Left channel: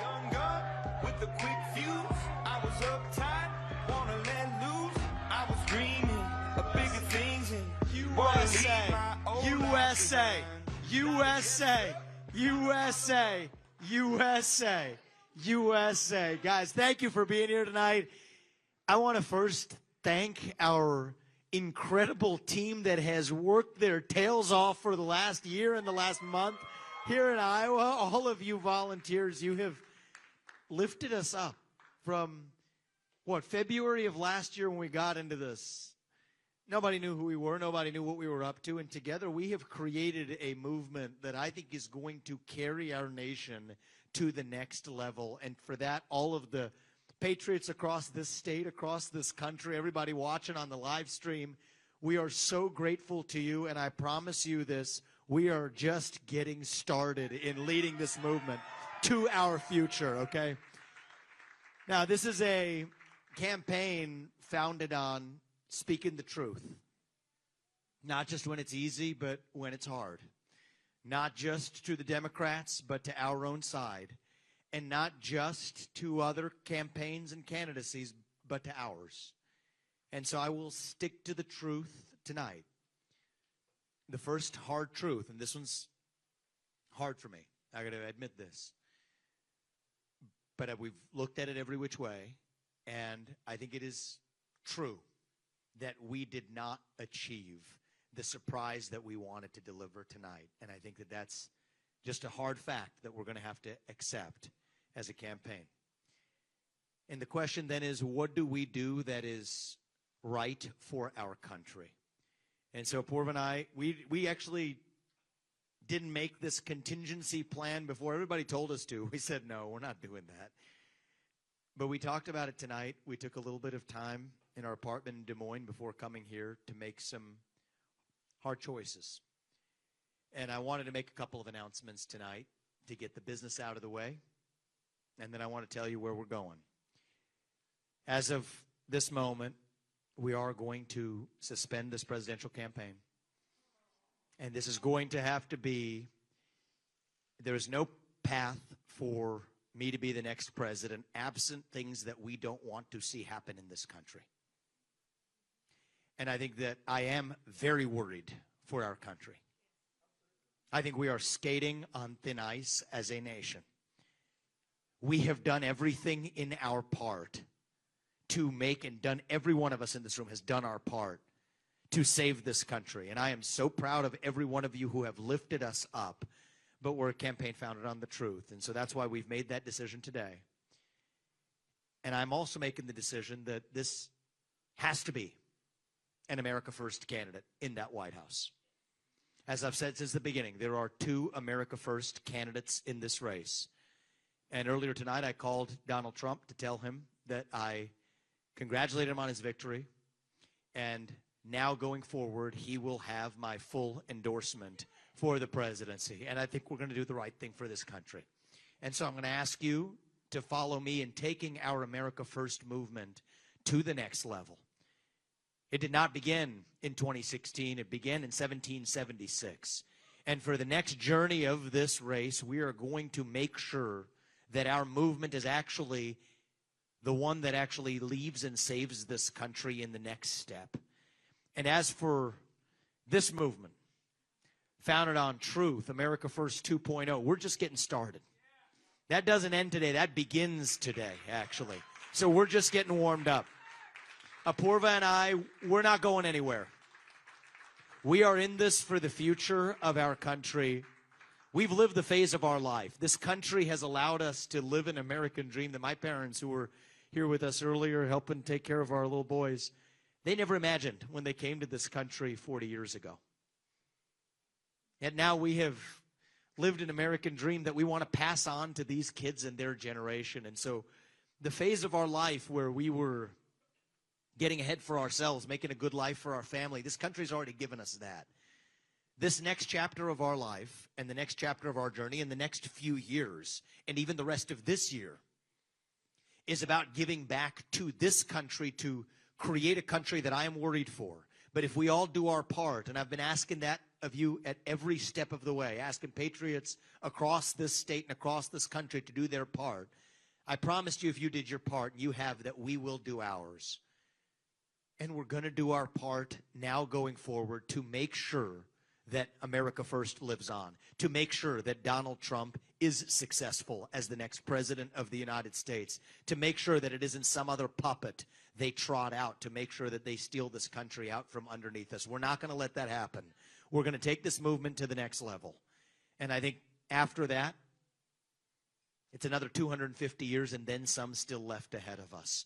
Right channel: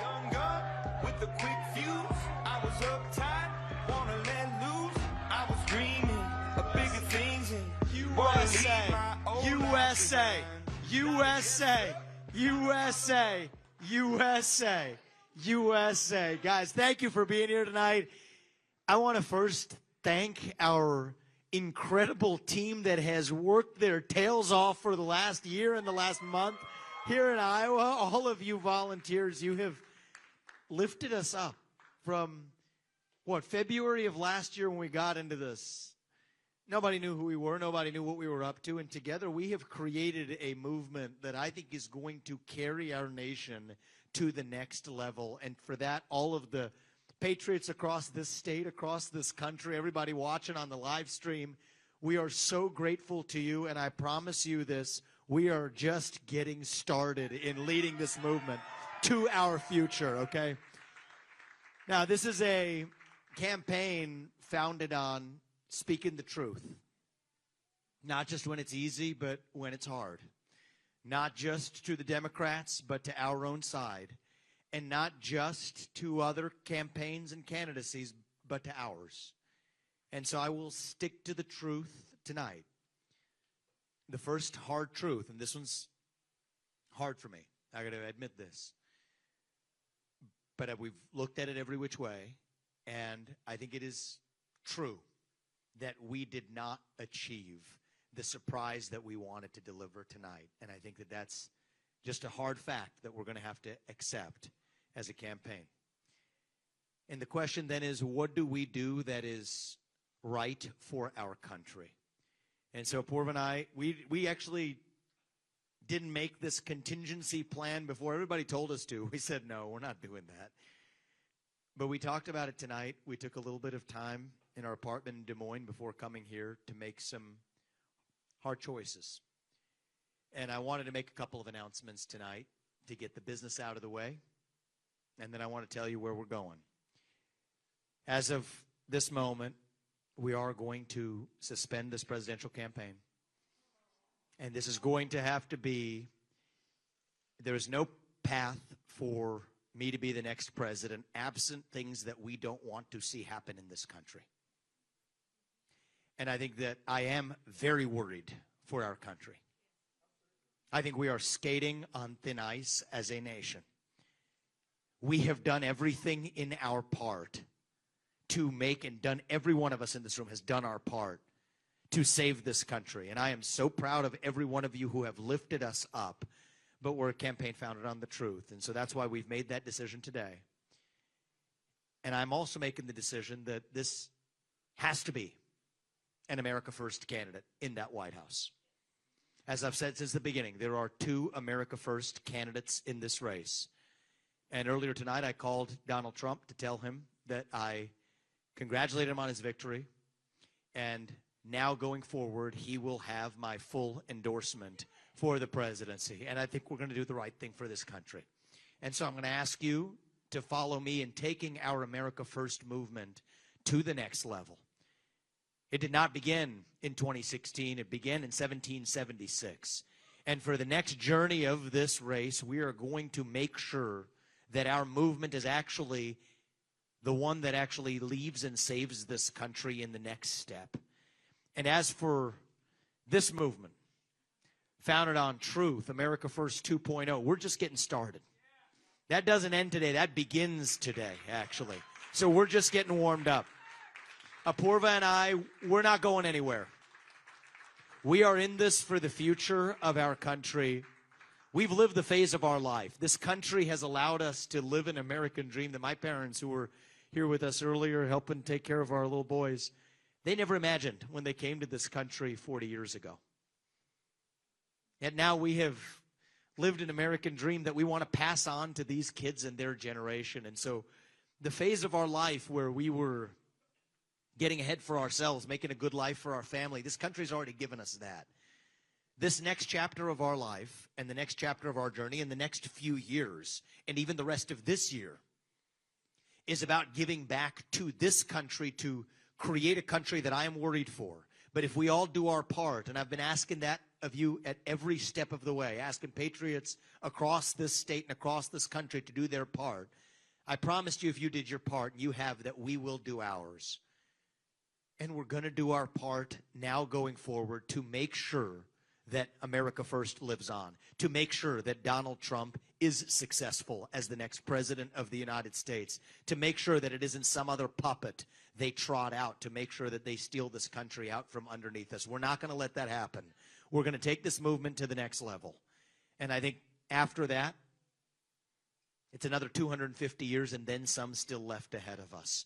Young gun with a quick fuse. I was uptight, wanna let loose. I was dreaming of bigger things and USA, USA, USA, USA, USA, USA. Guys, thank you for being here tonight. I want to first thank our incredible team that has worked their tails off for the last year and the last month here in Iowa. All of you volunteers, you have lifted us up from, February of last year when we got into this. Nobody knew who we were. Nobody knew what we were up to. And together we have created a movement that I think is going to carry our nation to the next level. And for that, all of the patriots across this state, across this country, everybody watching on the live stream, we are so grateful to you. And I promise you this, we are just getting started in leading this movement to our future, okay? Now, this is a campaign founded on speaking the truth. Not just when it's easy, but when it's hard. Not just to the Democrats, but to our own side. And not just to other campaigns and candidacies, but to ours. And so I will stick to the truth tonight. The first hard truth, and this one's hard for me. I got to admit this. But we've looked at it every which way, and I think it is true that we did not achieve the surprise that we wanted to deliver tonight. And I think that that's just a hard fact that we're going to have to accept as a campaign. And the question then is, what do we do that is right for our country? And so Purva and I, we actually didn't make this contingency plan before everybody told us to. We said, no, we're not doing that. But we talked about it tonight. We took a little bit of time in our apartment in Des Moines before coming here to make some hard choices. And I wanted to make a couple of announcements tonight to get the business out of the way. And then I want to tell you where we're going. As of this moment, we are going to suspend this presidential campaign. And this is going to have to be, there is no path for me to be the next president absent things that we don't want to see happen in this country. And I think that I am very worried for our country. I think we are skating on thin ice as a nation. We have done everything in our part to make, and done, every one of us in this room has done our part to save this country. And I am so proud of every one of you who have lifted us up. But we're a campaign founded on the truth. And so that's why we've made that decision today. And I'm also making the decision that this has to be an America First candidate in that White House. As I've said since the beginning, there are two America First candidates in this race. And earlier tonight, I called Donald Trump to tell him that I congratulated him on his victory. And now going forward, he will have my full endorsement for the presidency. And I think we're going to do the right thing for this country. And so I'm going to ask you to follow me in taking our America First movement to the next level. It did not begin in 2016. It began in 1776. And for the next journey of this race, we are going to make sure that our movement is actually the one that actually leaves and saves this country in the next step. And as for this movement, founded on truth, America First 2.0, we're just getting started. That doesn't end today. That begins today, actually. So we're just getting warmed up. Apurva and I, we're not going anywhere. We are in this for the future of our country. We've lived the phase of our life. This country has allowed us to live an American dream that my parents, who were here with us earlier, helping take care of our little boys, they never imagined when they came to this country 40 years ago. And now we have lived an American dream that we want to pass on to these kids and their generation. And so the phase of our life where we were getting ahead for ourselves, making a good life for our family, this country's already given us that. This next chapter of our life and the next chapter of our journey and the next few years and even the rest of this year is about giving back to this country to create a country that I am worried for. But if we all do our part, and I've been asking that of you at every step of the way, asking patriots across this state and across this country to do their part, I promised you if you did your part, you have, that we will do ours. And we're going to do our part now going forward to make sure that America First lives on, to make sure that Donald Trump is successful as the next president of the United States, to make sure that it isn't some other puppet they trot out to make sure that they steal this country out from underneath us. We're not going to let that happen. We're going to take this movement to the next level. And I think after that, it's another 250 years and then some still left ahead of us.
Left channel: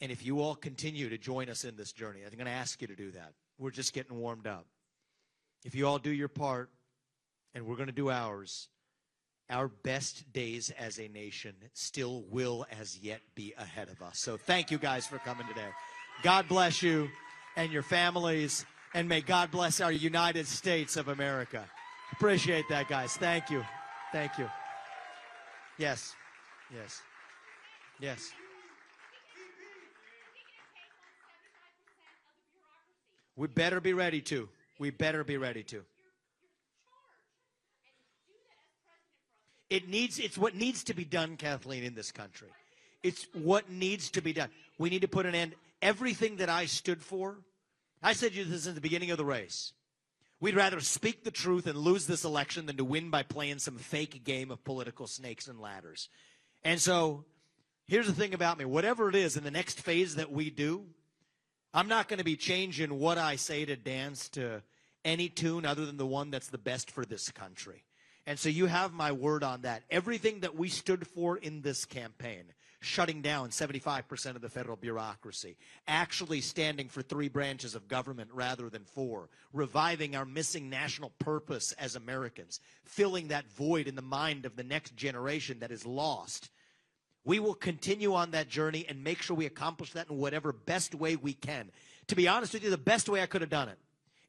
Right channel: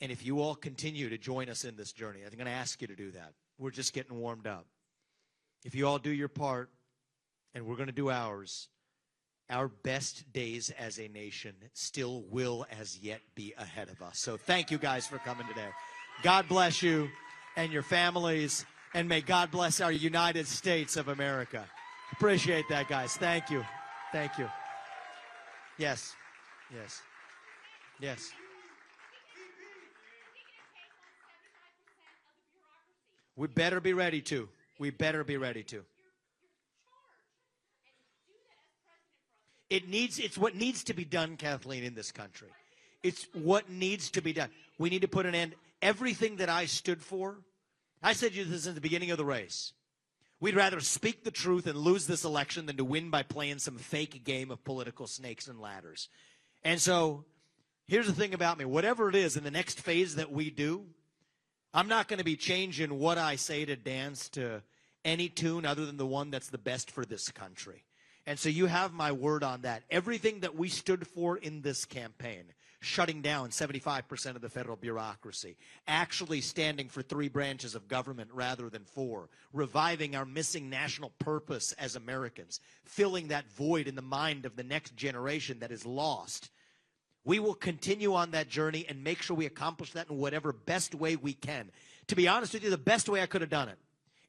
And if you all continue to join us in this journey, I'm going to ask you to do that. We're just getting warmed up. If you all do your part, and we're going to do ours, our best days as a nation still will as yet be ahead of us. So thank you guys for coming today. God bless you and your families, and may God bless our United States of America. Appreciate that, guys. Thank you. Thank you. Yes. Yes. Yes. We better be ready to. We better be ready to. It's what needs to be done, Kathleen, in this country. It's what needs to be done. We need to put an end. Everything that I stood for, I said to you this at the beginning of the race. We'd rather speak the truth and lose this election than to win by playing some fake game of political snakes and ladders. And so here's the thing about me. Whatever it is in the next phase that we do, I'm not going to be changing what I say to dance to any tune other than the one that's the best for this country. And so you have my word on that. Everything that we stood for in this campaign, shutting down 75% of the federal bureaucracy, actually standing for 3 branches of government rather than 4, reviving our missing national purpose as Americans, filling that void in the mind of the next generation that is lost. We will continue on that journey and make sure we accomplish that in whatever best way we can. To be honest with you, the best way I could have done it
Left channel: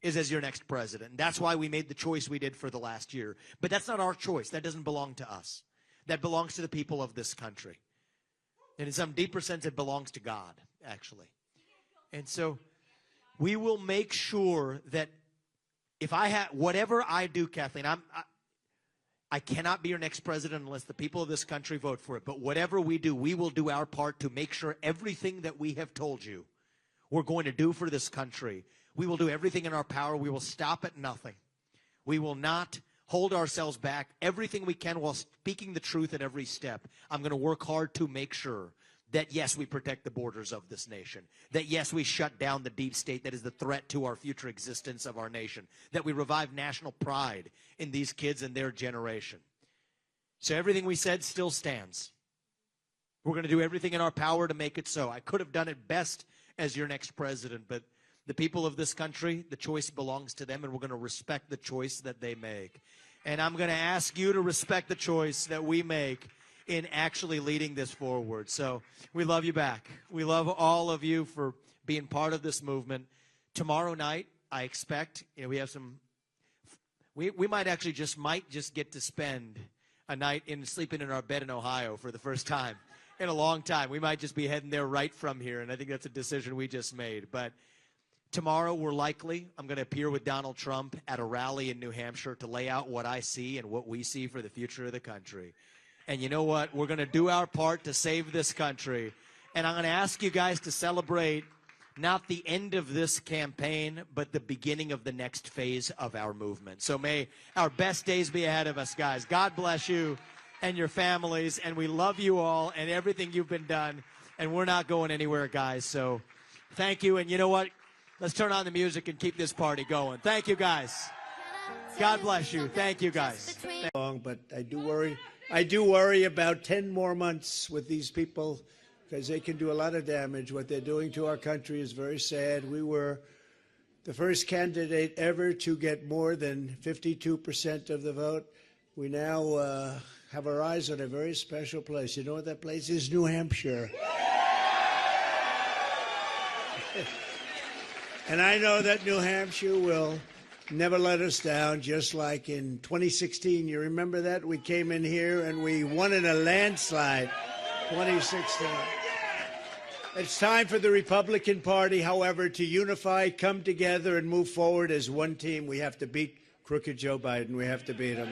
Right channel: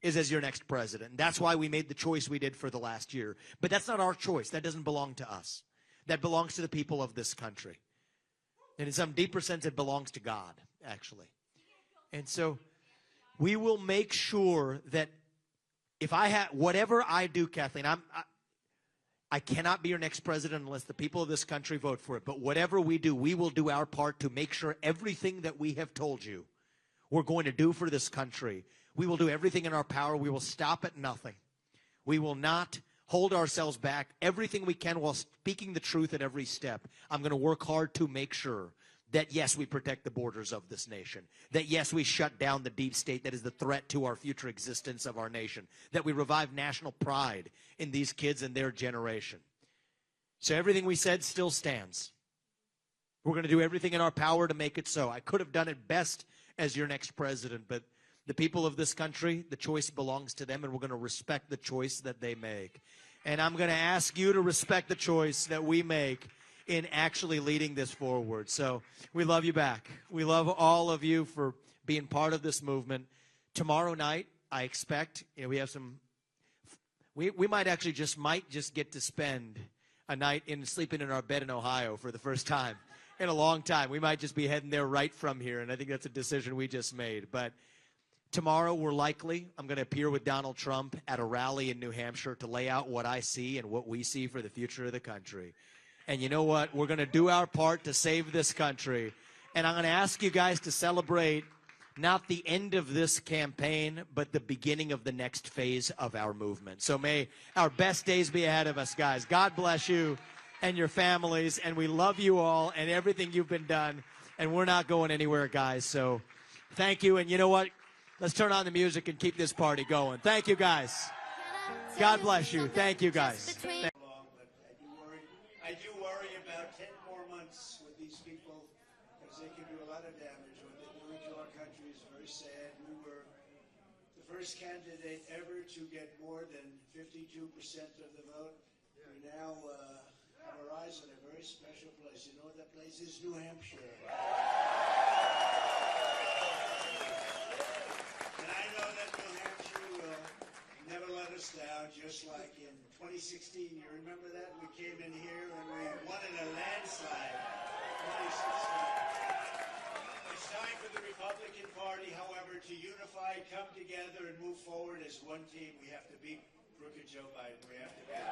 is as your next president. And that's why we made the choice we did for the last year. But that's not our choice. That doesn't belong to us. That belongs to the people of this country. And in some deeper sense, it belongs to God, actually. And so we will make sure that if I have, whatever I do, Kathleen, I cannot be your next president unless the people of this country vote for it. But whatever we do, we will do our part to make sure everything that we have told you we're going to do for this country, we will do everything in our power. We will stop at nothing. We will not hold ourselves back. Everything we can while speaking the truth at every step. I'm going to work hard to make sure that, yes, we protect the borders of this nation. That, yes, we shut down the deep state that is the threat to our future existence of our nation. That we revive national pride in these kids and their generation. So everything we said still stands. We're going to do everything in our power to make it so. I could have done it best as your next president, but the people of this country, the choice belongs to them, and we're going to respect the choice that they make. And I'm going to ask you to respect the choice that we make in actually leading this forward. So we love you back. We love all of you for being part of this movement. Tomorrow night, I expect, we have some, we might actually just get to spend a night sleeping in our bed in Ohio for the first time in a long time. We might just be heading there right from here, and I think that's a decision we just made. But tomorrow, I'm going to appear with Donald Trump at a rally in New Hampshire to lay out what I see and what we see for the future of the country. And you know what? We're going to do our part to save this country. And I'm going to ask you guys to celebrate not the end of this campaign, but the beginning of the next phase of our movement. So may our best days be ahead of us, guys. God bless you and your families. And we love you all and everything you've been done. And we're not going anywhere, guys. So thank you. And you know what? Let's turn on the music and keep this party going. Thank you, guys. God bless you. Thank you, guys. But I do worry about 10 more months with these people because they can do a lot of damage. What they're doing to our country is very sad. We were the first candidate ever to get more than 52% of the vote. We now have our eyes on a very special place. You know what that place is? New Hampshire. And I know that New Hampshire will never let us down, just like in 2016. You remember that? We came in here and we won in a landslide. 2016. It's time for the Republican Party, however, to unify, come together, and move forward as one team. We have to beat crooked Joe Biden. We have to beat him.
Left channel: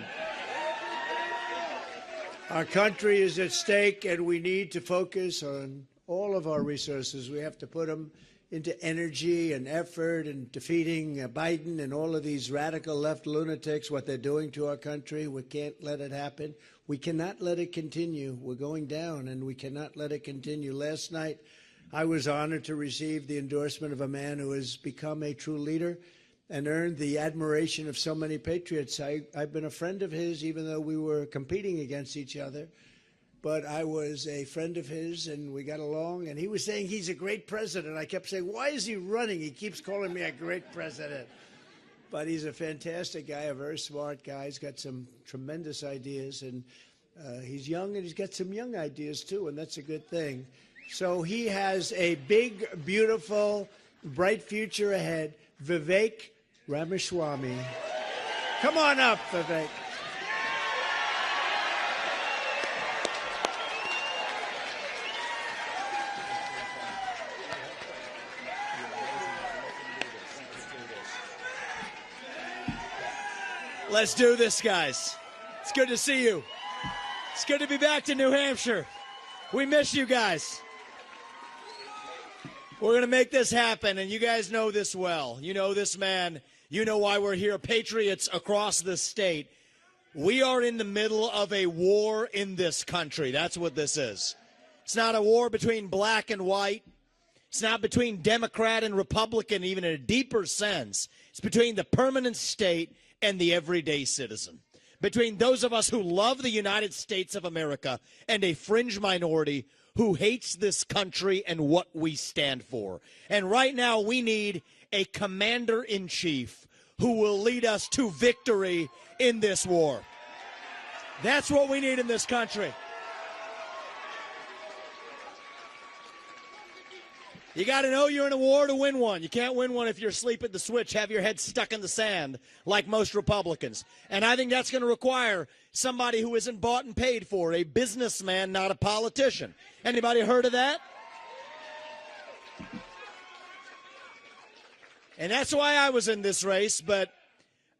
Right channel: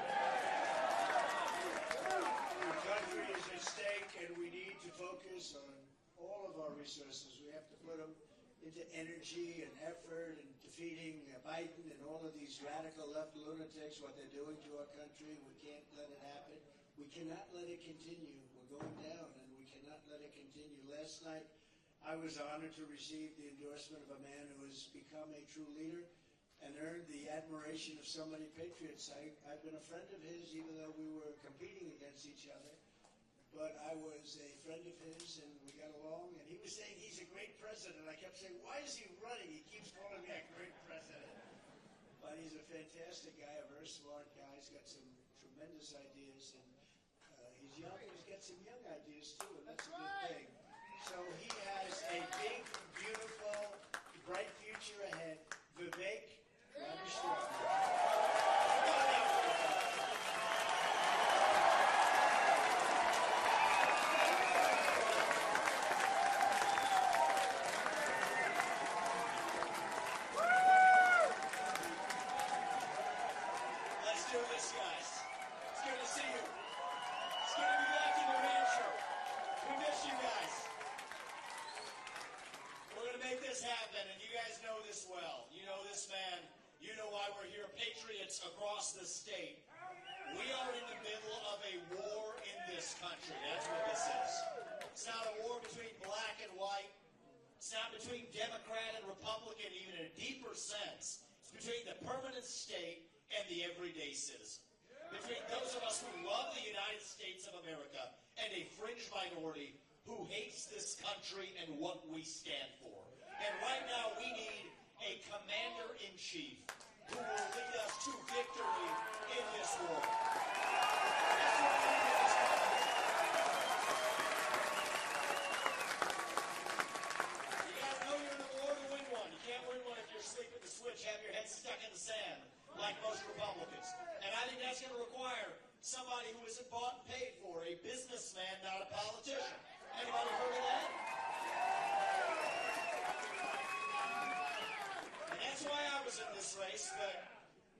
Our country is at stake, and we need to focus on all of our resources. We have to put them into energy and effort and defeating Biden and all of these radical left lunatics, what they're doing to our country. We can't let it happen. We cannot let it continue. We're going down, and we cannot let it continue. Last night, I was honored to receive the endorsement of a man who has become a true leader and earned the admiration of so many patriots. I've been a friend of his, even though we were competing against each other. But I was a friend of his, and we got along. And he was saying he's a great president. I kept saying, why is he running? He keeps calling me a great president. But he's a fantastic guy, a very smart guy. He's got some tremendous ideas. And he's young, and he's got some young ideas, too, and that's a good thing. So he has a big, beautiful, bright future ahead. Vivek Ramaswamy. Come on up, Vivek. Let's do this, guys. It's good to see you. It's good to be back to New Hampshire. We miss you guys. We're going to make this happen, and you guys know this well. You know this man. You know why we're here. Patriots across the state. We are in the middle of a war in this country. That's what this is. It's not a war between black and white. It's not between Democrat and Republican, even in a deeper sense. It's between the permanent state and the everyday citizen. Between those of us who love the United States of America and a fringe minority who hates this country and what we stand for. And right now we need a commander-in-chief who will lead us to victory in this war. That's what we need in this country. You got to know you're in a war to win one. You can't win one if you're asleep at the switch, have your head stuck in the sand like most Republicans. And I think that's going to require somebody who isn't bought and paid for, a businessman, not a politician. Anybody heard of that? And that's why I was in this race, but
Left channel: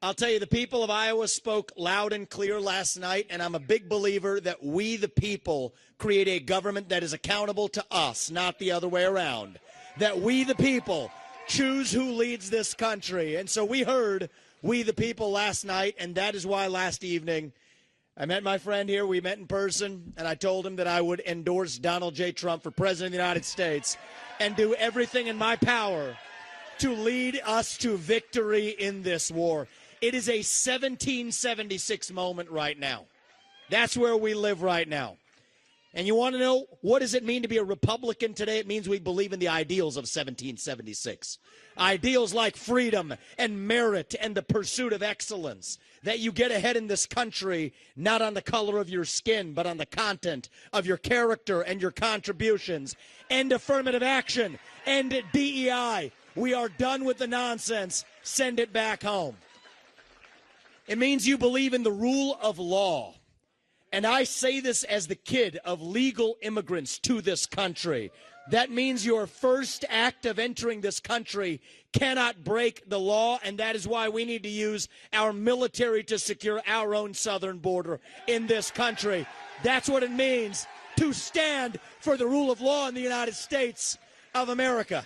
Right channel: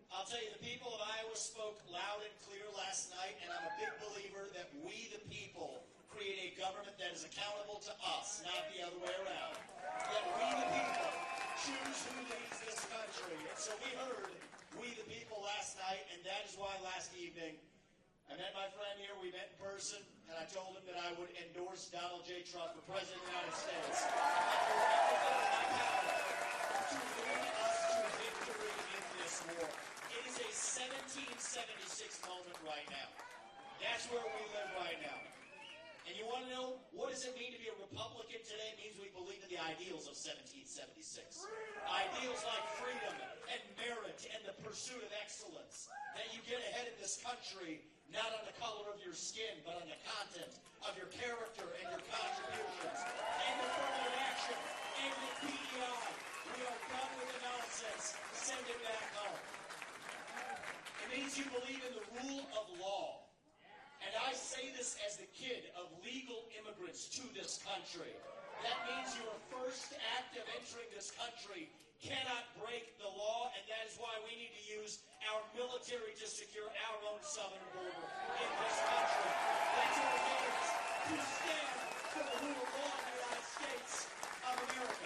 I'll tell you, the people of Iowa spoke loud and clear last night, and I'm a big believer that we, the people, create a government that is accountable to us, not the other way around. That we, the people, choose who leads this country. And so we heard we, the people, last night, and that is why last evening I met my friend here. We met in person, and I told him that I would endorse Donald J. Trump for President of the United States and do everything in my power to lead us to victory in this war. It is a 1776 moment right now. That's where we live right now. And you want to know, what does it mean to be a Republican today? It means we believe in the ideals of 1776. Ideals like freedom and merit and the pursuit of excellence. That you get ahead in this country, not on the color of your skin, but on the content of your character and your contributions. End affirmative action. End DEI. We are done with the nonsense. Send it back home. It means you believe in the rule of law. And I say this as the kid of legal immigrants to this country. That means your first act of entering this country cannot break the law, and that is why we need to use our military to secure our own southern border in this country. That's what it means to stand for the rule of law in the United States of America.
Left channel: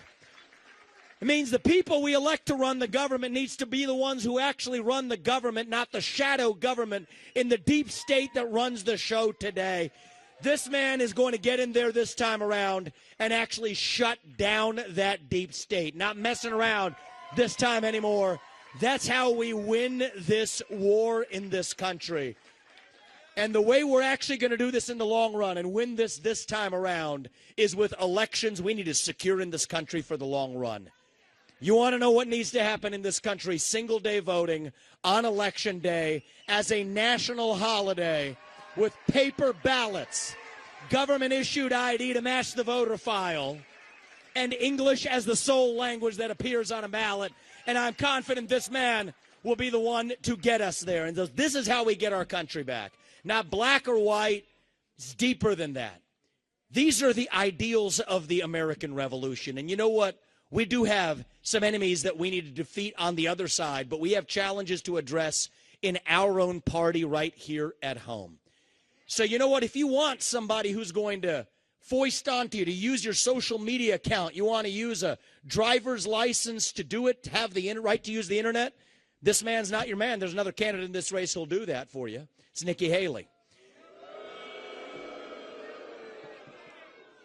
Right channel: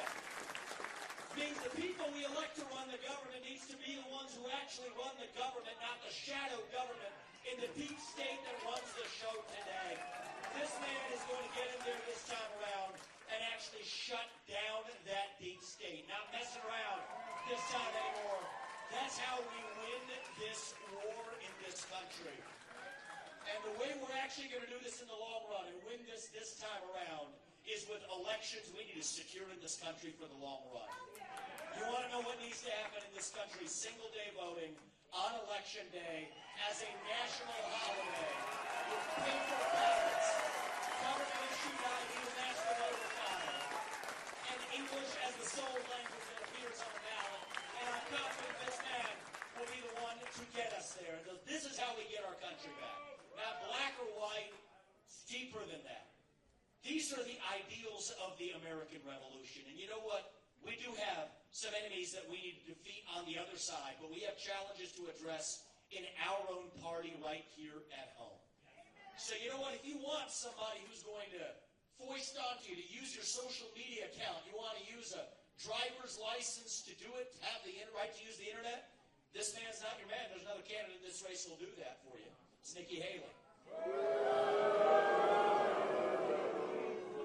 It means the people we elect to run the government needs to be the ones who actually run the government, not the shadow government in the deep state that runs the show today. This man is going to get in there this time around and actually shut down that deep state. Not messing around this time anymore. That's how we win this war in this country. And the way we're actually going to do this in the long run and win this time around is with elections we need to secure in this country for the long run. You want to know what needs to happen in this country? Single day voting on election day as a national holiday with paper ballots, government-issued ID to match the voter file, and English as the sole language that appears on a ballot. And I'm confident this man will be the one to get us there. And this is how we get our country back. Not black or white. It's deeper than that. These are the ideals of the American Revolution. And you know what? We do have some enemies that we need to defeat on the other side, but we have challenges to address in our own party right here at home. So you know what? If you want somebody who's going to foist onto you to use your social media account, you want to use a driver's license to do it, to have the right to use the internet, this man's not your man. There's another candidate in this race who'll do that for you. It's Nikki Haley.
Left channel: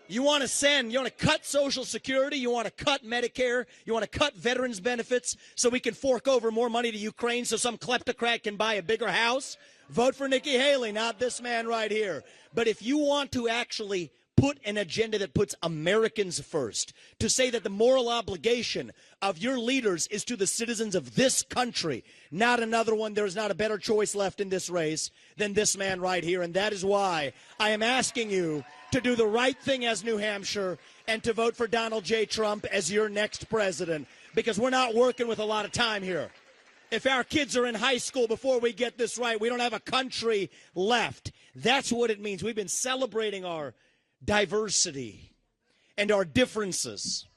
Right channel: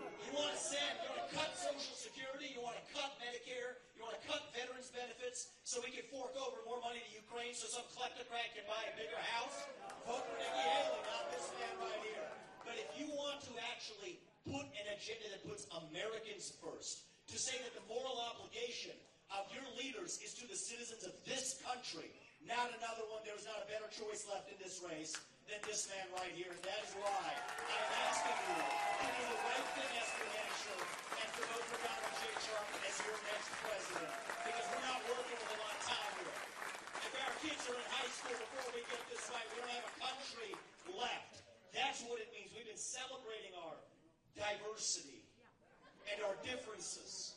You want to cut Social Security, you want to cut Medicare, you want to cut veterans benefits so we can fork over more money to Ukraine so some kleptocrat can buy a bigger house? Vote for Nikki Haley, not this man right here. But if you want to actually put an agenda that puts Americans first, to say that the moral obligation of your leaders is to the citizens of this country, not another one, there's not a better choice left in this race than this man right here. And that is why I am asking you to do the right thing as New Hampshire and to vote for Donald J. Trump as your next president, because we're not working with a lot of time here. If our kids are in high school before we get this right, we don't have a country left. That's what it means. We've been celebrating our diversity and our differences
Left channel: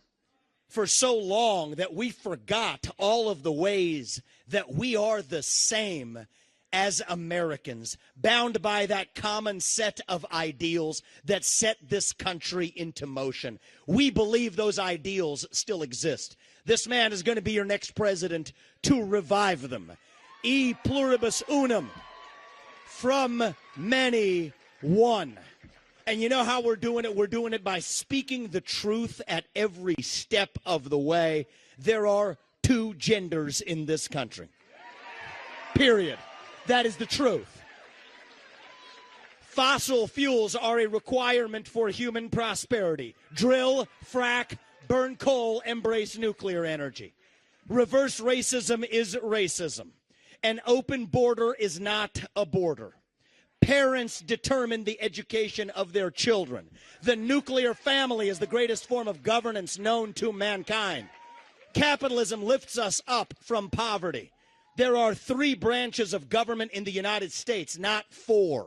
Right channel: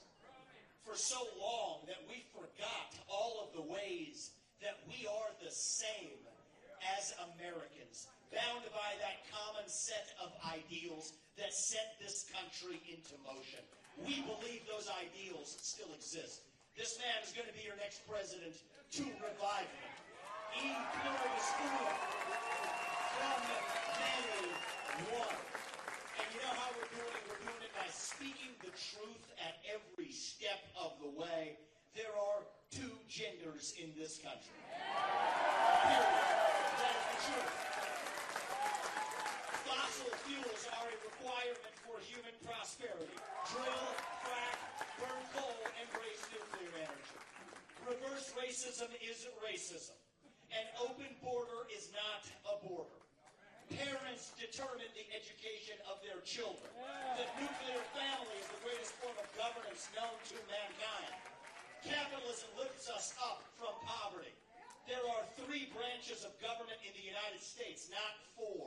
for so long that we forgot all of the ways that we are the same as Americans, bound by that common set of ideals that set this country into motion. We believe those ideals still exist. This man is going to be your next president to revive them. E pluribus unum, from many, one. And you know how we're doing it? We're doing it by speaking the truth at every step of the way. There are two genders in this country. Period. That is the truth. Fossil fuels are a requirement for human prosperity. Drill, frack, burn coal, embrace nuclear energy. Reverse racism is racism. An open border is not a border. Parents determine the education of their children. The nuclear family is the greatest form of governance known to mankind. Capitalism lifts us up from poverty. There are 3 branches of government in the United States, not 4.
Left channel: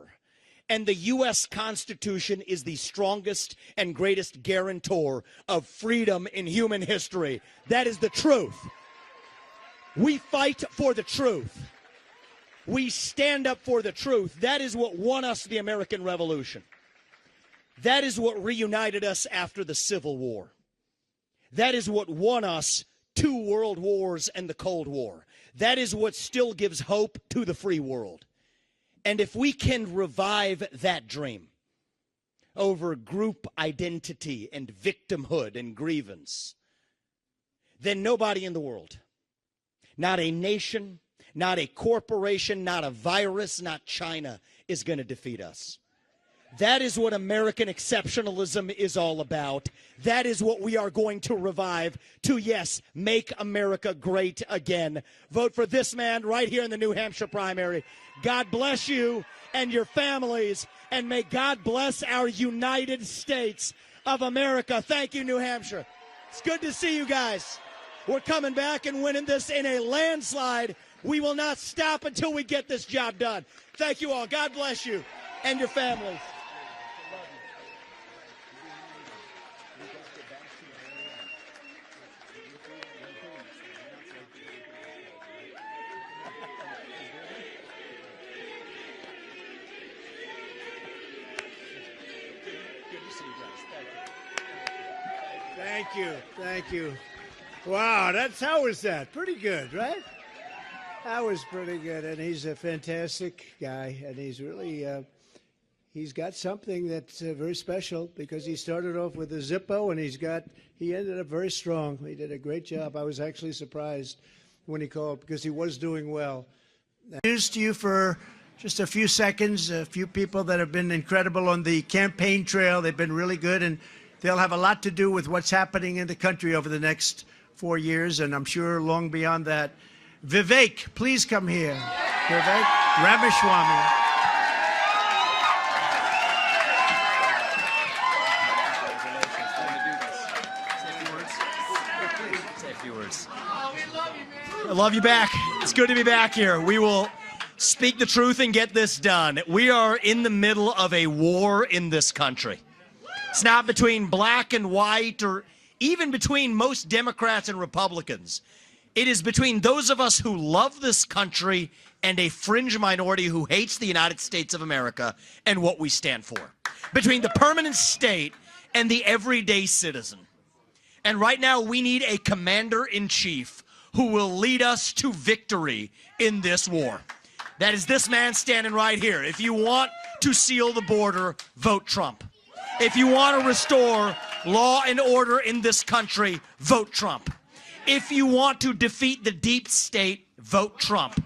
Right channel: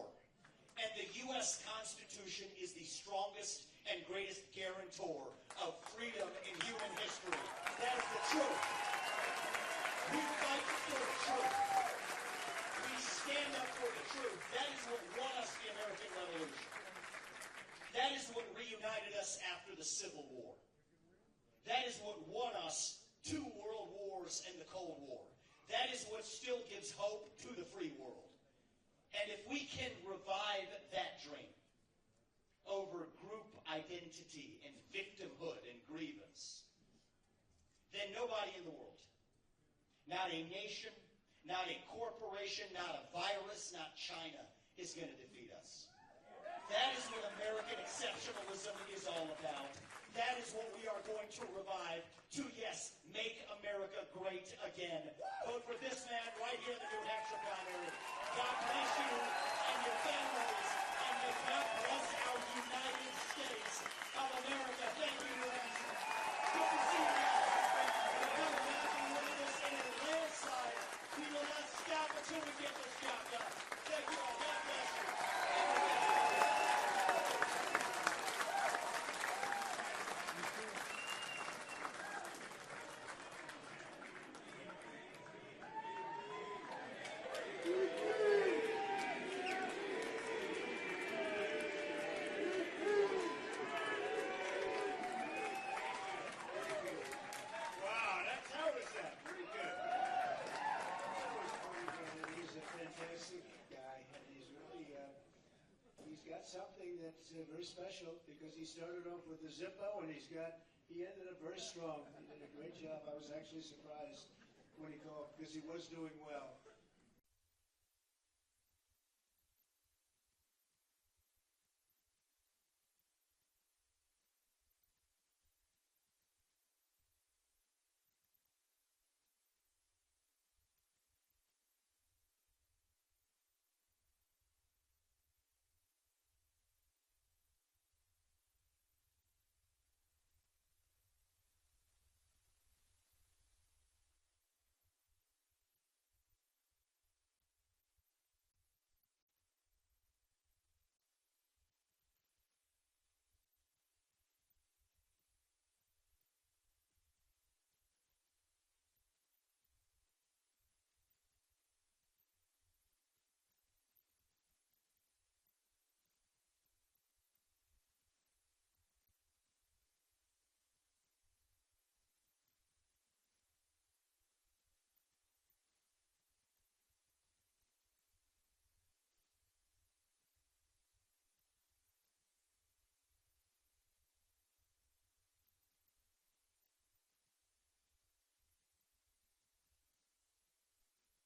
And the U.S. Constitution is the strongest and greatest guarantor of freedom in human history. That is the truth. We fight for the truth. We stand up for the truth. That is what won us the American Revolution. That is what reunited us after the Civil War. That is what won us 2 world wars and the Cold War. That is what still gives hope to the free world. And if we can revive that dream over group identity and victimhood and grievance, then nobody in the world, not a nation, not a corporation, not a virus, not China, is going to defeat us. That is what American exceptionalism is all about. That is what we are going to revive to, yes, make America great again. Vote for this man right here in the New Hampshire primary. God bless you and your families, and may God bless our United States of America. Thank you, New Hampshire. It's good to see you guys. We're coming back and winning this in a landslide. We will not stop until we get this job done. Thank you all. God bless you and your families. Thank you. Wow, how was that? Pretty good, right? That was pretty good, and he's a fantastic guy, and he's really, he's got something that's very special because he started off with a Zippo, and he ended up very strong. He did a great job. I was actually surprised when he called because he was doing well. Introduce to you for just a few seconds, a few people that have been incredible on the campaign trail. They've been really good, and they'll have a lot to do with what's happening in the country over the next 4 years, and I'm sure long beyond that. Vivek, please come here. Vivek Ramaswamy. Say a few words. I love you back. It's good to be back here. We will speak the truth and get this done. We are in the middle of a war in this country. It's not between black and white or even between most Democrats and Republicans. It is between those of us who love this country and a fringe minority who hates the United States of America and what we stand for. Between the permanent state and the everyday citizen. And right now we need a commander-in-chief who will lead us to victory in this war. That is this man standing right here. If you want to seal the border, vote Trump. If you want to restore law and order in this country, vote Trump. If you want to defeat the deep state, vote Trump.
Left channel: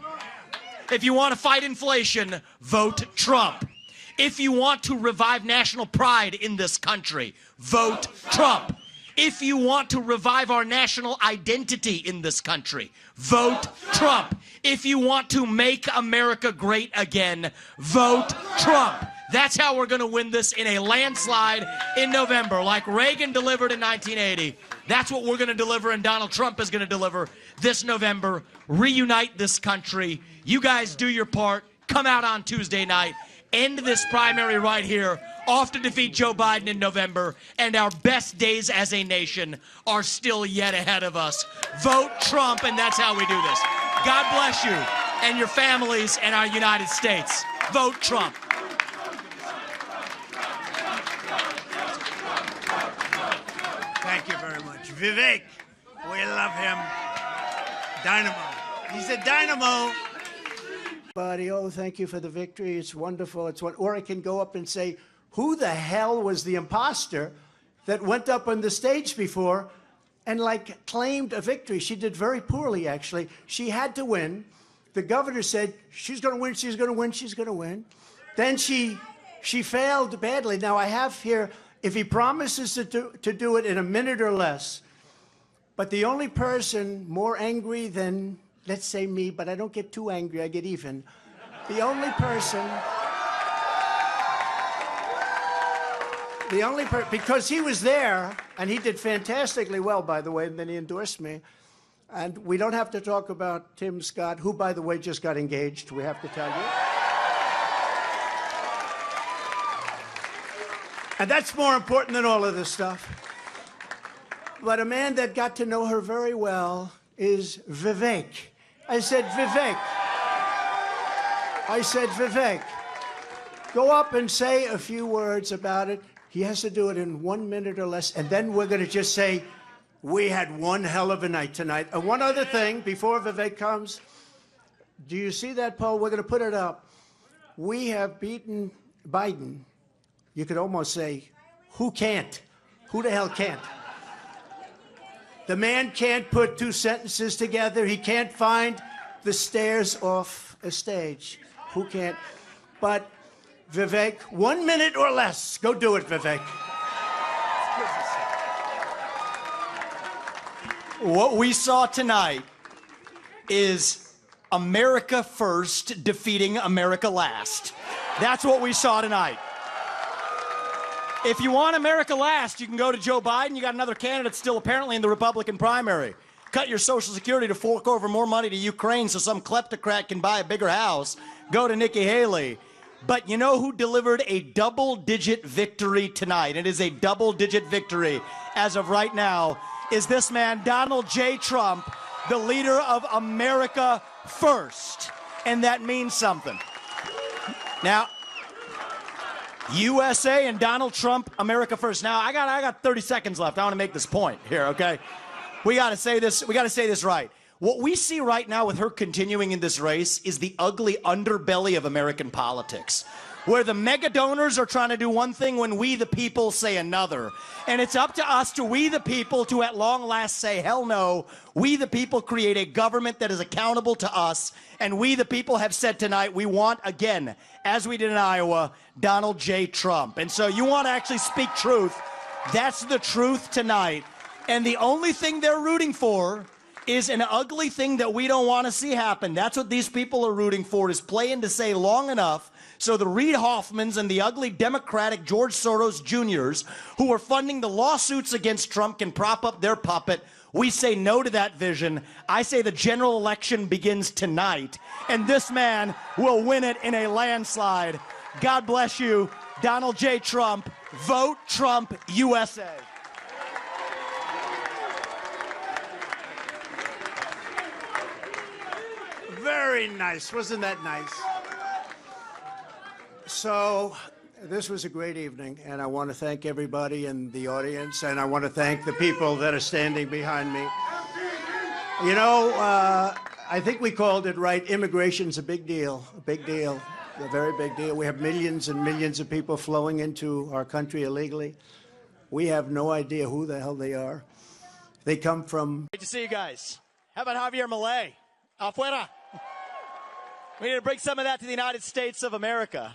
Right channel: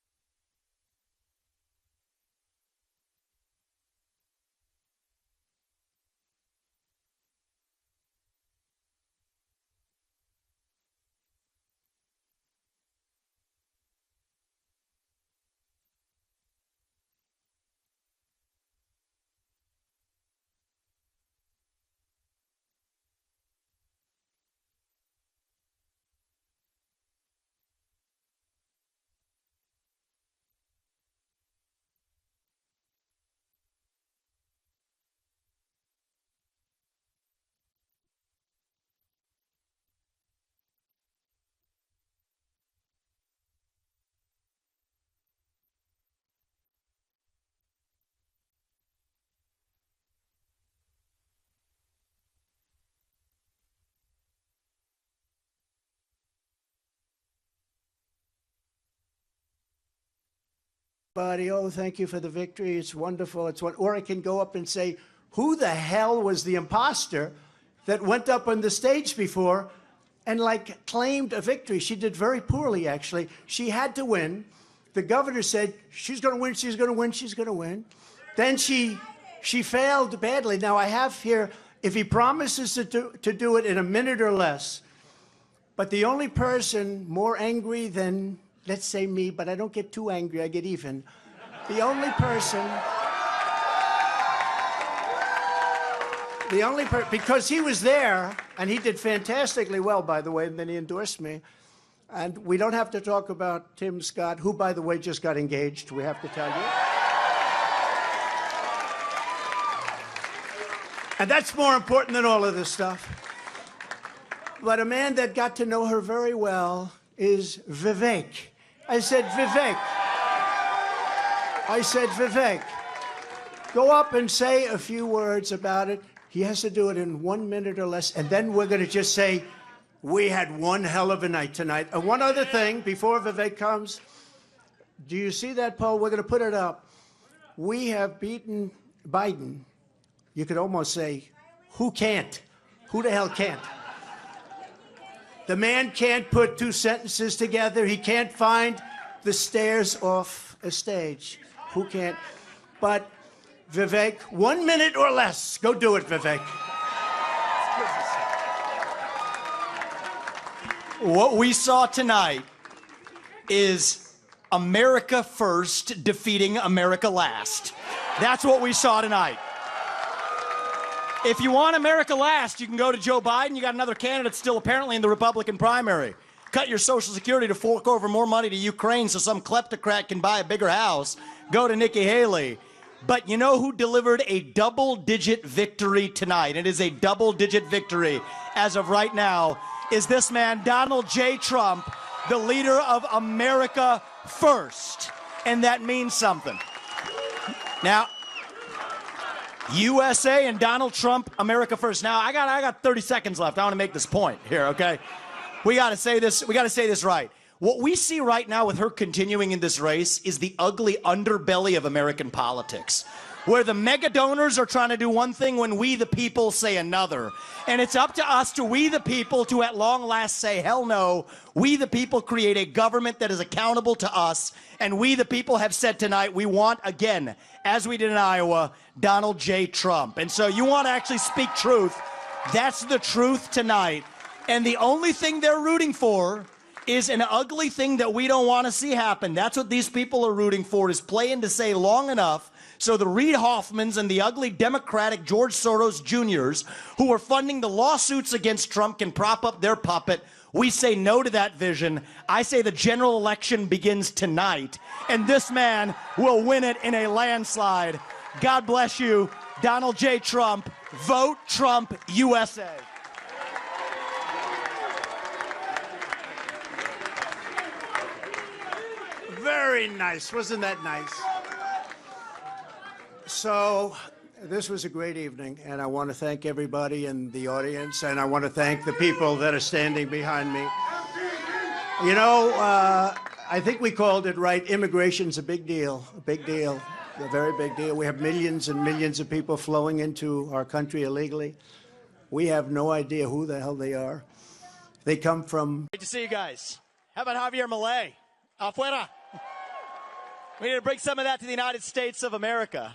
If you want to fight inflation, vote Trump. If you want to revive national pride in this country, vote Trump. If you want to revive our national identity in this country, vote Trump. If you want to make America great again, vote Trump. That's how we're going to win this in a landslide in November, like Reagan delivered in 1980. That's what we're going to deliver, and Donald Trump is going to deliver this November. Reunite this country. You guys do your part. Come out on Tuesday night. End this primary right here. Off to defeat Joe Biden in November. And our best days as a nation are still yet ahead of us. Vote Trump, and that's how we do this. God bless you and your families and our United States. Vote Trump. Thank you very much. Vivek, we love him. Dynamo. He's a dynamo. Buddy, oh, thank you for the victory. It's wonderful. It's what, or I can go up and say, who the hell was the imposter that went up on the stage before and like claimed a victory? She did very poorly, actually. She had to win. The governor said, she's going to win, she's going to win, she's going to win. Then she failed badly. Now I have here, if he promises to do it in a minute or less, but the only person more angry than, let's say me, but I don't get too angry, I get even. The only person, because he was there, and he did fantastically well, by the way, and then he endorsed me. And we don't have to talk about Tim Scott, who, by the way, just got engaged, we have to tell you. And that's more important than all of this stuff. But a man that got to know her very well is Vivek. I said, Vivek. I said, Vivek, go up and say a few words about it. He has to do it in 1 minute or less, and then we're going to just say, we had one hell of a night tonight. And one other thing, before Vivek comes, do you see that poll? We're going to put it up. We have beaten Biden. You could almost say, who can't? Who the hell can't? The man can't put two sentences together. He can't find the stairs off a stage. Who can't? But Vivek, 1 minute or less. Go do it, Vivek. What we saw tonight is America first defeating America last. That's what we saw tonight. If you want America last, you can go to Joe Biden. You got another candidate still apparently in the Republican primary. Cut your Social Security to fork over more money to Ukraine so some kleptocrat can buy a bigger house. Go to Nikki Haley. But you know who delivered a double-digit victory tonight? It is a double-digit victory as of right now. Is this man, Donald J. Trump, the leader of America First. And that means something. Now, USA and Donald Trump, America First. Now, I got 30 seconds left. I want to make this point here, okay? We got to say this right. What we see right now with her continuing in this race is the ugly underbelly of American politics, where the mega donors are trying to do one thing when we the people say another. And it's up to us, to we the people, to at long last say, hell no, we the people create a government that is accountable to us. And we the people have said tonight, we want, again, as we did in Iowa, Donald J. Trump. And so you want to actually speak truth. That's the truth tonight. And the only thing they're rooting for is an ugly thing that we don't want to see happen. That's what these people are rooting for, is playing to say long enough so the Reid Hoffmans and the ugly Democratic George Soros Jr.'s who are funding the lawsuits against Trump can prop up their puppet. We say no to that vision. I say the general election begins tonight, and this man will win it in a landslide. God bless you, Donald J. Trump. Vote Trump USA. Very nice. Wasn't that nice? So this was a great evening, and I want to thank everybody in the audience, and I want to thank the people that are standing behind me. You know, I think we called it right. Immigration's a big deal, a very big deal. We have millions and millions of people flowing into our country illegally. We have no idea who the hell they are. They come from... Great to see you guys. How about Javier Milei? Afuera. We need to bring some of that to the United States of America.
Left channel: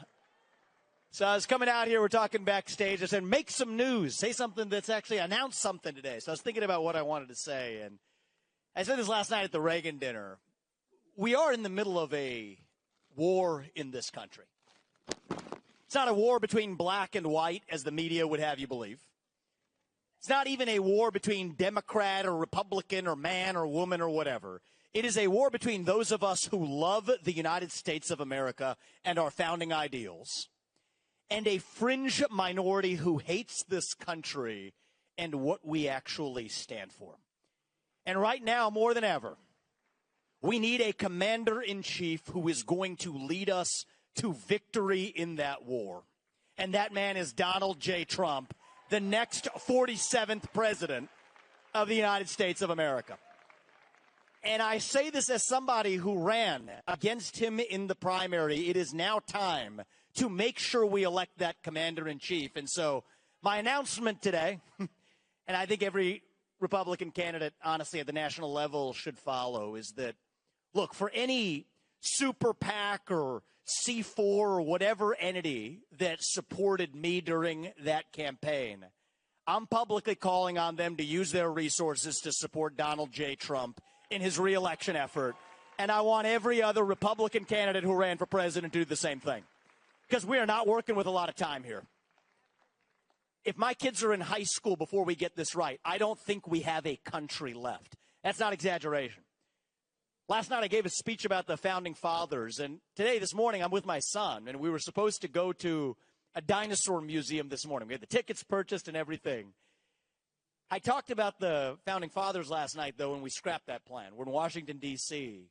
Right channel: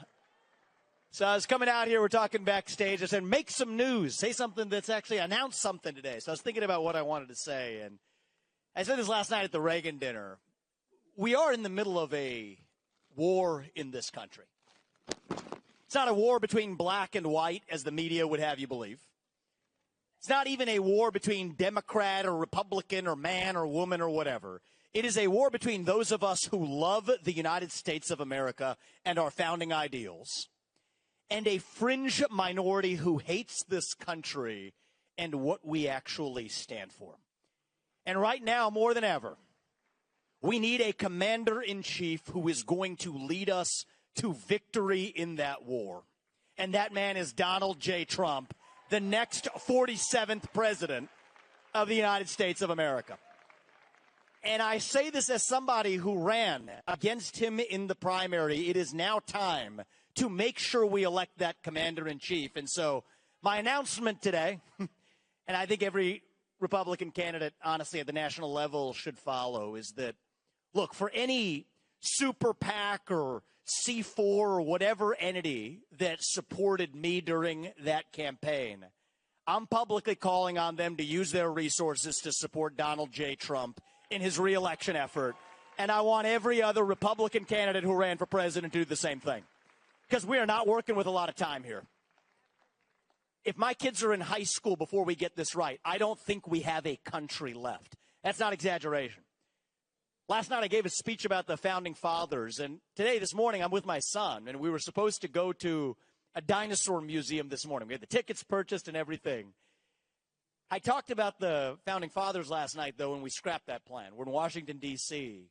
So I was coming out here, we're talking backstage. I said, make some news. Say something that's actually announced something today. So I was thinking about what I wanted to say. And I said this last night at the Reagan dinner. We are in the middle of a war in this country. It's not a war between black and white, as the media would have you believe. It's not even a war between Democrat or Republican or man or woman or whatever. It is a war between those of us who love the United States of America and our founding ideals, and a fringe minority who hates this country and what we actually stand for. And right now, more than ever, we need a commander-in-chief who is going to lead us to victory in that war. And that man is Donald J. Trump, the next 47th president of the United States of America. And I say this as somebody who ran against him in the primary. It is now time to make sure we elect that commander-in-chief. And so my announcement today, and I think every Republican candidate, honestly, at the national level should follow, is that, look, for any super PAC or C4 or whatever entity that supported me during that campaign, I'm publicly calling on them to use their resources to support Donald J. Trump in his reelection effort. And I want every other Republican candidate who ran for president to do the same thing, because we are not working with a lot of time here. If my kids are in high school before we get this right, I don't think we have a country left. That's not exaggeration. Last night I gave a speech about the Founding Fathers, and today, this morning, I'm with my son, and we were supposed to go to a dinosaur museum this morning. We had the tickets purchased and everything. I talked about the Founding Fathers last night, though, and we scrapped that plan. We're in Washington, D.C.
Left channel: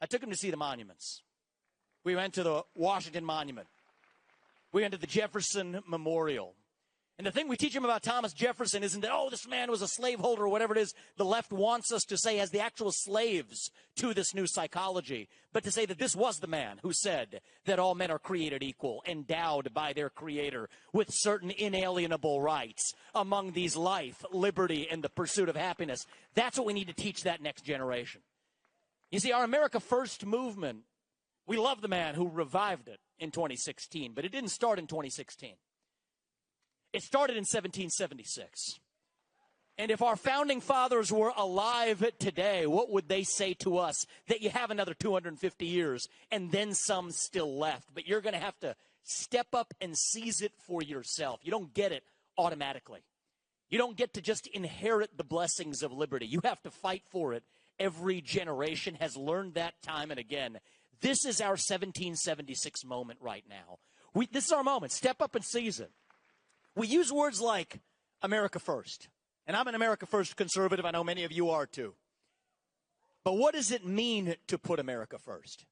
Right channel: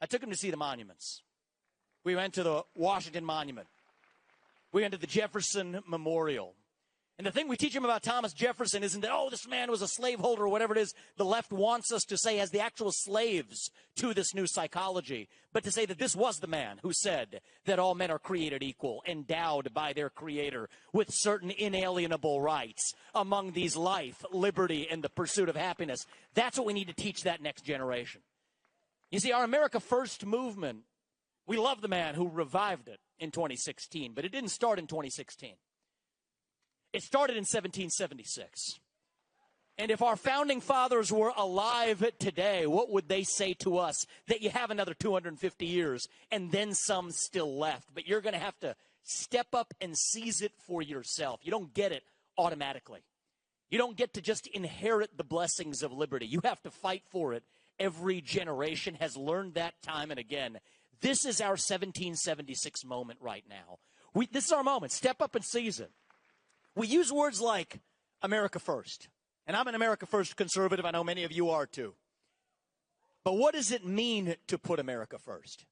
I took him to see the monuments. We went to the Washington Monument. We went to the Jefferson Memorial. And the thing we teach him about Thomas Jefferson isn't that, oh, this man was a slaveholder or whatever it is the left wants us to say as the actual slaves to this new psychology, but to say that this was the man who said that all men are created equal, endowed by their creator with certain inalienable rights, among these life, liberty, and the pursuit of happiness. That's what we need to teach that next generation. You see, our America First movement, we love the man who revived it in 2016, but it didn't start in 2016. It started in 1776. And if our founding fathers were alive today, what would they say to us? That you have another 250 years and then some still left. But you're going to have to step up and seize it for yourself. You don't get it automatically. You don't get to just inherit the blessings of liberty. You have to fight for it. Every generation has learned that time and again. This is our 1776 moment right now. This is our moment. Step up and seize it. We use words like America First. And I'm an America First conservative. I know many of you are too. But what does it mean to put America first?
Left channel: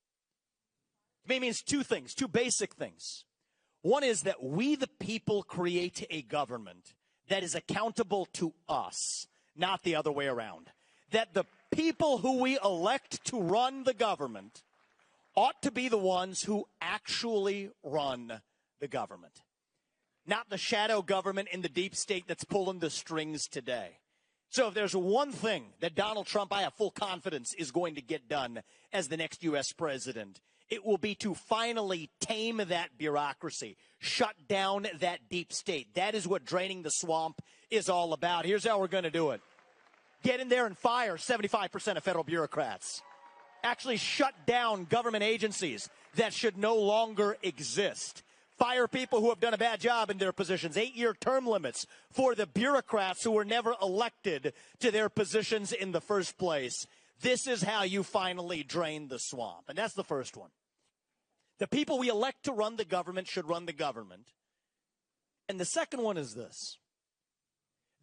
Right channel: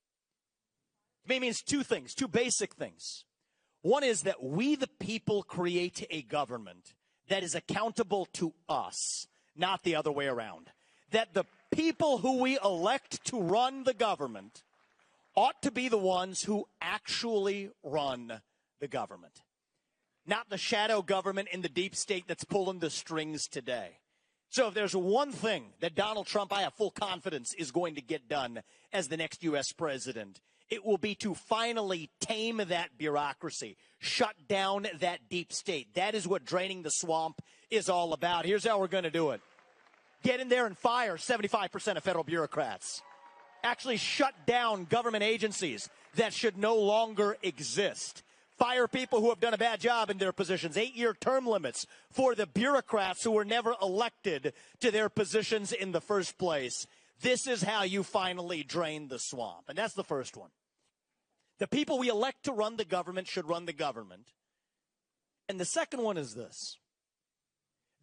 It means two things, two basic things. One is that we, the people, create a government that is accountable to us, not the other way around. That the people who we elect to run the government ought to be the ones who actually run the government. Not the shadow government in the deep state that's pulling the strings today. So if there's one thing that Donald Trump, I have full confidence, is going to get done as the next U.S. president, it will be to finally tame that bureaucracy, shut down that deep state. That is what draining the swamp is all about. Here's how we're going to do it. Get in there and fire 75% of federal bureaucrats. Actually shut down government agencies that should no longer exist. Fire people who have done a bad job in their positions. 8-year term limits for the bureaucrats who were never elected to their positions in the first place. This is how you finally drain the swamp. And that's the first one. The people we elect to run the government should run the government. And the second one is this.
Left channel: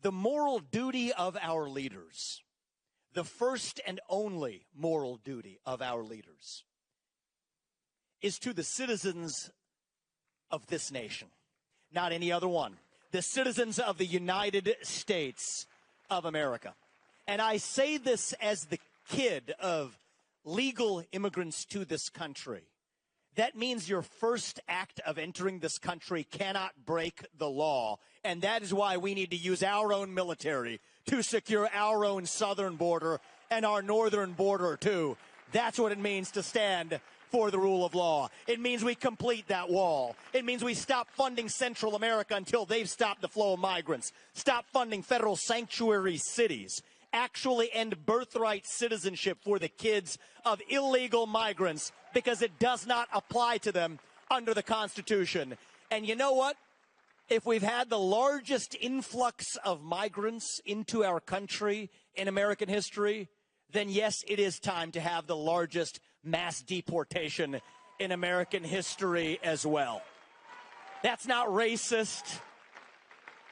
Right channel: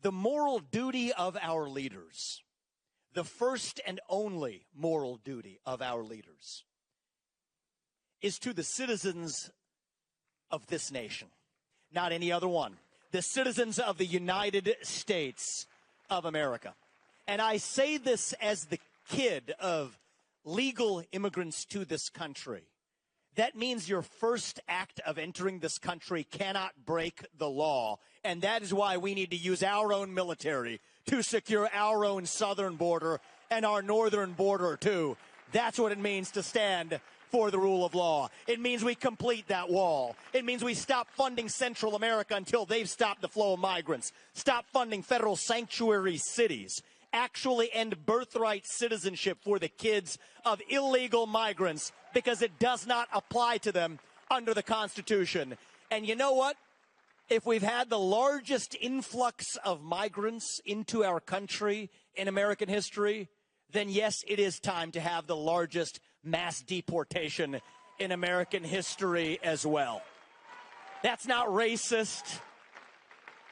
The moral duty of our leaders, the first and only moral duty of our leaders, is to the citizens of this nation, not any other one. The citizens of the United States of America. And I say this as the kid of legal immigrants to this country. That means your first act of entering this country cannot break the law. And that is why we need to use our own military to secure our own southern border and our northern border, too. That's what it means to stand for the rule of law. It means we complete that wall. It means we stop funding Central America until they've stopped the flow of migrants. Stop funding federal sanctuary cities. Actually end birthright citizenship for the kids of illegal migrants because it does not apply to them under the Constitution. And you know what? If we've had the largest influx of migrants into our country in American history, then yes, it is time to have the largest mass deportation in American history as well. That's not racist.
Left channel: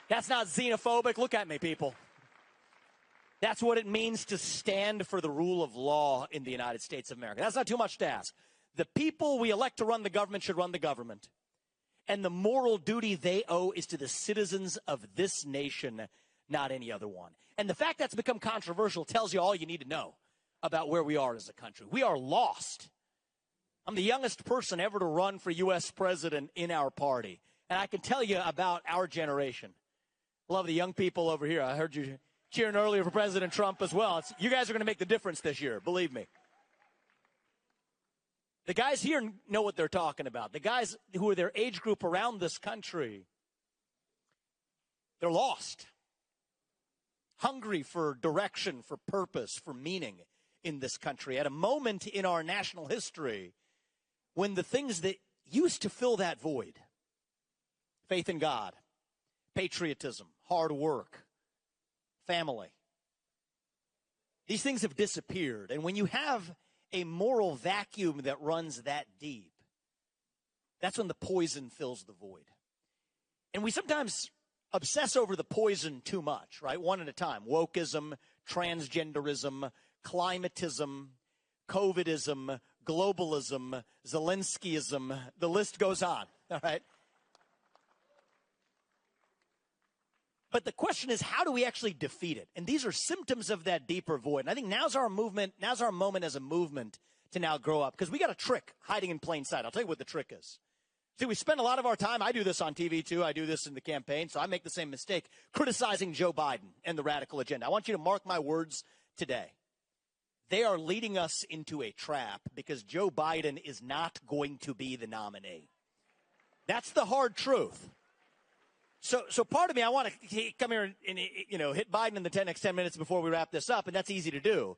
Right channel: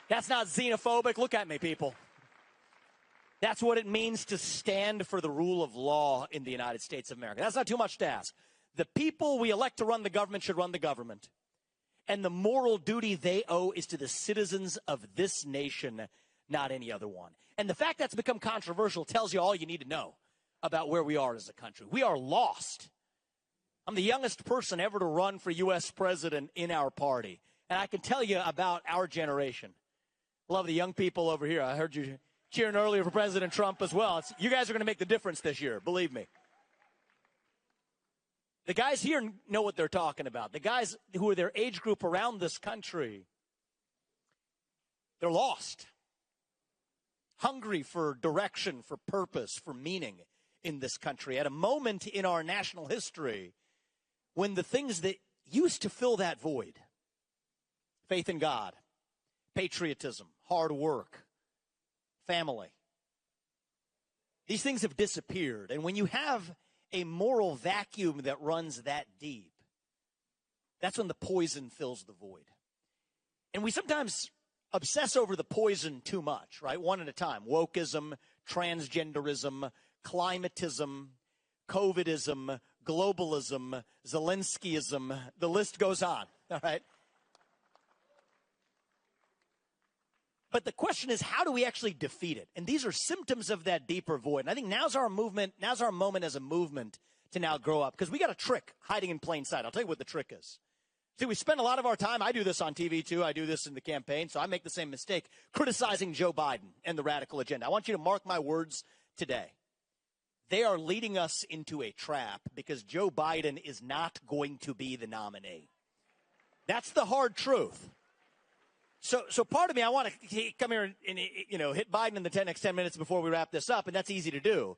That's not xenophobic. Look at me, people. That's what it means to stand for the rule of law in the United States of America. That's not too much to ask. The people we elect to run the government should run the government. And the moral duty they owe is to the citizens of this nation, not any other one. And the fact that's become controversial tells you all you need to know about where we are as a country. We are lost. I'm the youngest person ever to run for U.S. president in our party. And I can tell you about our generation. Love the young people over here. I heard you cheering earlier for President Trump as well. You guys are going to make the difference this year, believe me. The guys here know what they're talking about. The guys who are their age group around this country, they're lost. Hungry for direction, for purpose, for meaning in this country. At a moment in our national history when the things that used to fill that void, faith in God, patriotism, hard work, family, these things have disappeared. And when you have a moral vacuum that runs that deep, that's when the poison fills the void. And we sometimes obsess over the poison too much, right? One at a time. Wokeism, transgenderism, climatism, COVIDism, globalism, Zelenskyism, the list goes on, all right? But the question is, how do we actually defeat it? And these are symptoms of that deeper void. And I think now's our moment as a movement to now grow up. Because we got a trick hiding in plain sight. I'll tell you what the trick is. See, we spend a lot of our time, I do this on TV too, I do this in the campaign, so I make the same mistake, criticizing Joe Biden and the radical agenda. I want you to mark my words today. They are leading us into a trap because Joe Biden is not going to be the nominee. That's the hard truth. So part of me, I want to come here and hit Biden in the next 10 minutes before we wrap this up, and that's easy to do.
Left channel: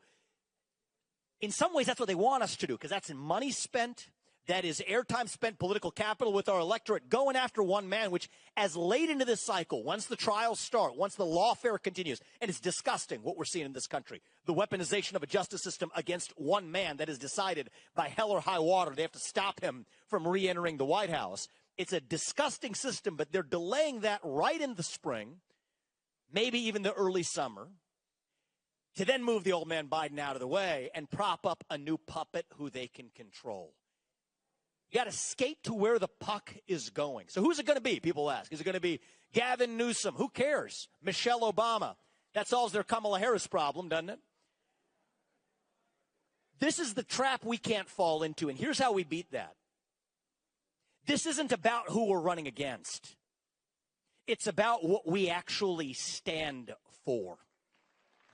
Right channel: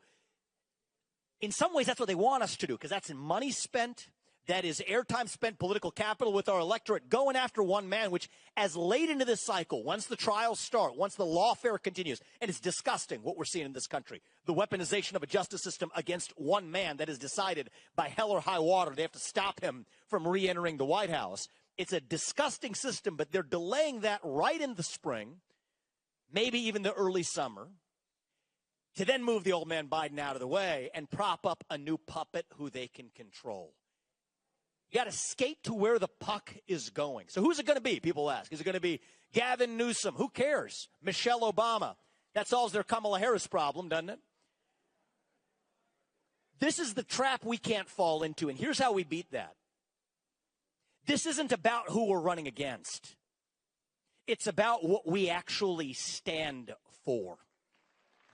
In some ways, that's what they want us to do, because that's money spent, that is airtime spent, political capital with our electorate, going after one man, which as late into this cycle, once the trials start, once the lawfare continues, and it's disgusting what we're seeing in this country, the weaponization of a justice system against one man that is decided by hell or high water. They have to stop him from re-entering the White House. It's a disgusting system, but they're delaying that right in the spring, maybe even the early summer, to then move the old man Biden out of the way and prop up a new puppet who they can control. You got to skate to where the puck is going. So who's it going to be, people ask? Is it going to be Gavin Newsom? Who cares? Michelle Obama. That solves their Kamala Harris problem, doesn't it? This is the trap we can't fall into, and here's how we beat that. This isn't about who we're running against. It's about what we actually stand for.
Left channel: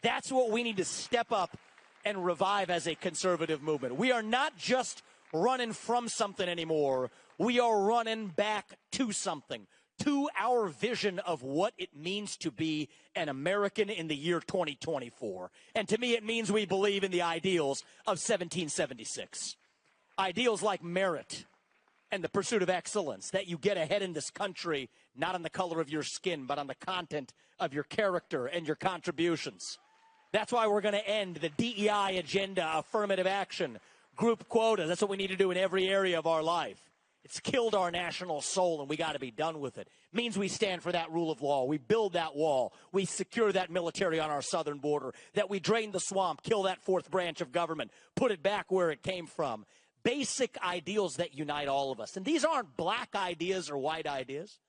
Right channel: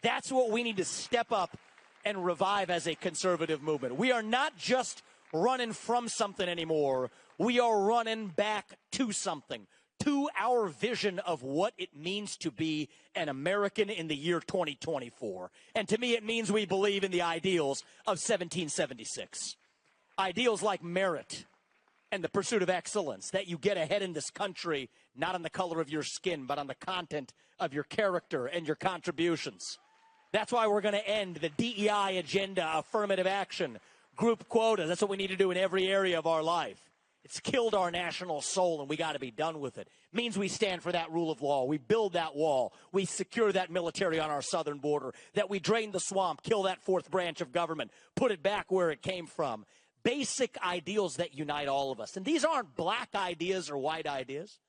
That's what we need to step up and revive as a conservative movement. We are not just running from something anymore. We are running back to something, to our vision of what it means to be an American in the year 2024. And to me, it means we believe in the ideals of 1776. Ideals like merit and the pursuit of excellence, that you get ahead in this country, not on the color of your skin, but on the content of your character and your contributions. That's why we're going to end the DEI agenda, affirmative action, group quotas. That's what we need to do in every area of our life. It's killed our national soul, and we got to be done with it. Means we stand for that rule of law. We build that wall. We secure that military on our southern border. That we drain the swamp, kill that fourth branch of government, put it back where it came from. Basic ideals that unite all of us. And these aren't black ideas or white ideas.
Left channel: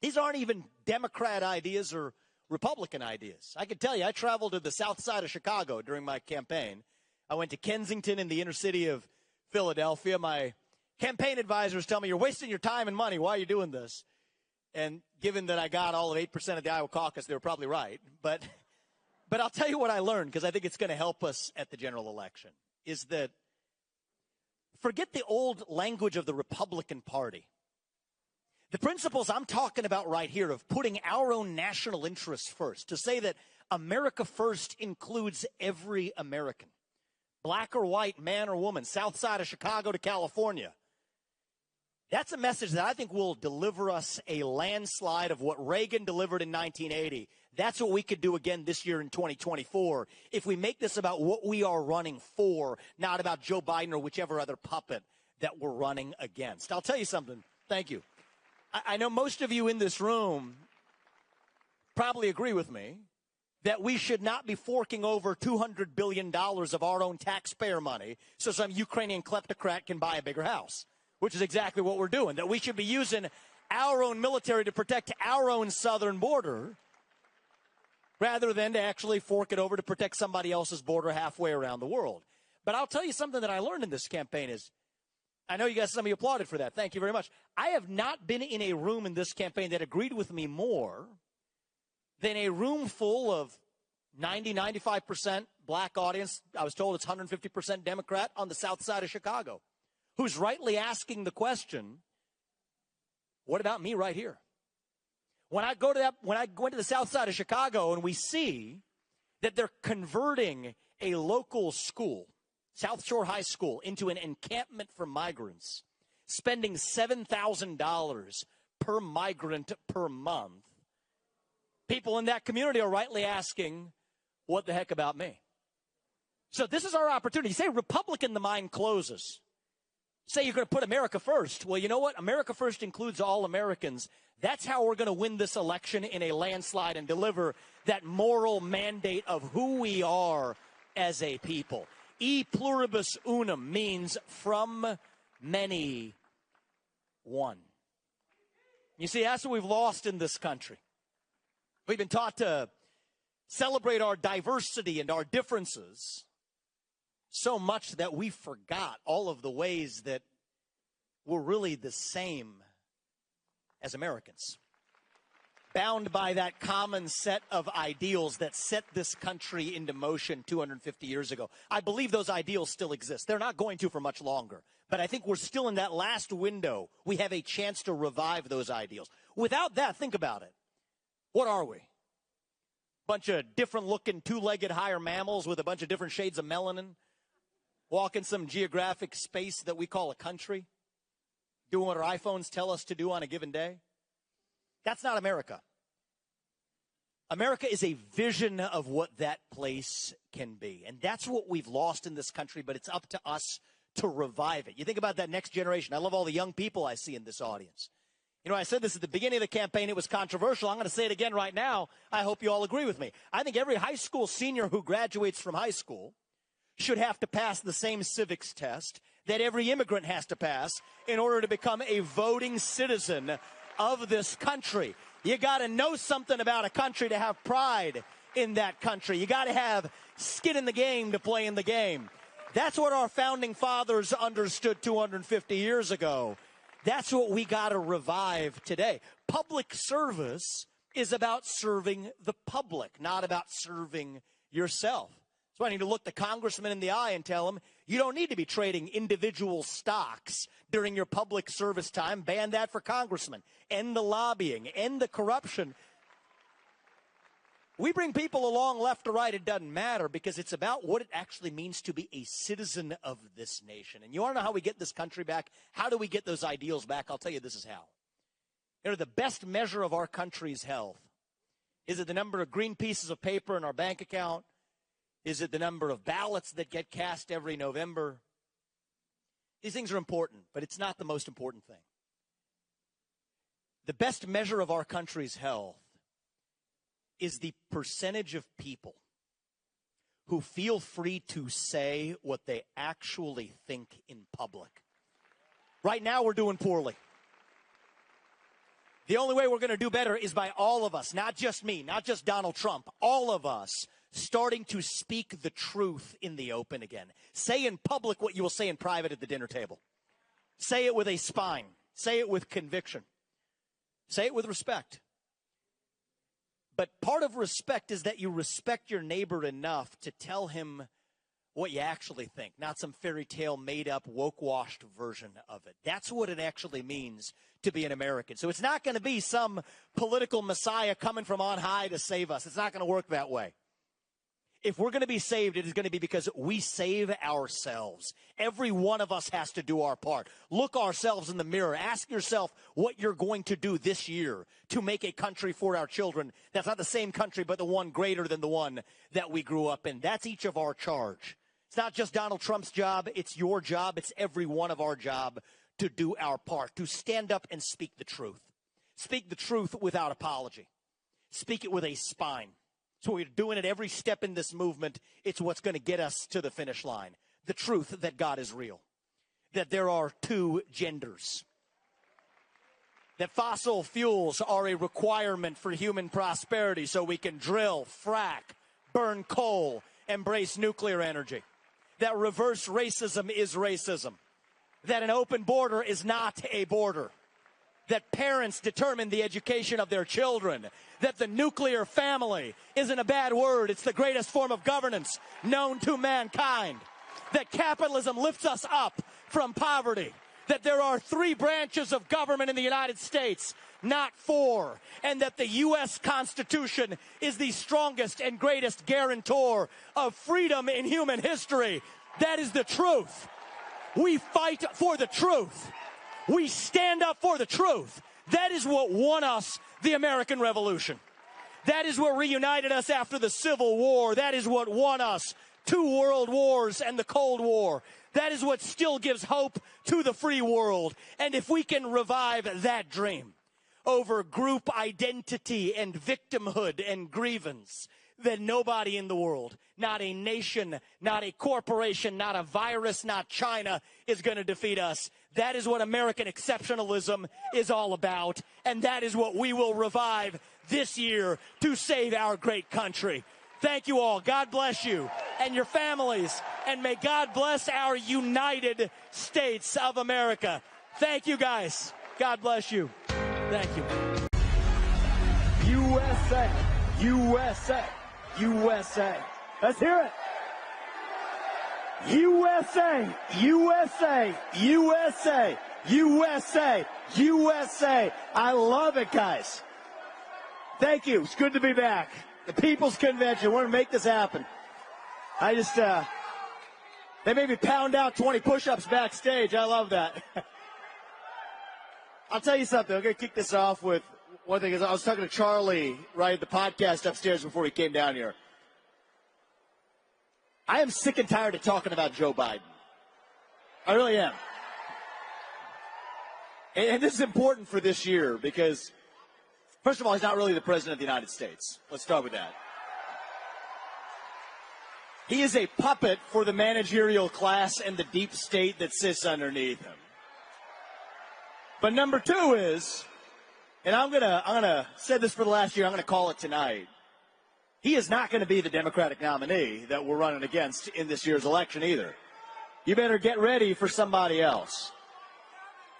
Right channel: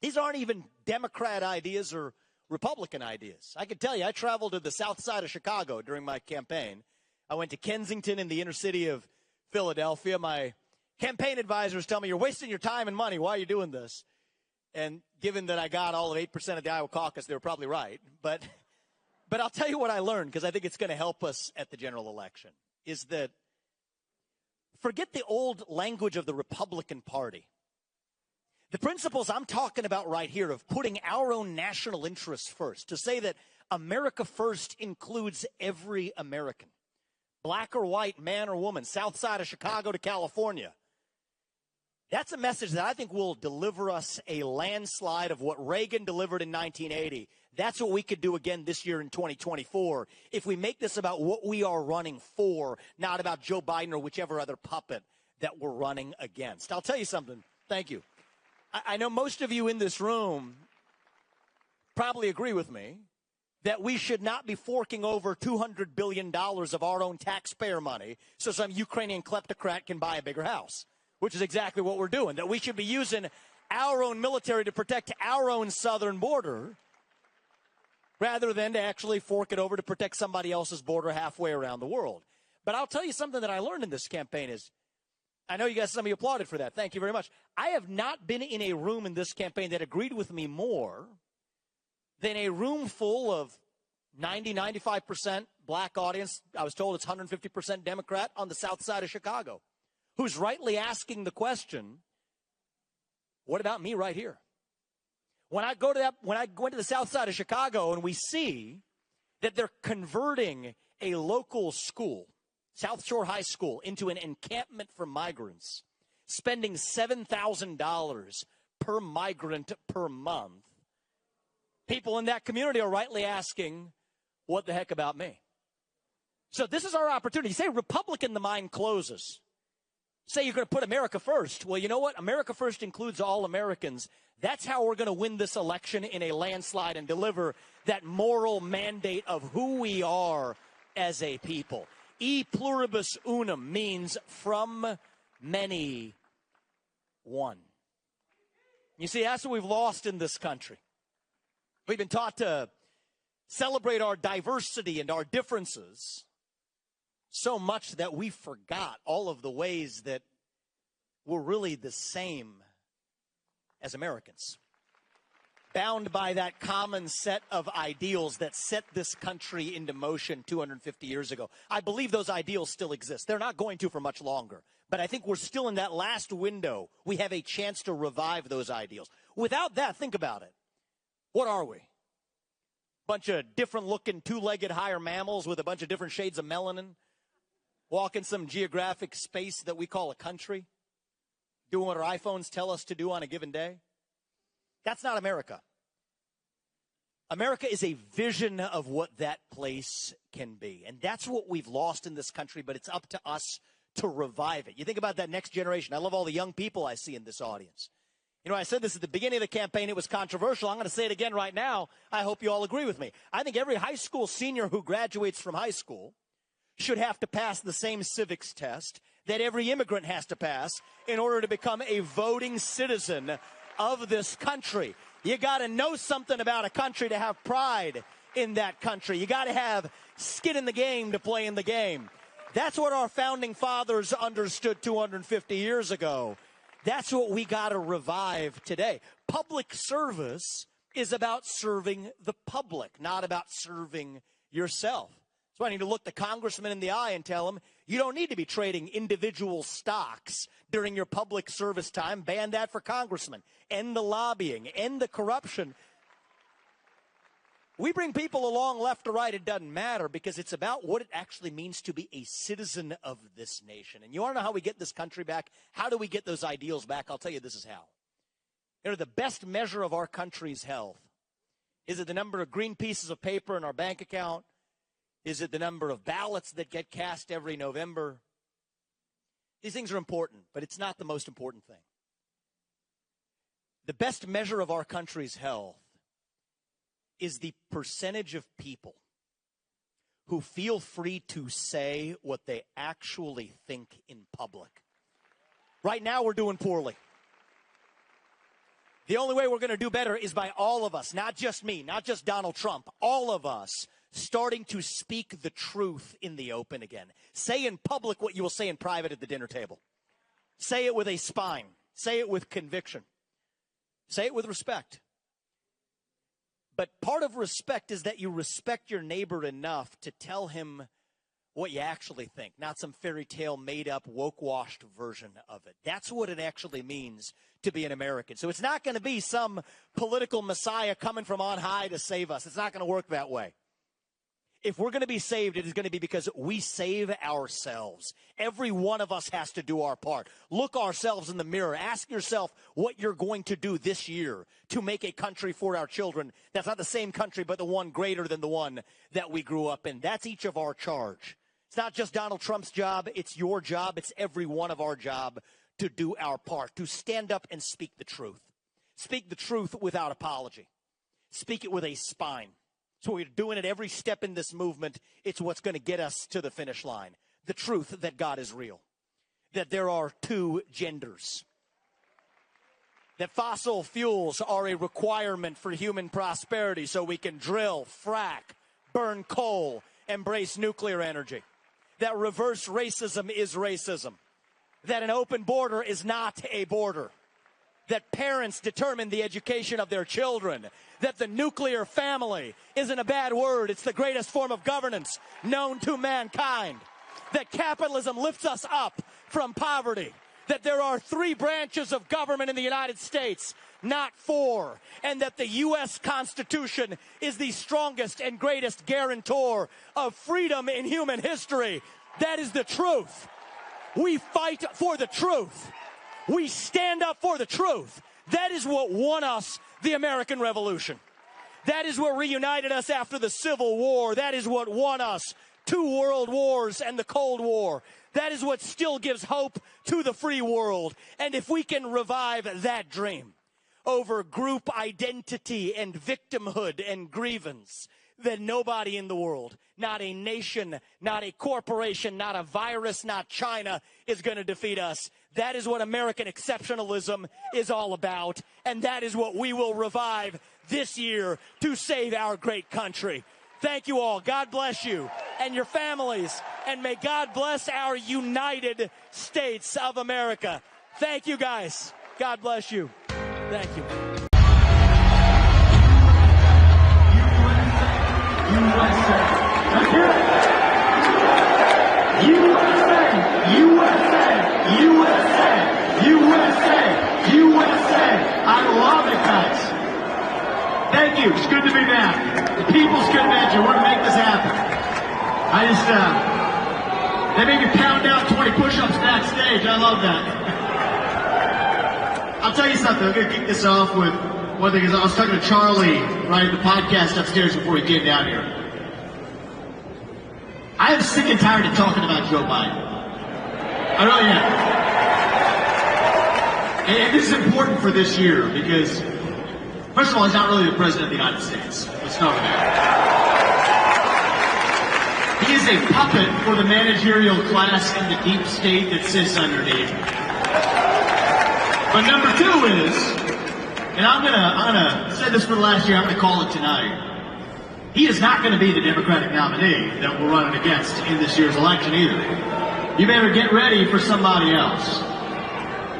These aren't even Democrat ideas or Republican ideas. I can tell you, I traveled to the south side of Chicago during my campaign. I went to Kensington in the inner city of Philadelphia. My campaign advisors tell me, you're wasting your time and money. Why are you doing this? And given that I got all of 8% of the Iowa caucus, they were probably right. But I'll tell you what I learned, because I think it's going to help us at the general election, is that forget the old language of the Republican Party. The principles I'm talking about right here of putting our own national interests first, to say that America first includes every American, black or white, man or woman, south side of Chicago to California. That's a message that I think will deliver us a landslide of what Reagan delivered in 1980. That's what we could do again this year in 2024 if we make this about what we are running for, not about Joe Biden or whichever other puppet that we're running against. I'll tell you something. Thank you. I know most of you in this room probably agree with me that we should not be forking over $200 billion of our own taxpayer money so some Ukrainian kleptocrat can buy a bigger house, which is exactly what we're doing, that we should be using our own military to protect our own southern border rather than to actually fork it over to protect somebody else's border halfway around the world. But I'll tell you something that I learned in this campaign is, I know you guys, some of you applauded for that. Thank you very much. I have not been in a room in this campaign that agreed with me more than a room full of 95% black audience. I was told it's 150% Democrat on the south side of Chicago, who's rightly asking the question, what about me right here? When I went to the south side of Chicago and we see that they're converting a local school, South Shore High School, into an encampment for migrants, spending $7,000 per migrant per month, people in that community are rightly asking, what the heck about me? So this is our opportunity. You say Republican, the mind closes. Say you're going to put America first. Well, you know what? America first includes all Americans. That's how we're going to win this election in a landslide and deliver that moral mandate of who we are as a people. E pluribus unum means from many, one. You see, that's what we've lost in this country. We've been taught to celebrate our diversity and our differences so much that we forgot all of the ways that we're really the same as Americans, bound by that common set of ideals that set this country into motion 250 years ago. I believe those ideals still exist. They're not going to for much longer. But I think we're still in that last window. We have a chance to revive those ideals. Without that, think about it. What are we? Bunch of different-looking two-legged higher mammals with a bunch of different shades of melanin, walking some geographic space that we call a country, doing what our iPhones tell us to do on a given day? That's not America. America is a vision of what that place can be. And that's what we've lost in this country, but it's up to us to revive it. You think about that next generation. I love all the young people I see in this audience. You know, I said this at the beginning of the campaign. It was controversial. I'm going to say it again right now. I hope you all agree with me. I think every high school senior who graduates from high school should have to pass the same civics test that every immigrant has to pass in order to become a voting citizen of this country. You got to know something about a country to have pride in that country. You got to have skin in the game to play in the game. That's what our founding fathers understood 250 years ago. That's what we got to revive today. Public service is about serving the public, not about serving yourself. So I need to look the congressman in the eye and tell him, you don't need to be trading individual stocks during your public service time. Ban that for congressmen. End the lobbying. End the corruption. We bring people along left or right. It doesn't matter because it's about what it actually means to be a citizen of this nation. And you want to know how we get this country back? How do we get those ideals back? I'll tell you this is how. You know, the best measure of our country's health, is it the number of green pieces of paper in our bank account? Is it the number of ballots that get cast every November? These things are important, but it's not the most important thing. The best measure of our country's health is the percentage of people who feel free to say what they actually think in public. Right now, we're doing poorly. The only way we're going to do better is by all of us, not just me, not just Donald Trump, all of us starting to speak the truth in the open again. Say in public what you will say in private at the dinner table. Say it with a spine. Say it with conviction. Say it with respect. But part of respect is that you respect your neighbor enough to tell him what you actually think, not some fairy tale made up, woke-washed version of it. That's what it actually means to be an American. So it's not going to be some political messiah coming from on high to save us. It's not going to work that way. If we're going to be saved, it is going to be because we save ourselves. Every one of us has to do our part. Look ourselves in the mirror. Ask yourself what you're going to do this year to make a country for our children that's not the same country, but the one greater than the one that we grew up in. That's each of our charge. It's not just Donald Trump's job. It's your job. It's every one of our job to do our part, to stand up and speak the truth. Speak the truth without apology. Speak it with a spine. So we're doing it every step in this movement. It's what's going to get us to the finish line. The truth that God is real. That there are two genders. That fossil fuels are a requirement for human prosperity so we can drill, frack, burn coal, embrace nuclear energy. That reverse racism is racism. That an open border is not a border. That parents determine the education of their children. That the nuclear family isn't a bad word. It's the greatest form of governance known to mankind. That capitalism lifts us up from poverty. That there are 3 branches of government in the United States, not 4. And that the U.S. Constitution is the strongest and greatest guarantor of freedom in human history. That is the truth. We fight for the truth. We stand up for the truth. That is what won us the American Revolution. That is what reunited us after the Civil War. That is what won us 2 world wars and the Cold War. That is what still gives hope to the free world. And if we can revive that dream over group identity and victimhood and grievance, then nobody in the world, not a nation, not a corporation, not a virus, not China, is going to defeat us. That is what American exceptionalism is all about, and that is what we will revive this year to save our great country. Thank you all. God bless you and your families, and may God bless our United States of America. Thank you, guys. God bless you. Thank you. Thank you. It's good to be back. The people's good measure. We're going to make this happen. They make you pound out 20 push-ups backstage. I love that. I'll tell you something. I'm going to kick this off with one thing. I was talking to Charlie, right, the podcast upstairs before he came down here. I am sick and tired of talking about Joe Biden. I really am. And this is important for this year because, first of all, he's not really the president of the United States. Let's start with that. He is a puppet for the managerial class and the deep state that sits underneath. But number 2 is, and I'm gonna say this for last year, I'm gonna call it tonight. He is not going to be the Democratic nominee that we're running against in this year's election either. You better get ready for somebody else.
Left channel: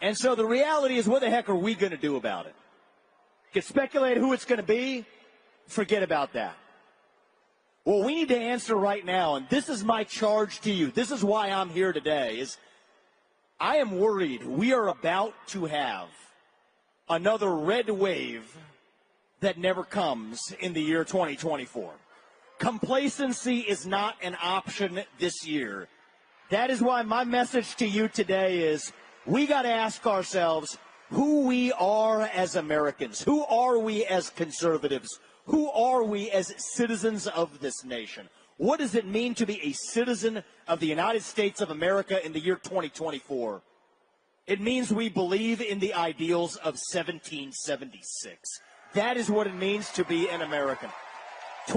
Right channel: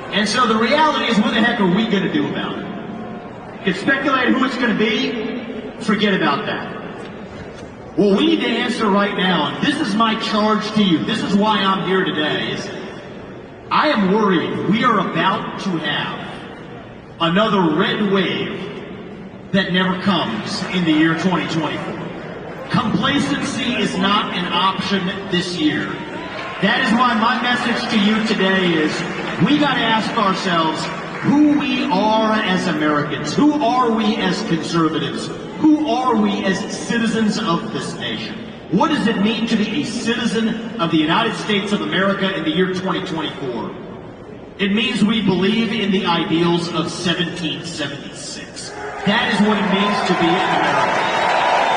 And so the reality is, what the heck are we going to do about it? If you speculate who it's going to be, forget about that. What we need to answer right now, and this is my charge to you, this is why I'm here today, is I am worried we are about to have another red wave that never comes in the year 2024. Complacency is not an option this year. That is why my message to you today is we got to ask ourselves who we are as Americans. Who are we as conservatives? Who are we as citizens of this nation? What does it mean to be a citizen of the United States of America in the year 2024? It means we believe in the ideals of 1776. That is what it means to be an American.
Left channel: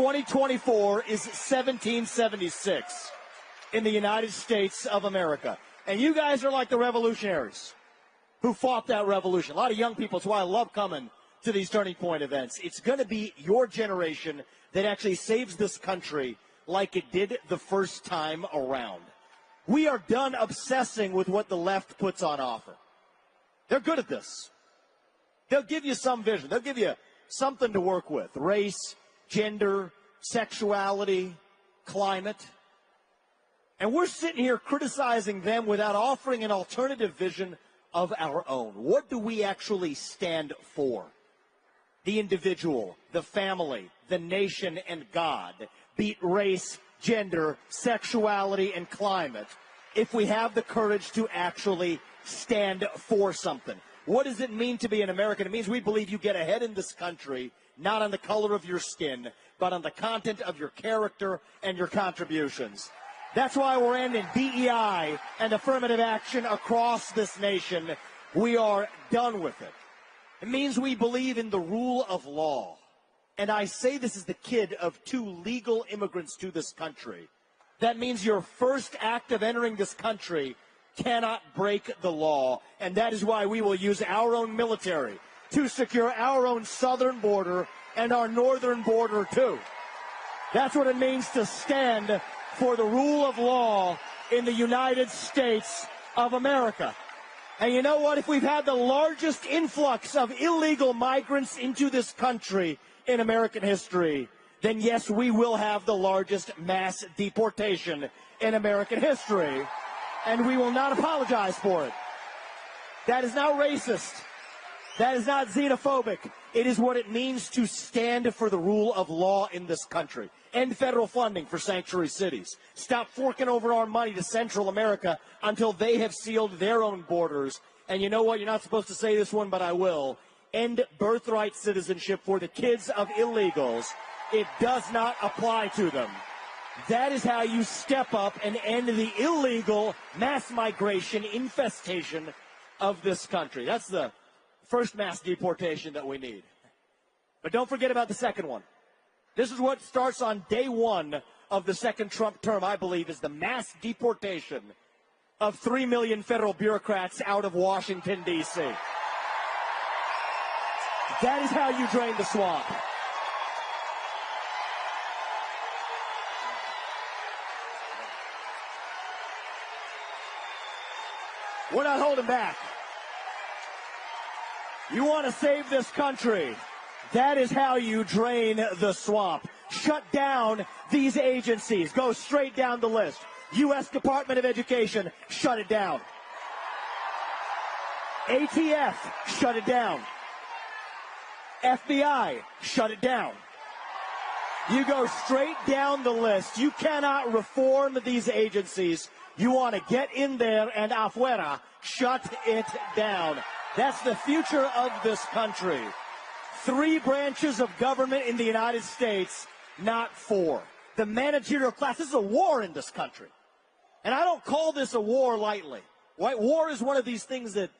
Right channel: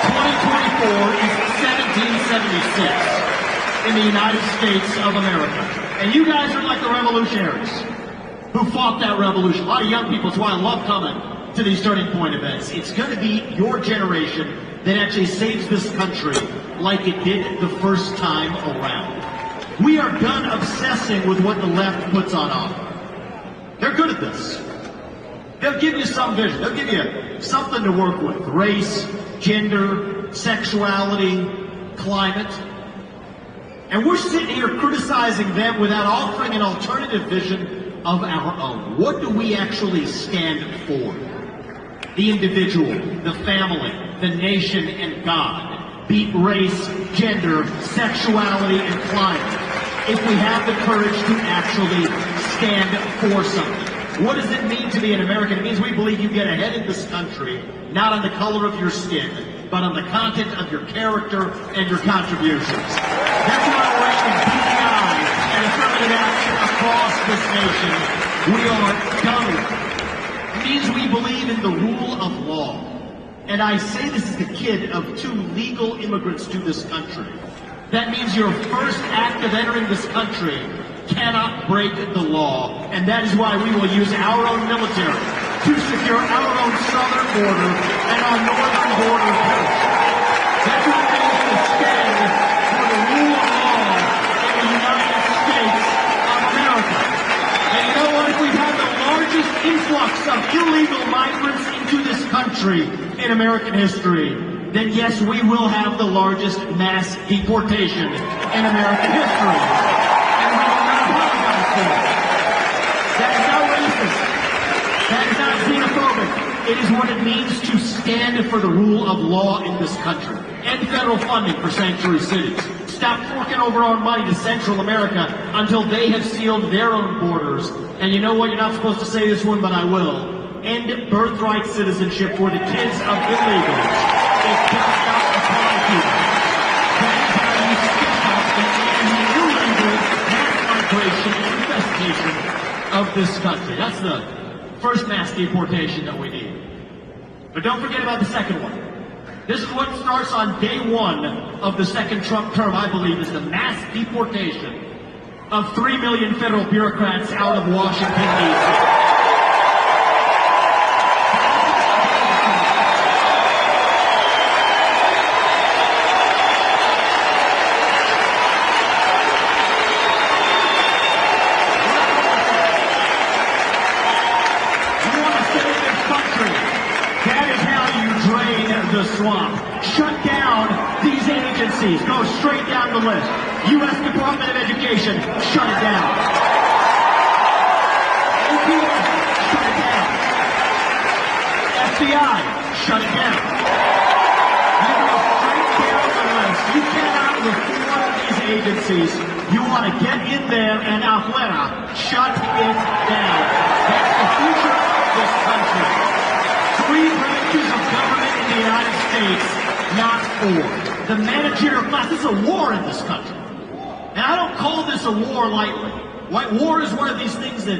2024 is 1776 in the United States of America. And you guys are like the revolutionaries who fought that revolution. A lot of young people, that's why I love coming to these Turning Point events. It's going to be your generation that actually saves this country like it did the first time around. We are done obsessing with what the left puts on offer. They're good at this. They'll give you some vision. They'll give you something to work with. Race, gender, sexuality, climate. And we're sitting here criticizing them without offering an alternative vision of our own. What do we actually stand for? The individual, the family, the nation, and God. Beat race, gender, sexuality, and climate. If we have the courage to actually stand for something. What does it mean to be an American? It means we believe you get ahead in this country, not on the color of your skin, but on the content of your character and your contributions. That's why we're making DEI and affirmative action across this nation. We are done. It means we believe in the rule of law. And I say this as the kid of 2 legal immigrants to this country. That means your first act of entering this country cannot break the law. And that is why we will use our own military to secure our own southern border and our northern border post. That's what it means to stand for the rule of law in the United States of America. And you know what? If we've had the largest influx of illegal migrants into this country in American history, then yes, we will have the largest mass deportation in American history. And we will not talk about that. That is not racist. That is not xenophobic. It is what it means to stand for the rule of law in this country. And federal funding for sanctuary cities. Stop forking over our money to Central America until they have sealed their own borders. And you know what? You're not supposed to say this one, but I will. End birthright citizenship for the kids of illegals. Of this country. That's the first mass deportation that we need. But don't forget about the second one. This is what starts on day 1 of the second Trump term, I believe, is the mass deportation of 3 million federal bureaucrats out of Washington, D.C. Go straight down the list. U.S. Department of Education, shut it down. FBI, shut it down. You go right down the list. You cannot reform these agencies. You want to get in there and afuera, shut it down. That's the future of this country. 3 branches of government in the United States, not 4. The managerial class is a war in this country. And I don't call this a war lightly. White war is one of these things that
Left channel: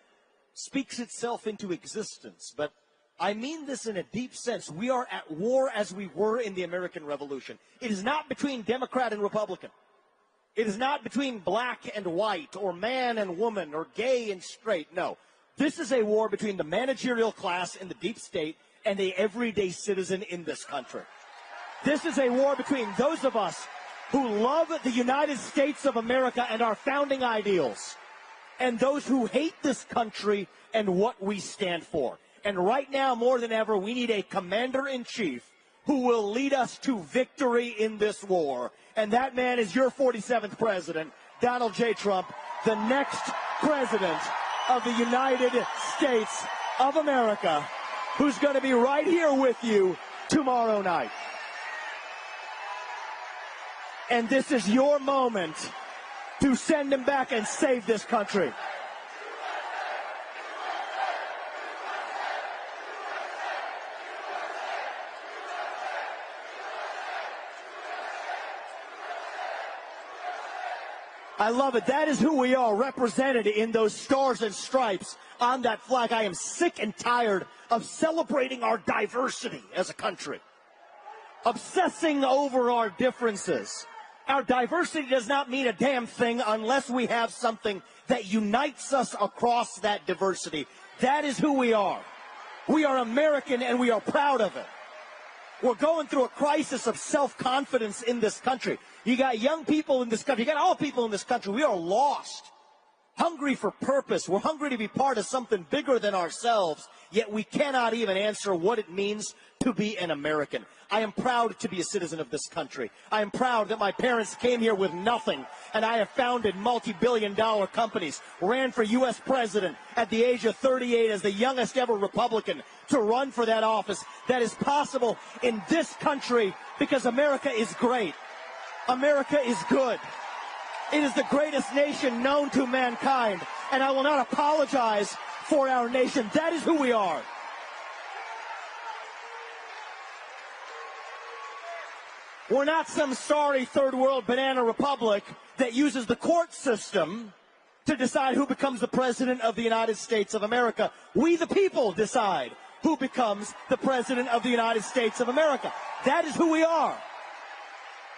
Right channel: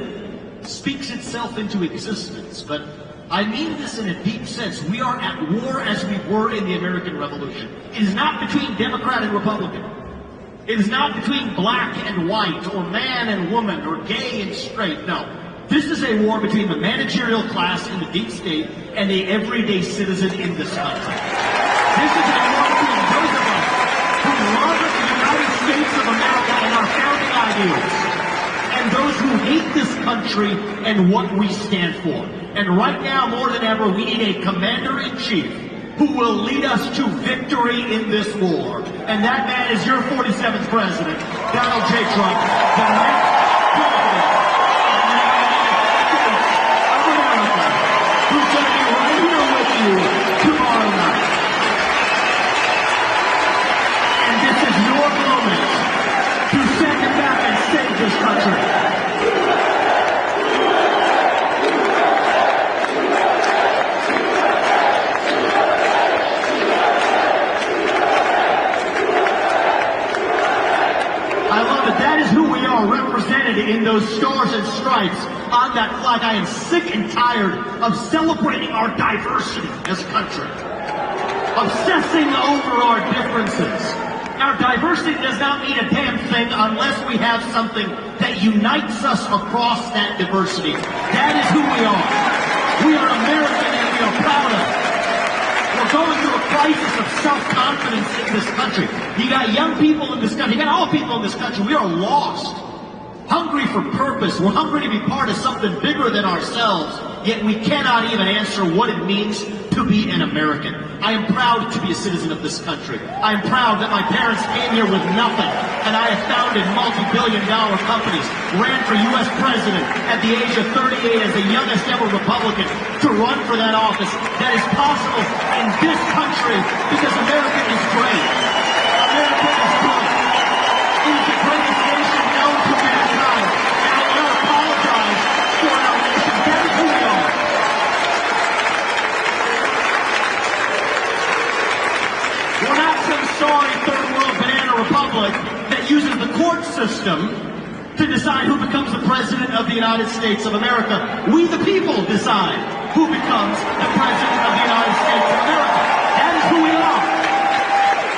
speaks itself into existence. But I mean this in a deep sense. We are at war as we were in the American Revolution. It is not between Democrat and Republican. It is not between black and white, or man and woman, or gay and straight. No. This is a war between the managerial class in the deep state and the everyday citizen in this country. This is a war between those of us who love the United States of America and our founding ideals, and those who hate this country and what we stand for. And right now, more than ever, we need a commander-in-chief who will lead us to victory in this war. And that man is your 47th president, Donald J. Trump, the next president of the United States of America, who's going to be right here with you tomorrow night. And this is your moment to send it back and save this country. am sick and tired of celebrating our diversity as a country, obsessing over our differences. Our diversity does not mean a damn thing unless we have something that unites us across that diversity. That is who we are. We are American and we are proud of it. We're going through a crisis of self-confidence in this country. You got young people in this country, you got all people in this country. We are lost. Hungry for purpose. We're hungry to be part of something bigger than ourselves, yet we cannot even answer what it means to be an American. I am proud to be a citizen of this country. I am proud that my parents came here with nothing, and I have founded multi-billion-dollar companies, ran for U.S. president at the age of 38 as the youngest ever Republican to run for that office. That is possible in this country because America is great. America is great. It is the greatest nation known to mankind, and I will not apologize for our nation. That is who we are. We're not some sorry third world banana republic that uses the court system to decide who becomes the president of the United States of America. We, the people, decide who becomes the president of the United States of America. That is who we are.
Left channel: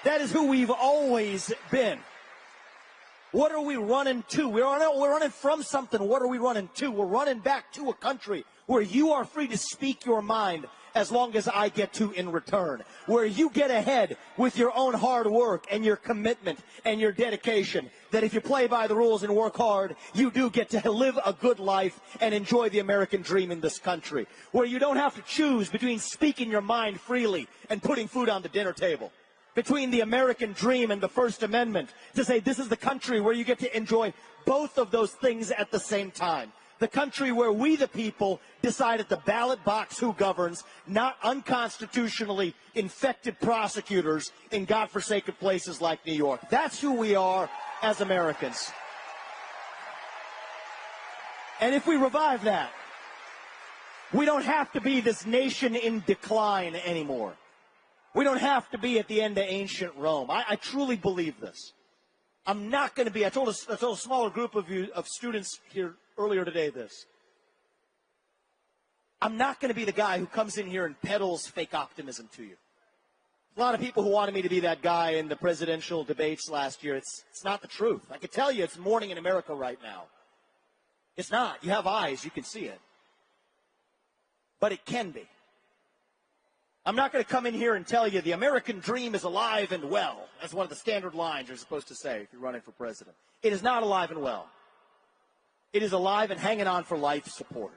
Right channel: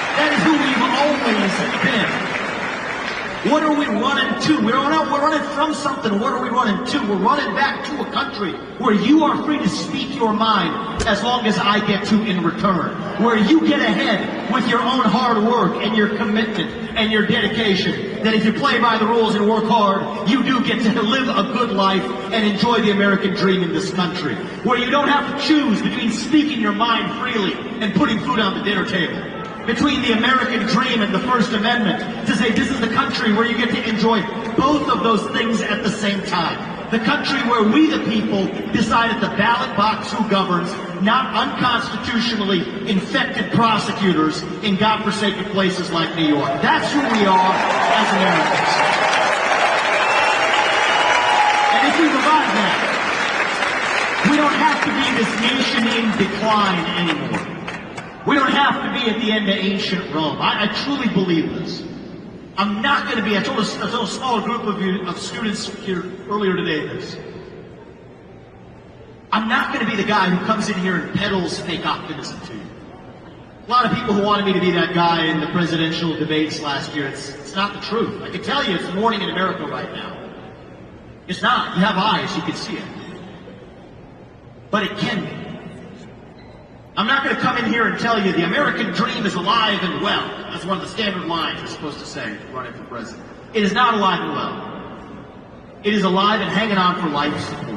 That is who we've always been. What are we running to? We're running from something. What are we running to? We're running back to a country where you are free to speak your mind as long as I get to in return. Where you get ahead with your own hard work and your commitment and your dedication. That if you play by the rules and work hard, you do get to live a good life and enjoy the American dream in this country. Where you don't have to choose between speaking your mind freely and putting food on the dinner table. Between the American dream and the First Amendment, to say this is the country where you get to enjoy both of those things at the same time. The country where we, the people, decide at the ballot box who governs, not unconstitutionally infected prosecutors in godforsaken places like New York. That's who we are as Americans. And if we survive that, we don't have to be this nation in decline anymore. We don't have to be at the end of ancient Rome. I truly believe this. I'm not going to be, I told a small group of students here earlier today this. I'm not going to be the guy who comes in here and peddles fake optimism to you. A lot of people who wanted me to be that guy in the presidential debates last year. It's not the truth. I can tell you it's morning in America right now. It's not. You have eyes, you can see it. But it can be. I'm not going to come in here and tell you the American dream is alive and well. That's one of the standard lines it's supposed to say running for president. It is not alive and well. It is alive and hanging on for life support.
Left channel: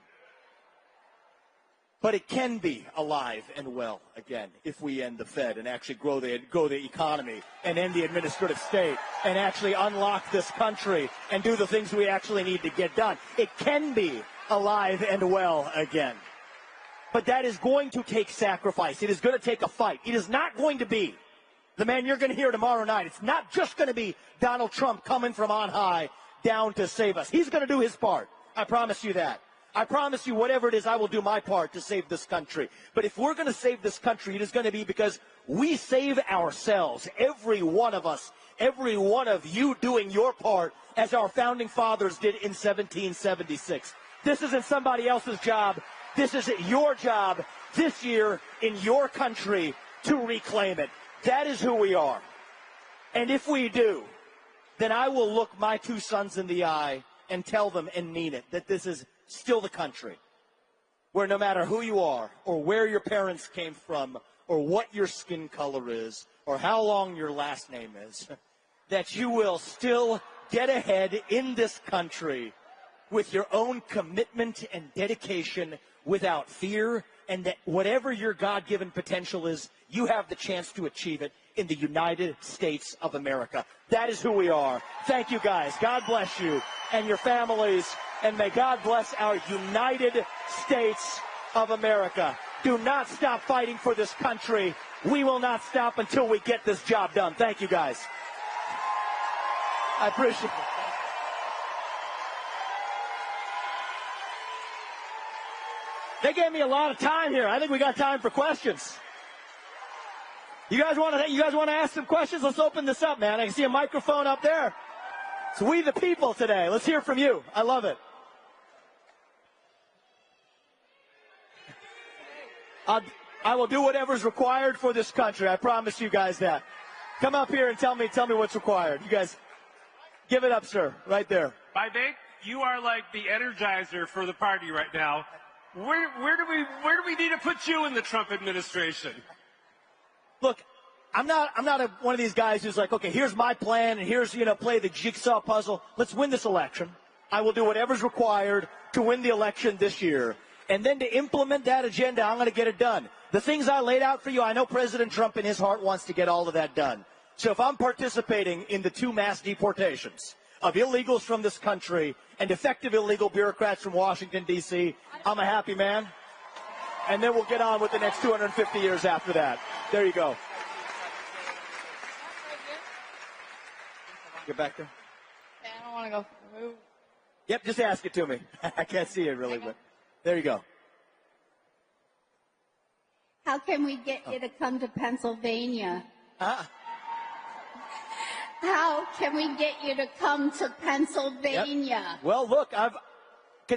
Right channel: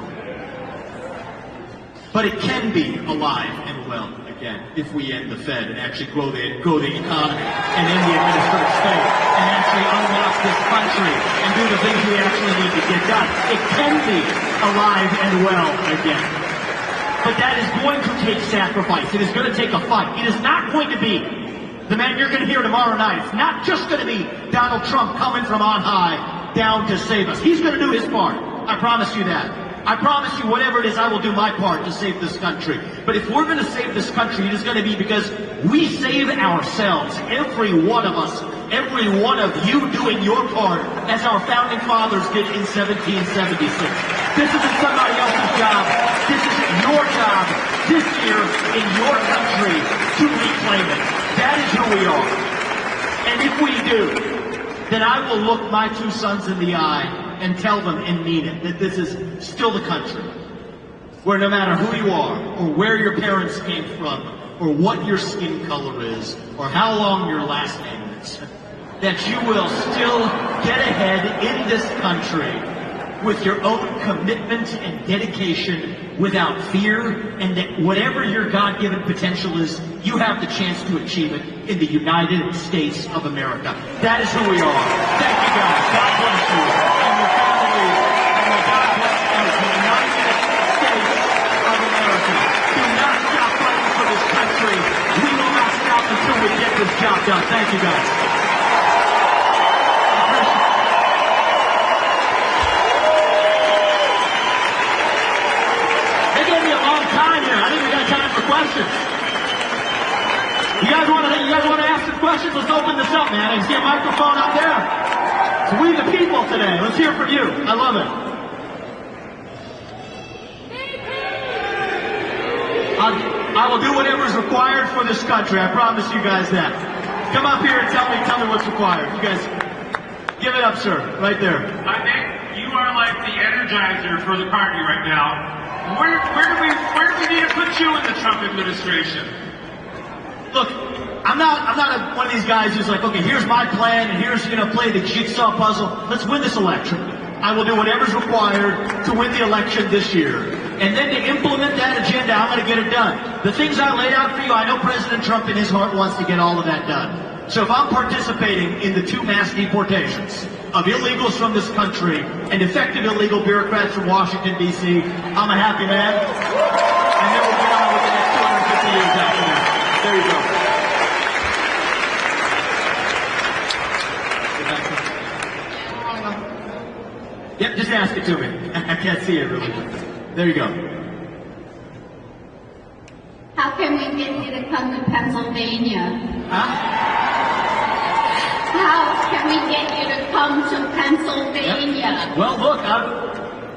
But it can be alive and well again if we end the Fed and actually grow the economy and end the administrative state and actually unlock this country and do the things we actually need to get done. It can be alive and well again. But that is going to take sacrifice. It is going to take a fight. It is not going to be the man you're going to hear tomorrow night. It's not just going to be Donald Trump coming from on high down to save us. He's going to do his part. I promise you that. I promise you whatever it is, I will do my part to save this country. But if we're going to save this country, it is going to be because we save ourselves. Every one of us. Every one of you doing your part as our founding fathers did in 1776. This isn't somebody else's job. This is your job this year in your country to reclaim it. That is who we are. And if we do, then I will look my two sons in the eye and tell them and mean it that this is still the country where no matter who you are or where your parents came from or what your skin color is or how long your last name is, that you will still get ahead in this country with your own commitment and dedication without fear, and that whatever your God-given potential is, you have the chance to achieve it in the United States of America. That is who we are. Thank you, guys. God bless you. And we believe in the God as the United States of America. Do not stop fighting for this country. We will not stop until we get this job done. Thank you, guys. You guys want to ask some questions? Let's open this up, man. There's a microphone out there. We the people today. Let's hear from you. I love it. I will do whatever is required for this country. I promise you guys that. Come up here and tell me what's required. You guys, give it up, sir, right there. I think you are like the energizer for the party right now. Where do we need to put you in the Trump administration? Look, I'm not one of these guys who's like, okay, here's my plan, and here's play the jigsaw puzzle. Let's win this election. I will do whatever's required to win the election this year. And then to implement that agenda, I'm going to get it done. The things I laid out for you, I know President Trump in his heart wants to get all of that done. So if I'm participating in the 2 mass deportations of illegals from this country and effective illegal bureaucrats from Washington, D.C., I'm a happy man. And then we'll get on with the next 250 years after that. There you go. Yep, just ask it to me. I can't see it really. There you go. How can we get you to come to Pennsylvania? Huh? How can we get you to come to Pennsylvania? Well, look,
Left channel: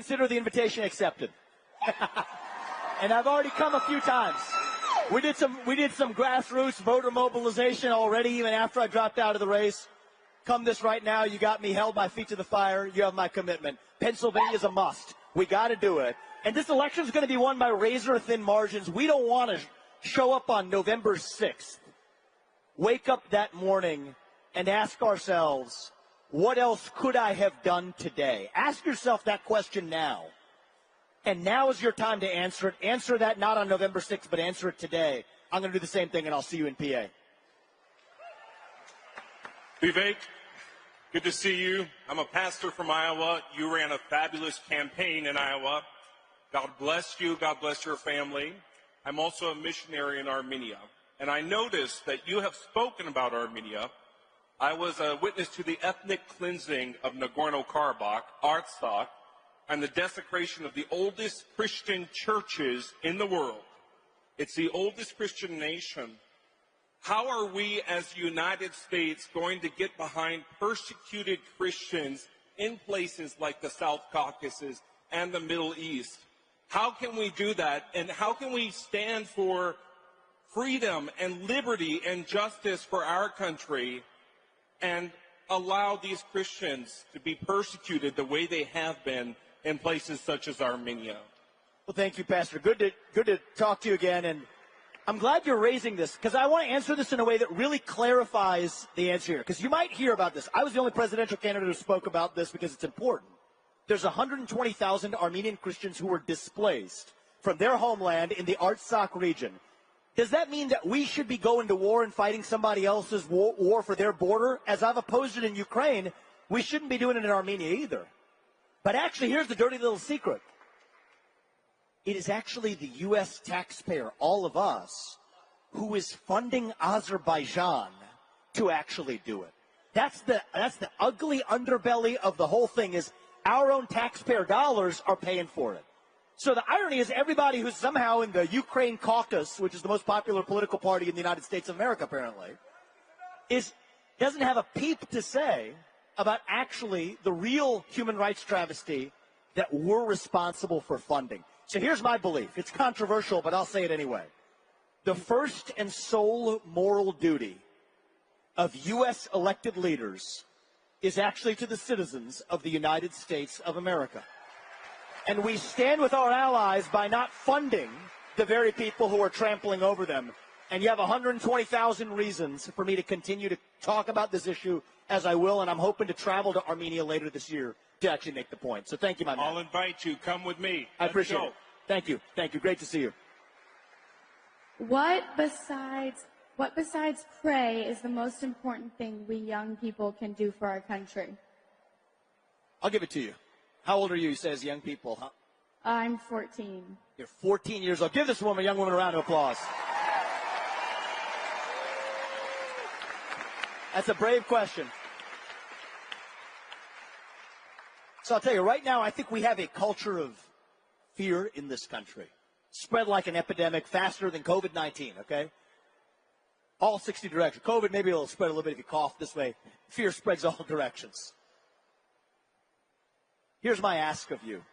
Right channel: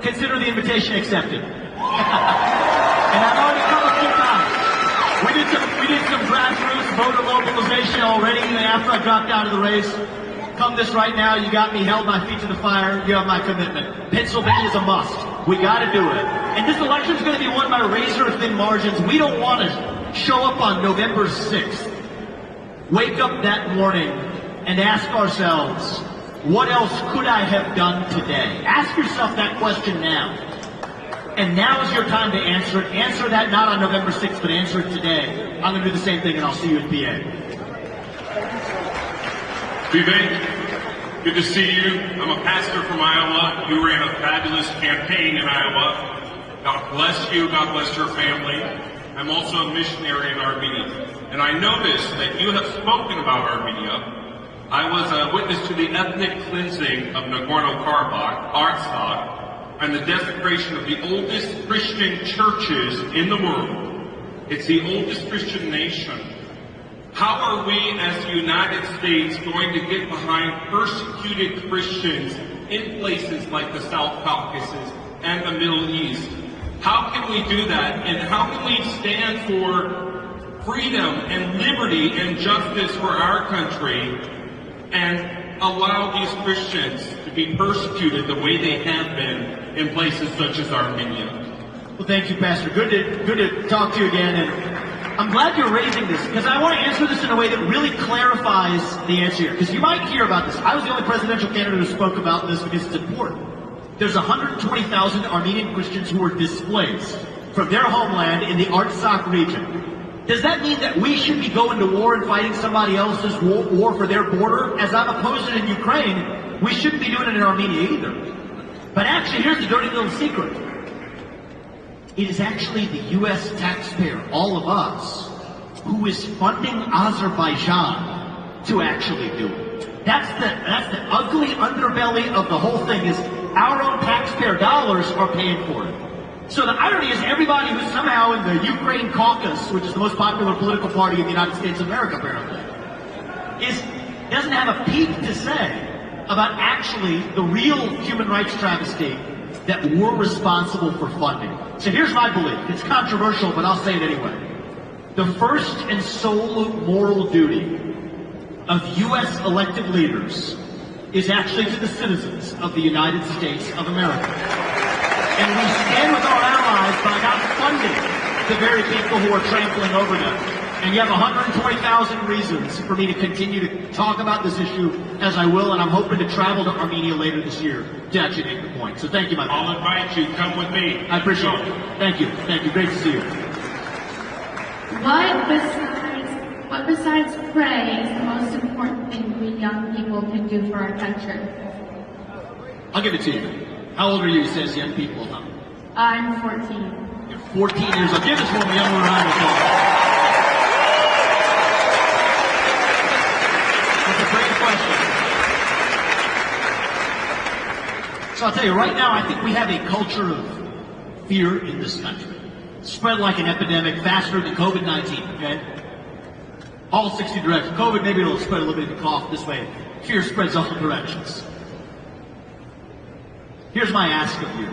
consider the invitation accepted. And I've already come a few times. We did some grassroots voter mobilization already, and after I dropped out of the race. Come this right now, you got me, held my feet to the fire, you have my commitment. Pennsylvania's a must. We got to do it. And this election's going to be won by razor-thin margins. We don't want to show up on November 6th, wake up that morning, and ask ourselves, what else could I have done today? Ask yourself that question now. And now is your time to answer it. Answer that not on November 6th, but answer it today. I'm going to do the same thing, and I'll see you at PA. Vivek, good to see you. I'm a pastor from Iowa. You ran a fabulous campaign in Iowa. God bless you. God bless your family. I'm also a missionary in Armenia. And I noticed that you have spoken about Armenia. I was a witness to the ethnic cleansing of Nagorno-Karabakh, Artsakh, and the desecration of the oldest Christian churches in the world. It's the oldest Christian nation. How are we as the United States going to get behind persecuted Christians in places like the South Caucasus and the Middle East? How can we do that? And how can we stand for freedom and liberty and justice for our country and allow these Christians to be persecuted the way they have been in places such as Armenia? Thank you, Pastor. Good to talk to you again. And I'm glad you're raising this, because I want to answer this in a way that really clarifies the answer here. Because you might hear about this. I was the only presidential candidate who spoke about this because it's important. There's 120,000 Armenian Christians who were displaced from their homeland in the Artsakh region. Does that mean that we should be going to war and fighting somebody else's war for their border? As I'm opposed it in Ukraine, we shouldn't be doing it in Armenia either. But actually, here's the dirty little secret. It is actually the U.S. taxpayer, all of us, who is funding Azerbaijan to actually do it. That's the ugly underbelly of the whole thing, is our own taxpayer dollars are paying for it. So the irony is everybody who's somehow in the Ukraine caucus, which is the most popular political party in the United States of America, apparently, doesn't have a peep to say about actually the real human rights travesty that we're responsible for funding. So here's my belief. It's controversial, but I'll say it anyway. The first and sole moral duty of U.S. elected leaders is actually to the citizens of the United States of America. And we stand with our allies by not funding the very people who are trampling over them. And you have 120,000 reasons for me to continue to talk about this issue, as I will, and I'm hoping to travel to Armenia later this year to actually make the point. So thank you, my friend. I'll invite you. Come with me. I appreciate it. Thank you. Thank you. Great to see you. What besides pray is the most important thing we young people can do for our country? I'll give it to you. How old are you? It says young people, huh? I'm 14. You're 14 years old. Give it to them, young Ryan. That's a great question. So I'll tell you, right now, I think we have a culture of fear in this country. Spread like an epidemic, faster than COVID-19, okay? All 60 directions. COVID, maybe it'll spread a little bit of cough this way. Fear spreads all directions. Here's my ask of you.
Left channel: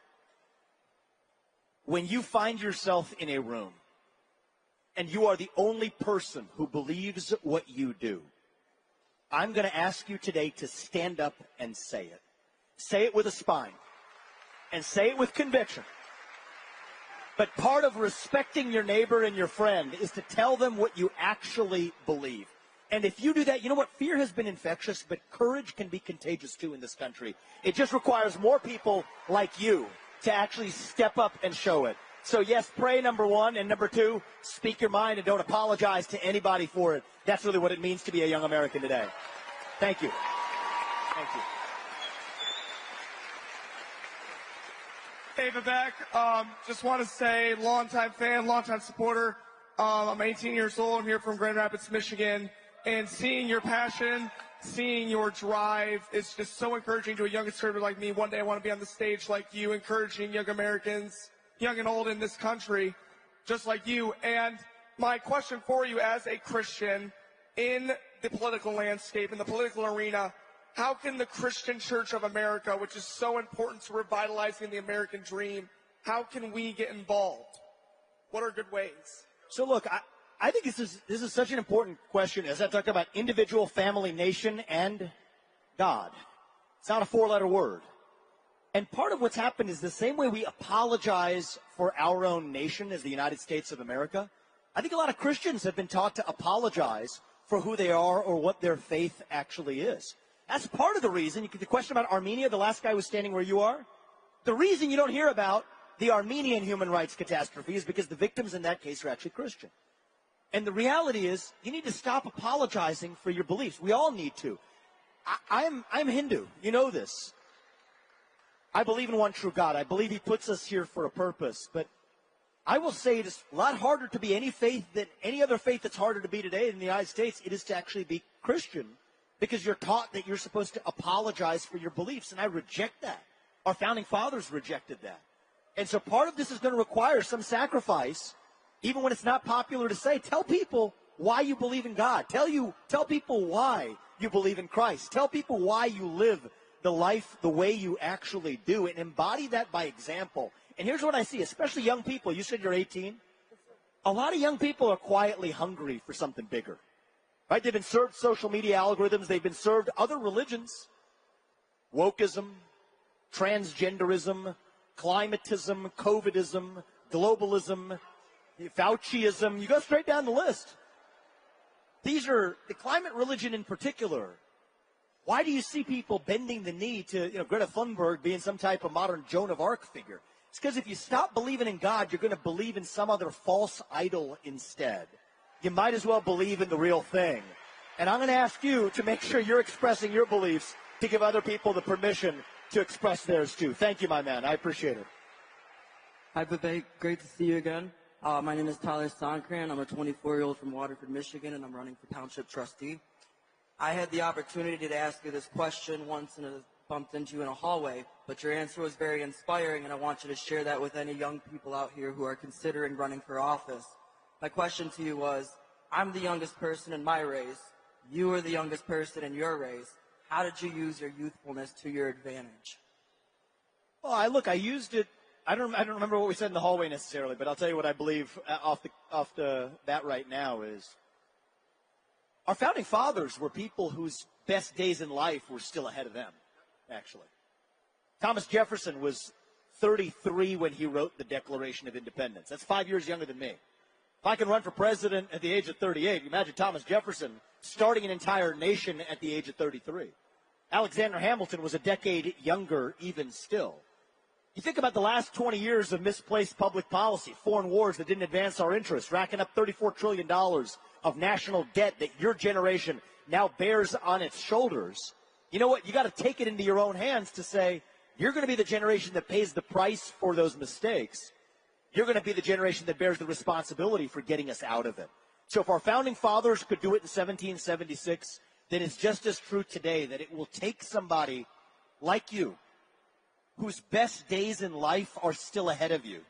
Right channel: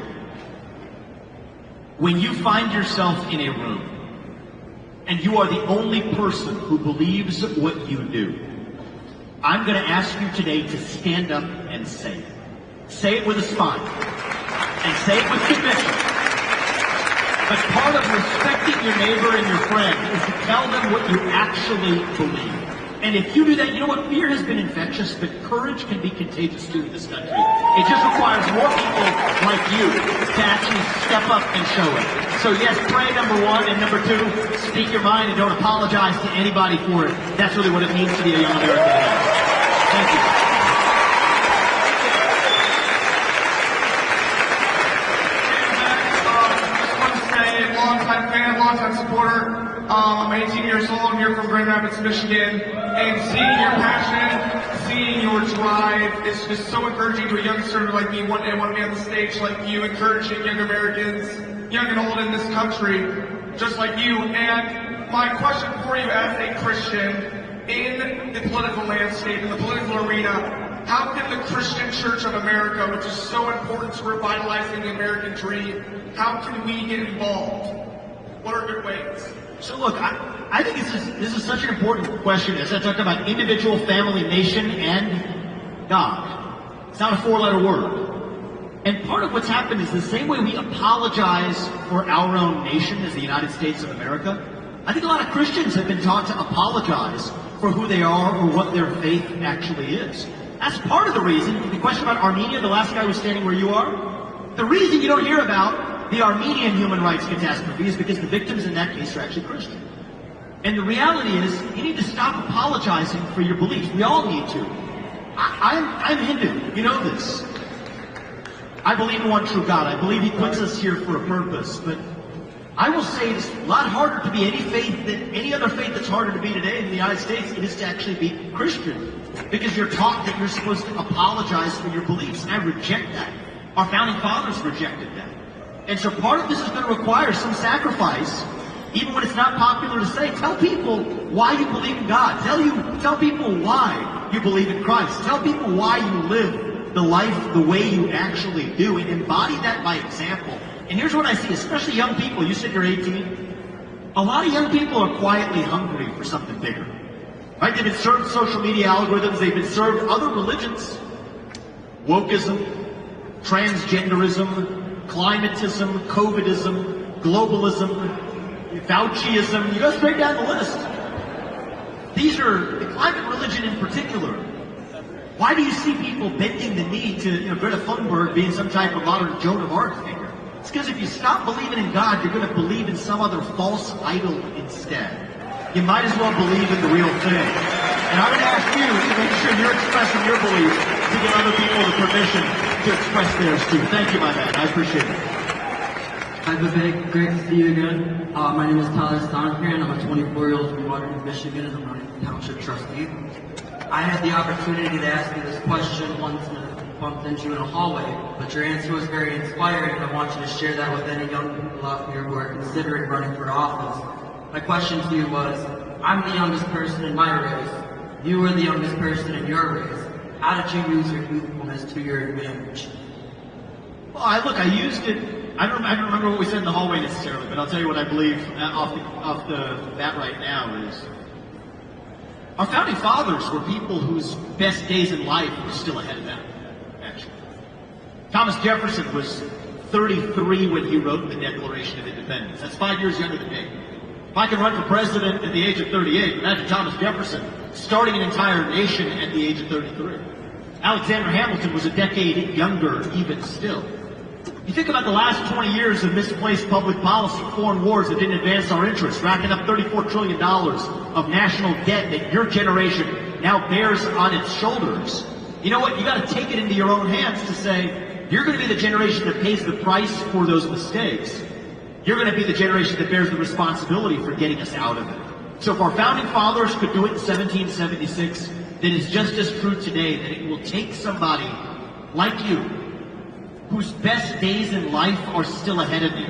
When you find yourself in a room and you are the only person who believes what you do. I'm going to ask you today to stand up and say it. Say it with a smile. And say it with conviction. But part of respecting your neighbor and your friend is to tell them what you actually believe. And if you do that, you know what? Fear has been infectious, but courage can be contagious too in this country. It just requires more people like you to actually step up and show it. So yes, pray, number one, and number two, speak your mind and don't apologize to anybody for it. That's really what it means to be a young American. Thank you. Long-time supporter. I'm 18 years old. I'm here from Grand Rapids, Michigan. And seeing your passion, seeing your drive is just so encouraging to a youngster like me. One day I want to be on the stage like you, encouraging young Americans, young and old in this country, just like you. And my question for you as a Christian, in the political landscape, in the political arena, how can the Christian Church of America, which is so important to revitalizing the American dream, how can we get involved? What are good ways? So look, I think this is such an important question. As I talked about individual, family, nation, and God. It's not a four-letter word. And part of what's happened is the same way we apologize for our own nation as the United States of America, I think a lot of Christians have been taught to apologize for who they are or what their faith actually is. That's part of the reason. The question about Armenia, the last guy was standing where you are, the reason you don't hear about the Armenian human rights catastrophe is because the victims in that case are actually Christian. And the reality is, you need to stop apologizing for your beliefs. We all need to. I'm Hindu. You know this. I believe in one true God. I believe He puts us here for a purpose. But I will say it's a lot harder to be any faith than any other faith that's harder to be today in the United States. It is to actually be Christian. Because you're taught that you're supposed to apologize for your beliefs. And I reject that. Our founding fathers rejected that. And so part of this is going to require some sacrifice, even when it's not popular to say. Tell people why you believe in God. Tell people why you believe in Christ. Tell people why you live the life the way you actually do, and embody that by example. And here's what I see, especially young people. You said you're 18. A lot of young people are quietly hungry for something bigger. Right? They've been served social media algorithms. They've been served other religions. Wokeism, transgenderism, climatism, COVIDism, globalism, Fauciism. You go straight down the list. These are the climate religion in particular. Why do you see people bending the knee to Greta Thunberg being some type of modern Joan of Arc figure? It's because if you stop believing in God, you're going to believe in some other false idol instead. You might as well believe in the real thing. And I would ask you to make sure you're expressing your beliefs to give other people the permission to express theirs too. Thank you, my man. I appreciate it. Hi, Vivek. Great to see you again. My name is Tyler Stonecran. I'm a 24-year-old from Waterton, Michigan, and I'm running for township trustee. I had the opportunity to ask you this question once and I bumped into you in a hallway, but your answer was very inspiring, and I want you to share that with any young people out here who are considering running for office. My question to you was, I'm the youngest person in my race. You were the youngest person in your race. How did you use your youthfulness to your advantage? Well, I used it. I don't remember what we said in the hallway necessarily, but I'll tell you what I believe off the bat right now is our founding fathers were people whose best days in life were still ahead of them, actually. Thomas Jefferson was 33 when he wrote the Declaration of Independence. That's 5 years younger than me. If I can run for president at the age of 38, imagine Thomas Jefferson starting an entire nation at the age of 33. Alexander Hamilton was a decade younger even still. If you think about the last 20 years of misplaced public policy, foreign wars that didn't advance our interests, racking up $34 trillion of national debt that your generation now bears on its shoulders. You know what? You got to take it into your own hands to say, you're going to be the generation that pays the price for those mistakes. You're going to be the generation that bears the responsibility for getting us out of it. So if our founding fathers could do it in 1776, then it's just as true today that it will take somebody like you, whose best days in life are still ahead of you,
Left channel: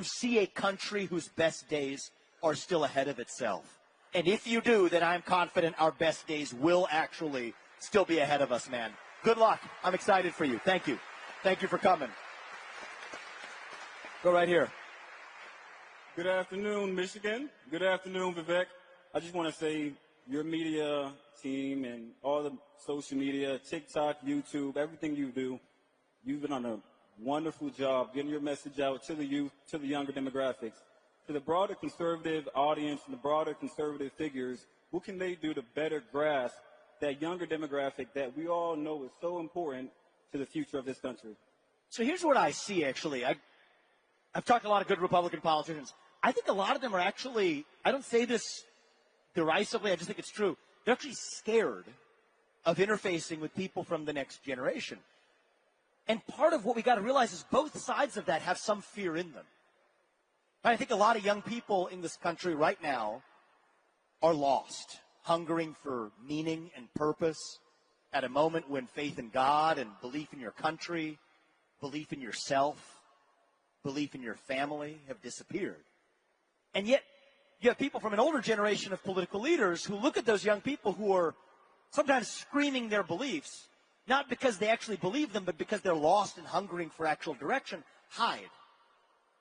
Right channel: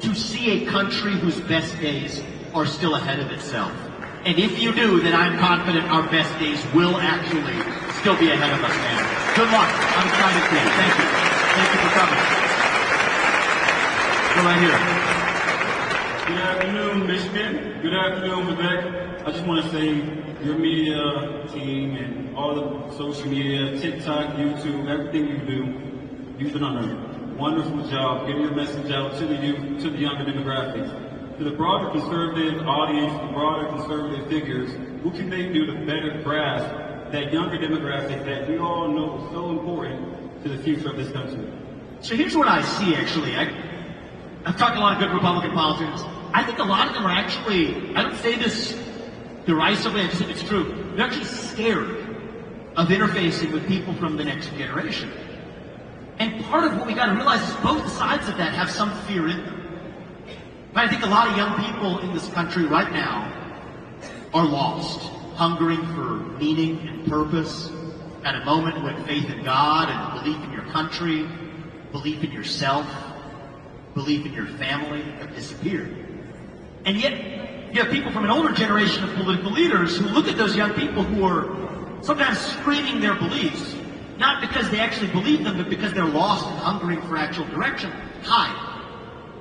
to see a country whose best days are still ahead of itself. And if you do, then I'm confident our best days will actually still be ahead of us, man. Good luck. I'm excited for you. Thank you. Thank you for coming. Go right here. Good afternoon, Michigan. Good afternoon, Vivek. I just want to say your media team and all the social media, TikTok, YouTube, everything you do, you've done a wonderful job getting your message out to the youth, to the younger demographics. To the broader conservative audience, broader conservative figures, what can they do to better grasp that younger demographic that we all know is so important to the future of this country? So here's what I see, actually. I've talked to a lot of good Republican politicians. I think a lot of them are actually, I don't say this derisively, I just think it's true. They're actually scared of interfacing with people from the next generation. And part of what we got to realize is both sides of that have some fear in them. I think a lot of young people in this country right now are lost, hungering for meaning and purpose at a moment when faith in God and belief in your country, belief in yourself, belief in your family have disappeared. And yet, you have people from an older generation of political leaders who look at those young people who are sometimes screaming their beliefs, not because they actually believe them, but because they're lost and hungering for actual direction. Hide.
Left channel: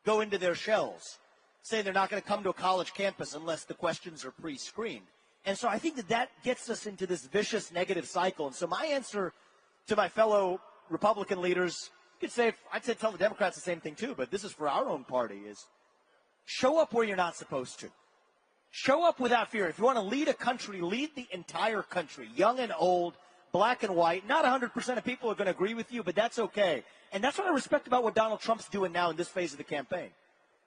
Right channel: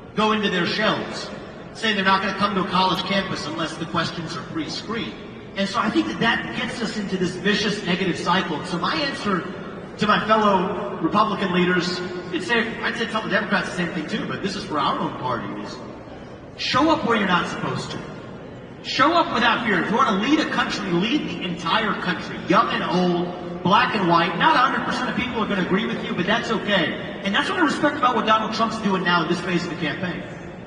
Go into their shells. Say they're not going to come to a college campus unless the questions are pre-screened. And so I think that gets us into this vicious negative cycle. So my answer to my fellow Republican leaders, I'd say tell the Democrats the same thing too, but this is for our own party, is show up where you're not supposed to. Show up without fear. If you want to lead a country, lead the entire country, young and old, black and white. Not 100% of people are going to agree with you, but that's okay. And that's what I respect about what Donald Trump's doing now in this phase of the campaign.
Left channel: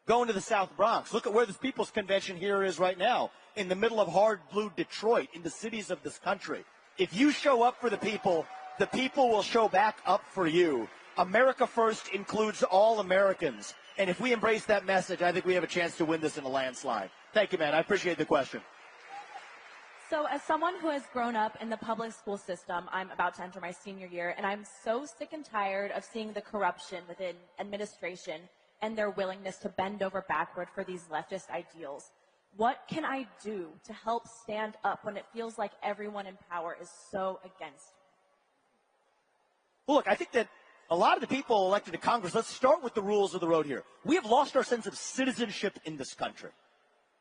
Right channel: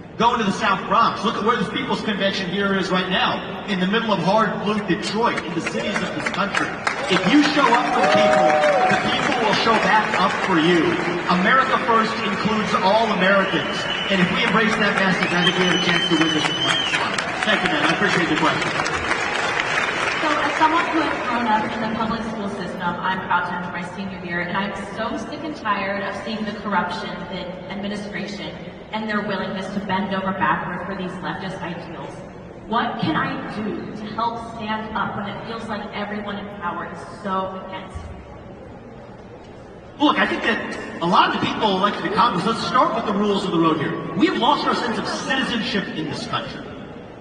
Go into the South Bronx. Look at where the People's Convention here is right now, in the middle of hard blue Detroit, in the cities of this country. If you show up for people, the people will show back up for you. America First includes all Americans. And if we embrace that message, I think we have a chance to win this election. Thank you, man. I appreciate the question. So, as someone who has grown up in the public school system, I'm about to enter my senior year, and I'm so sick and tired of seeing the corruption in administration and their willingness to bend over backward for these leftist ideals. What can I do to help stand up when it feels like everyone in power is so against? Look, I think that a lot of the people elected to Congress, let's start with the rules of the road here. We have lost our sense of citizenship in this country.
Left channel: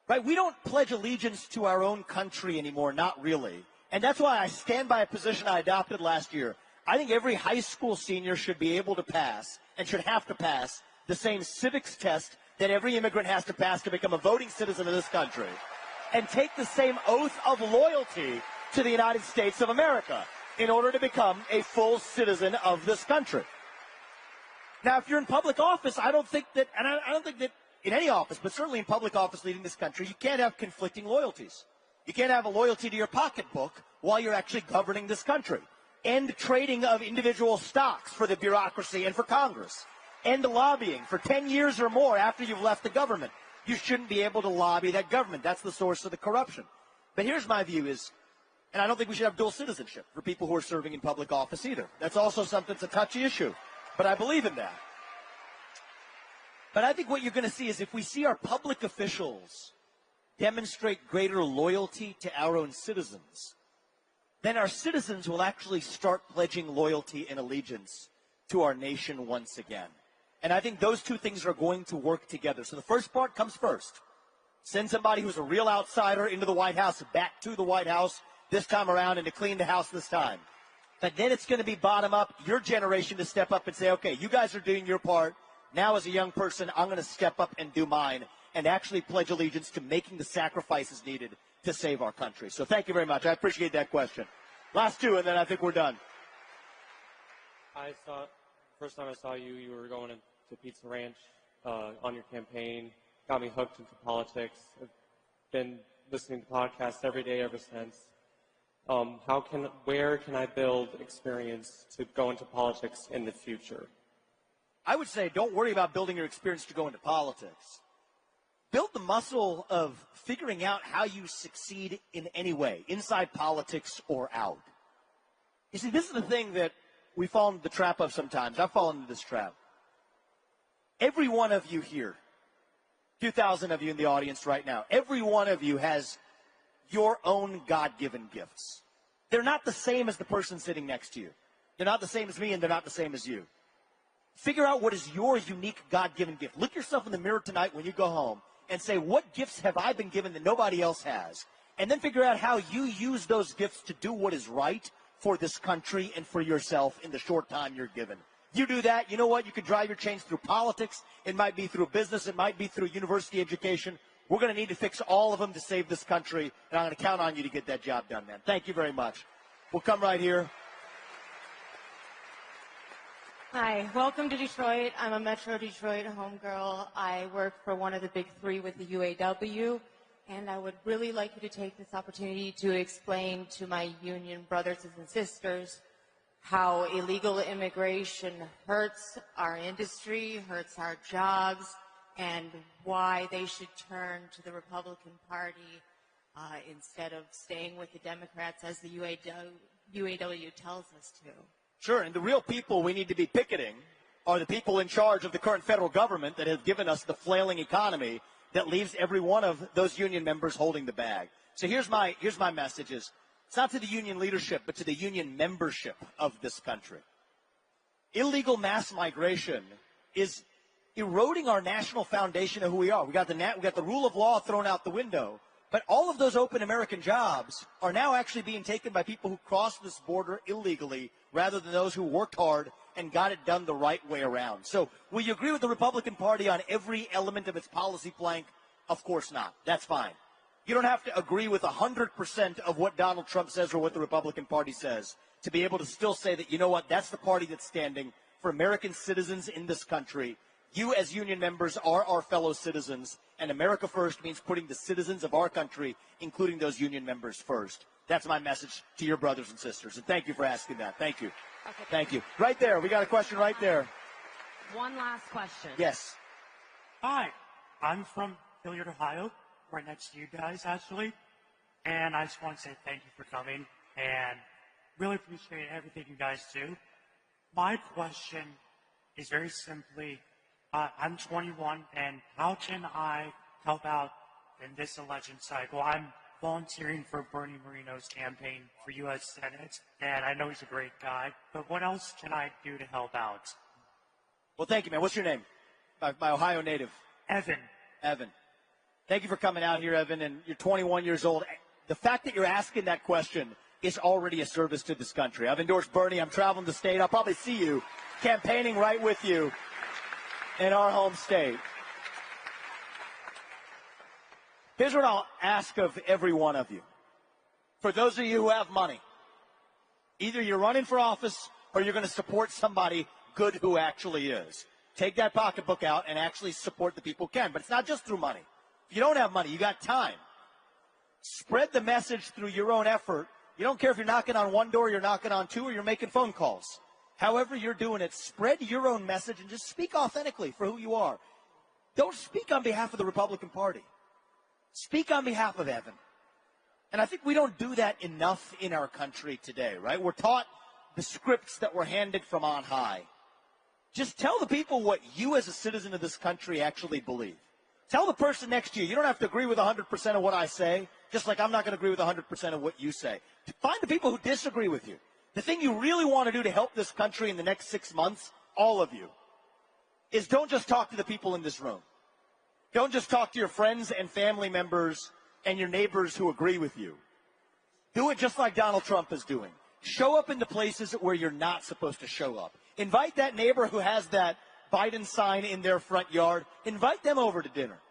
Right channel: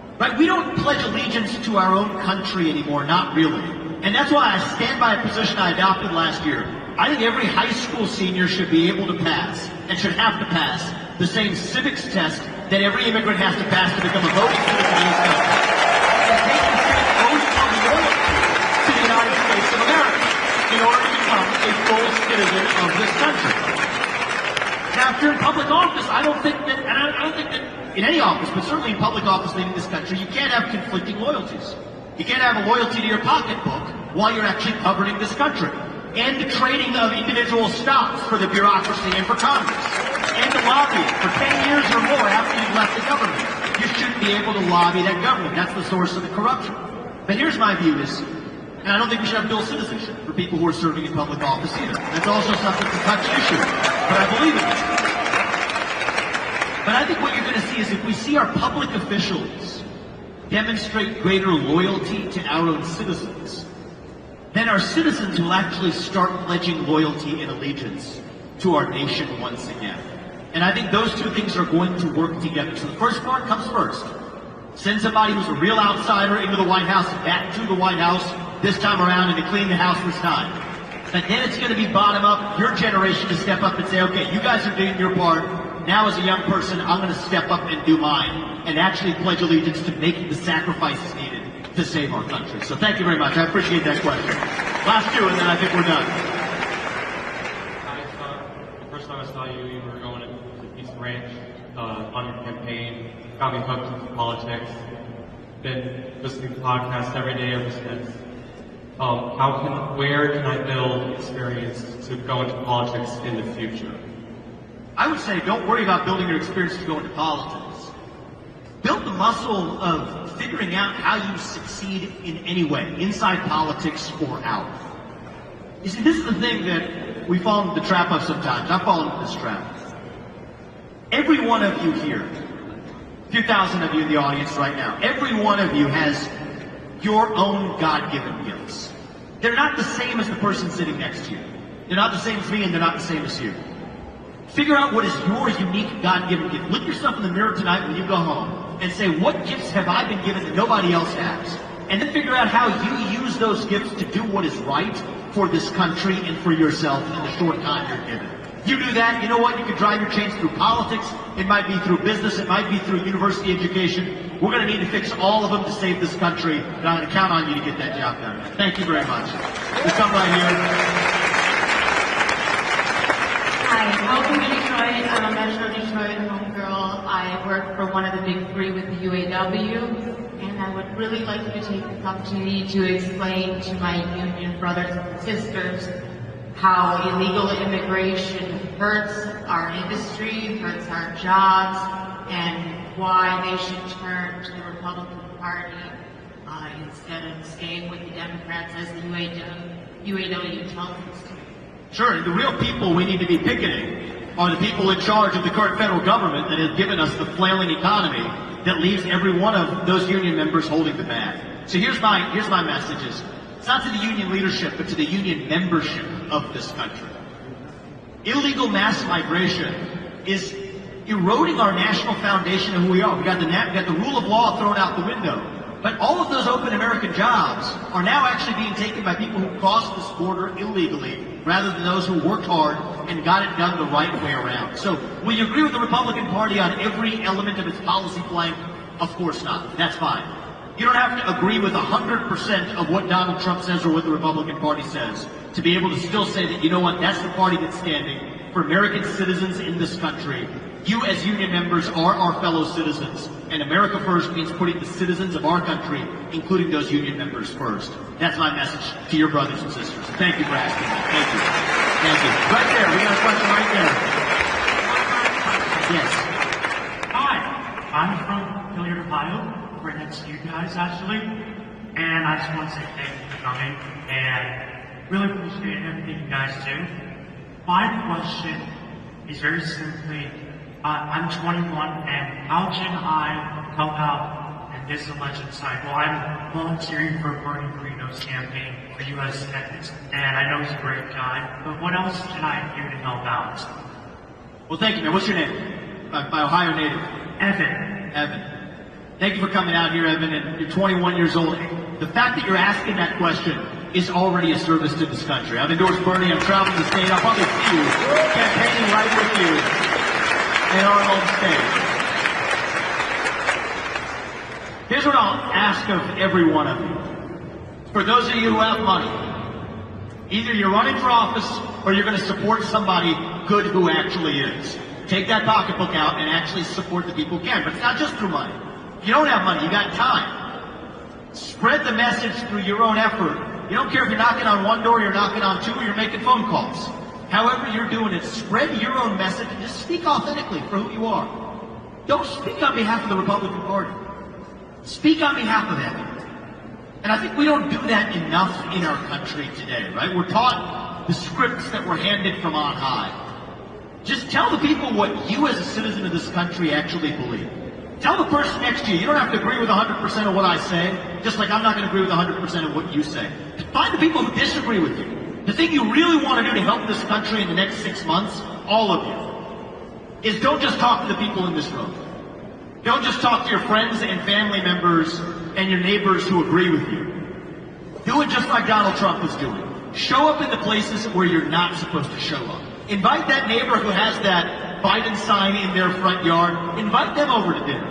Right? We don't pledge allegiance to our own country anymore, not really. And that's why I stand by a position I adopted last year. I think every high school senior should be able to pass, and should have to pass, the same civics test that every immigrant has to pass to become a voting citizen in this country. To the United States of America, in order to become a full citizen of this country. After public office, I don't think that in any office, but certainly in public office in this country, you can't have conflicting loyalties. You can't have a loyalty to your pocketbook while you're actually governing this country. And the trading of individual stocks for the bureaucracy and for Congress. And the lobbying for 10 years or more after you've left the government. You shouldn't be able to lobby that government. That's the source of the corruption. But here's my view, and I don't think we should have dual citizenship for people who are serving in public office either. That's also something to touch issue. But I believe in it. But I think what you're going to see is if we see our public officials demonstrate greater loyalty to our own citizens, then our citizens will actually start pledging loyalty and allegiance to our nation once again. And I think those two things are going to work together. So the first part comes first. Send somebody who's a real outsider into the White House, back to the White House this time around, and to clean the house this time. And then it's going to be bottom up, your generation to step up and say, okay, you guys are doing your part. Now as a young person, I'm going to step up and do mine. And actually pledge allegiance to making the sacrifices needed to save our country. So thank you very much. I appreciate that question. Last two, and then I think we're done. The first time I saw you, you were going to East Ranch on your campaign, got me hooked into politics. Been listening to podcasts every day ever since. Where can I build experience to go into politics in the future? I would say don't worry about building your experience to go into politics. Build the muscle of figuring out how you succeed in any way, inside politics or out. See, this is the thing that we fall into the trap of sometimes. I've fallen into this trap. Every one of you here, 2,000 of you in the audience right now, every one of you has your own God-given gifts. They're not the same as the person sitting next to you. They're not the same as me, and they're not the same as you. Figure out what is your unique God-given gift. Look yourself in the mirror tonight when you go home and say, what gifts have I been given that nobody else has? And then figure out how you use those gifts to do what is right for this country and for yourself in the short time you're given. You do that, you know what? You can drive your change through politics. It might be through business. It might be through university education. We're going to need to fix all of them to save this country. And I'm going to count on you to get that job done. Thank you very much. You come right here. Hi, welcome to Detroit. I'm a Metro Detroit homegirl. I work for one of the big three with the UAW. And I would really like to take this opportunity to explain to my union brothers and sisters how illegal immigration hurts our industry, hurts our jobs, and why they should turn to the Republican Party instead of staying with the Democrats as the UAW tells us to. Sure, the real people we need to be picketing are the people in charge of the current federal government that has given us the flailing economy that leaves every one of those union members holding the bag. So here's my message is, it's not to the union leadership, but to the union membership of this country. Illegal mass migration is eroding our national foundation of who we are. We've got the rule of law thrown out the window. But all of those open American jobs are now actually being taken by people who crossed this border illegally, rather than those who worked hard and got it done the right way around. So when you agree with the Republican Party on every element of its policy plank, of course not. That's fine. You don't have to agree with 100% of what Donald Trump says or what the Republican Party says to be able to still say that, you know what, that's the party that's standing for American citizens in this country. You as union members are our fellow citizens. And America First means putting the citizens of our country, including those union members, first. That's my message to your brothers and sisters. Thank you for asking me. Thank you. Thank you. Right there. We got a question right there. Yes. Hi. I'm from Hilliard, Ohio. Right next to you guys, actually. And I just want to say thank you for coming. And really appreciate everything you guys do. My question is very simply, I'm 21, and how can I help out in this election cycle? I'm volunteering for a Bernie Green's campaign for U.S. Senate, and I know he's a great guy, but what else can I do to help out? Well, thank you. What's your name? My Ohio native. Evan. Thank you for coming out here, Evan, and you're 21 years old. The fact that you're asking that question is already a service to this country. I've endorsed Bernie. I'm traveling the state. I'll probably see you, campaigning right with you in our own state. Here's what I'll ask of every one of you. For those of you who have money, either you're running for office or you're going to support somebody good who actually is. Take that pocketbook out and actually support the people who can. But it's not just for money. You don't have money, you got time. Spread the message through your own effort. You don't care if you're knocking on one door, you're knocking on two, or you're making phone calls. However you're doing it, spread your own message and just speak authentically for who you are. Don't speak on behalf of the Republican Party. Speak on behalf of them. And I think we don't do that enough in our country today, right? We're taught the scripts that were handed from on high. Just tell the people what you as a citizen of this country actually believe. Tell the person next to you, you don't have to agree with 100% of what I say, just like I'm not going to agree with 100% of what you say. Find the people who disagree with you. The thing you really want to do to help this country in the next 6 months, all of you, is don't just talk to the people in this room. Don't just talk to your friends and family members and your neighbors who agree with you. Do it just like Donald Trump is doing. Show up in the places where you're not supposed to show up. Invite that neighbor who has that Biden sign in their front yard. Invite them over to dinner.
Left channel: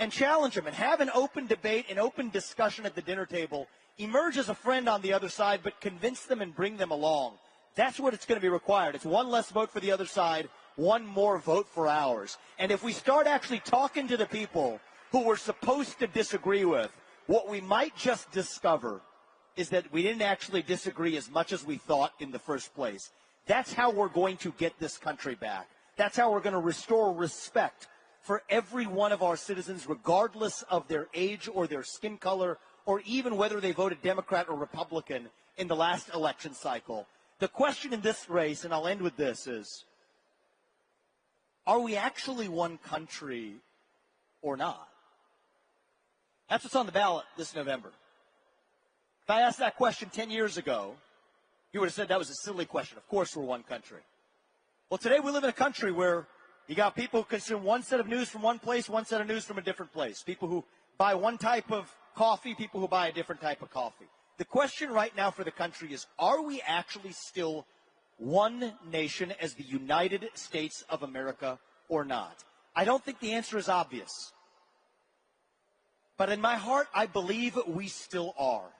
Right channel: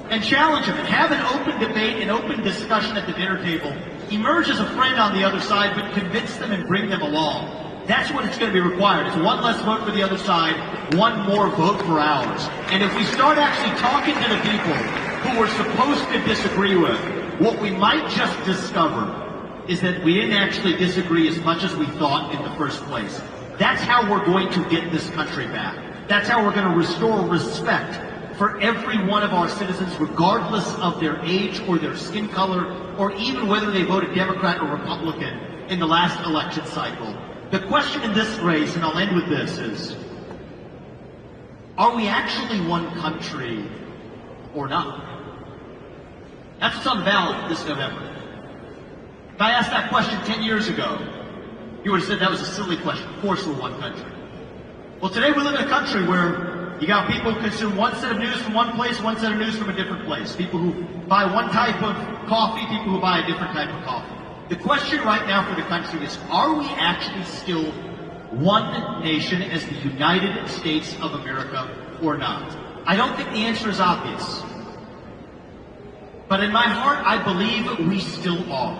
And challenge them. Have an open debate, an open discussion at the dinner table. Emerge as a friend on the other side, but convince them and bring them along. That's what it's going to be required. It's one less vote for the other side, one more vote for ours. And if we start actually talking to the people who we're supposed to disagree with, what we might just discover is that we didn't actually disagree as much as we thought in the first place. That's how we're going to get this country back. That's how we're going to restore respect for every one of our citizens, regardless of their age or their skin color, or even whether they voted Democrat or Republican in the last election cycle. The question in this race, and I'll end with this, is, are we actually one country or not? That's what's on balance this November. If I asked that question 10 years ago, you would have said that was a silly question. Of course we're one country. Well, today we live in a country where you got people who consume one set of news from one place, one set of news from a different place. People who buy one type of coffee, people who buy a different type of coffee. The question right now for the country is, are we actually still one nation as the United States of America or not? I don't think the answer is obvious. But in my heart, I believe we still are.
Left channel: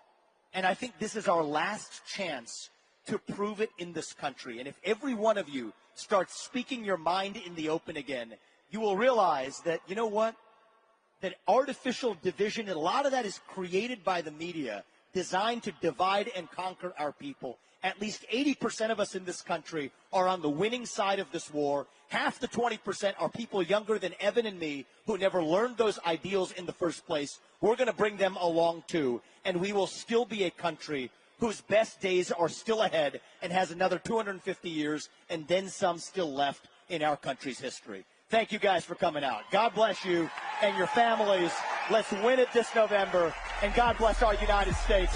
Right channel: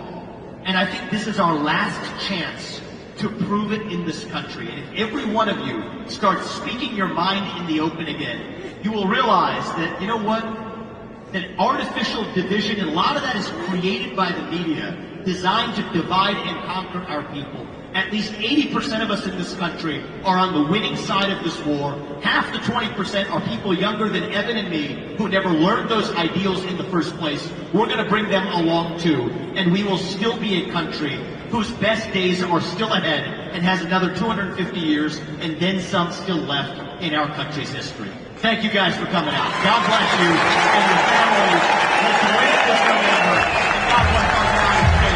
And I think this is our last chance to prove it in this country. And if every one of you starts speaking your mind in the open again, you will realize that, you know what? That artificial division, a lot of that is created by the media, designed to divide and conquer our people. At least 80% of us in this country are on the winning side of this war. Half the 20% are people younger than Evan and me who never learned those ideals in the first place. We're going to bring them along too, and we will still be a country whose best days are still ahead and has another 250 years and then some still left in our country's history. Thank you guys for coming out. God bless you and your families. And to wait this November, God bless our United States of America.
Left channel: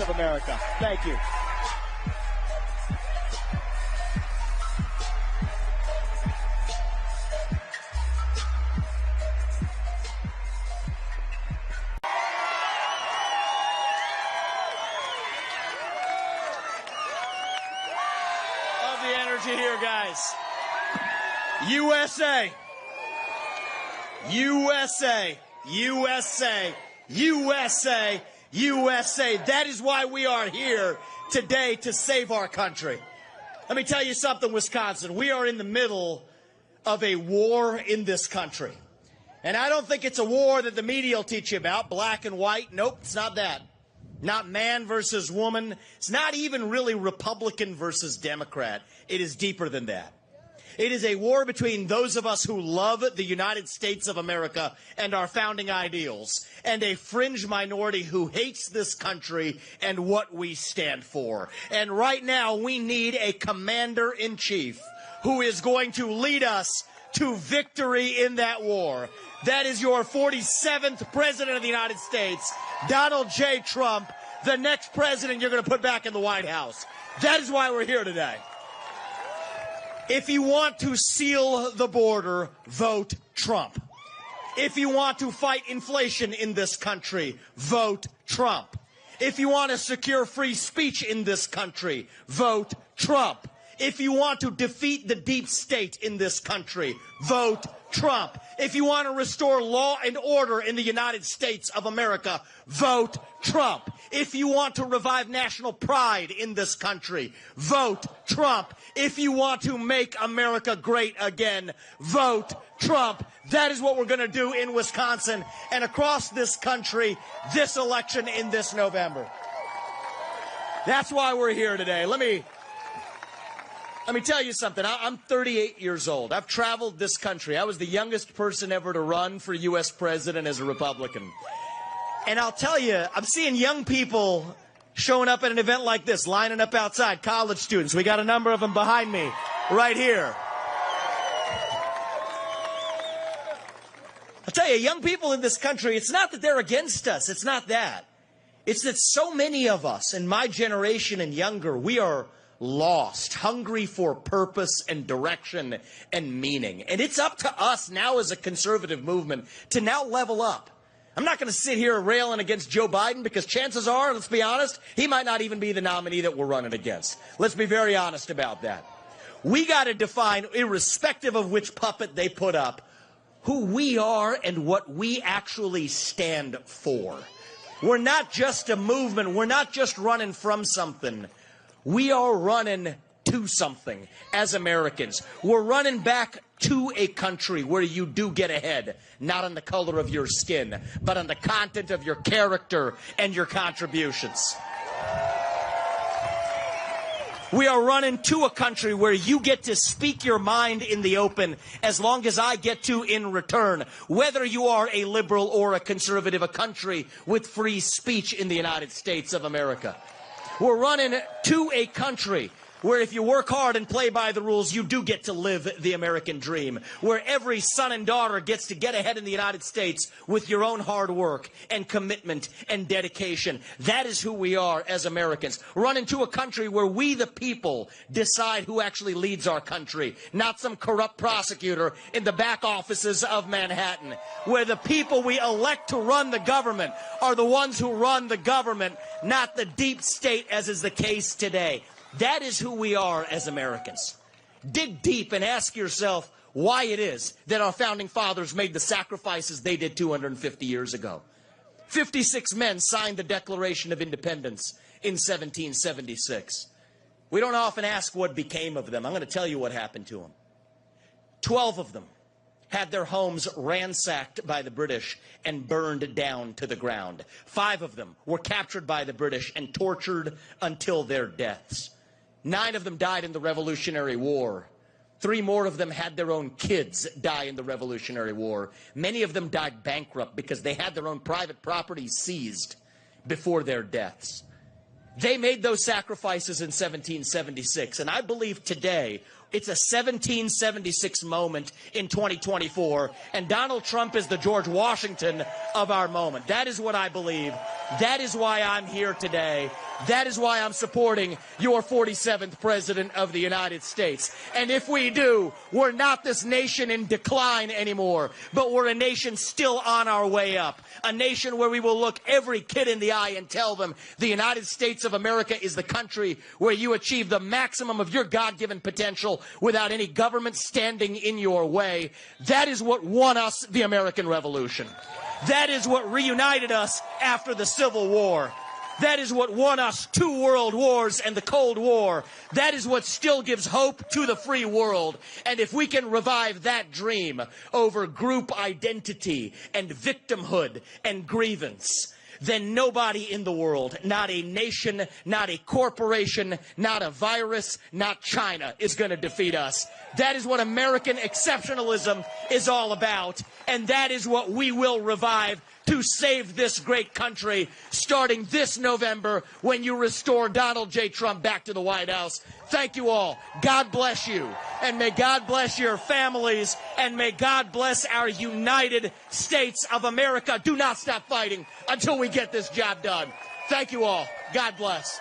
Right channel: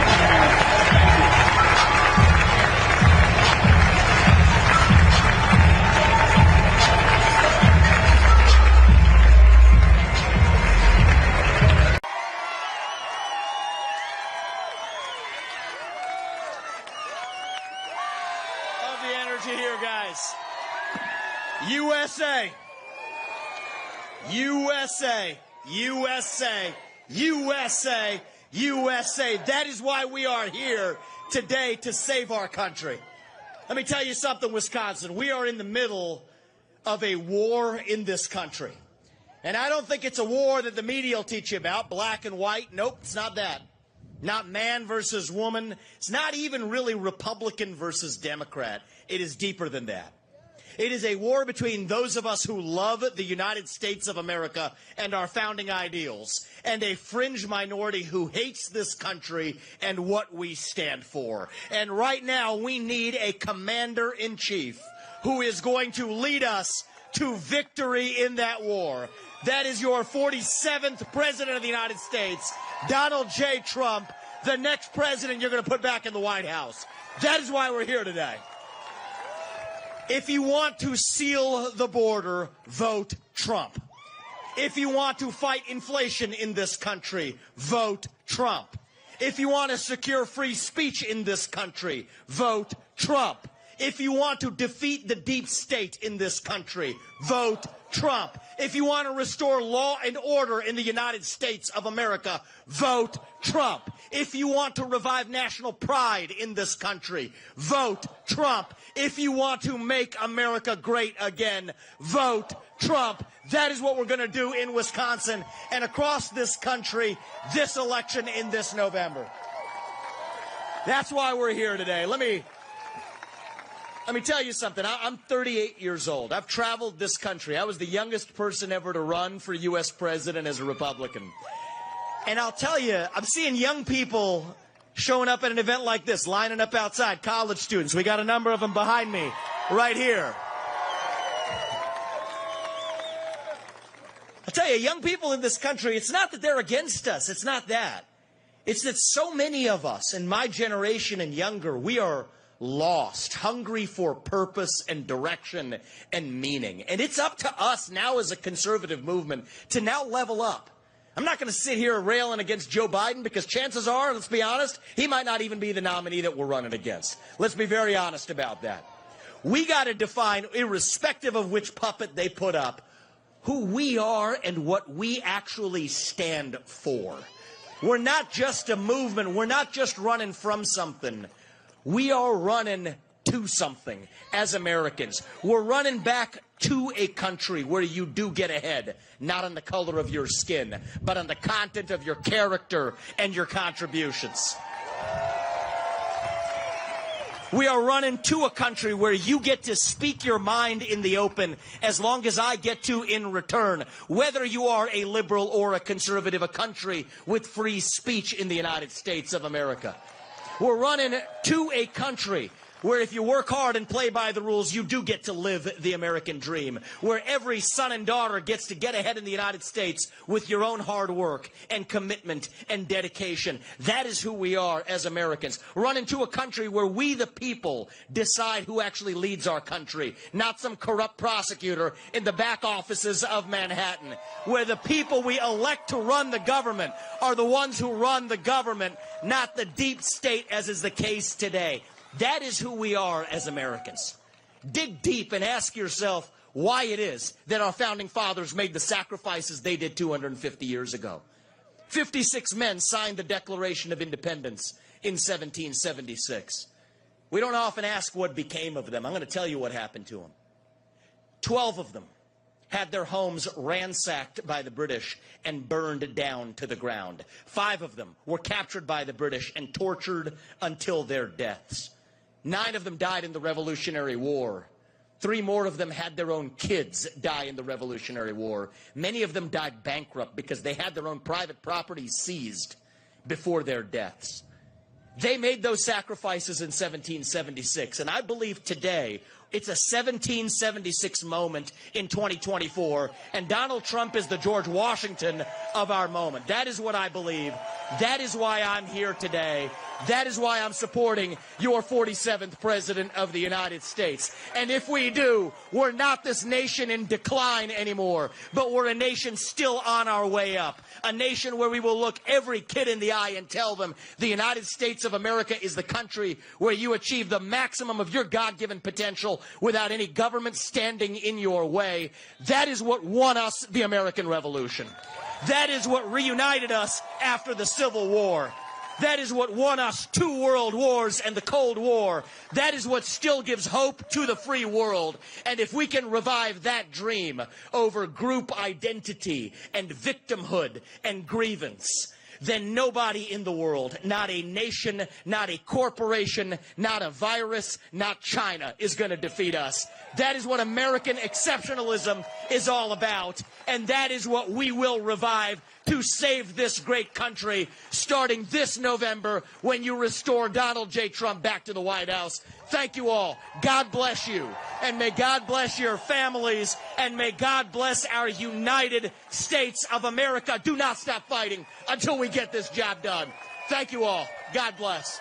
Love the energy here, guys. USA. USA. USA. USA. USA. That is why we are here today, to save our country. Let me tell you something, Wisconsin. We are in the middle of a war in this country. And I don't think it's a war that the media will teach you about, black and white. Nope, it's not that. Not man versus woman. It's not even really Republican versus Democrat. It is deeper than that. It is a war between those of us who love the United States of America and our founding ideals, and a fringe minority who hates this country and what we stand for. And right now, we need a commander-in-chief who is going to lead us to victory in that war. That is your 47th President of the United States, Donald J. Trump, the next president you're going to put back in the White House. That is why we're here today. If you want to seal the border, vote Trump. If you want to fight inflation in this country, vote Trump. If you want to secure free speech in this country, vote Trump. If you want to defeat the deep state in this country, vote Trump. If you want to restore law and order in the United States of America, vote Trump. If you want to revive national pride in this country, vote Trump. If you want to make America great again, vote Trump. That is what we're going to do in Wisconsin and across this country this election in this November. That's why we're here today. Let me tell you something. I'm 38 years old. I've traveled this country. I was the youngest person ever to run for U.S. president as a Republican. And I'll tell you, I'm seeing young people showing up at an event like this, lining up outside, college students. We got a number of them behind me right here. I'll tell you, young people in this country, it's not that they're against us. It's not that. It's that so many of us in my generation and younger, we are lost, hungry for purpose and direction and meaning. And it's up to us now as a conservative movement to now level up. I'm not going to sit here railing against Joe Biden because chances are, let's be honest, he might not even be the nominee that we're running against. Let's be very honest about that. We got to define, irrespective of which puppet they put up, who we are and what we actually stand for. We're not just a movement. We're not just running from something. We are running to something as Americans. We're running back to a country where you do get ahead, not on the color of your skin, but on the content of your character and your contributions. We are running to a country where you get to speak your mind in the open as long as I get to in return, whether you are a liberal or a conservative, a country with free speech in the United States of America. We're running to a country where if you work hard and play by the rules, you do get to live the American dream, where every son and daughter gets to get ahead in the United States with your own hard work and commitment and dedication. That is who we are as Americans. Run into a country where we, the people, decide who actually leads our country, not some corrupt prosecutor in the back offices of Manhattan, where the people we elect to run the government are the ones who run the government, not the deep state as is the case today. That is who we are as Americans. Dig deep and ask yourself why it is that our founding fathers made the sacrifices they did 250 years ago. 56 men signed the Declaration of Independence in 1776. We don't often ask what became of them. I'm going to tell you what happened to them. 12 of them had their homes ransacked by the British and burned down to the ground. 5 of them were captured by the British and tortured until their deaths. 9 of them died in the Revolutionary War. 3 more of them had their own kids die in the Revolutionary War. Many of them died bankrupt because they had their own private property seized before their deaths. They made those sacrifices in 1776, and I believe today it's a 1776 moment in 2024, and Donald Trump is the George Washington of our moment. That is what I believe. That is why I'm here today. That is why I'm supporting your 47th President of the United States. And if we do, we're not this nation in decline anymore, but we're a nation still on our way up. A nation where we will look every kid in the eye and tell them the United States of America is the country where you achieve the maximum of your God-given potential without any government standing in your way. That is what won us the American Revolution. That is what reunited us after the Civil War. That is what won us 2 world wars and the Cold War. That is what still gives hope to the free world. And if we can revive that dream over group identity and victimhood and grievance, then nobody in the world, not a nation, not a corporation, not a virus, not China, is going to defeat us. That is what American exceptionalism is all about, and that is what we will revive to save this great country starting this November when you restore Donald J. Trump back to the White House. Thank you all. God bless you, and may God bless your families, and may God bless our United States of America. Do not stop fighting until we get this job done. Thank you all. God bless.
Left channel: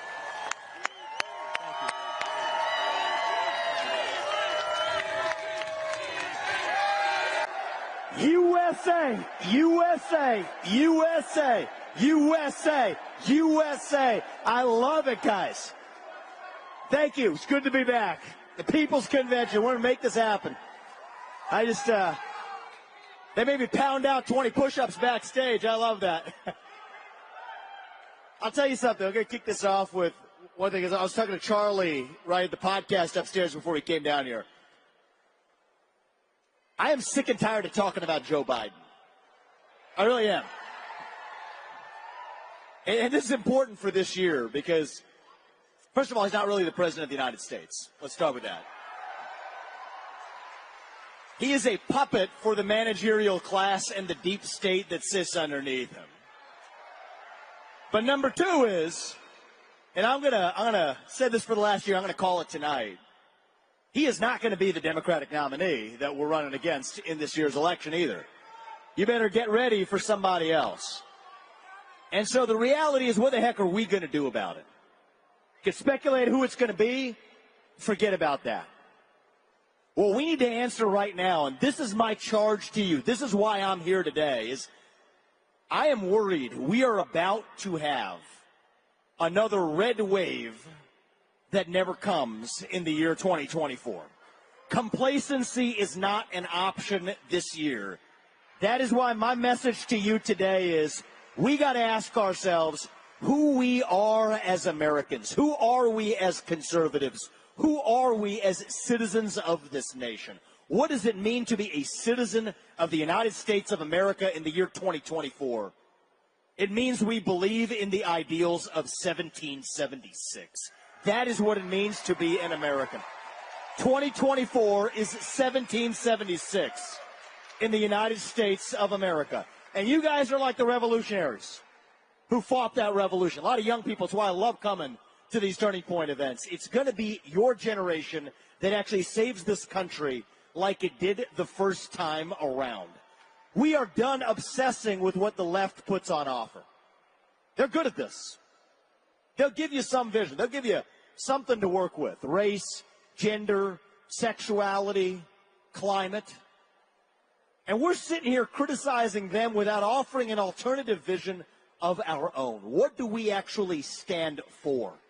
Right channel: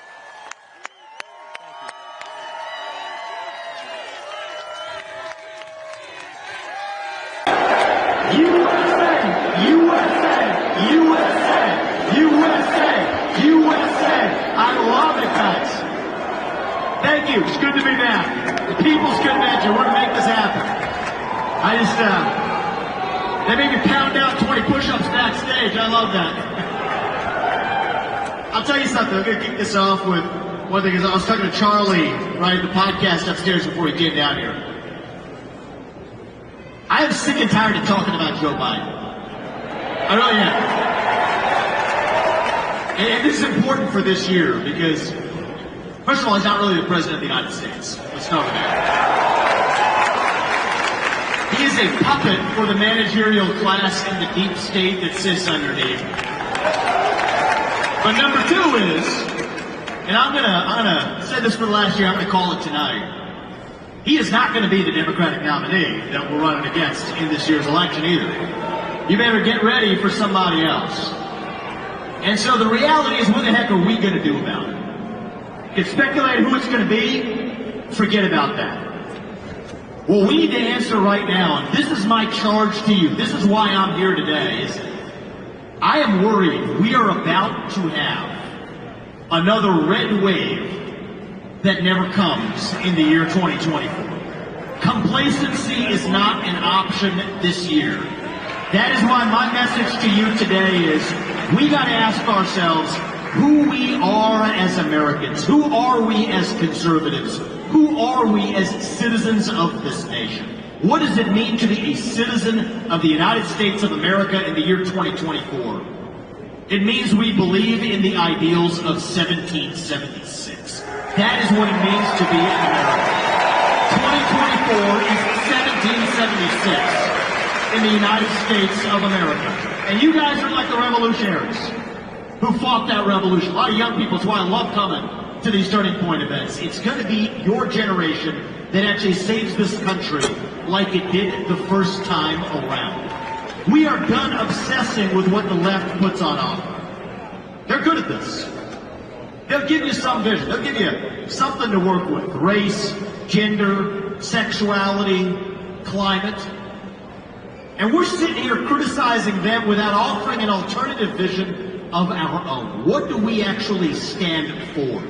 Thank you. It's good to be back. The people's good measure. We're going to make this happen. They made me pound out 20 push-ups backstage. I love that. I'll tell you something. I'm going to kick this off with one thing. I was talking to Charlie, right, the podcast upstairs before he came down here. I am sick and tired of talking about Joe Biden. I really am. And this is important for this year because, first of all, he's not really the President of the United States. Let's start with that. He is a puppet for the managerial class and the deep state that sits underneath. But number 2 is, and I'm gonna say this for last year, I'm gonna call it tonight. He is not going to be the Democratic nominee that we're running against in this year's election either. You better get ready for somebody else. And so the reality is, what the heck are we going to do about it? If speculating who it's going to be, forget about that. What we need to answer right now, and this is my charge to you, this is why I'm here today, is I am worried we are about to have another red wave that never comes in the year 2024. Complacency is not an option this year. That is why my message to you today is we got to ask ourselves who we are as Americans. Who are we as conservatives? Who are we as citizens of this nation? What does it mean to be a citizen of the United States of America in the year 2024? It means we believe in the ideals of 1776. That is what it means to be an American. 2024 is 1776 in the United States of America. And you guys are like the revolutionaries. who fought that revolution. A lot of young people, that's why I love coming to these turning point events. It's going to be your generation that actually saves this country like it did the first time around. We are done obsessing with what the left puts on offer. They're good at this. They'll give you some vision. They'll give you something to work with. Race, gender, sexuality, climate. And we're sitting here criticizing them without offering an alternative vision of our own. What do we actually stand for?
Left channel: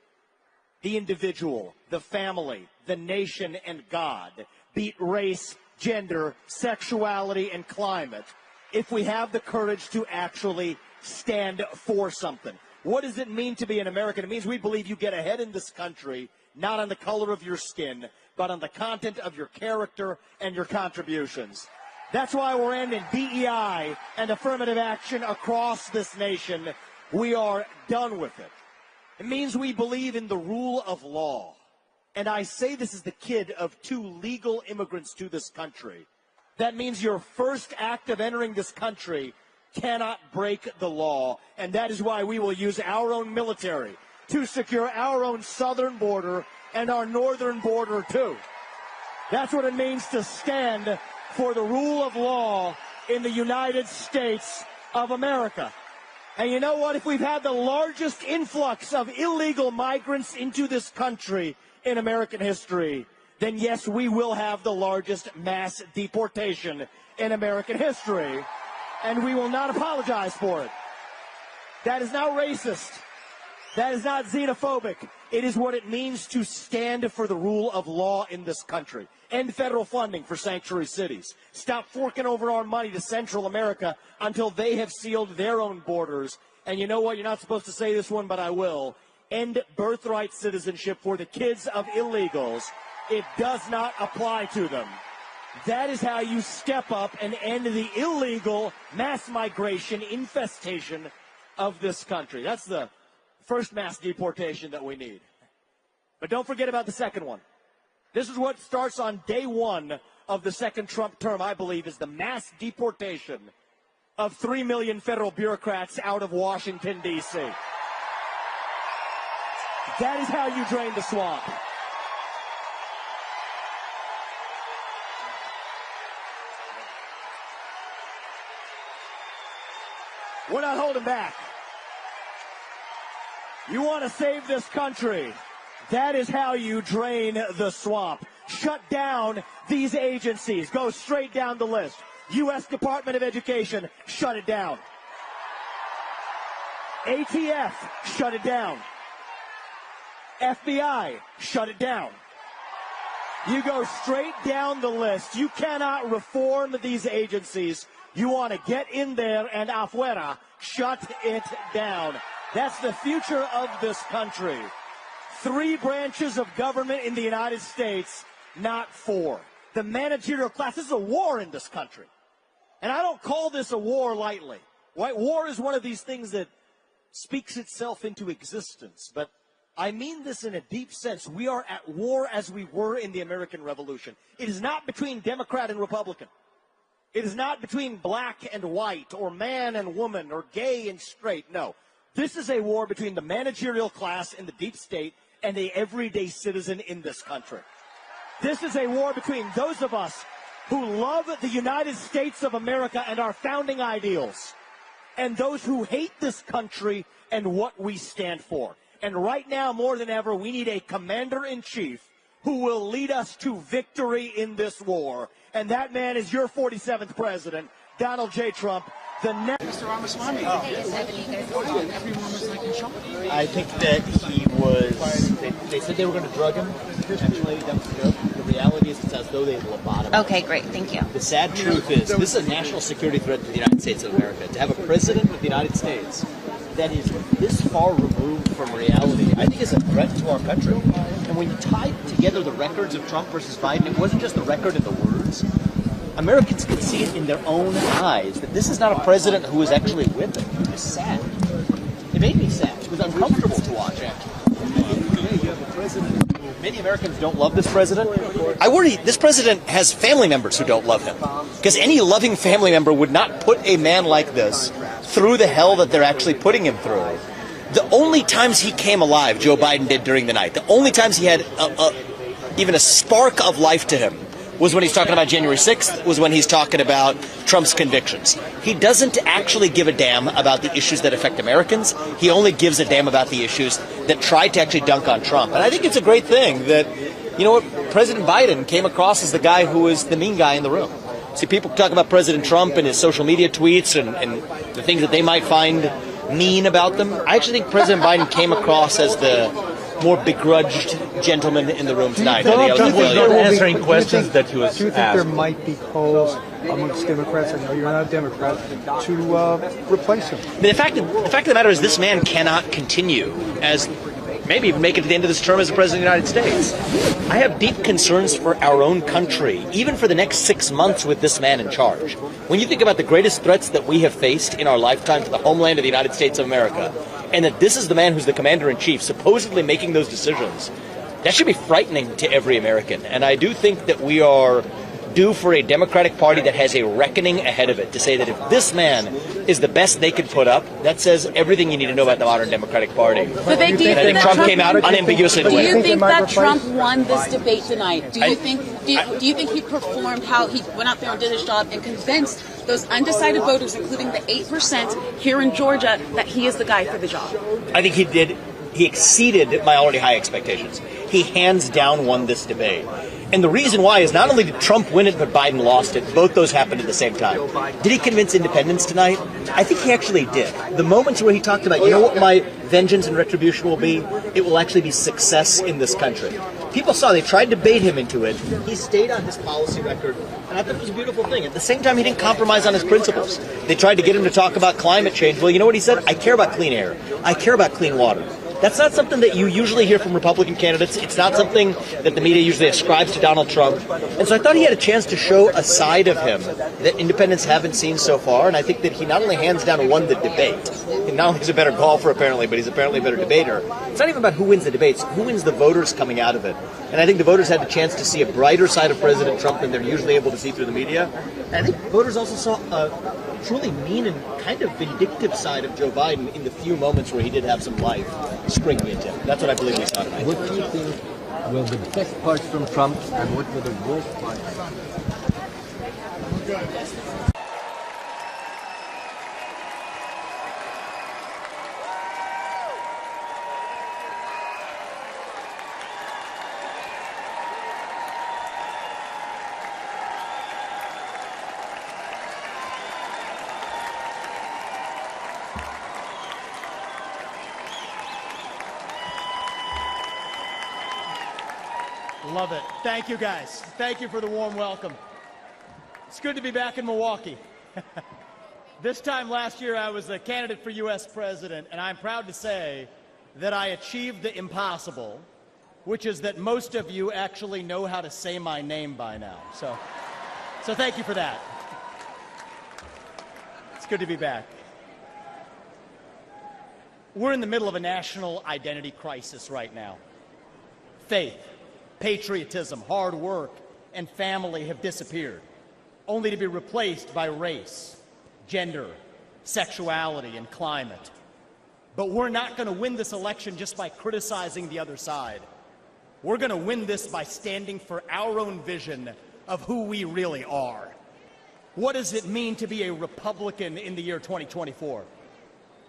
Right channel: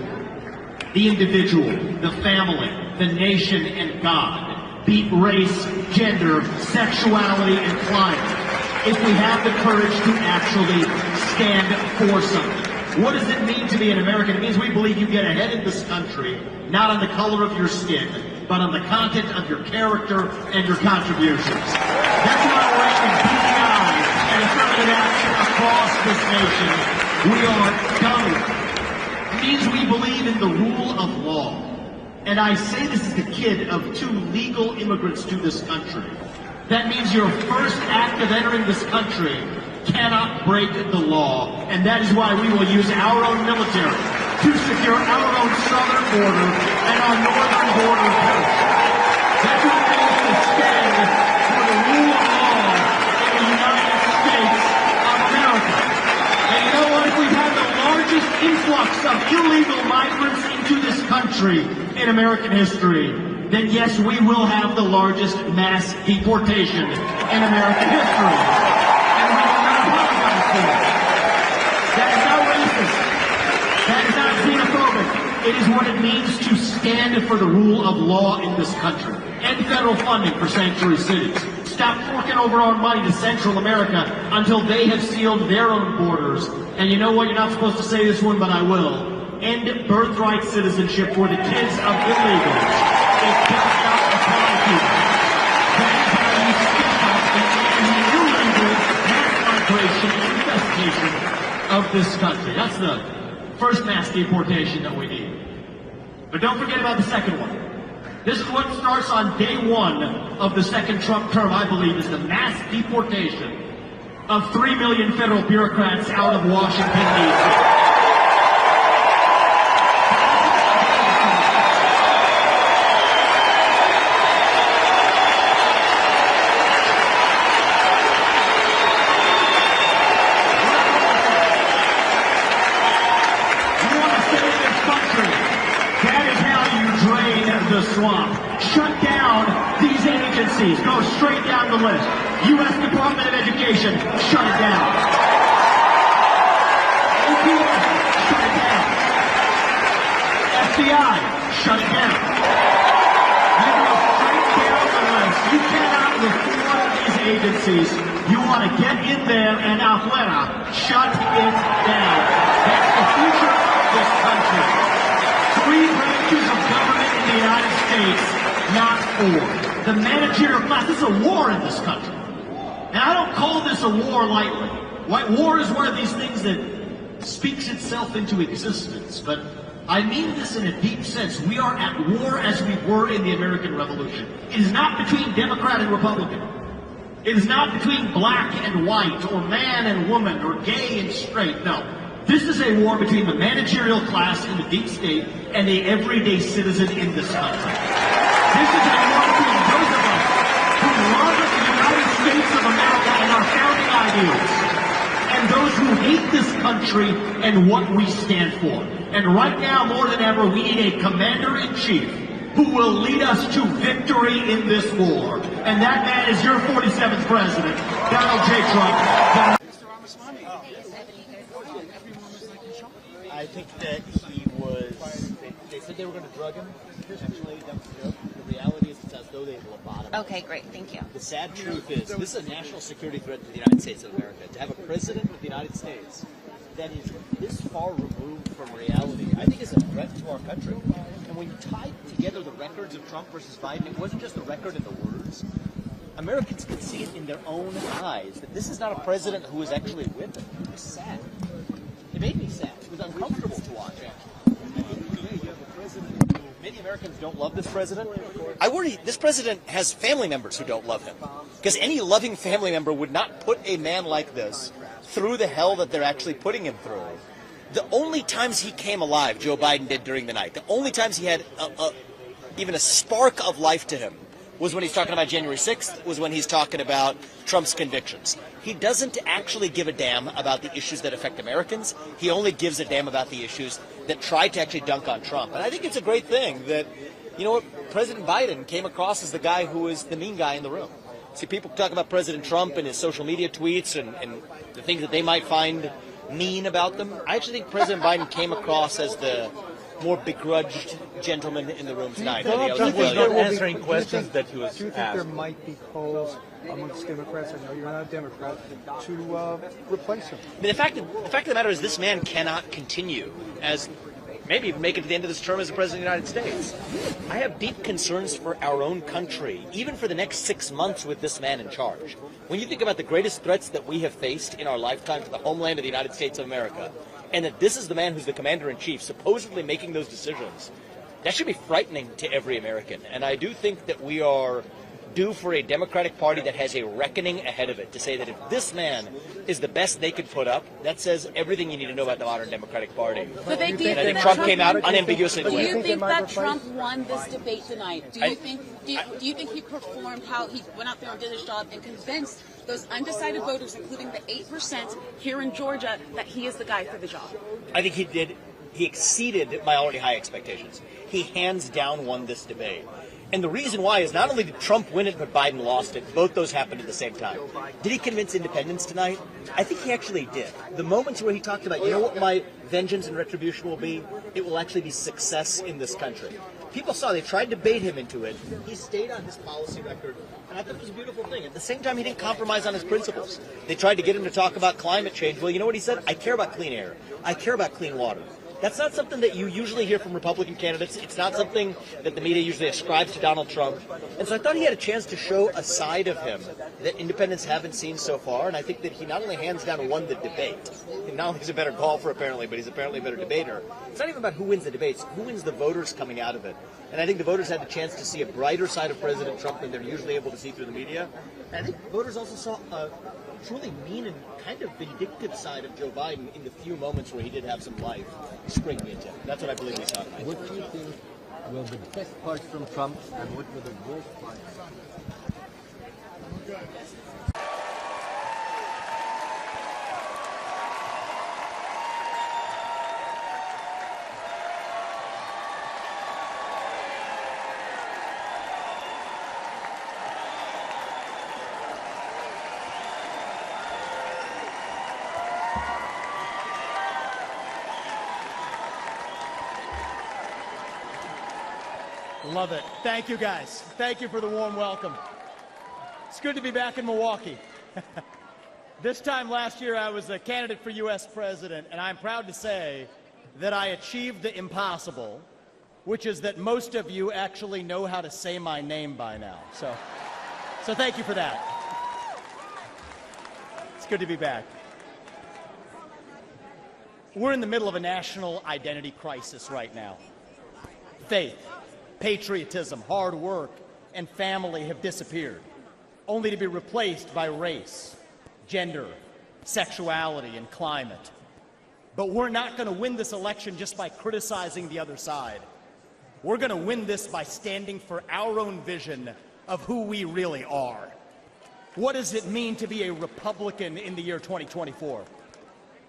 The individual, the family, the nation, and God. Beat race, gender, sexuality, and climate. If we have the courage to actually stand for something. What does it mean to be an American? It means we believe you get ahead in this country, not on the color of your skin, but on the content of your character and your contributions. That's why we're raising PEI and affirmative action across this nation. We are done. It means we believe in the rule of law. And I say this as the kid of 2 legal immigrants to this country. That means your first act of entering this country cannot break the law. And that is why we will use our own military to secure our own southern border and our northern border post. That's what it means to stand for the rule of law in the United States of America. And you know what? If we have the largest influx of illegal migrants into this country in American history, then yes, we will have the largest mass deportation in American history. And we will not apologize for it. That is not racist. That is not xenophobic. It is what it means to stand for the rule of law in this country. And federal funding for sanctuary cities. Stop forking over our money to Central America until they have sealed their own borders. And you know what? You're not supposed to say this one, but I will. End birthright citizenship for the kids of illegals. Of this country. That's the first mass deportation that we need. But don't forget about the second one. This is what starts on day 1 of the second Trump term, I believe, is the mass deportation of 3 million federal bureaucrats out of Washington, D.C. Shut down these agencies. Go straight down the list. U.S. Department of Education, shut it down. Shut it down. FBI, shut it down. You cannot reform these agencies. You want to get in there and afuera, shut it down. That's the future of this country. 3 branches of government in the United States. Not war. The managerial class is a war in this country. And I don't call this a war lightly. War is one of these things that speaks itself into existence. But I mean this in a deep sense. We are at war as we were in the American Revolution. It is not between Democrat and Republican. It is not between black and white, or man and woman, or gay and straight. No. This is a war between the managerial class in the deep state and the everyday citizen in this country. This is a war between those of us who love the United States of America and our founding ideals, and those who hate this country and what we stand for. And right now, more than ever, we need a commander-in-chief who will lead us to victory in this war. And that man is your 47th president, Donald J. Trump. Mr. Ramaswamy. Everyone was like in shock. I think that he was, they said they were going to drug him, potentially. That was the joke. The reality is it's as though they lobotomed him. Okay, great. Thank you. The sad truth is this is a national security threat to the United States of America. To have a president of the United States that is this far removed from reality, I think is a threat to our country. And when you tie together the records of Trump versus Biden, it wasn't just the record and the words. Americans could see it in their own eyes that this is not a president who is actually with them. It was sad. It made me sad. It was uncomfortable to watch, actually. You have a president who many Americans don't love this president. I worry this president has family members who don't love him. Because any loving family member would not put a man like this through the hell that they're actually putting him through. The only times he came alive, Joe Biden did during the night, the only times he had even a spark of life to him was when he's talking about January 6th, was when he's talking about Trump's convictions. He doesn't actually give a damn about the issues that affect Americans. He only gives a damn about the issues that try to actually dunk on Trump. And I think it's a great thing that, you know what, President Biden came across as the guy who is the mean guy in the room. See, people talk about President Trump and his social media tweets and the things that they might find mean about them. I actually think President Biden came across as the more begrudged gentleman in the room tonight. Trump was not answering questions that he was asked. Do you think there might be calls amongst Democrats, I know you're not a Democrat, to replace him? The fact of the matter is this man cannot continue as maybe even make it to the end of this term as the President of the United States. I have deep concerns for our own country, even for the next 6 months with this man in charge. When you think about the greatest threats that we have faced in our lifetime to the homeland of the United States of America, and that this is the man who's the commander-in-chief supposedly making those decisions, that should be frightening to every American. And I do think that we are due for a Democratic Party that has a reckoning ahead of it to say that if this man is the best they could put up, that says everything you need to know about the modern Democratic Party. Vivek, do you and I think Trump came out unambiguously to win. Do you think that Trump won this debate tonight? Do you think he performed how he went out there and did his job and convinced those undecided voters, including the 8% here in Georgia, that he is the guy for the job? I think he did. He exceeded my already high expectations. He hands down won this debate. And the reason why is not only did Trump win it, but Biden lost it. Both those happened at the same time. Did he convince independents tonight? I think he actually did. The moments where he talked about, you know what my vengeance and retribution will be? It will actually be success in this country. People saw, they tried to bait him into it. He stayed on his policy record, and I thought it was a beautiful thing. At the same time, he didn't compromise on his principles. They tried to get him to talk about climate change. Well, you know what he said? I care about clean air. I care about clean water. That's not something that you usually hear from Republican candidates. It's not something that the media usually ascribes to Donald Trump. And so I thought he had a chance to show a side of him that independents haven't seen so far. And I think that he not only hands down won the debate, and not only is a better golfer apparently, but he's apparently a better debater. It's not even about who wins the debates, who wins the voters coming out of it. And I think the voters had the chance to see a brighter side of President Trump than they're usually able to see through the media. And I think voters also saw a truly mean and kind of vindictive side of Joe Biden in the few moments where he did have some life springing into him. That's what I believe we saw tonight. What do you think were the best parts from Trump and what were the worst parts? Love it. Thank you, guys. Thank you for the warm welcome. It's good to be back in Milwaukee. This time last year, I was a candidate for U.S. president, and I'm proud to say that I achieved the impossible, which is that most of you actually know how to say my name by now. So thank you for that. It's good to be back. We're in the middle of a national identity crisis right now. Faith, patriotism, hard work, and family have disappeared, only to be replaced by race, gender, sexuality, and climate. But we're not going to win this election just by criticizing the other side. We're going to win this by standing for our own vision of who we really are. What does it mean to be a Republican in the year 2024?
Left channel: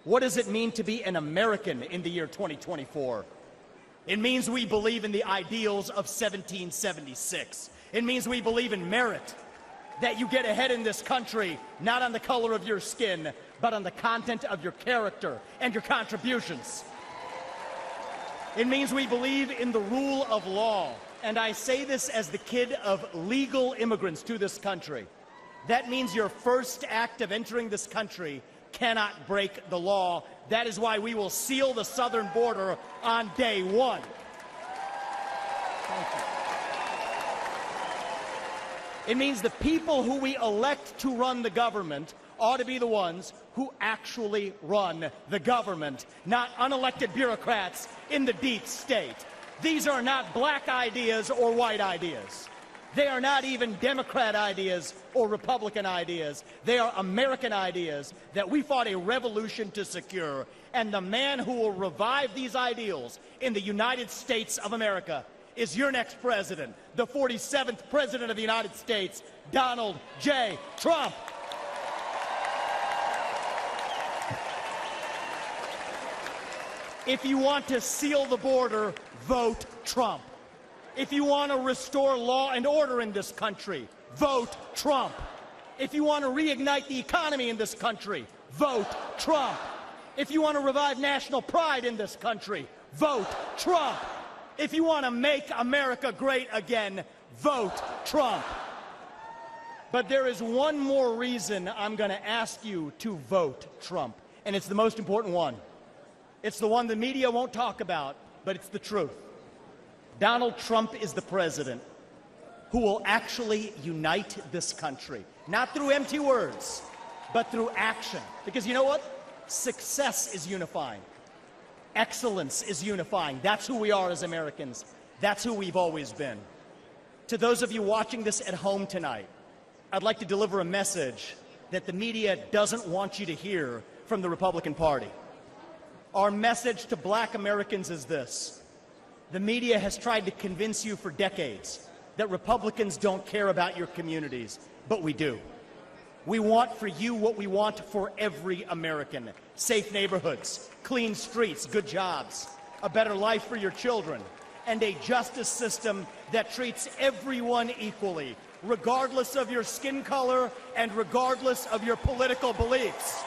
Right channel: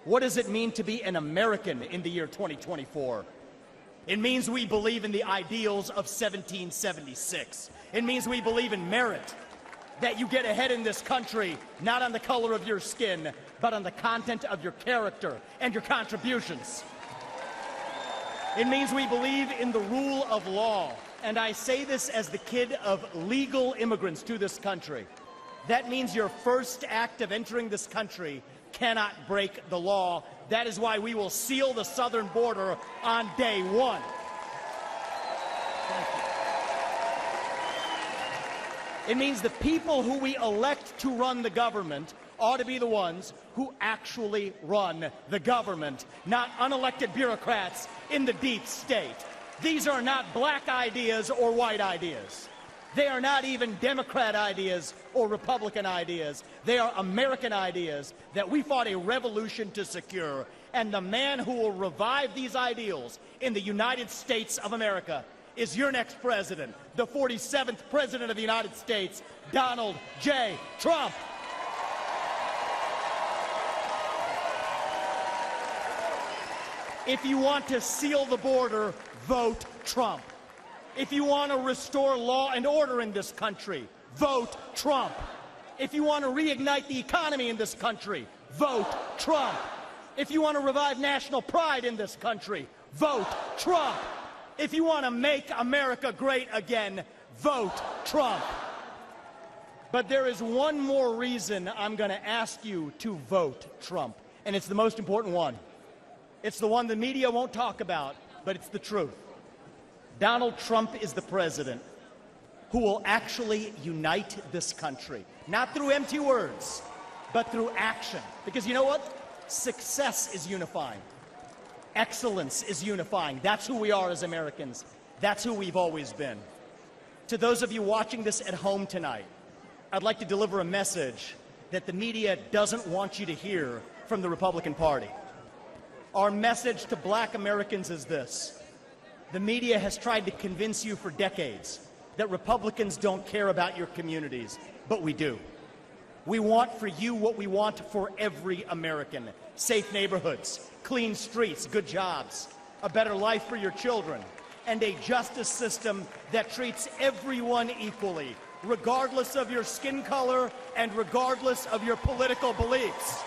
What does it mean to be an American in the year 2024? It means we believe in the ideals of 1776. It means we believe in merit, that you get ahead in this country, not on the color of your skin, but on the content of your character and your contributions. It means we believe in the rule of law, and I say this as the kid of legal immigrants to this country. That means your first act of entering this country cannot break the law. That is why we will seal the southern border on day one. Thank you. It means the people who we elect to run the government ought to be the ones who actually run the government, not unelected bureaucrats in the deep state. These are not black ideas or white ideas. They are not even Democrat ideas or Republican ideas. They are American ideas that we fought a revolution to secure. And the man who will revive these ideals in the United States of America is your next president, the 47th President of the United States, Donald J. Trump. If you want to seal the border, vote Trump. If you want to restore law and order in this country, vote Trump. If you want to reignite the economy in this country, vote Trump. If you want to revive national pride in this country, vote Trump. If you want to make America great again, vote Trump. But there is one more reason I'm going to ask you to vote Trump, and it's the most important one. It's the one the media won't talk about, but it's the truth. Donald Trump is the president who will actually unite this country, not through empty words, but through action. Because you know what? Success is unifying. Excellence is unifying. That's who we are as Americans. That's who we've always been. To those of you watching this at home tonight, I'd like to deliver a message that the media doesn't want you to hear from the Republican Party. Our message to black Americans is this. The media has tried to convince you for decades that Republicans don't care about your communities, but we do. We want for you what we want for every American. Safe neighborhoods, clean streets, good jobs, a better life for your children, and a justice system that treats everyone equally, regardless of your skin color and regardless of your political beliefs.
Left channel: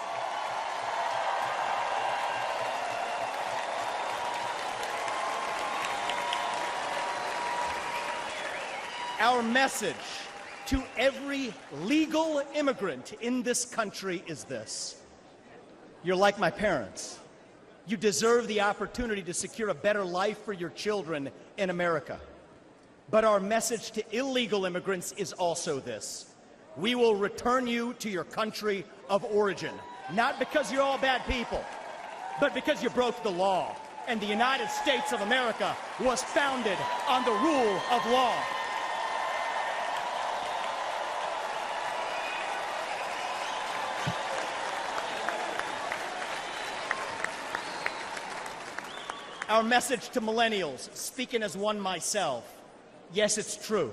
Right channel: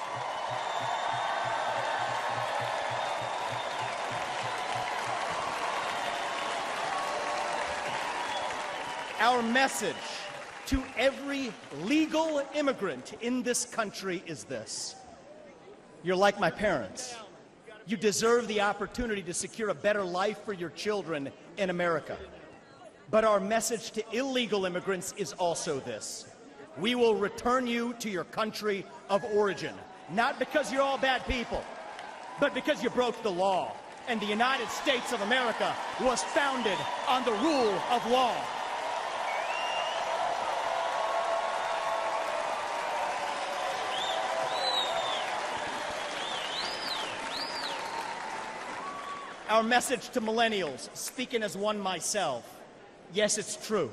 Our message to every legal immigrant in this country is this. You're like my parents. You deserve the opportunity to secure a better life for your children in America. But our message to illegal immigrants is also this. We will return you to your country of origin, not because you're all bad people, but because you broke the law. And the United States of America was founded on the rule of law. Our message to millennials, speaking as one myself, yes, it's true.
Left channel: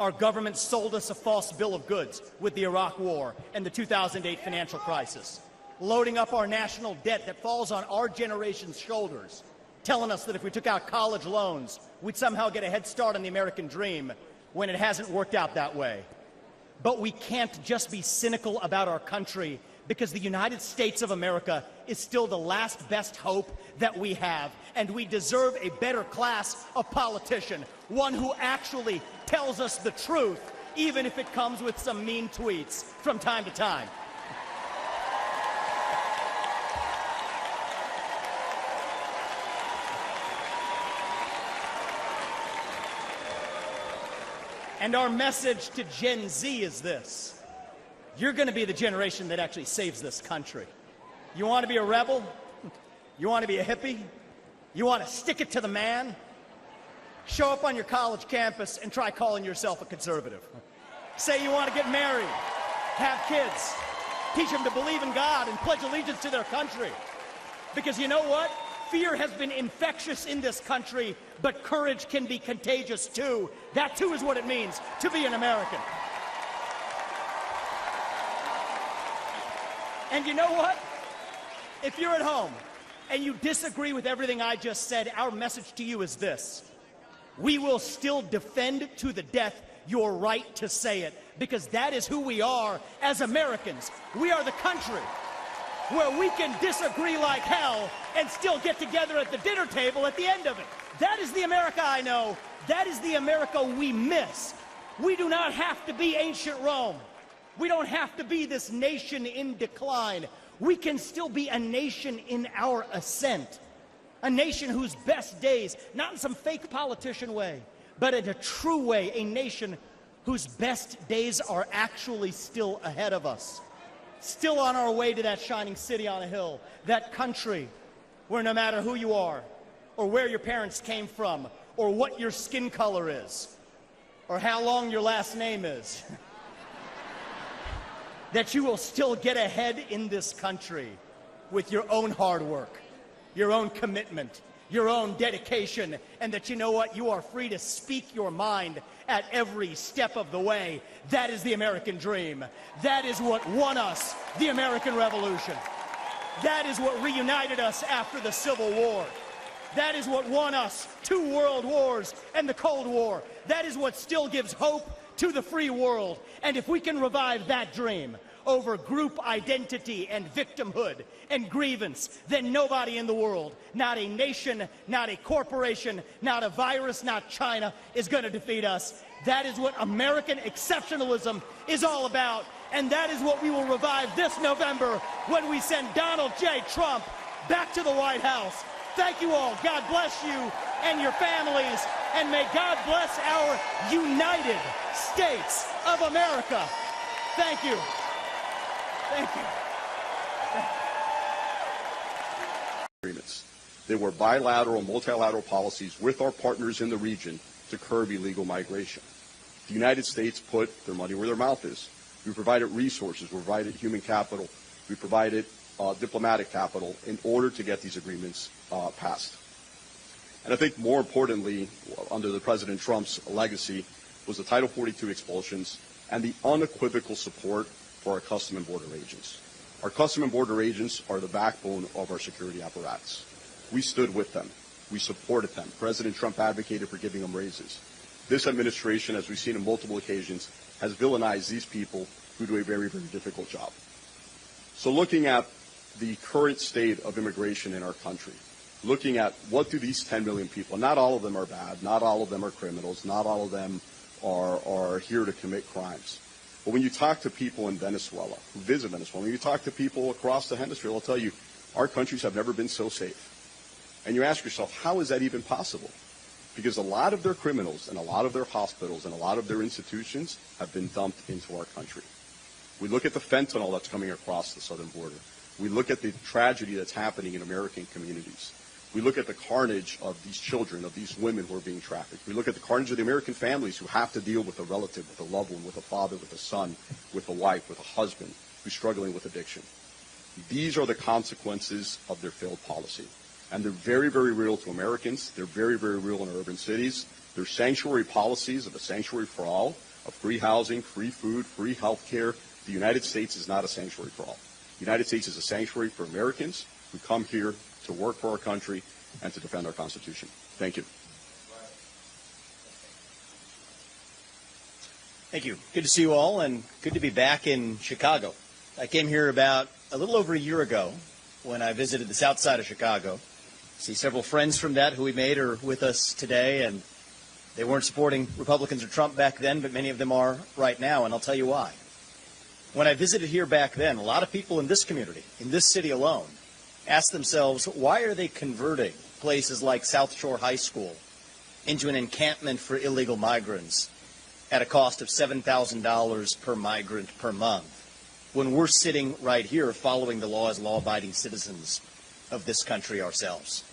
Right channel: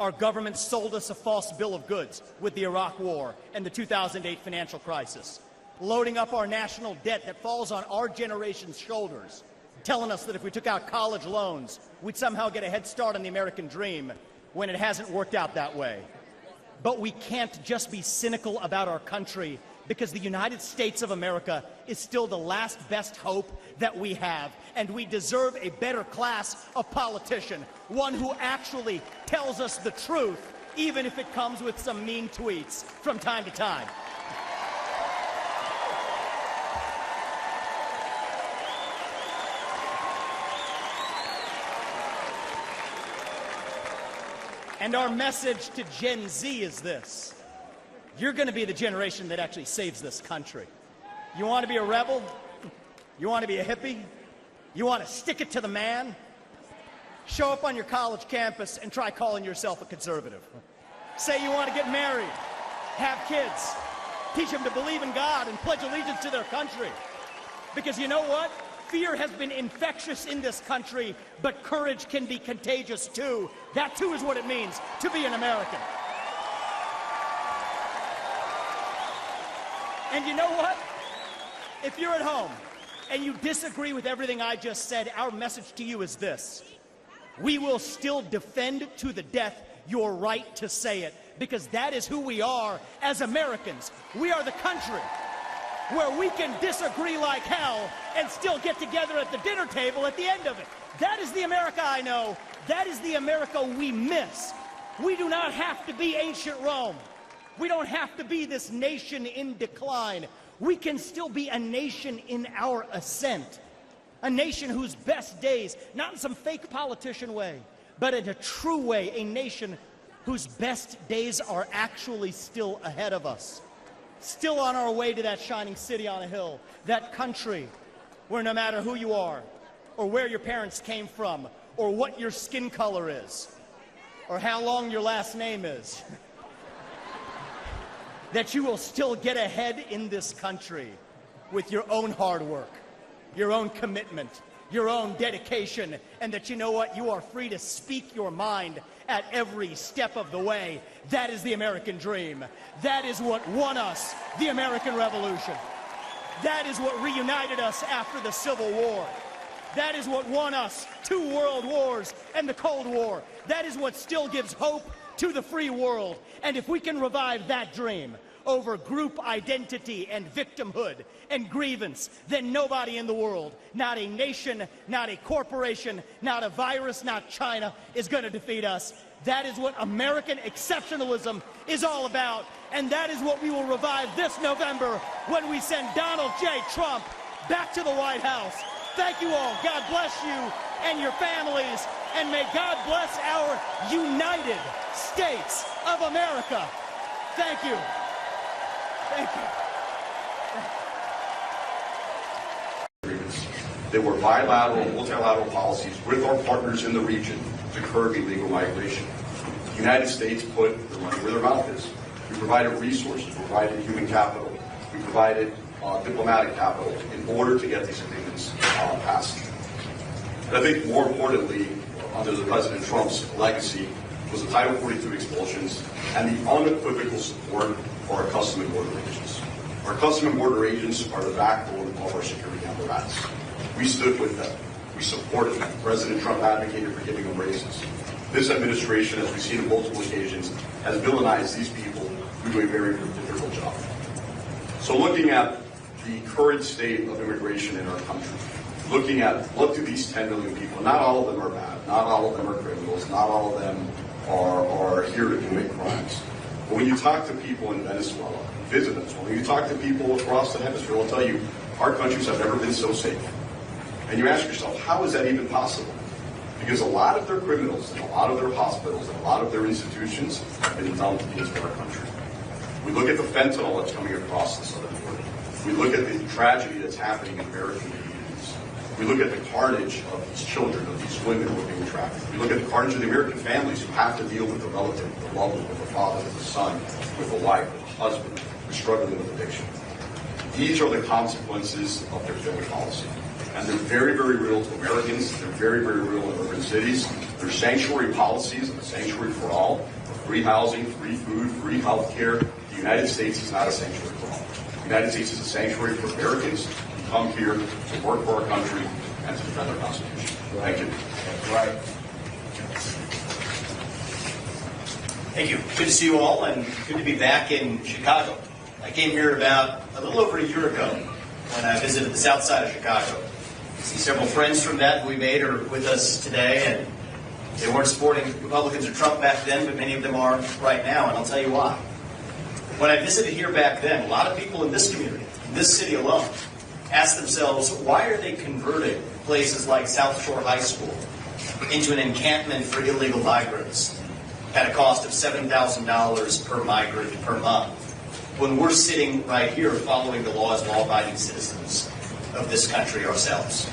Our government sold us a false bill of goods with the Iraq War and the 2008 financial crisis, loading up our national debt that falls on our generation's shoulders, telling us that if we took out college loans, we'd somehow get a head start on the American dream when it hasn't worked out that way. But we can't just be cynical about our country because the United States of America is still the last best hope that we have, and we deserve a better class of politician, one who actually tells us the truth, even if it comes with some mean tweets from time to time. And our message to Gen Z is this. You're going to be the generation that actually saves this country. You want to be a rebel? You want to be a hippie? You want to stick it to the man? Show up on your college campus and try calling yourself a conservative. Say you want to get married, have kids, teach them to believe in God and pledge allegiance to their country. Because you know what? Fear has been infectious in this country, but courage can be contagious too. That too is what it means to be an American. And you know what? If you're at home and you disagree with everything I just said, our message to you is this. We will still defend to the death your right to say it, because that is who we are as Americans. We are the country where we can disagree like hell and still get together at the dinner table at the end of it. That is the America I know. That is the America we miss. We do not have to be ancient Rome. We don't have to be this nation in decline. We can still be a nation in our ascent. A nation whose best days, not in some fake politician way, but in a true way, a nation whose best days are actually still ahead of us. Still on our way to that shining city on a hill, that country where no matter who you are, or where your parents came from, or what your skin color is, or how long your last name is, that you will still get ahead in this country with your own hard work, your own commitment, your own dedication, and that you know what? You are free to speak your mind at every step of the way. That is the American dream. That is what won us the American Revolution. That is what reunited us after the Civil War. That is what won us 2 world wars and the Cold War. That is what still gives hope to the free world. And if we can revive that dream over group identity and victimhood and grievance, then nobody in the world, not a nation, not a corporation, not a virus, not China, is going to defeat us. That is what American exceptionalism is all about. And that is what we will revive this November when we send Donald J. Trump back to the White House. Thank you all. God bless you and your families. And may God bless our United States of America. Thank you. Thank you. They were bilateral, multilateral policies with our partners in the region to curb illegal migration. The United States put their money where their mouth is. We provided resources, we provided human capital, we provided diplomatic capital in order to get these agreements passed. And I think more importantly, under the President Trump's legacy, was the Title 42 expulsions and the unequivocal support for our Customs and Border agents. Our Customs and Border agents are the backbone of our security apparatus. We stood with them. We supported them. President Trump advocated for giving them raises. This administration, as we've seen on multiple occasions, has villainized these people who do a very difficult job. So looking at the current state of immigration in our country, looking at what do these 10 million people, not all of them are bad, not all of them are criminals, not all of them are here to commit crimes. But when you talk to people in Venezuela, visit Venezuela, when you talk to people across the hemisphere, they'll tell you, our countries have never been so safe. And you ask yourself, how is that even possible? Because a lot of their criminals, and a lot of their hospitals, and a lot of their institutions have been dumped into our country. We look at the fentanyl that's coming across the southern border. We look at the tragedy that's happening in American communities. We look at the carnage of these children, of these women who are being trafficked. We look at the carnage of the American families who have to deal with a relative, with a loved one, with a father, with a son, with a wife, with a husband who's struggling with addiction. These are the consequences of their failed policy. And they're very, very real to Americans. They're very, very real in urban cities. They're sanctuary policies, a sanctuary for all, free housing, free food, free health care. The United States is not a sanctuary for all. The United States is a sanctuary for Americans who come here to work for our country and to defend our Constitution. Thank you. Right. Thank you. Good to see you all, and good to be back in Chicago. I came here about a little over a year ago when I visited the south side of Chicago. I see several friends from that we made are with us today, and they weren't supporting Republicans or Trump back then, but many of them are right now, and I'll tell you why. When I visited here back then, a lot of people in this community, in this city alone, asked themselves, why are they converting places like South Shore High School into an encampment for illegal migrants at a cost of $7,000 per migrant per month, when we're sitting right here following the laws of law-abiding citizens of this country ourselves?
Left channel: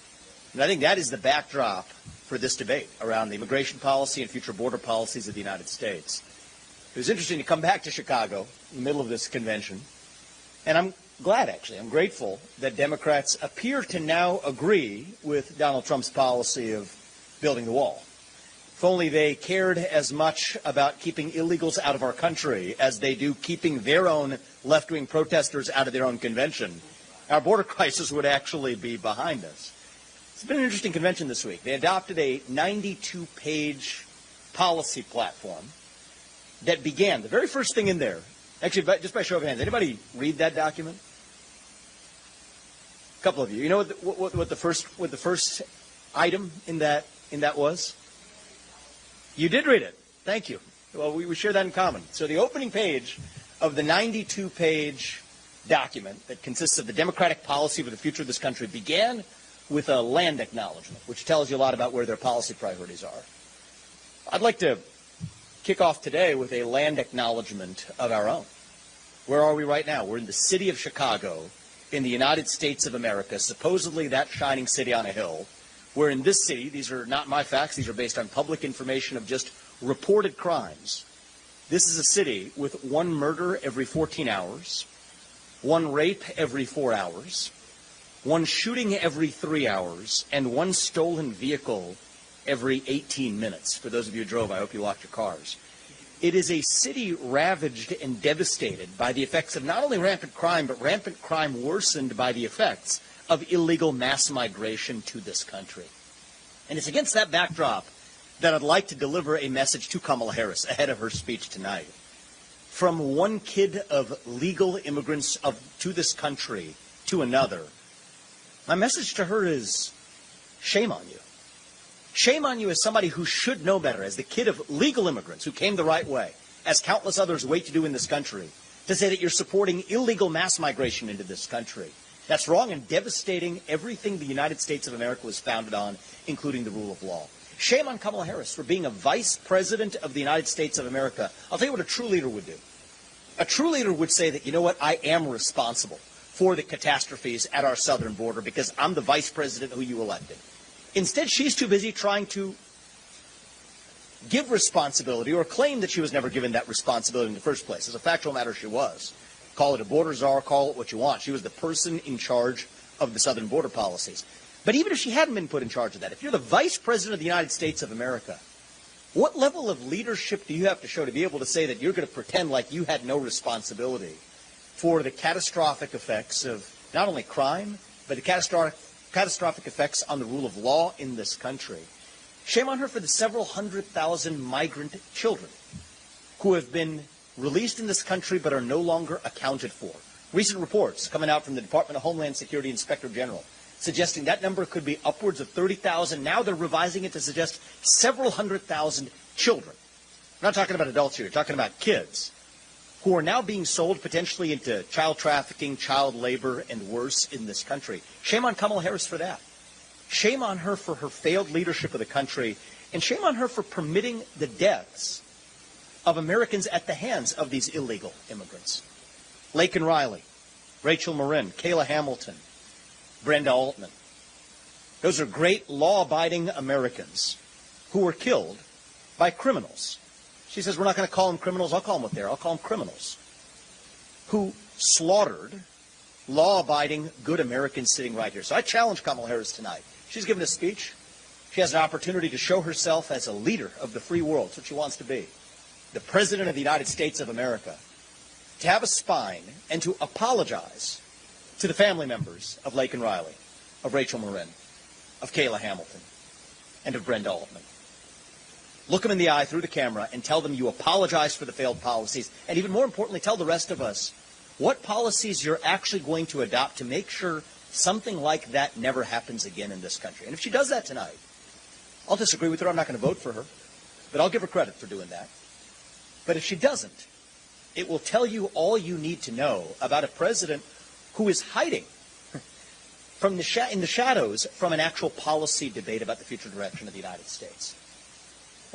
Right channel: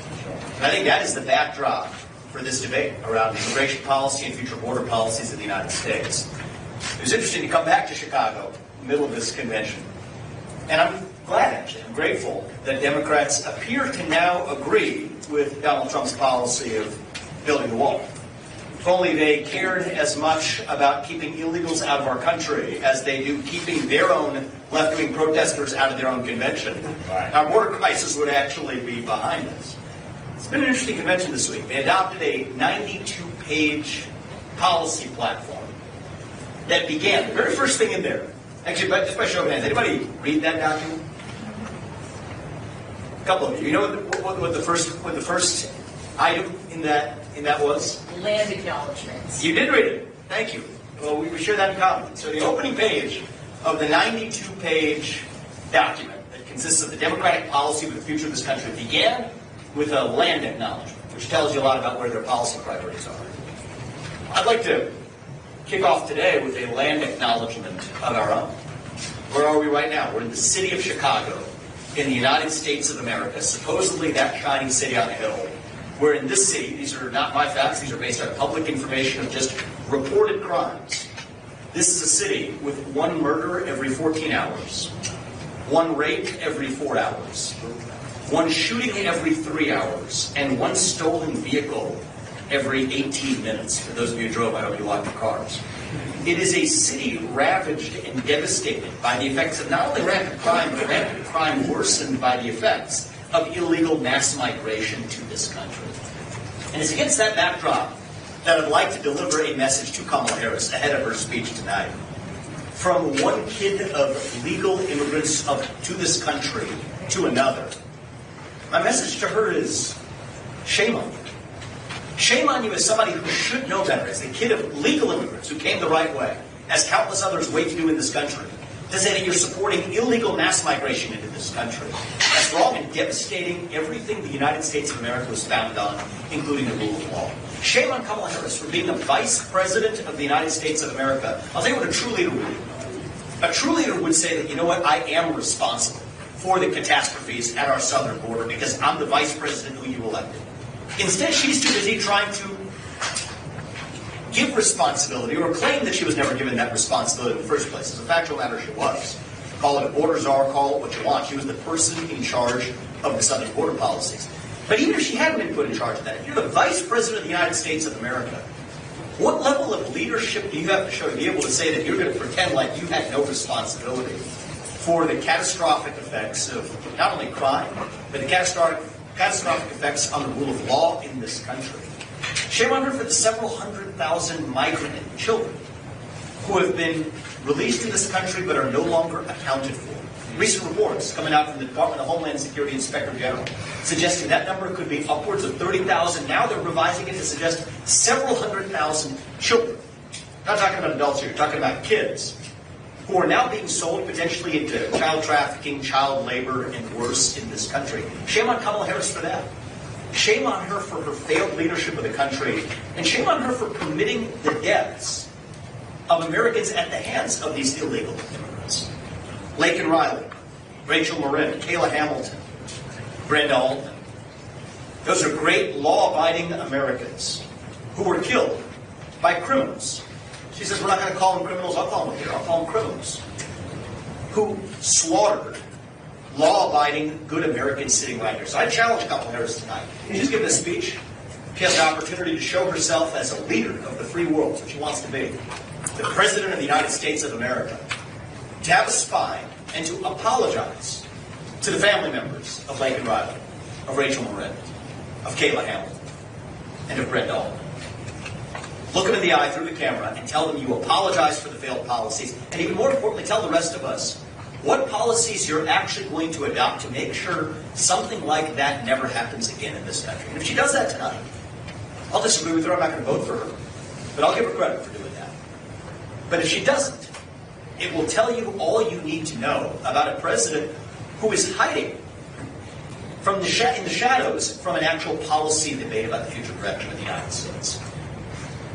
And I think that is the backdrop for this debate around the immigration policy and future border policies of the United States. It was interesting to come back to Chicago in the middle of this convention, and I'm glad, actually, and grateful that Democrats appear to now agree with Donald Trump's policy of building the wall. If only they cared as much about keeping illegals out of our country as they do keeping their own left-wing protesters out of their own convention, our border crisis would actually be behind us. It's been an interesting convention this week. They adopted a 92-page policy platform that began, the very first thing in there, actually, just by show of hands, anybody read that document? A couple of you. You know what the first item in that was? Land acknowledgments. You did read it. Thank you. Well, we share that in common. So the opening page of the 92-page document that consists of the democratic policy of the future of this country began with a land acknowledgement, which tells you a lot about where their policy priorities are. I'd like to kick off today with a land acknowledgement of our own. Where are we right now? We're in the city of Chicago in the United States of America, supposedly that shining city on the hill where in this city, these are not my facts, these are based on public information of just reported crimes. This is a city with one murder every 14 hours, one rape every 4 hours, one shooting every 3 hours, and one stolen vehicle every 18 minutes. For those of you who drove, I hope you locked your cars. It is a city ravaged and devastated by the effects of not only rampant crime, but rampant crime worsened by the effects of illegal mass migration to this country. And it's against that backdrop that I'd like to deliver a message to Kamala Harris ahead of her speech tonight. From one kid of legal immigrants to this country to another, my message to her is, shame on you. Shame on you as somebody who should know better, as a kid of legal immigrants who came the right way, as countless others wait to do in this country, to say that you're supporting illegal mass migration into this country. That's wrong and devastating everything the United States of America was founded on, including the rule of law. Shame on Kamala Harris for being a vice president of the United States of America. I'll tell you what a true leader would do. A true leader would say that, you know what, I am responsible for the catastrophes at our southern border because I'm the vice president who you elected. Instead, she's too busy trying to give responsibility or claim that she was never given that responsibility in the first place. As a fact of the matter, she was. Call it a border czar, call it what you want. She was the person in charge of the southern border policies. But even if she hadn't been put in charge of that, if you're the vice president of the United States of America, what level of leadership do you have to show to be able to say that you're going to pretend like you had no responsibility for the catastrophic effects of not only crime, but the catastrophic effects on the rule of law in this country? Shame on her for the several 100,000 migrant children who have been released in this country but are no longer accounted for. Recent reports coming out from the Department of Homeland Security Inspector General suggesting that number could be upwards of 30,000. Now they're revising it to suggest several 100,000 children. We're not talking about adults here, we're talking about kids who are now being sold potentially into child trafficking, child labor, and worse in this country. Shame on Kamala Harris for that. Shame on her for her failed leadership of the country, and shame on her for permitting the deaths of Americans at the hands of these illegal immigrants. Laken Riley, Rachel Marin, Kayla Hamilton, Brenda Altman. Those are great law-abiding Americans who were killed by criminals. She says, we're not going to call them criminals. I'll call them there. I'll call them criminals. Who slaughtered law-abiding, good Americans sitting right here. So I challenge Kamala Harris tonight. She's given a speech. She has an opportunity to show herself as a leader of the free world, which she wants to be. The President of the United States of America. To have a spine and to apologize to the family members of Laken Riley, of Rachel Marin, of Kayla Hamilton, and of Brenda Altman. Look them in the eye through the camera and tell them you apologize for the failed policies, and even more importantly, tell the rest of us what policies you're actually going to adopt to make sure something like that never happens again in this country. And if she does that tonight, I'll disagree with her, I'm not going to vote for her, but I'll give her credit for doing that. But if she doesn't, it will tell you all you need to know about a president who is hiding from in the shadows from an actual policy debate about the future direction of the United States.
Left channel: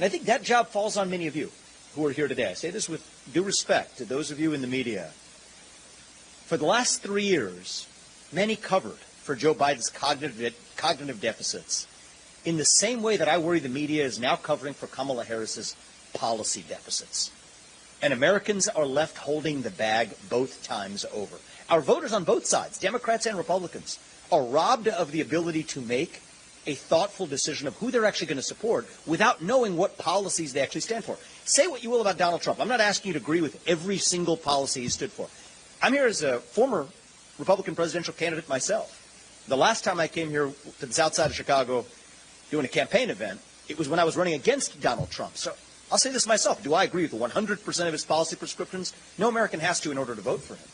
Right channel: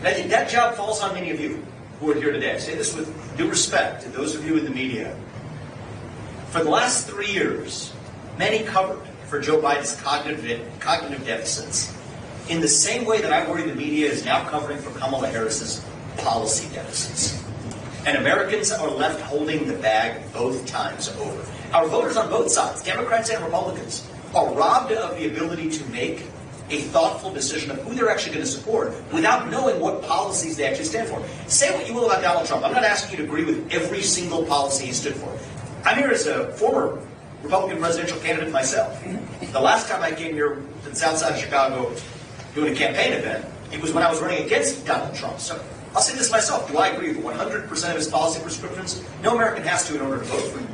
That job falls on many of you who are here today. I say this with due respect to those of you in the media. For the last 3 years, many covered for Joe Biden's cognitive deficits in the same way that I worry the media is now covering for Kamala Harris's policy deficits. And Americans are left holding the bag both times over. Our voters on both sides, Democrats and Republicans, are robbed of the ability to make a thoughtful decision of who they're actually going to support without knowing what policies they actually stand for. Say what you will about Donald Trump. I'm not asking you to agree with every single policy he stood for. I'm here as a former Republican presidential candidate myself. The last time I came here to the south side of Chicago doing a campaign event, it was when I was running against Donald Trump. So I'll say this myself. Do I agree with 100% of his policy prescriptions? No American has to in order to vote for him.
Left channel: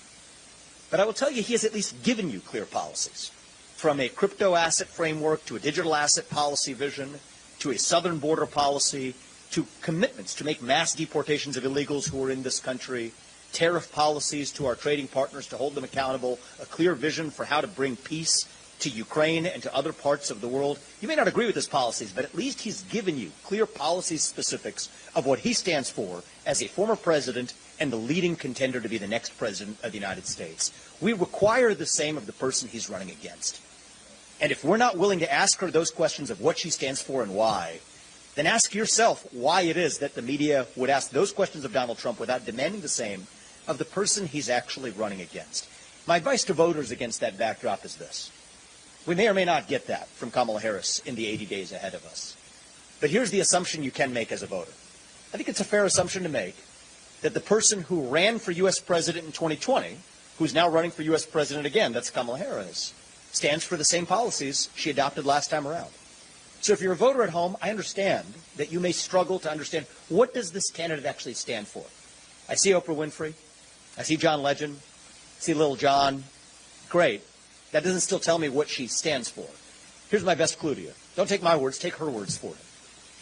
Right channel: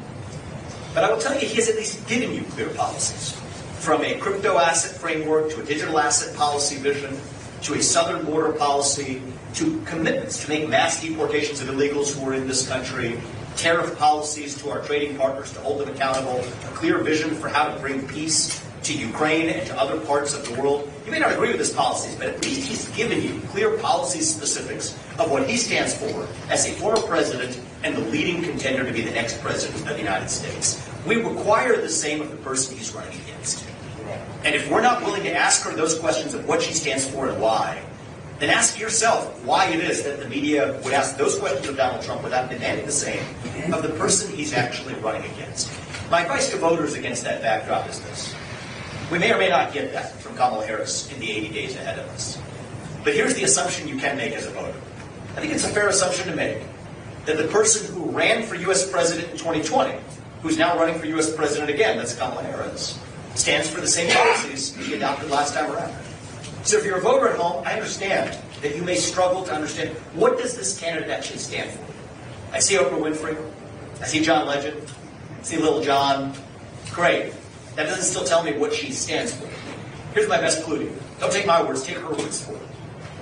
But I will tell you, he has at least given you clear policies. From a crypto asset framework to a digital asset policy vision to a southern border policy to commitments to make mass deportations of illegals who are in this country, tariff policies to our trading partners to hold them accountable, a clear vision for how to bring peace to Ukraine and to other parts of the world. You may not agree with his policies, but at least he's given you clear policy specifics of what he stands for as a former president and the leading contender to be the next president of the United States. We require the same of the person he's running against. And if we're not willing to ask her those questions of what she stands for and why, then ask yourself why it is that the media would ask those questions of Donald Trump without demanding the same of the person he's actually running against. My advice to voters against that backdrop is this. We may or may not get that from Kamala Harris in the 80 days ahead of us. But here's the assumption you can make as a voter. I think it's a fair assumption to make that the person who ran for U.S. President in 2020, who's now running for U.S. President again, that's Kamala Harris, stands for the same policies she adopted last time around. So if you're a voter at home, I understand that you may struggle to understand what does this candidate actually stand for. I see Oprah Winfrey. I see John Legend. I see Little John. Great. That doesn't still tell me what she stands for. Here's my best clue to you. Don't take my words, take her words for it.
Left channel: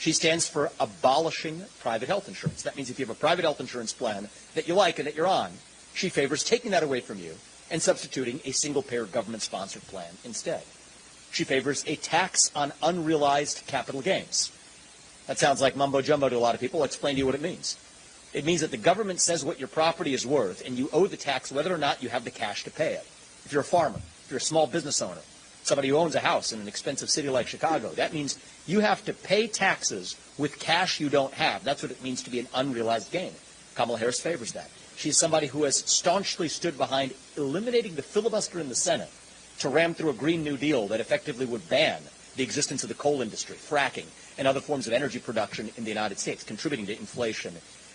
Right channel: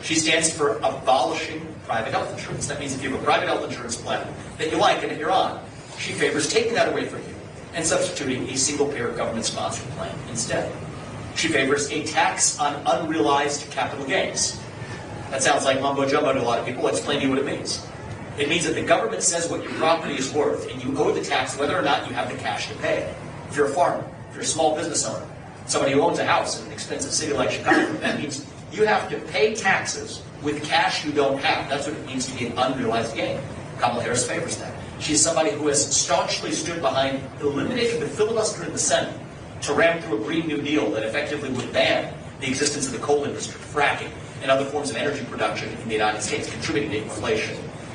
She stands for abolishing private health insurance. That means if you have a private health insurance plan that you like and that you're on, she favors taking that away from you and substituting a single-payer government-sponsored plan instead. She favors a tax on unrealized capital gains. That sounds like mumbo-jumbo to a lot of people. I'll explain to you what it means. It means that the government says what your property is worth, and you owe the tax whether or not you have the cash to pay it. If you're a farmer, if you're a small business owner, somebody who owns a house in an expensive city like Chicago, that means you have to pay taxes with cash you don't have. That's what it means to be an unrealized gain. Kamala Harris favors that. She's somebody who has staunchly stood behind eliminating the filibuster in the Senate to ram through a Green New Deal that effectively would ban the existence of the coal industry, fracking, and other forms of energy production in the United States, contributing to inflation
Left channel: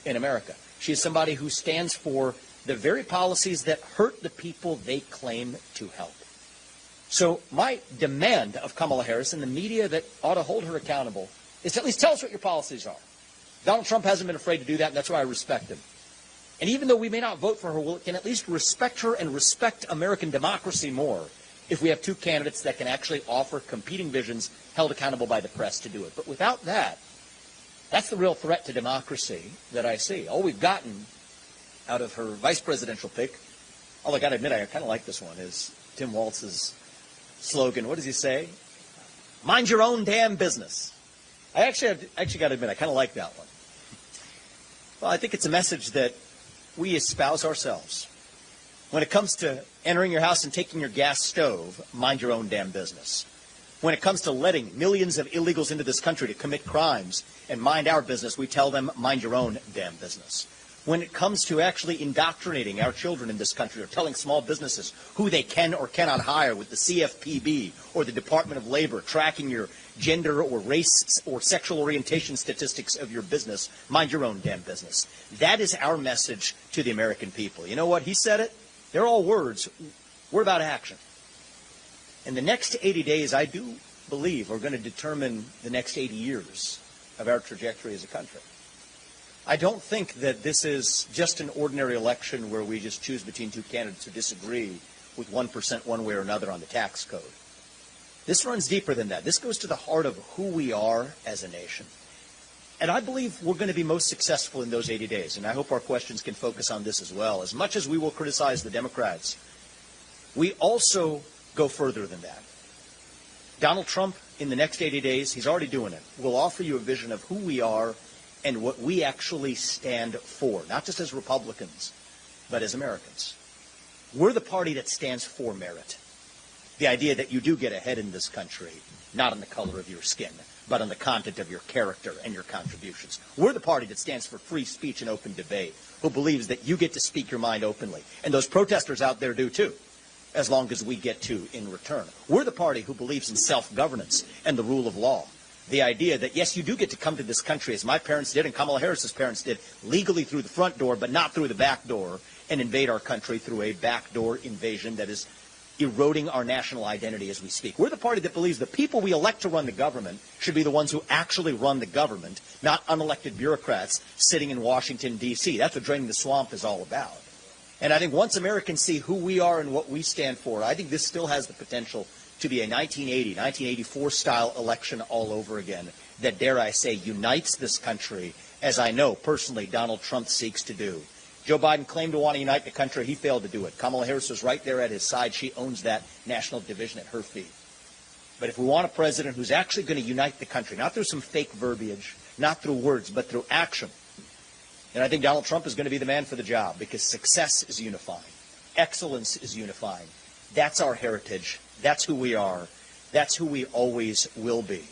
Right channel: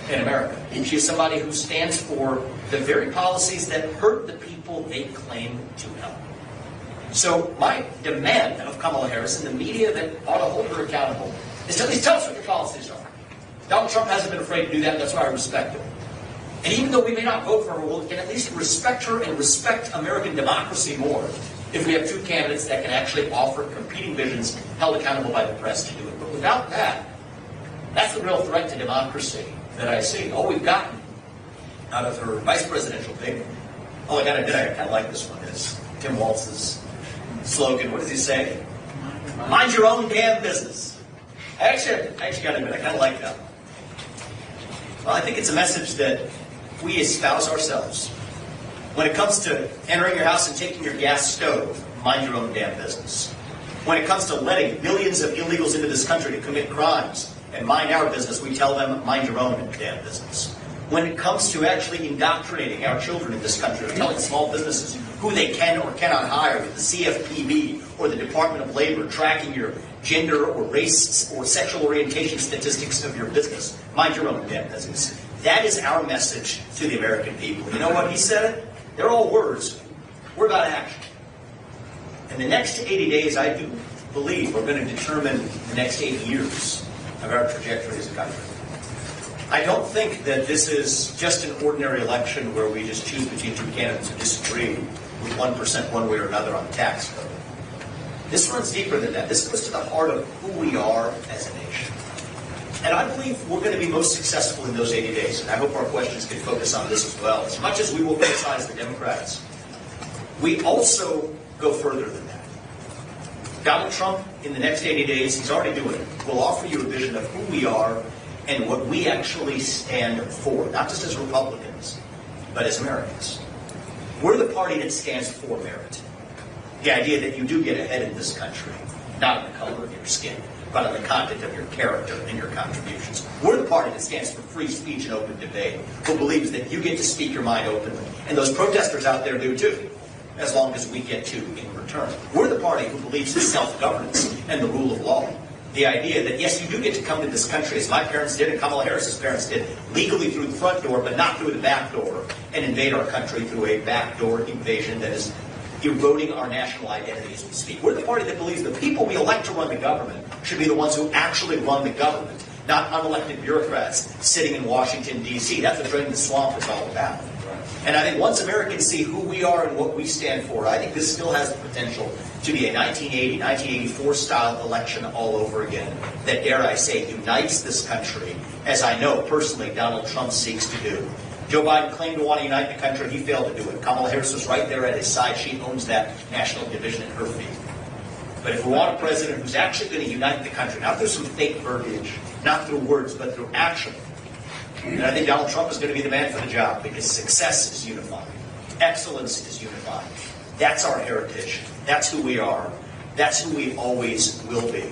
in America. And she's somebody who stands for the very policies that hurt the people they claim to help. So my demand of Kamala Harris and the media that ought to hold her accountable is at least tell us what your policies are. Donald Trump hasn't been afraid to do that. That's why I respect it. And even though we may not vote for her, we can at least respect her and respect American democracy more if we have two candidates that can actually offer competing visions held accountable by the press to do it. But without that, that's the real threat to democracy that I see. All we've gotten out of her vice presidential pick, oh, I got to admit, I like this one, is Tim Walz's slogan. What does he say? Mind your own damn business. I actually got to admit, I kind of like that. Well, I think it's a message that we espouse ourselves. When it comes to entering your house and taking your gas stove, mind your own damn business. When it comes to letting millions of illegals into this country to commit crimes and mind our business, we tell them, mind your own damn business. When it comes to actually indoctrinating our children in this country, telling small businesses who they can or cannot hire with the CFPB or the Department of Labor, tracking your gender or race or sexual orientation statistics of your business, mind your own damn business. That is our message to the American people. You know what he said? They're all words. We're about action. In the next 80 days, I do believe we're going to determine the next 80 years of our trajectory as a country. I don't think that this is just an ordinary election where we just choose between two candidates who disagree with 1% one way or another on tax code. This runs deeper than that. This goes to the heart of who we are as a nation. And I believe we're going to be most successful in those 80 days. And I hope our questions can focus on this as well. As much as we will criticize the Democrats, we also go further than that. Donald Trump, in the next 80 days, he's already doing it, will offer you a vision of who we are and what we actually stand for, not just as Republicans, but as Americans. We're the party that stands for merit. The idea that you do get ahead in this country, not in the color of your skin, but on the content of your character and your contributions. We're the party that stands for free speech and open debate, who believes that you get to speak your mind openly. And those protesters out there do too, as long as we get to in return. We're the party who believes in self-governance and the rule of law. The idea that, yes, you do get to come to this country, as my parents did and Kamala Harris's parents did, legally through the front door, but not through the back door, and invade our country through a backdoor invasion that is eroding our national identity as we speak. We're the party that believes that the people we elect to run the government should be the ones who actually run the government, not unelected bureaucrats sitting in Washington, D.C. That's what Drain the Swamp is all about. And I think once Americans see who we are and what we stand for, I think this still has the potential to be a 1980, 1984 style election all over again that, dare I say, unites this country, as I know personally Donald Trump seeks to do. Joe Biden claimed to want to unite the country. He failed to do it. Kamala Harris was right there at his side. She owns that national division at her feet. But if we want a president who's actually going to unite the country, not through some fake verbiage, not through words, but through action, and I think Donald Trump is going to be the man for the job because success is unifying. Excellence is unifying. That's our heritage. That's who we are. That's who we always will be.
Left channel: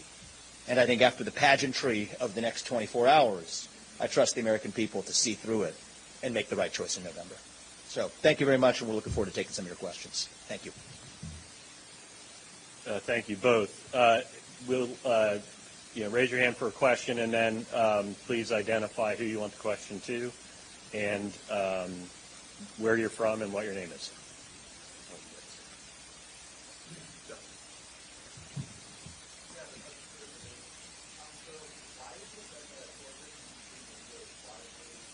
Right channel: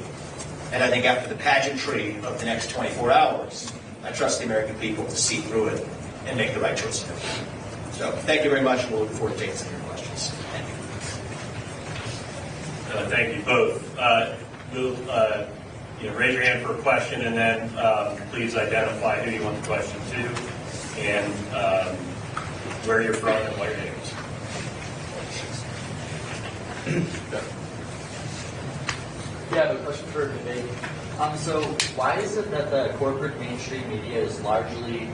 And I think after the pageantry of the next 24 hours, I trust the American people to see through it and make the right choice. So thank you very much, and we'll look forward to taking some of your questions. Thank you. Thank you both. We'll raise your hand for a question, and then please identify who you want the question to, and where you're from, and what your name is. Yeah, I have a question for Vivek. So why is it that the corporate mainstream media is largely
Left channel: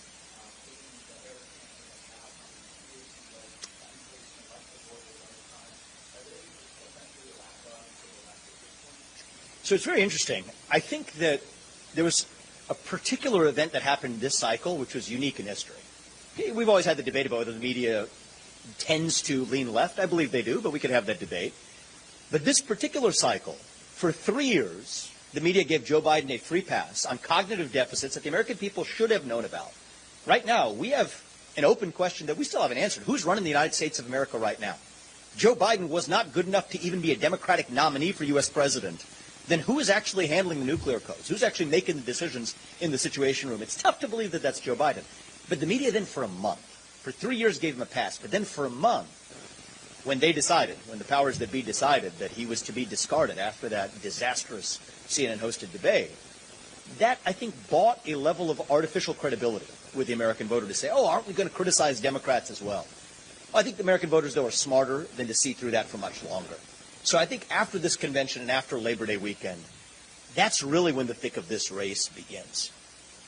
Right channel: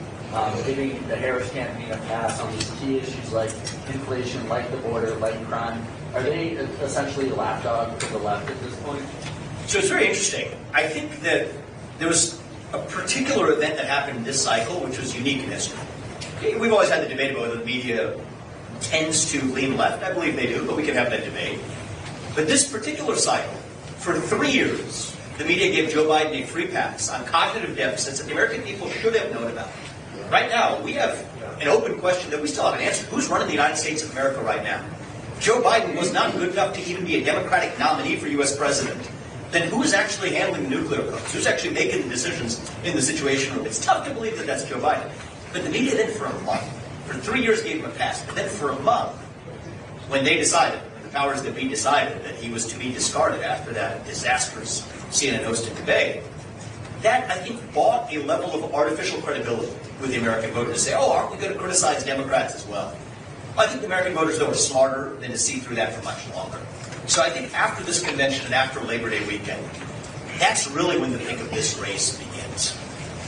giving the Harris campaign a pass on these key issues like inflation, like the border, like crime? Are they essentially a lapdog to the left at this point? So it's very interesting. I think that there's a particular event that happened in this cycle, which is unique in history. We've always had the debate whether the media tends to lean left. I believe they do, but we can have that debate. But this particular cycle, for 3 years, the media gave Joe Biden a free pass on cognitive deficits that the American people should have known about. Right now, we have an open question that we still haven't answered. Who's running the United States of America right now? Joe Biden was not good enough to even be a Democratic nominee for U.S. president. Then who's actually handling the nuclear codes? Who's actually making the decisions in the situation? It's tough to believe that that's Joe Biden. But the media then for a month, for 3 years gave him a pass. But then for a month, when they decided, when the powers that be decided that he was to be discarded after that disastrous CNN hosted debate, that, I think, bought a level of artificial credibility with the American voter to say, oh, aren't we going to criticize Democrats as well? I think the American voters, though, are smarter than to see through that for much longer. So I think after this convention and after Labor Day weekend, that's really when the thick of this race begins.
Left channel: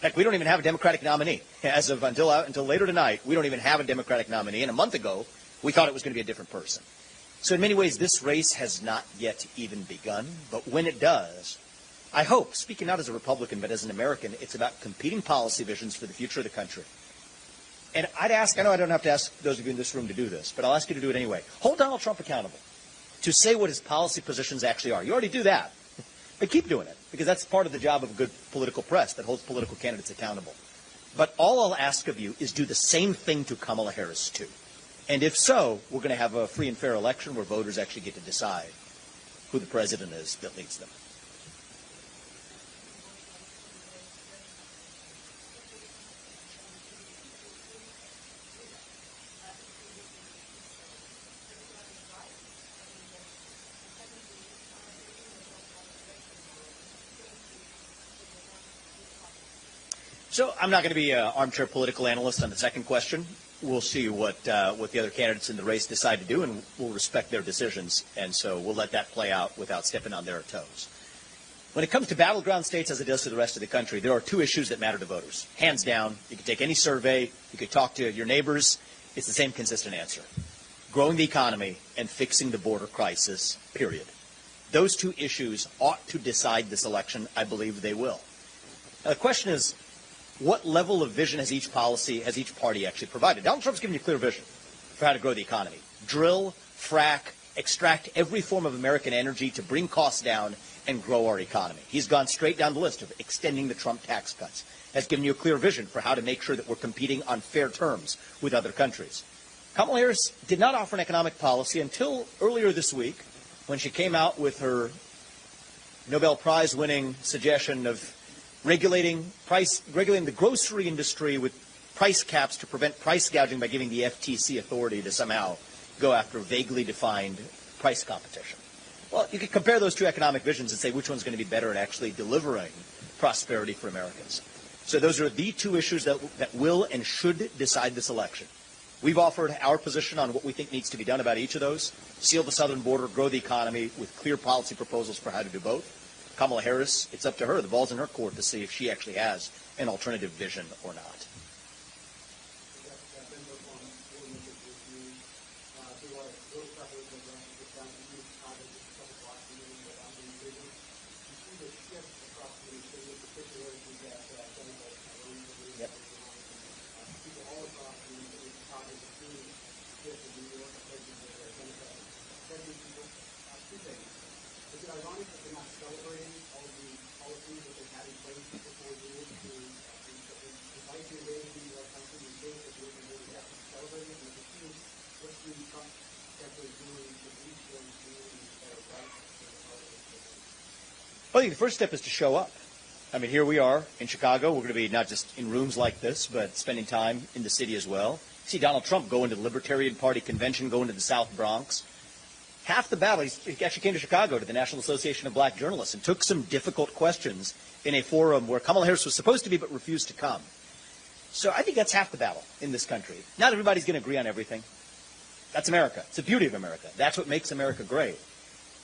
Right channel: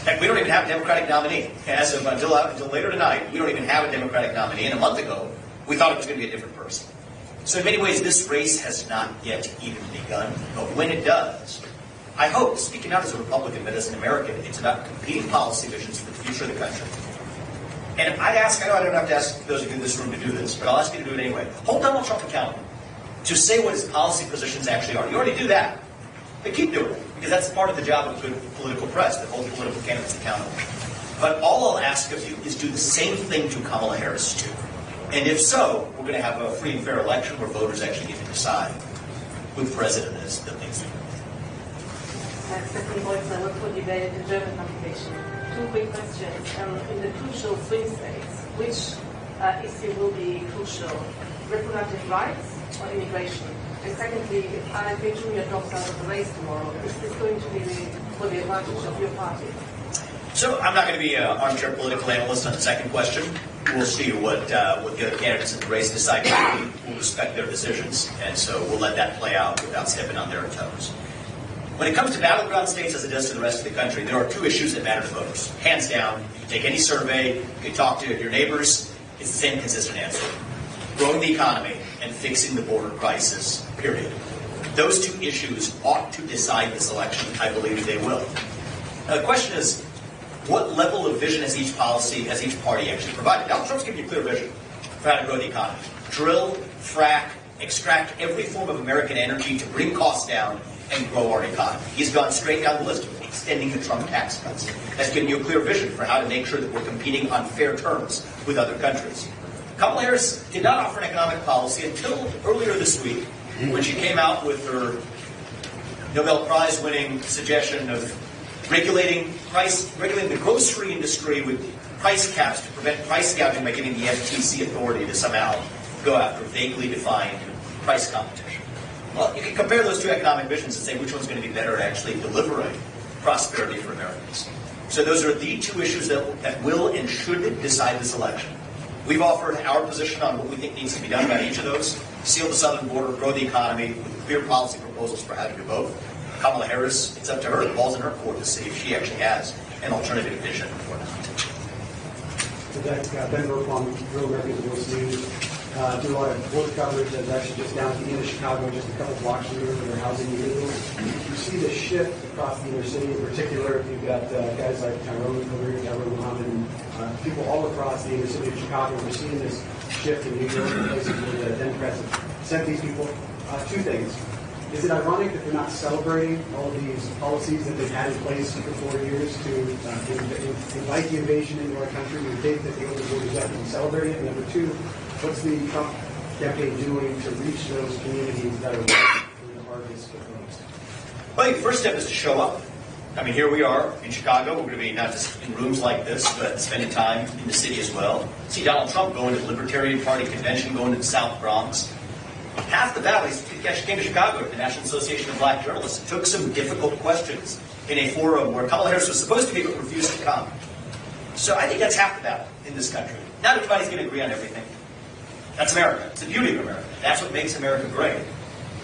Heck, we don't even have a Democratic nominee. As of until later tonight, we don't even have a Democratic nominee. And a month ago, we thought it was going to be a different person. So in many ways, this race has not yet even begun. But when it does, I hope, speaking not as a Republican, but as an American, it's about competing policy visions for the future of the country. And I know I don't have to ask those of you in this room to do this, but I'll ask you to do it anyway. Hold Donald Trump accountable to say what his policy positions actually are. You already do that. But keep doing it, because that's part of the job of good political press, to hold political candidates accountable. But all I'll ask of you is do the same thing to Kamala Harris, too. And if so, we're going to have a free and fair election where voters actually get to decide who the president is that makes it. Stephanie Boyce, I work for debate and German publication. Two quick questions. In the crucial swing states, which issue will be crucial? Reproductive rights or immigration? And secondly, if Alex Jr. drops out of the race tomorrow, is this going to be for the advantage of your party? So I'm not going to be an armchair political analyst on the second question. We'll see what the other candidates in the race decide. We'll respect their decisions, and so we'll let that play out without stepping on their toes. When it comes to battleground states as it does to the rest of the country, there are two issues that matter to voters. Hands down, you can take any survey, you can talk to your neighbors, it's the same consistent answer. Growing the economy and fixing the border crisis, period. Those two issues ought to decide this election. I believe they will. Now, the question is, what level of vision has each party actually provided? Donald Trump's giving you a clear vision for how to grow the economy. Drill, frack, extract every form of American energy to bring costs down and grow our economy. He's gone straight down the list, extending the Trump tax cuts. That's giving you a clear vision for how to make sure that we're competing on fair terms with other countries. Kamala Harris did not offer an economic policy until earlier this week, when she came out with her Nobel Prize-winning suggestion of regulating the grocery industry with price caps to prevent price gouging by giving the FTC authority to somehow go after vaguely defined price competition. Well, you can compare those two economic visions and say which one's going to be better at actually delivering prosperity for Americans. So those are the two issues that will and should decide this election. We've offered our position on what we think needs to be done about each of those. Seal the southern border, grow the economy, with clear policy proposals for how to do both. Kamala Harris, it's up to her. The ball's in her court to see if she actually has an alternative vision or not. Ben Burkholm, Real Americans News. Do a lot of border coverage that's actually just down to the end of Chicago, just a couple blocks from here where they're housing individuals. You see the shift across the inner city. In particular, you've got guys like Tyrone over here, Edward Muhammad, and people all across the inner city of Chicago. We're seeing this shift in New York and places where the Democrats have sent these people. Two things. Is it ironic that they're not celebrating all of these policies that they've had in place for 4 years to invite the invasion into our country? We think that the older voters have been celebrating it. And number two, what's the Trump campaign doing to reach those communities that are Well, I think the first step is to show up. I mean, here we are in Chicago. We're going to be not just in rooms like this, but spending time in the city as well. See Donald Trump going to the Libertarian Party convention, going to the South Bronx. Half the battle, he actually came to Chicago at the National Association of Black Journalists, took some difficult questions in a forum where Kamala Harris was supposed to be, but refused to come. So I think that's half the battle in this country. Not everybody's going to agree on everything. That's America. It's the beauty of America. That's what makes America great.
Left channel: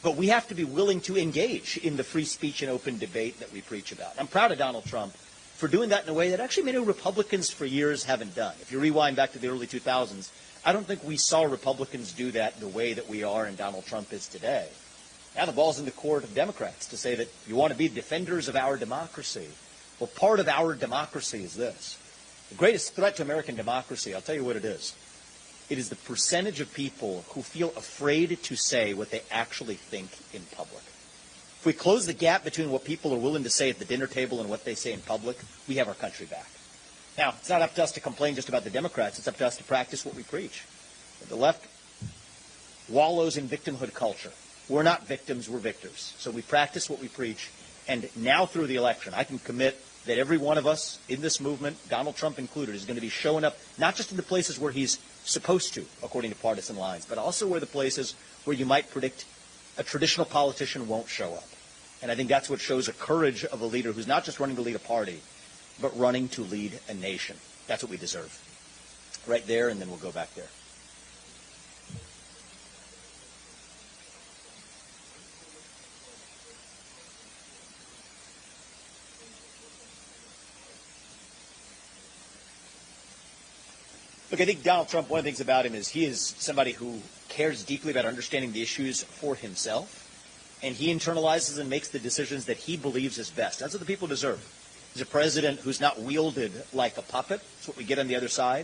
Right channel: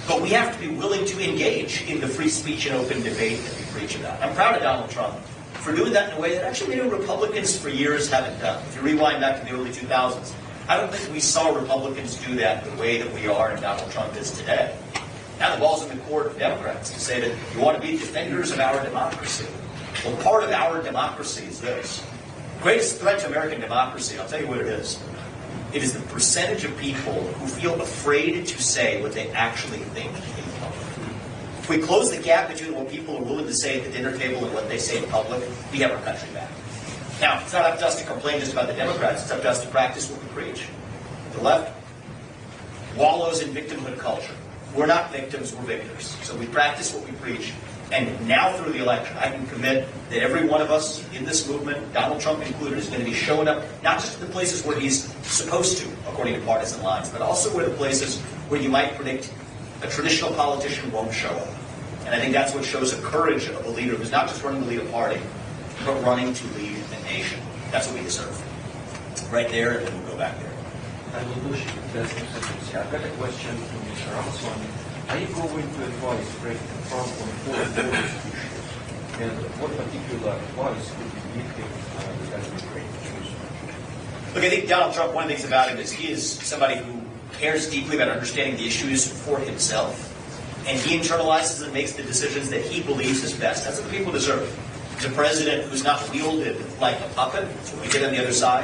But we have to be willing to engage in the free speech and open debate that we preach about. I'm proud of Donald Trump for doing that in a way that actually many Republicans for years haven't done. If you rewind back to the early 2000s, I don't think we saw Republicans do that the way that we are and Donald Trump is today. Now the ball's in the court of Democrats to say that you want to be defenders of our democracy. Well, part of our democracy is this. The greatest threat to American democracy, I'll tell you what it is. It is the percentage of people who feel afraid to say what they actually think in public. If we close the gap between what people are willing to say at the dinner table and what they say in public, we have our country back. Now, it's not up to us to complain just about the Democrats. It's up to us to practice what we preach. The left wallows in victimhood culture. We're not victims, we're victors. So we practice what we preach. And now through the election, I can commit that every one of us in this movement, Donald Trump included, is going to be showing up not just in the places where he's supposed to, according to partisan lines, but also in the places where you might predict a traditional politician won't show up. And I think that's what shows the courage of a leader who's not just running to lead a party, but running to lead a nation. That's what we deserve. Right there, and then we'll go back there. I've got a question from Mr. Ramaswamy. Are you going to advise President Trump on foreign policy issues? And what particular advice would you give him regarding Ukraine issues? Look, I think Donald Trump, one of the things about him is he is somebody who cares deeply about understanding the issues for himself. And he internalizes and makes the decisions that he believes is best. That's what people deserve. He's a president who's not wielded like a puppet, so we get on the other side.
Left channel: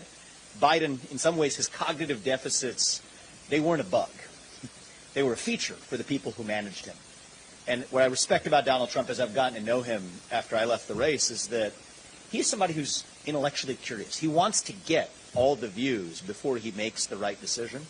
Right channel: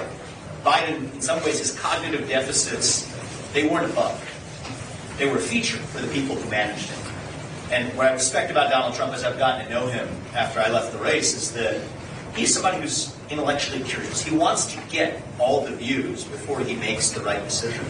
Biden, in some ways, his cognitive deficits, they weren't bugged. They were a feature for the people who managed him. And what I respect about Donald Trump as I've gotten to know him after I left the race is that he's somebody who's intellectually curious. He wants to get all the views before he makes the right decision.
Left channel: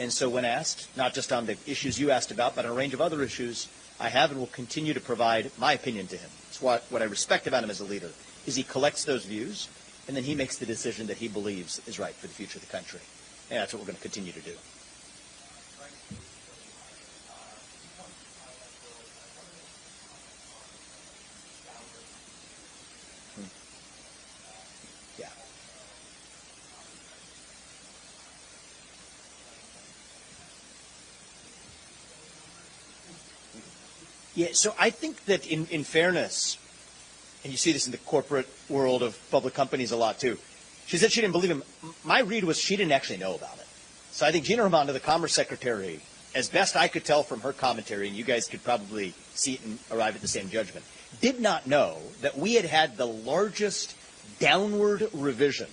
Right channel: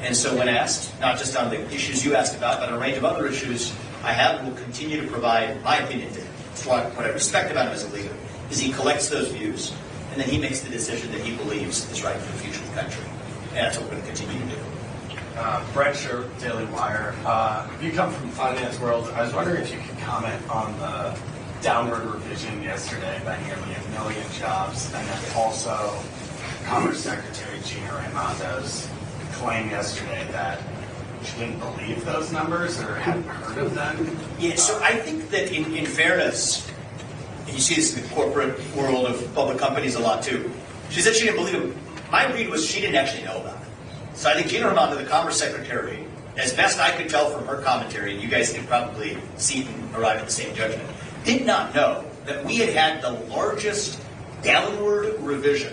And so when asked, not just on the issues you asked about, on a range of other issues, I have and will continue to provide my opinion to him. So what I respect about him as a leader is he collects those views, and then he makes the decision that he believes is right for the future of the country. And that's what we're going to continue to do. Brett Sher, Daily Wire. You come from the finance world. I was wondering if you could comment on the downward revision yesterday by nearly 1 million jobs, and then also Commerce Secretary Gina Raimondo's claim yesterday that she didn't believe those numbers or hadn't heard of them. Yeah, so I think that in fairness, and you see this in the corporate world of public companies a lot too, she said she didn't believe it. My read was she didn't actually know about it. So I think Gina Raimondo, the Commerce Secretary, as best I could tell from her commentary, you guys can probably see and arrive at the same judgment, did not know that we had the largest downward revision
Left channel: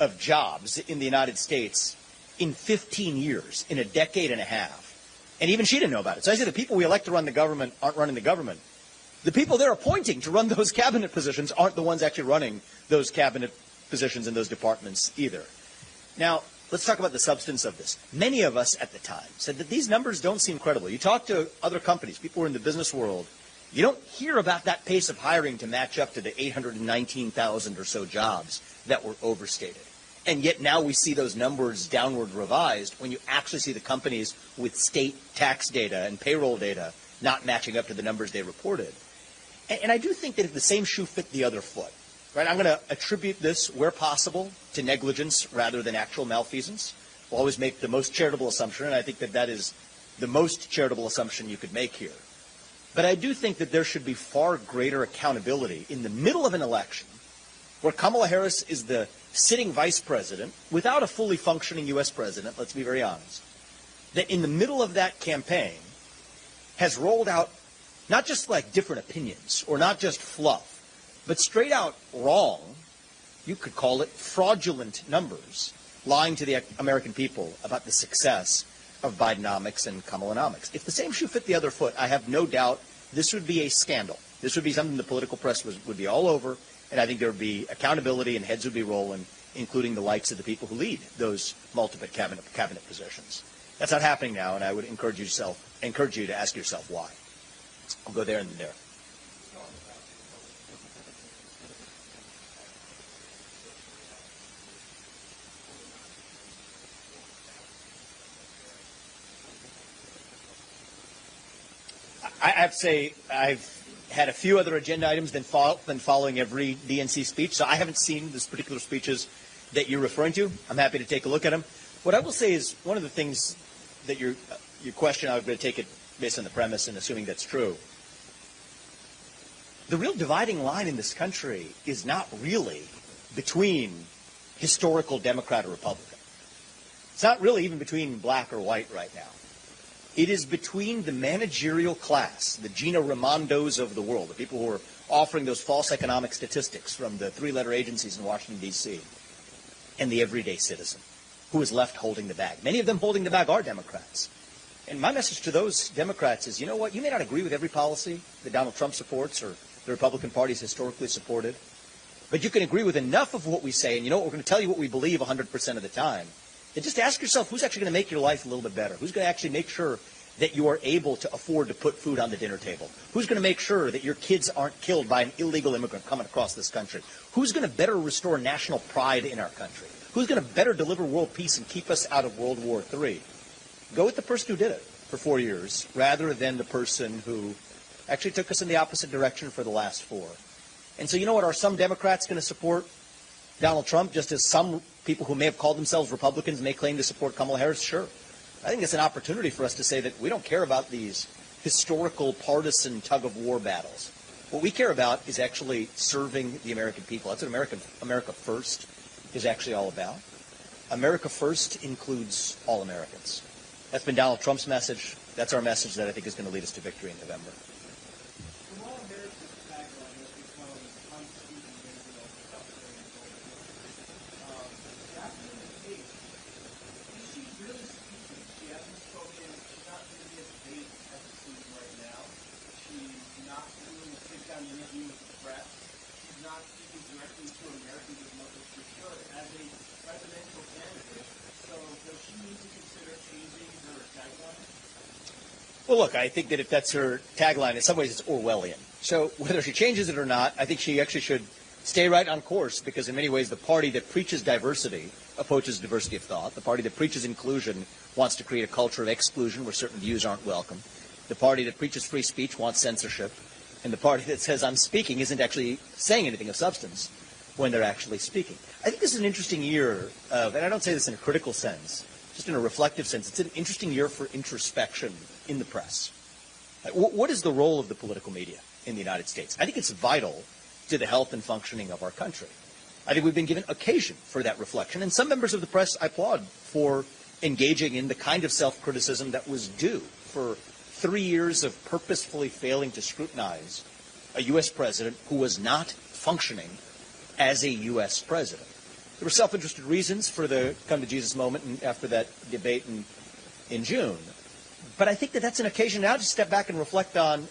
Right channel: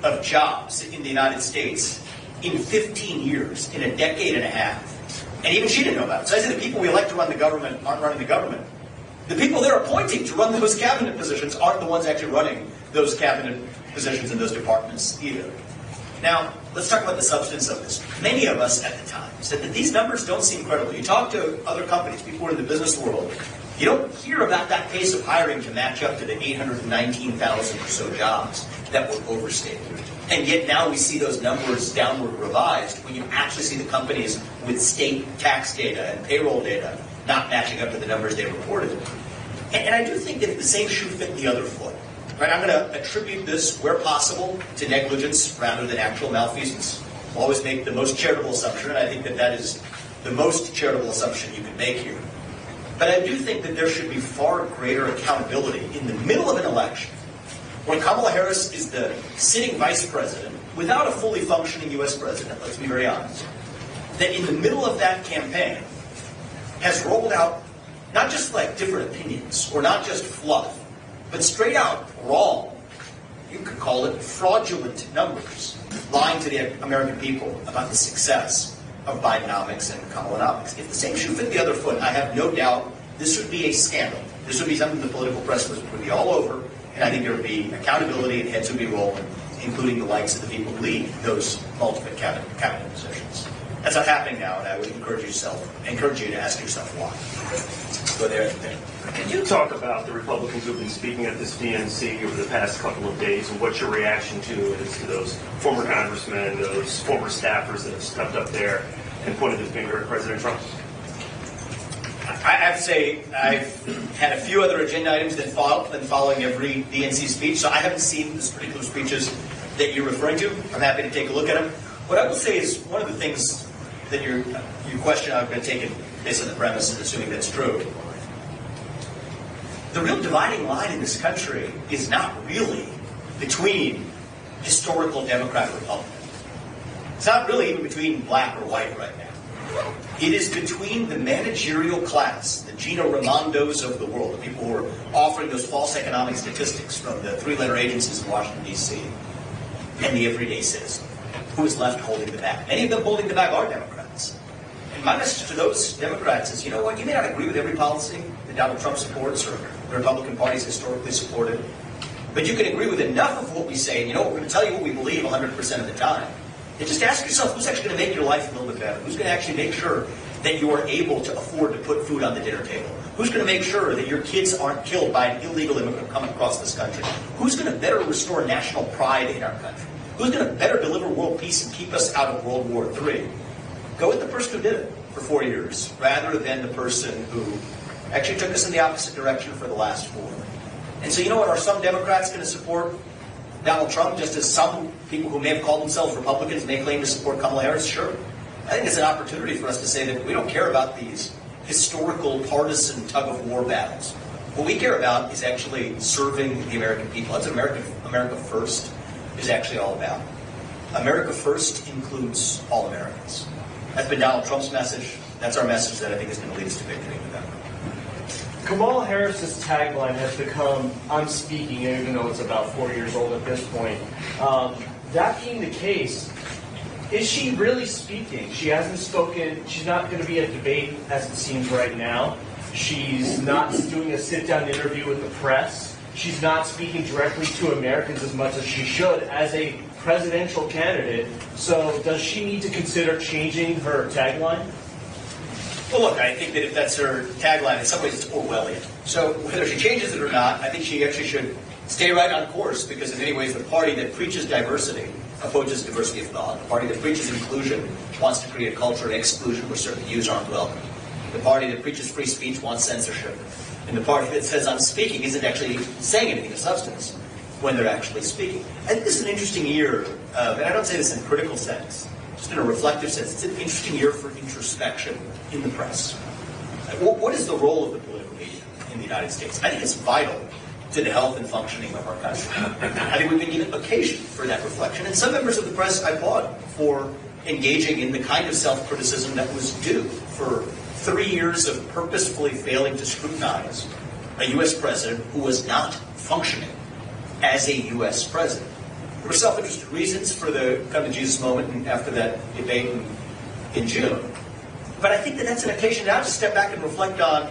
of jobs in the United States in 15 years, in a decade and a half. And even she didn't know about it. So I said the people we elect to run the government aren't running the government. The people they're appointing to run those cabinet positions aren't the ones actually running those cabinet positions in those departments either. Now, let's talk about the substance of this. Many of us at the time said that these numbers don't seem credible. You talk to other companies, people in the business world, you don't hear about that pace of hiring to match up to the 819,000 or so jobs that were overstated. And yet now we see those numbers downward revised when you actually see the companies with state tax data and payroll data not matching up to the numbers they reported. And I do think that the same shoe fit the other foot. Right, I'm going to attribute this, where possible, to negligence rather than actual malfeasance. We'll always make the most charitable assumption, and I think that that is the most charitable assumption you can make here. But I do think that there should be far greater accountability in the middle of an election, where Kamala Harris is the sitting vice president, without a fully functioning U.S. president, let's be very honest, that in the middle of that campaign has rolled out not just like different opinions, or not just fluff, but straight out wrong, you could call it fraudulent numbers, lying to the American people about the success of Bidenomics and Kamalanomics. If the same shoe fit the other foot, I have no doubt this would be a scandal. This would be something the political press would be all over, and I think there would be accountability and heads would be rolling, including the likes of the people who lead those multiple cabinet positions. That's not happening now, and I would encourage you to ask yourself why. go there. Can you talk about the Republicans who've been speaking at this DNC over the past couple of days and what your reaction to is to those former congressmen, those former staffers that have stepped up there and pointed the finger at President Trump? I have to say I've had a few other agenda items than following every DNC speech, so I haven't seen the particular speeches that you're referring to. I'm happy to take a look at them. What I would say is one of the things that your question, I'm going to take it based on the premise and assuming that's true. The real dividing line in this country is not really between historical Democrat and Republican. It's not really even between black or white right now. It is between the managerial class, the Gina Raimondos of the world, the people who are offering those false economic statistics from the three-letter agencies in Washington, D.C., and the everyday citizen, who is left holding the bag. Many of them holding the bag are Democrats. And my message to those Democrats is, you know what, you may not agree with every policy that Donald Trump supports or the Republican Party has historically supported, but you can agree with enough of what we say, and you know, we're going to tell you what we believe 100% of the time. And just ask yourself, who's actually going to make your life a little bit better? Who's going to actually make sure that you are able to afford to put food on the dinner table? Who's going to make sure that your kids aren't killed by an illegal immigrant coming across this country? Who's going to better restore national pride in our country? Who's going to better deliver world peace and keep us out of World War III? Go with the person who did it for 4 years, rather than the person who actually took us in the opposite direction for the last 4. And so, you know what, are some Democrats going to support Donald Trump, just as some people who may have called themselves Republicans may claim to support Kamala Harris? Sure. I think it's an opportunity for us to say that we don't care about these historical partisan tug-of-war battles. What we care about is actually serving the American people. That's America First is actually all about. America First includes all Americans. That's been Donald Trump's message. That's our message that I think is going to lead us to victory in November. Kamala Harris's tagline has become, "I'm speaking," even though it's about 4 years old at this point. That being the case, is she really speaking? She hasn't spoken. She's not going to be a debate as it seems right now. She's not doing a sit-down interview with the press. She's not speaking directly to Americans as much as she should as a presidential candidate. So does she need to consider changing her tagline? Well, look, I think that if that's her tagline, in some ways it's Orwellian. So whether she changes it or not, I think she actually should stay right on course, because in many ways the party that preaches diversity opposes diversity of thought. The party that preaches inclusion wants to create a culture of exclusion where certain views aren't welcome. The party that preaches free speech wants censorship. And the party that says I'm speaking isn't actually saying anything of substance when they're actually speaking. I think this is an interesting year, and I don't say this in a critical sense, just in a reflective sense. It's an interesting year for introspection in the press. What is the role of the political media in the United States? I think it's vital to the health and functioning of our country. I think we need an occasion for that reflection. And some members of the press I applaud for engaging in the kind of self-criticism that was due for 3 years of purposefully failing to scrutinize a U.S. president who was not functioning as a U.S. president. There were self-interested reasons for the come to Jesus moment after that debate in June. But I think that that's an occasion now to step back and reflect on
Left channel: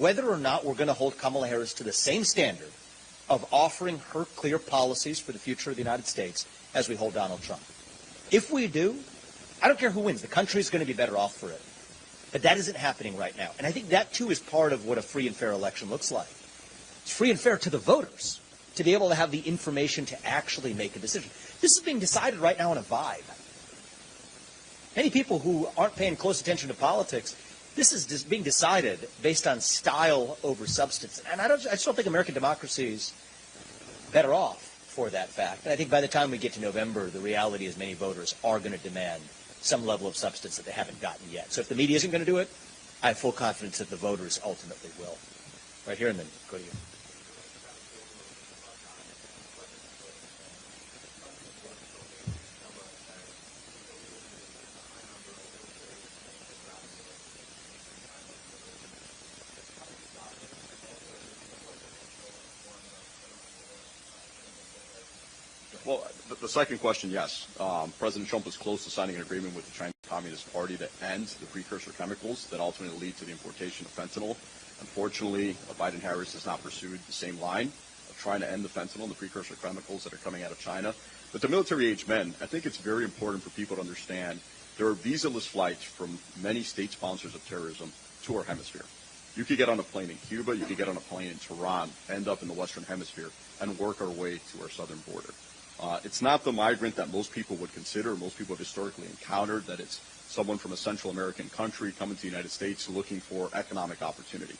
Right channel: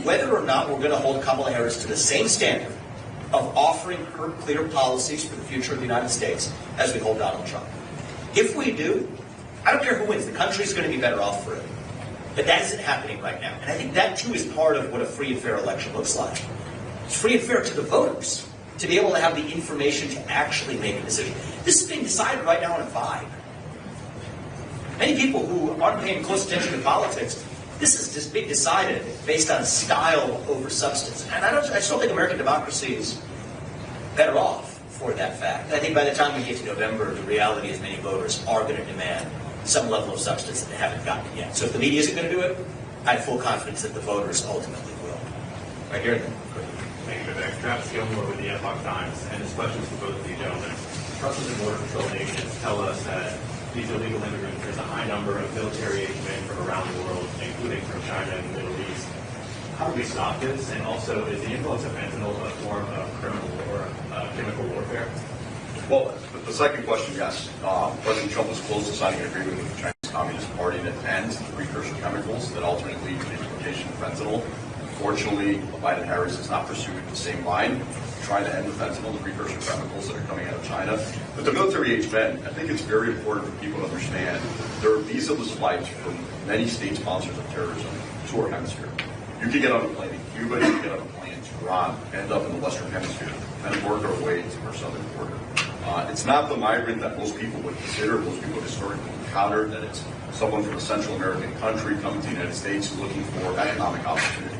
whether or not we're going to hold Kamala Harris to the same standard of offering her clear policies for the future of the United States as we hold Donald Trump. If we do, I don't care who wins, the country's going to be better off for it. But that isn't happening right now. And I think that, too, is part of what a free and fair election looks like. It's free and fair to the voters to be able to have the information to actually make a decision. This is being decided right now on a vibe. Many people who aren't paying close attention to politics, this is just being decided based on style over substance. And I just don't think American democracy is better off for that fact. And I think by the time we get to November, the reality is many voters are going to demand some level of substance that they haven't gotten yet. So if the media isn't going to do it, I have full confidence that the voters ultimately will. Right here. Thank you, Vivek. Travis Gilmore with the Epoch Times, and this question is for both of you gentlemen. Customs and Border Patrol agents tell us that these illegal immigrants, there's a high number of military-age men from around the world, including from China and the Middle East. How do we stop this? And also, is the influence of fentanyl a form of criminal or chemical warfare? Well, the second question, yes. President Trump was close to signing an agreement with the Chinese Communist Party that ends the precursor chemicals that ultimately lead to the importation of fentanyl. Unfortunately, Biden-Harris has not pursued the same line, trying to end the fentanyl, the precursor chemicals that are coming out of China. But the military-age men, I think it's very important for people to understand there are visa-less flights from many state sponsors of terrorism to our hemisphere. You can get on a plane in Cuba, you can get on a plane in Tehran, end up in the Western Hemisphere, and work our way to our southern border. It's not the migrant that most people would consider, most people would historically encounter, that it's someone from a Central American country coming to the United States looking for economic opportunity.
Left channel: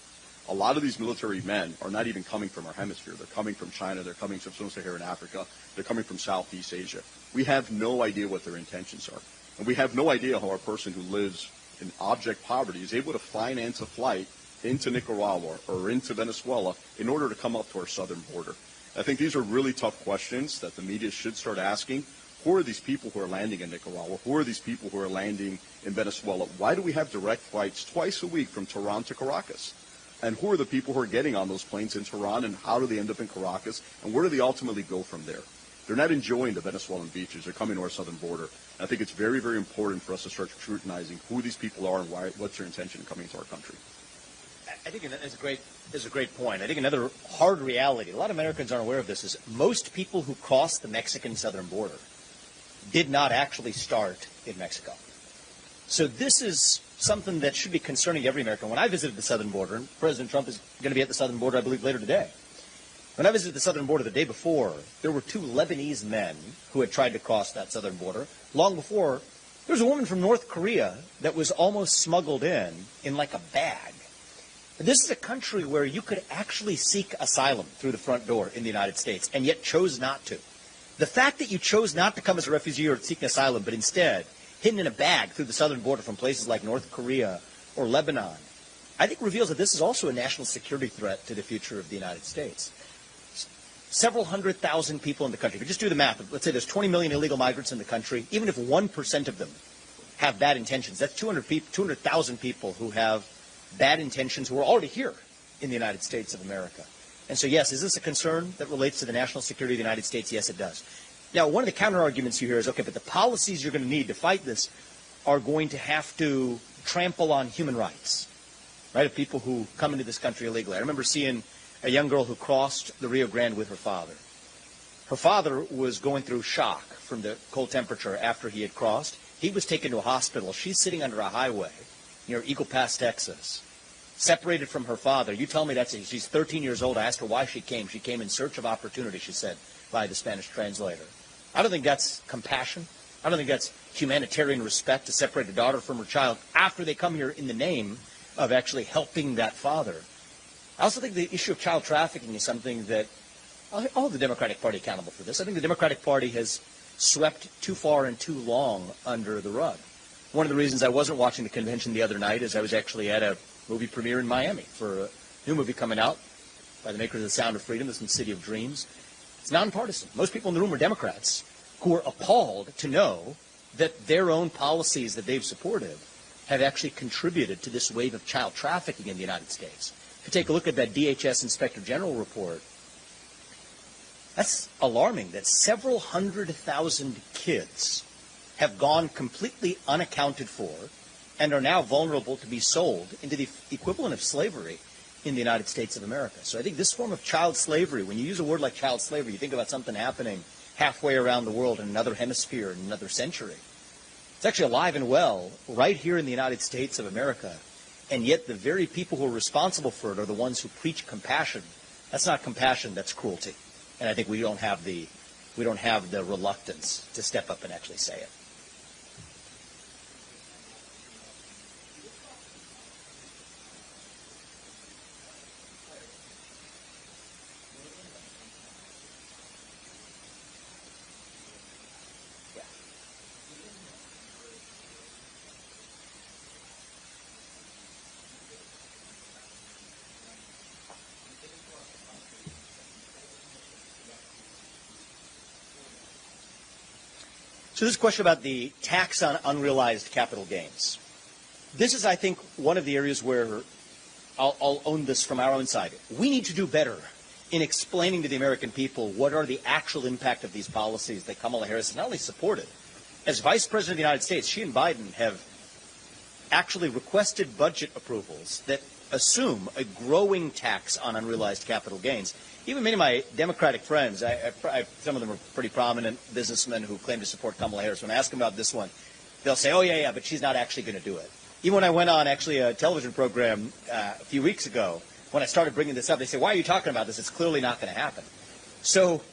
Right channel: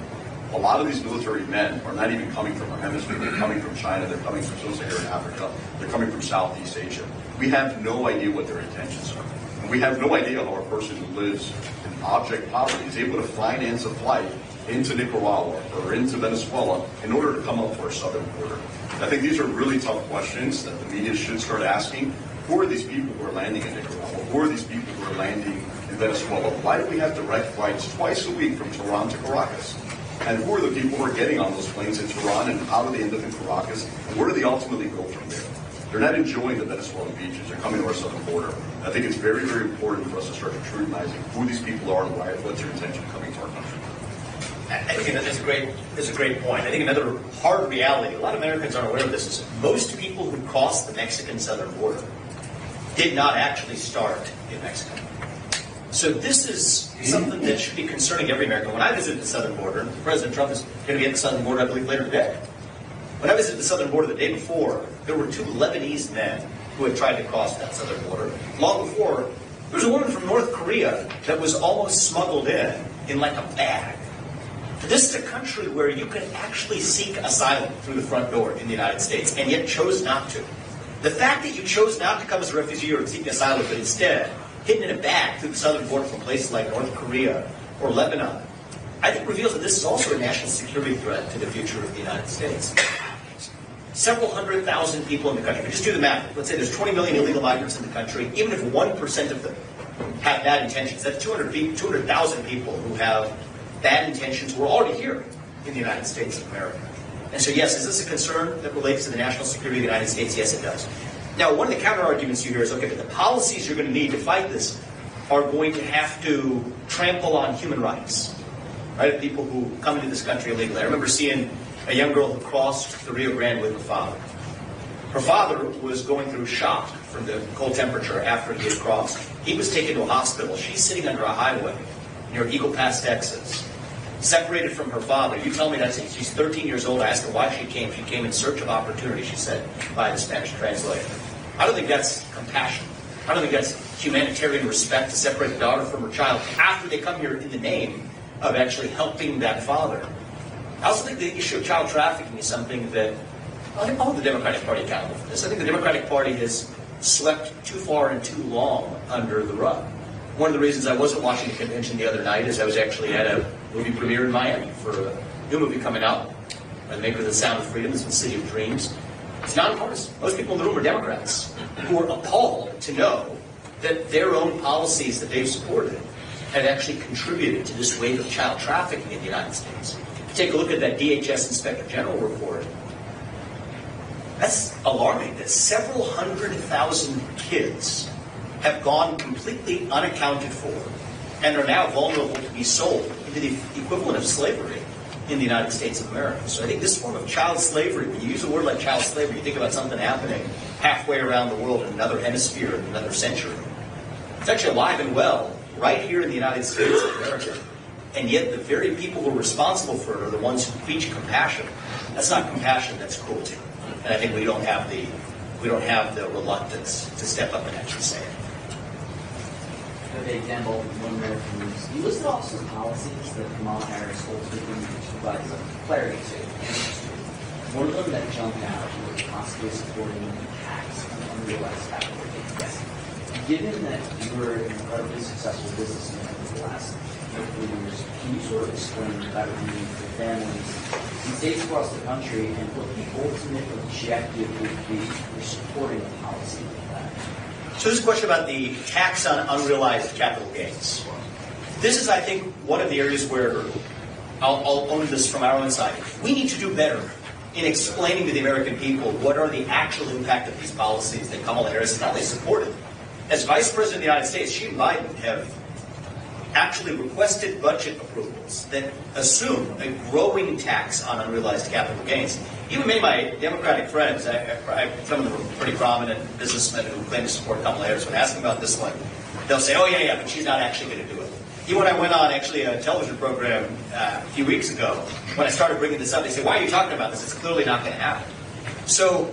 A lot of these military men are not even coming from our hemisphere. They're coming from China. They're coming from Sub-Saharan Africa. They're coming from Southeast Asia. We have no idea what their intentions are. And we have no idea how a person who lives in object poverty is able to finance a flight into Nicaragua or into Venezuela in order to come up to our southern border. I think these are really tough questions that the media should start asking. Who are these people who are landing in Nicaragua? Who are these people who are landing in Venezuela? Why do we have direct flights twice a week from Tehran to Caracas? And who are the people who are getting on those planes in Tehran, and how do they end up in Caracas? And where do they ultimately go from there? They're not enjoying the Venezuelan beaches. They're coming to our southern border. And I think it's very, very important for us to start scrutinizing who these people are and what's their intention coming to our country. I think that's a great point. I think another hard reality, a lot of Americans aren't aware of this, is most people who cross the Mexican southern border did not actually start in Mexico. So this is something that should be concerning every American. When I visited the southern border, President Trump is going to be at the southern border, I believe, later today. When I visited the southern border the day before, there were 2 Lebanese men who had tried to cross that southern border. Long before, there was a woman from North Korea that was almost smuggled in like a bag. This is a country where you could actually seek asylum through the front door in the United States, and yet chose not to. The fact that you chose not to come as a refugee or seeking asylum, but instead hidden in a bag through the southern border from places like North Korea or Lebanon, I think reveals that this is also a national security threat to the future of the United States. Several 100,000 people in the country. Just do the math. Let's say there's 20 million illegal migrants in the country. Even if 1% of them have bad intentions, that's 200,000 people who have bad intentions who are already here in the United States of America. And so, yes, is this a concern that relates to the national security of the United States? Yes, it does. Now, one of the counter-arguments here is, okay, the policies you're going to need to fight this are going to have to trample on human rights, right? People who come into this country illegally. I remember seeing a young girl who crossed the Rio Grande with her father. Her father was going through shock from the cold temperature after he had crossed. He was taken to a hospital. She's sitting under a highway near Eagle Pass, Texas, separated from her father. You tell me that she's 13 years old. I asked her why she came. She came in search of opportunity, she said, by the Spanish translator. I don't think that's compassion. I don't think that's humanitarian respect to separate a daughter from her child after they come here in the name of actually helping that father. I also think the issue of child trafficking is something that I think all of the Democratic Party accountable for this. I think the Democratic Party has swept too far and too long under the rug. One of the reasons I was at Washington Convention the other night is I was actually at a movie premiere in Miami for a new movie coming out, the maker of The Sound of Freedom, The City of Dreams. It's nonpartisan. Most people in the room are Democrats who are appalled to know that their own policies that they've supported had actually contributed to this wave of child trafficking in the United States. Take a look at that DHS Inspector General report. That's alarming that several 100,000 kids have gone completely unaccounted for and are now vulnerable to be sold into the equivalent of slavery in the United States of America. So I think this form of child slavery, when you use a word like child slavery, you think about something happening halfway around the world in another hemisphere in another century. It's actually alive and well right here in the United States of America. And yet the very people who are responsible for it are the ones who preach compassion. That's not compassion, that's cruelty. And I think we don't have the reluctance to step up and actually say it. Vivek Ramaswamy, One American News. You listed off some policies that Kamala Harris holds within to provide some clarity to. One of them that jumped out was possibly supporting tax on unrealized capital gains. Yes. Given that you were an incredibly successful businessman over the last couple of years, can you sort of explain what that would mean for families in states across the country and what the ultimate objective would be for supporting a policy like that? So this is a question about the tax on unrealized capital gains. This is, I think, one of the areas where I'll own this from our own side. We need to do better in explaining to the American people what are the actual impact of these policies that Kamala Harris not only supported. As Vice President of the United States, she and Biden have actually requested budget approvals that assume a growing tax on unrealized capital gains. Even many of my Democratic friends, some of them are pretty prominent businessmen who claim to support Kamala Harris, when I ask them about this one, they'll say, oh, yeah, but she's not actually going to do it. Even when I went on actually a television program a few weeks ago, when I started bringing this up, they said, why are you talking about this? It's clearly not going to happen. So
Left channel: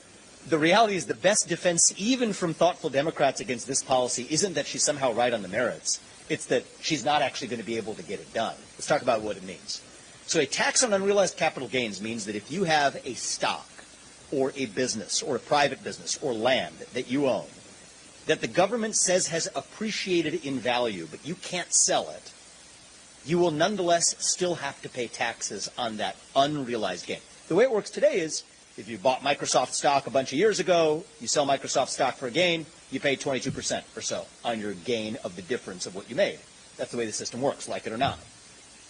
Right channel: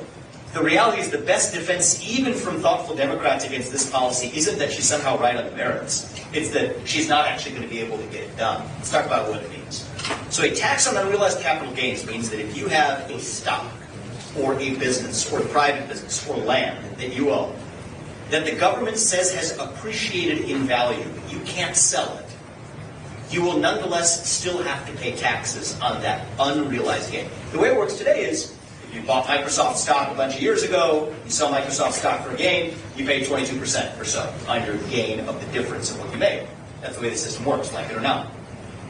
the reality is the best defense, even from thoughtful Democrats against this policy, isn't that she's somehow right on the merits. It's that she's not actually going to be able to get it done. Let's talk about what it means. So a tax on unrealized capital gains means that if you have a stock or a business or a private business or land that you own, that the government says has appreciated in value, but you can't sell it, you will nonetheless still have to pay taxes on that unrealized gain. The way it works today is, if you bought Microsoft stock a bunch of years ago, you sell Microsoft stock for a gain, you pay 22% or so on your gain of the difference of what you made. That's the way the system works, like it or not.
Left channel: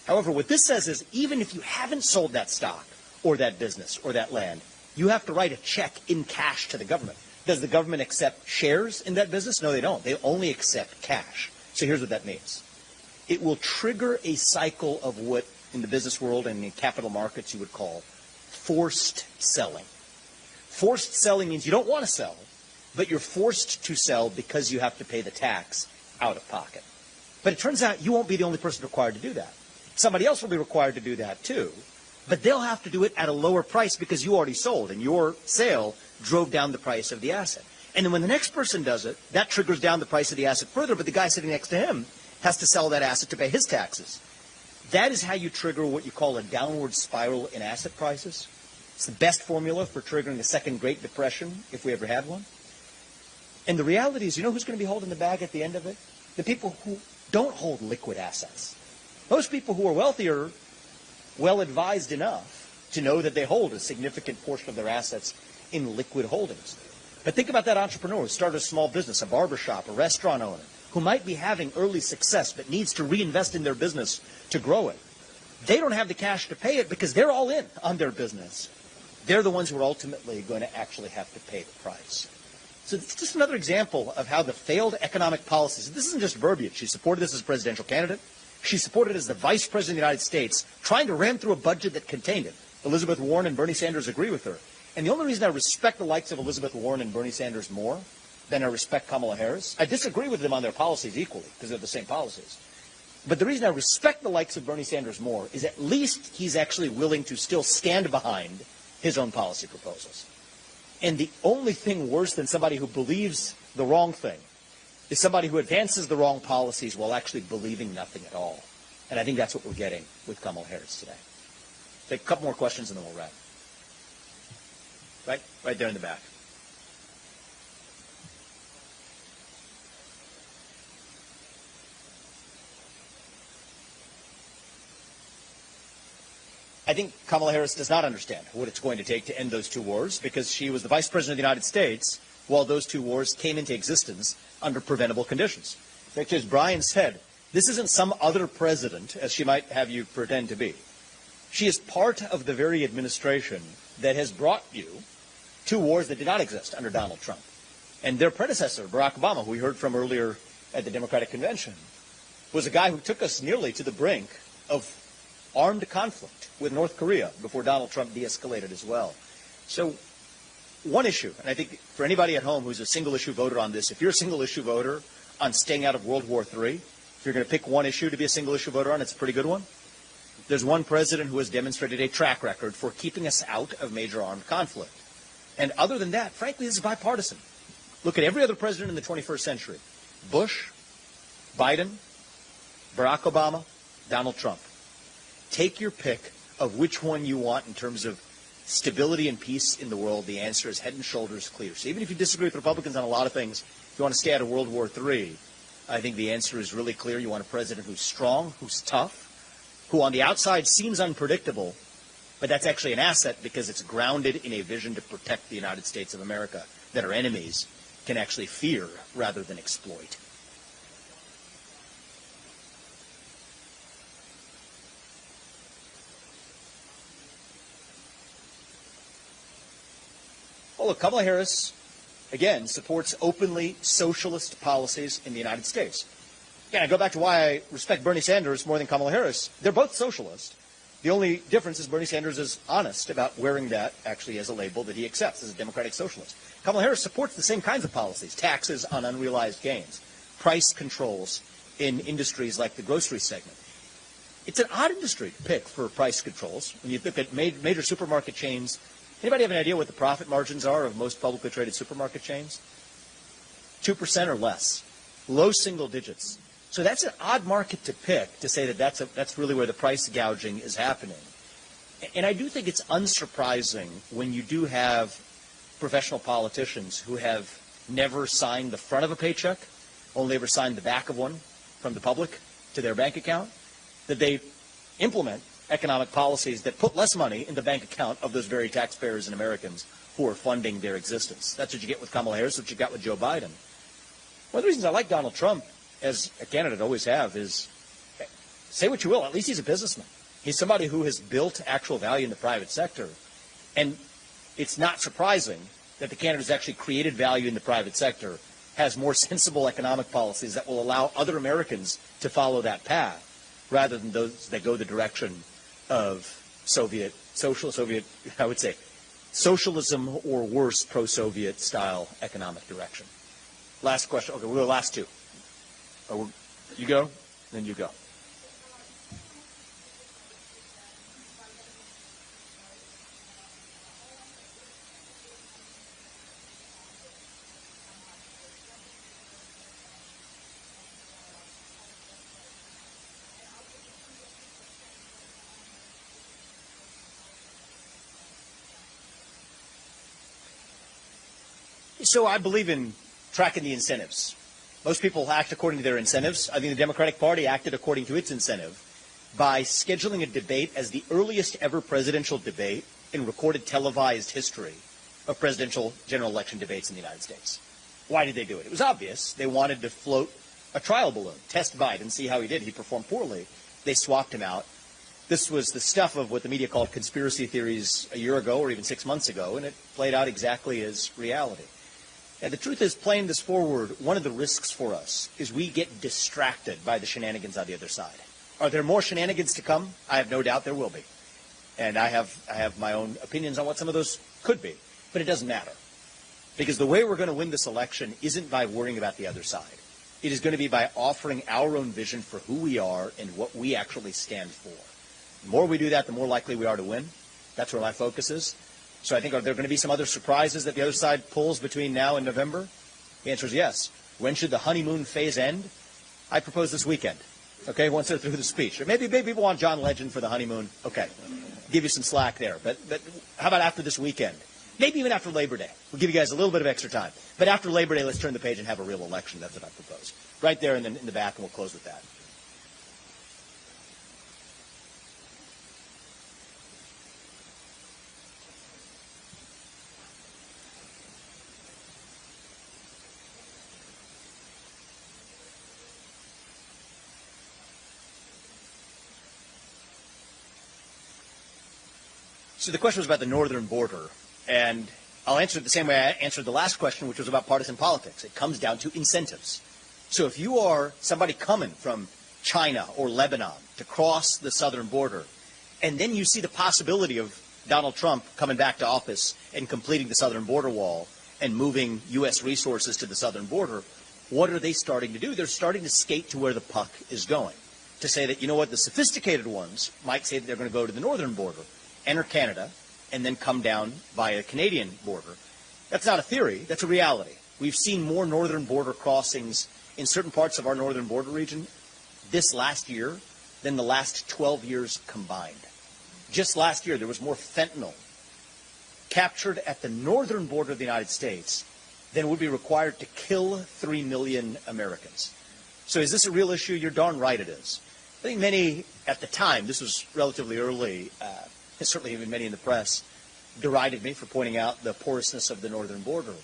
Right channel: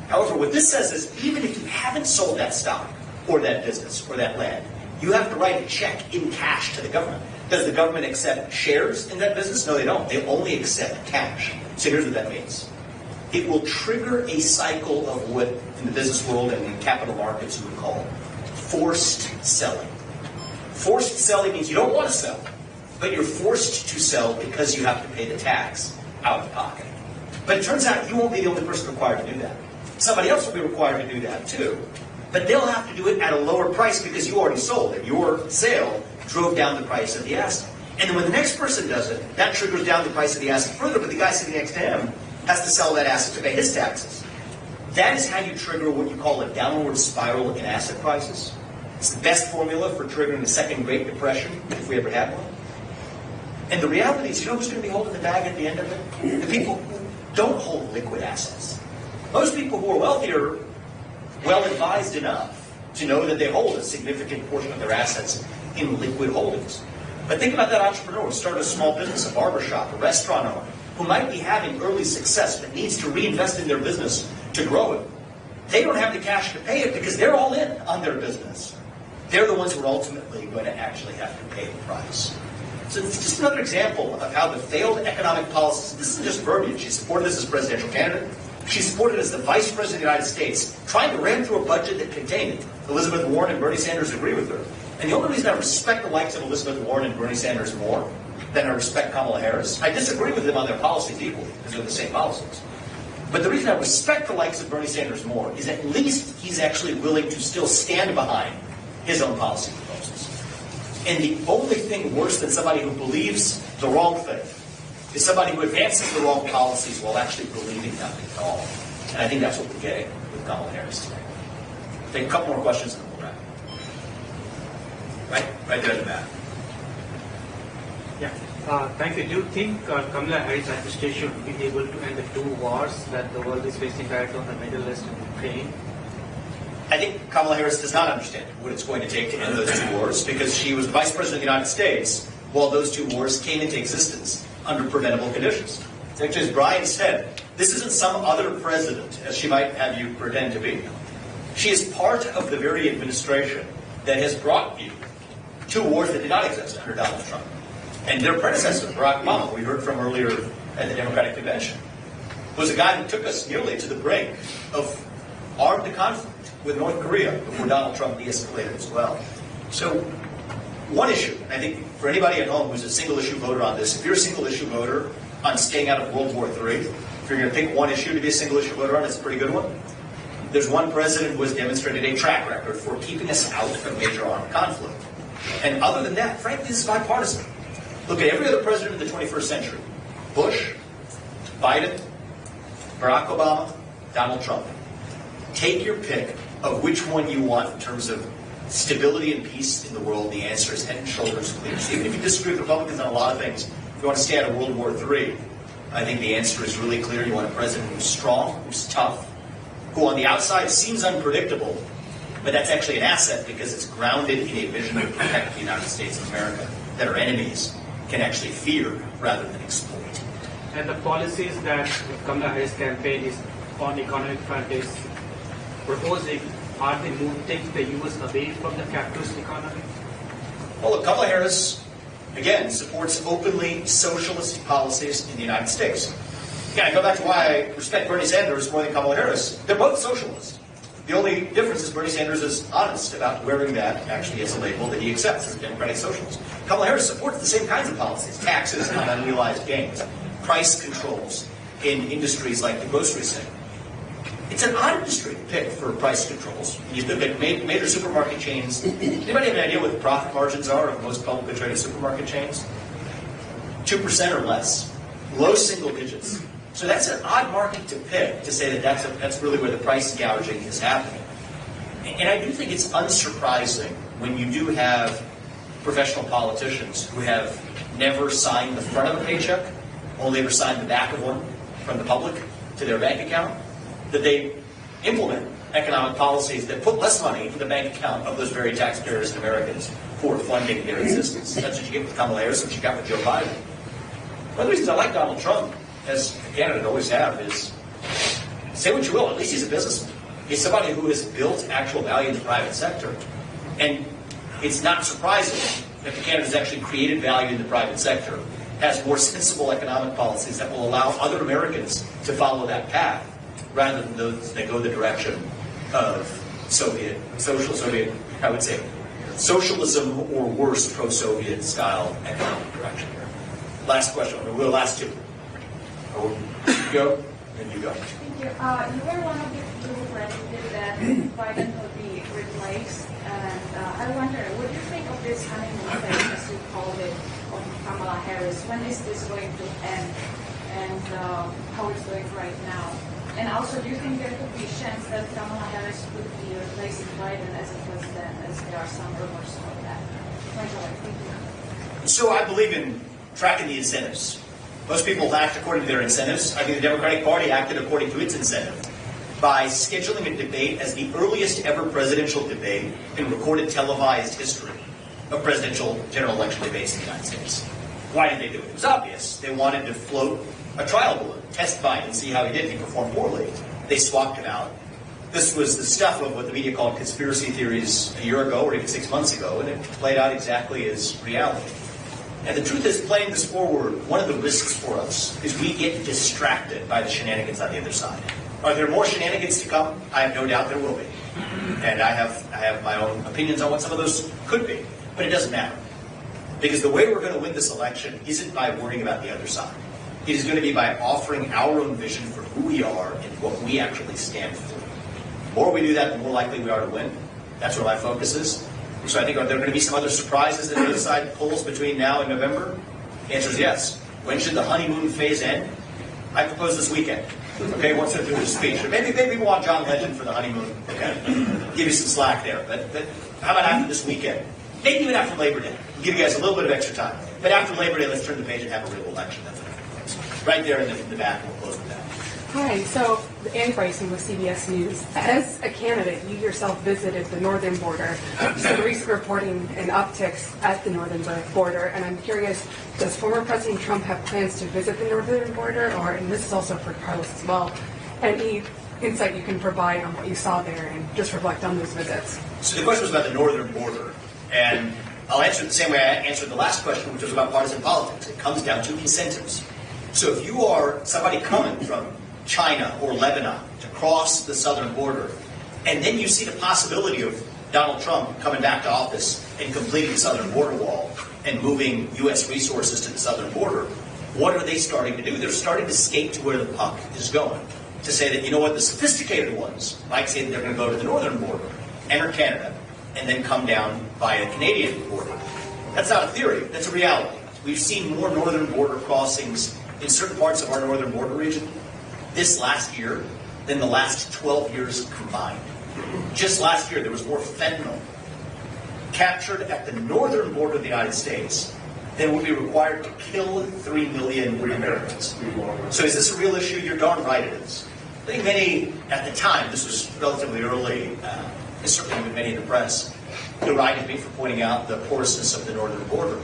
However, what this says is, even if you haven't sold that stock or that business or that land, you have to write a check in cash to the government. Does the government accept shares in that business? No, they don't. They only accept cash. So here's what that means. It will trigger a cycle of what in the business world and in capital markets you would call forced selling. Forced selling means you don't want to sell, but you're forced to sell because you have to pay the tax out of pocket. But it turns out you won't be the only person required to do that. Somebody else will be required to do that too. But they'll have to do it at a lower price because you already sold it. Your sale drove down the price of the asset. And when the next person does it, that triggers down the price of the asset further, but the guy sitting next to him has to sell that asset to pay his taxes. That is how you trigger what you call a downward spiral in asset prices. It's the best formula for triggering the second Great Depression, if we ever had one. And the reality is, you know who's going to be holding the bag at the end of it? The people who don't hold liquid assets. Those people who are wealthy are well advised enough to know that they hold a significant portion of their assets in liquid holdings. But think about that entrepreneur who started a small business, a barbershop, a restaurant owner, who might be having early success but needs to reinvest in their business to grow it. They don't have the cash to pay it because they're all in on their business. They're the ones who are ultimately going to actually have to pay the price. So it's just another example of how the failed economic policies, this isn't just verbiage, she supported this as presidential candidate, she supported as the vice president of the United States, trying to ram through a budget that contained it. Elizabeth Warren and Bernie Sanders agree with her. And the only reason I respect the likes of Elizabeth Warren and Bernie Sanders more than I respect Kamala Harris, I disagree with them on their policies equally, because they're the same policies. But the reason I respect the likes of Bernie Sanders more is at least he's actually willing to still stand behind his own policy proposals. And the only thing worse than somebody who believes the wrong thing is somebody who advances the wrong policies while actually believing nothing at all. And I think that's what we're getting with Kamala Harris today. Take a couple more questions and then we'll wrap. Right there in the back. Yeah. Thank you. Do you think Kamala Harris' administration should be able to end the two wars that the world is facing right on the Middle East and Ukraine? I think Kamala Harris does not understand what it's going to take to end those two wars because she was vice president of the United States while those two wars came into existence under preventable conditions. Which, as Brian said, this isn't some other president, as she might have you pretend to be. She is part of the very administration that has brought you two wars that did not exist under Donald Trump. And their predecessor, Barack Obama, we heard from earlier at the Democratic Convention, was the guy who took us nearly to the brink of armed conflict with North Korea before Donald Trump de-escalated as well. So, one issue, and I think for anybody at home who's a single-issue voter on this, if you're a single-issue voter on staying out of World War III, if you're going to pick one issue to be a single-issue voter on, it's a pretty good one. There's one president who has demonstrated a track record for keeping us out of major armed conflict. And other than that, frankly, this is bipartisan. Look at every other president in the 21st century. Bush, Biden, Barack Obama, Donald Trump. Take your pick of which one you want in terms of stability and peace in the world. The answer is head and shoulders clear. So even if you disagree with Republicans on a lot of things, you want to stay out of World War III, I think the answer is really clear. You want a president who's strong, who's tough, who on the outside seems unpredictable, but that's actually an asset because it's grounded in a vision to protect the United States of America that our enemies can actually fear rather than exploit. And the policies that Kamala Harris campaign is on economic front is proposing, are they taking the U.S. away from the capitalist economy? Well, Kamala Harris, again, supports openly socialist policies in the United States. Again, I go back to why I respect Bernie Sanders more than Kamala Harris. They're both socialists. The only difference is Bernie Sanders is honest about wearing that actually as a label that he accepts as Democratic socialist. Kamala Harris supports the same kinds of policies, taxes on unrealized gains, price controls, in industries like the grocery sector. It's an odd industry to pick for price controls. You look at major supermarket chains. Anybody have an idea what the profit margins are of most publicly traded supermarket chains? 2% or less. Low single digits. So that's an odd market to pick to say that that's really where the price gouging is happening. And I do think it's unsurprising when you do have professional politicians who have never signed the front of a paycheck, only ever signed the back of one from the public to their bank account, that they implement economic policies that put less money in the bank account of those very taxpayers and Americans who are funding their existence. That's what you get with Kamala Harris, what you got with Joe Biden. One of the reasons I like Donald Trump, as Canada always have, is say what you will, at least he's a businessman. He's somebody who has built actual value in the private sector. And it's not surprising that Canada's actually created value in the private sector, has more sensible economic policies that will allow other Americans to follow that path, rather than those that go the direction of I would say, socialism or worse, pro-Soviet style economic direction here. Last question. We'll last two. Oh, you go, then you go. Thank you. You were one of the people who predicted that Biden would be replaced, and I wonder, what do you think of this honeymoon phase, as you called it, of Kamala Harris? When is this going to end, and how it's going right now? And also, do you think there could be a chance that Kamala Harris could be replacing Biden as a president, as there are some rumors of that? Thank you. So I believe in tracking the incentives. Most people act according to their incentives. I think the Democratic Party acted according to its incentive by scheduling a debate as the earliest ever presidential debate in recorded televised history of presidential general election debates in the United States. Why did they do it? It was obvious. They wanted to float a trial balloon, test Biden, and see how he did. He performed poorly. They swapped him out. This was the stuff of what the media called conspiracy theories a year ago or even 6 months ago, and it played out exactly as reality. And the truth is, playing this forward, one of the risks for us is we get distracted by the shenanigans on the other side. Are there more shenanigans to come? I have no doubt there will be. And I have my own opinions on what some of those could be. But it doesn't matter. Because the way we're going to win this election isn't by worrying about the other side. It is going to be by offering our own vision for who we are and what we actually stand for. The more we do that, the more likely we are to win. That's where my focus is. So I think, are there going to be some other surprises that the other side pulls between now and November? The answer is yes. When should the honeymoon phase end? I propose this weekend. Okay, once I do the speech. Maybe we want John Legend for the honeymoon. Okay, give you some slack there. But how about after this weekend? Maybe even after Labor Day. Give you guys a little bit of extra time. But after Labor Day, let's turn the page and have a real election. That's what I propose. Right there in the back, we'll close with that. Hi, so Ann Bryson with CBS News. As a candidate, you yourself visited the northern border. Some recent reporting and upticks at the northern border, and I'm curious, does former President Trump have plans to visit the northern border, or, and this is also for Carlos as well, any insight you can provide on what you saw there and just reflect on those visits? So the question was about the northern border, and I'll answer it the same way I answered the last question, which was about partisan politics. It comes down to incentives. So if you are somebody coming from China or Lebanon to cross the southern border, and then you see the possibility of Donald Trump coming back to office and completing the southern border wall and moving U.S. resources to the southern border, what are they starting to do? They're starting to skate to where the puck is going. To say that, you know what, the sophisticated ones might say they're going to go to the northern border, enter Canada, and then come down by the Canadian border. That's not a theory. That's a reality. We've seen more northern border crossings in certain parts of our northern border region this last year than the last 12 years combined. Just last year, there was more fentanyl captured at the northern border of the United States than would be required to kill 3 million free Americans. So is this a real issue? You're darn right it is. I think many, at the time, this was relatively early, certainly many in the press, derided me for pointing out the porousness of the northern border.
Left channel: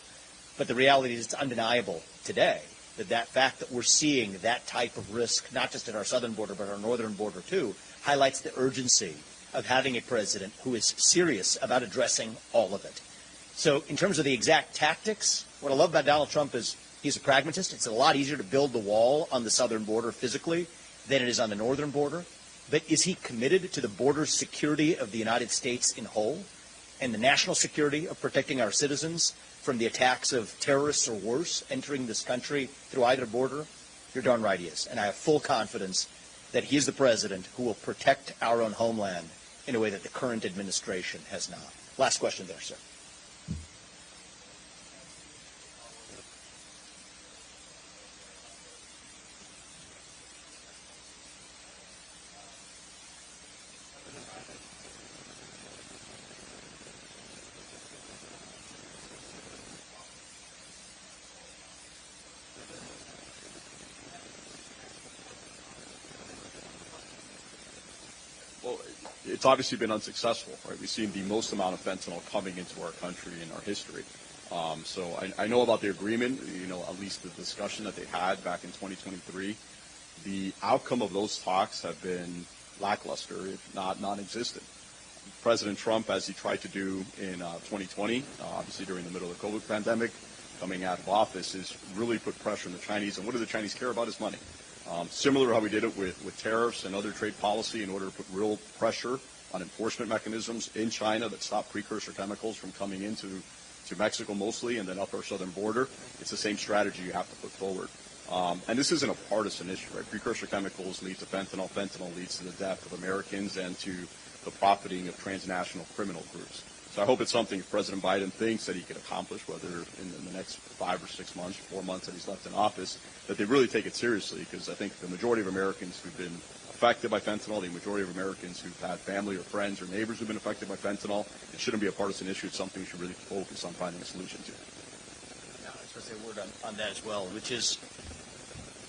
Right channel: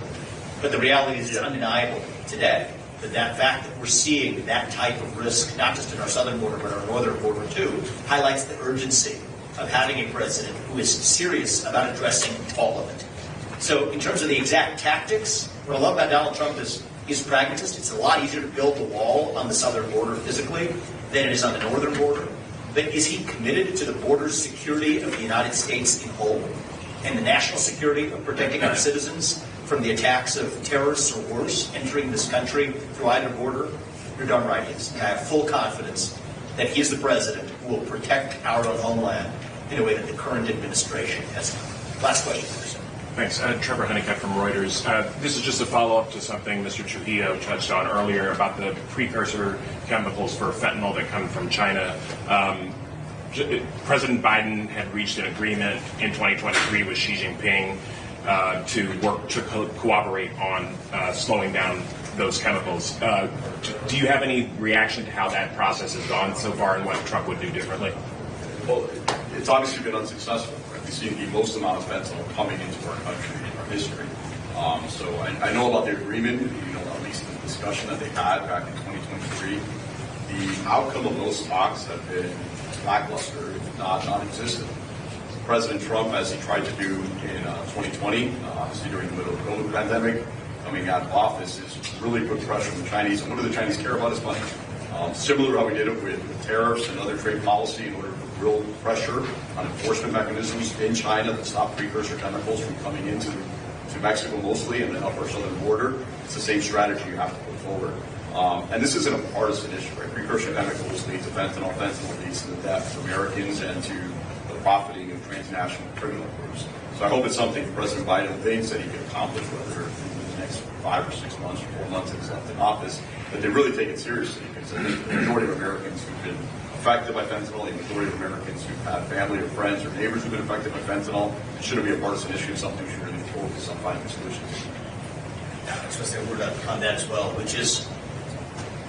But the reality is undeniable today. That fact that we're seeing that type of risk, not just in our southern border, but our northern border too, highlights the urgency of having a president who is serious about addressing all of it. So in terms of the exact tactics, what I love about Donald Trump is he's a pragmatist. It's a lot easier to build a wall on the southern border physically than it is on the northern border. But is he committed to the border security of the United States in whole and the national security of protecting our citizens from the attacks of terrorists or worse entering this country through either border? You're darn right he is. And I have full confidence that he is the president who will protect our homeland in a way that the current administration has not. Last question, please. Thanks. Trevor Honeycutt from Reuters. This is just a follow-up to something Mr. Trujillo touched on earlier about the precursor chemicals for fentanyl that come from China. President Biden had reached an agreement in 2023 with Xi Jinping to work to cooperate on slowing down those chemicals. Do you have any reaction to how that process has gone so far and what Trump would do differently? Well, it's obviously been unsuccessful. We've seen the most amount of fentanyl coming into our country in our history. So I know about the agreement, at least in the discussion that they had back in 2023. The outcome of those talks have been lackluster, if not non-existent. President Trump, as he tried to do in 2020, during the middle of the COVID pandemic, coming out of office, is really put pressure on the Chinese. And what do the Chinese care about is money? Similar to how we did it with tariffs and other trade policy in order to put real pressure on enforcement mechanisms in China to stop precursor chemicals from coming into Mexico mostly and then up our southern border. It's the same strategy you have to put forward. And this isn't a partisan issue, right? Precursor chemicals lead to fentanyl. Fentanyl leads to the death of Americans and to the profiting of transnational criminal groups. So I hope it's something President Biden thinks that he can accomplish, whether in the next 5 or 6 months or 4 months in office, that they really take it seriously, because the majority of Americans who've been affected by fentanyl, the majority of Americans who've had family or friends or neighbors who've been affected by fentanyl, shouldn't be a partisan issue, something we should really focus on finding solutions. I was going to say a word on that as well, which is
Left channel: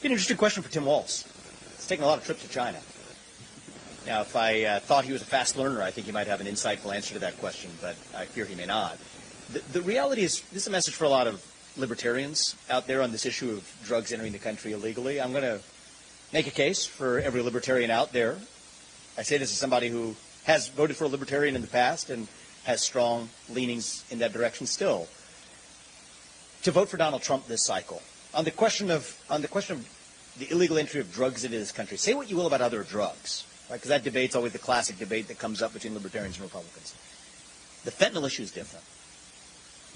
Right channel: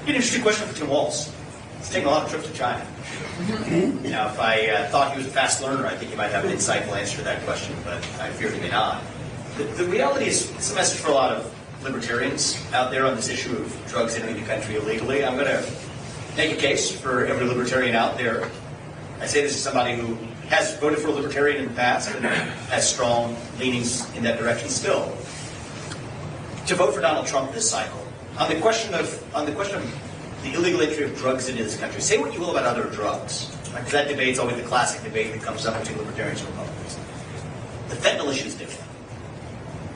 an interesting question for Tim Walz. He's taking a lot of trips to China. Now, if I thought he was a fast learner, I think he might have an insightful answer to that question, but I fear he may not. The reality is, it's a message for a lot of libertarians out there on this issue of drugs entering the country illegally. I'm going to make a case for every libertarian out there. I say this as somebody who has voted for a libertarian in the past and has strong leanings in that direction still. To vote for Donald Trump this cycle, on the question of the illegal entry of drugs into this country, say what you will about other drugs. Right? That debate is always the classic debate that comes up between libertarians and Republicans. The fentanyl issue is different.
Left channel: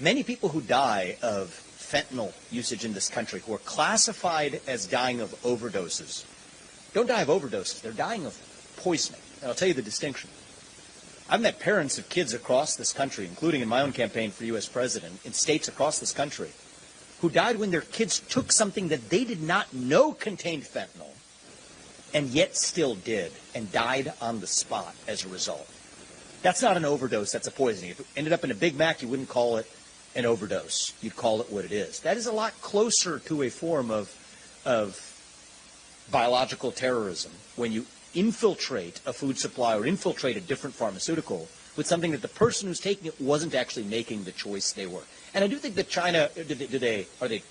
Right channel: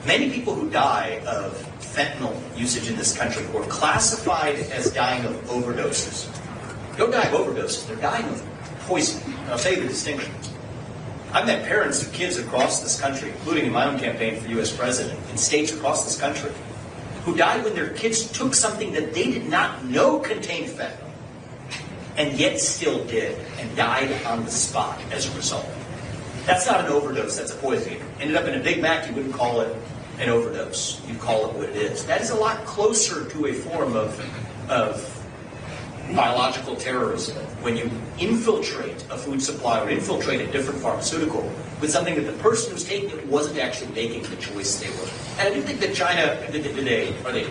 Many people who die of fentanyl usage in this country were classified as dying of overdoses. Don't die of overdoses, they're dying of poison. And I'll tell you the distinction. I've met parents of kids across this country, including in my own campaign for U.S. president, in states across this country, who died when their kids took something that they did not know contained fentanyl, and yet still did, and died on the spot as a result. That's not an overdose, that's a poison. Ended up in a Big Mac, you wouldn't call it an overdose. You'd call it what it is. That is a lot closer to a form of biological terrorism when you infiltrate a food supply or infiltrate a different pharmaceutical with something that the person who's taking it wasn't actually making the choice they were. And we think that China today, are they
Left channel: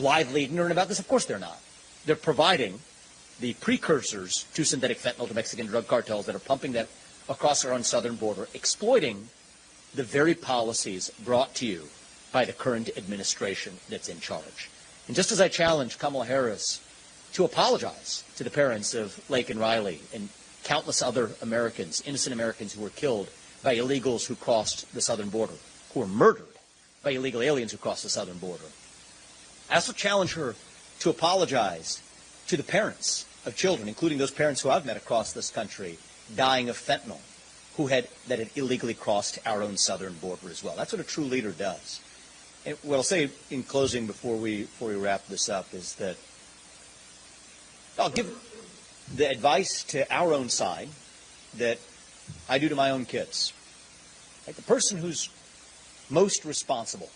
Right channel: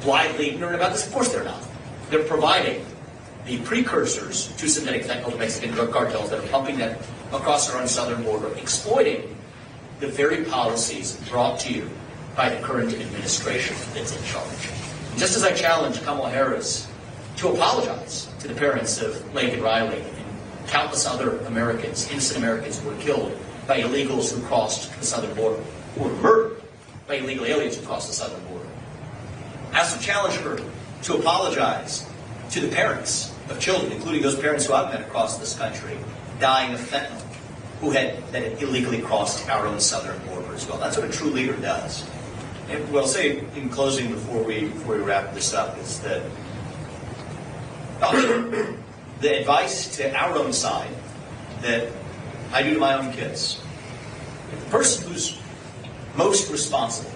blithely ignorant about this? Of course they're not. They're providing the precursors to synthetic fentanyl to Mexican drug cartels that are pumping that across our own southern border, exploiting the very policies brought to you by the current administration that's in charge. Just as I challenge Kamala Harris to apologize to the parents of Lainey Riley and countless other Americans, innocent Americans who were killed by illegals who crossed the southern border, who were murdered by illegal aliens who crossed the southern border. I also challenge her to apologize to the parents of children, including those parents who I've met across this country, dying of fentanyl, who had illegally crossed our own southern border as well. That's what a true leader does. And what I'll say in closing before we wrap this up is that the advice to our own side that I do to my own kids, the person who's most responsible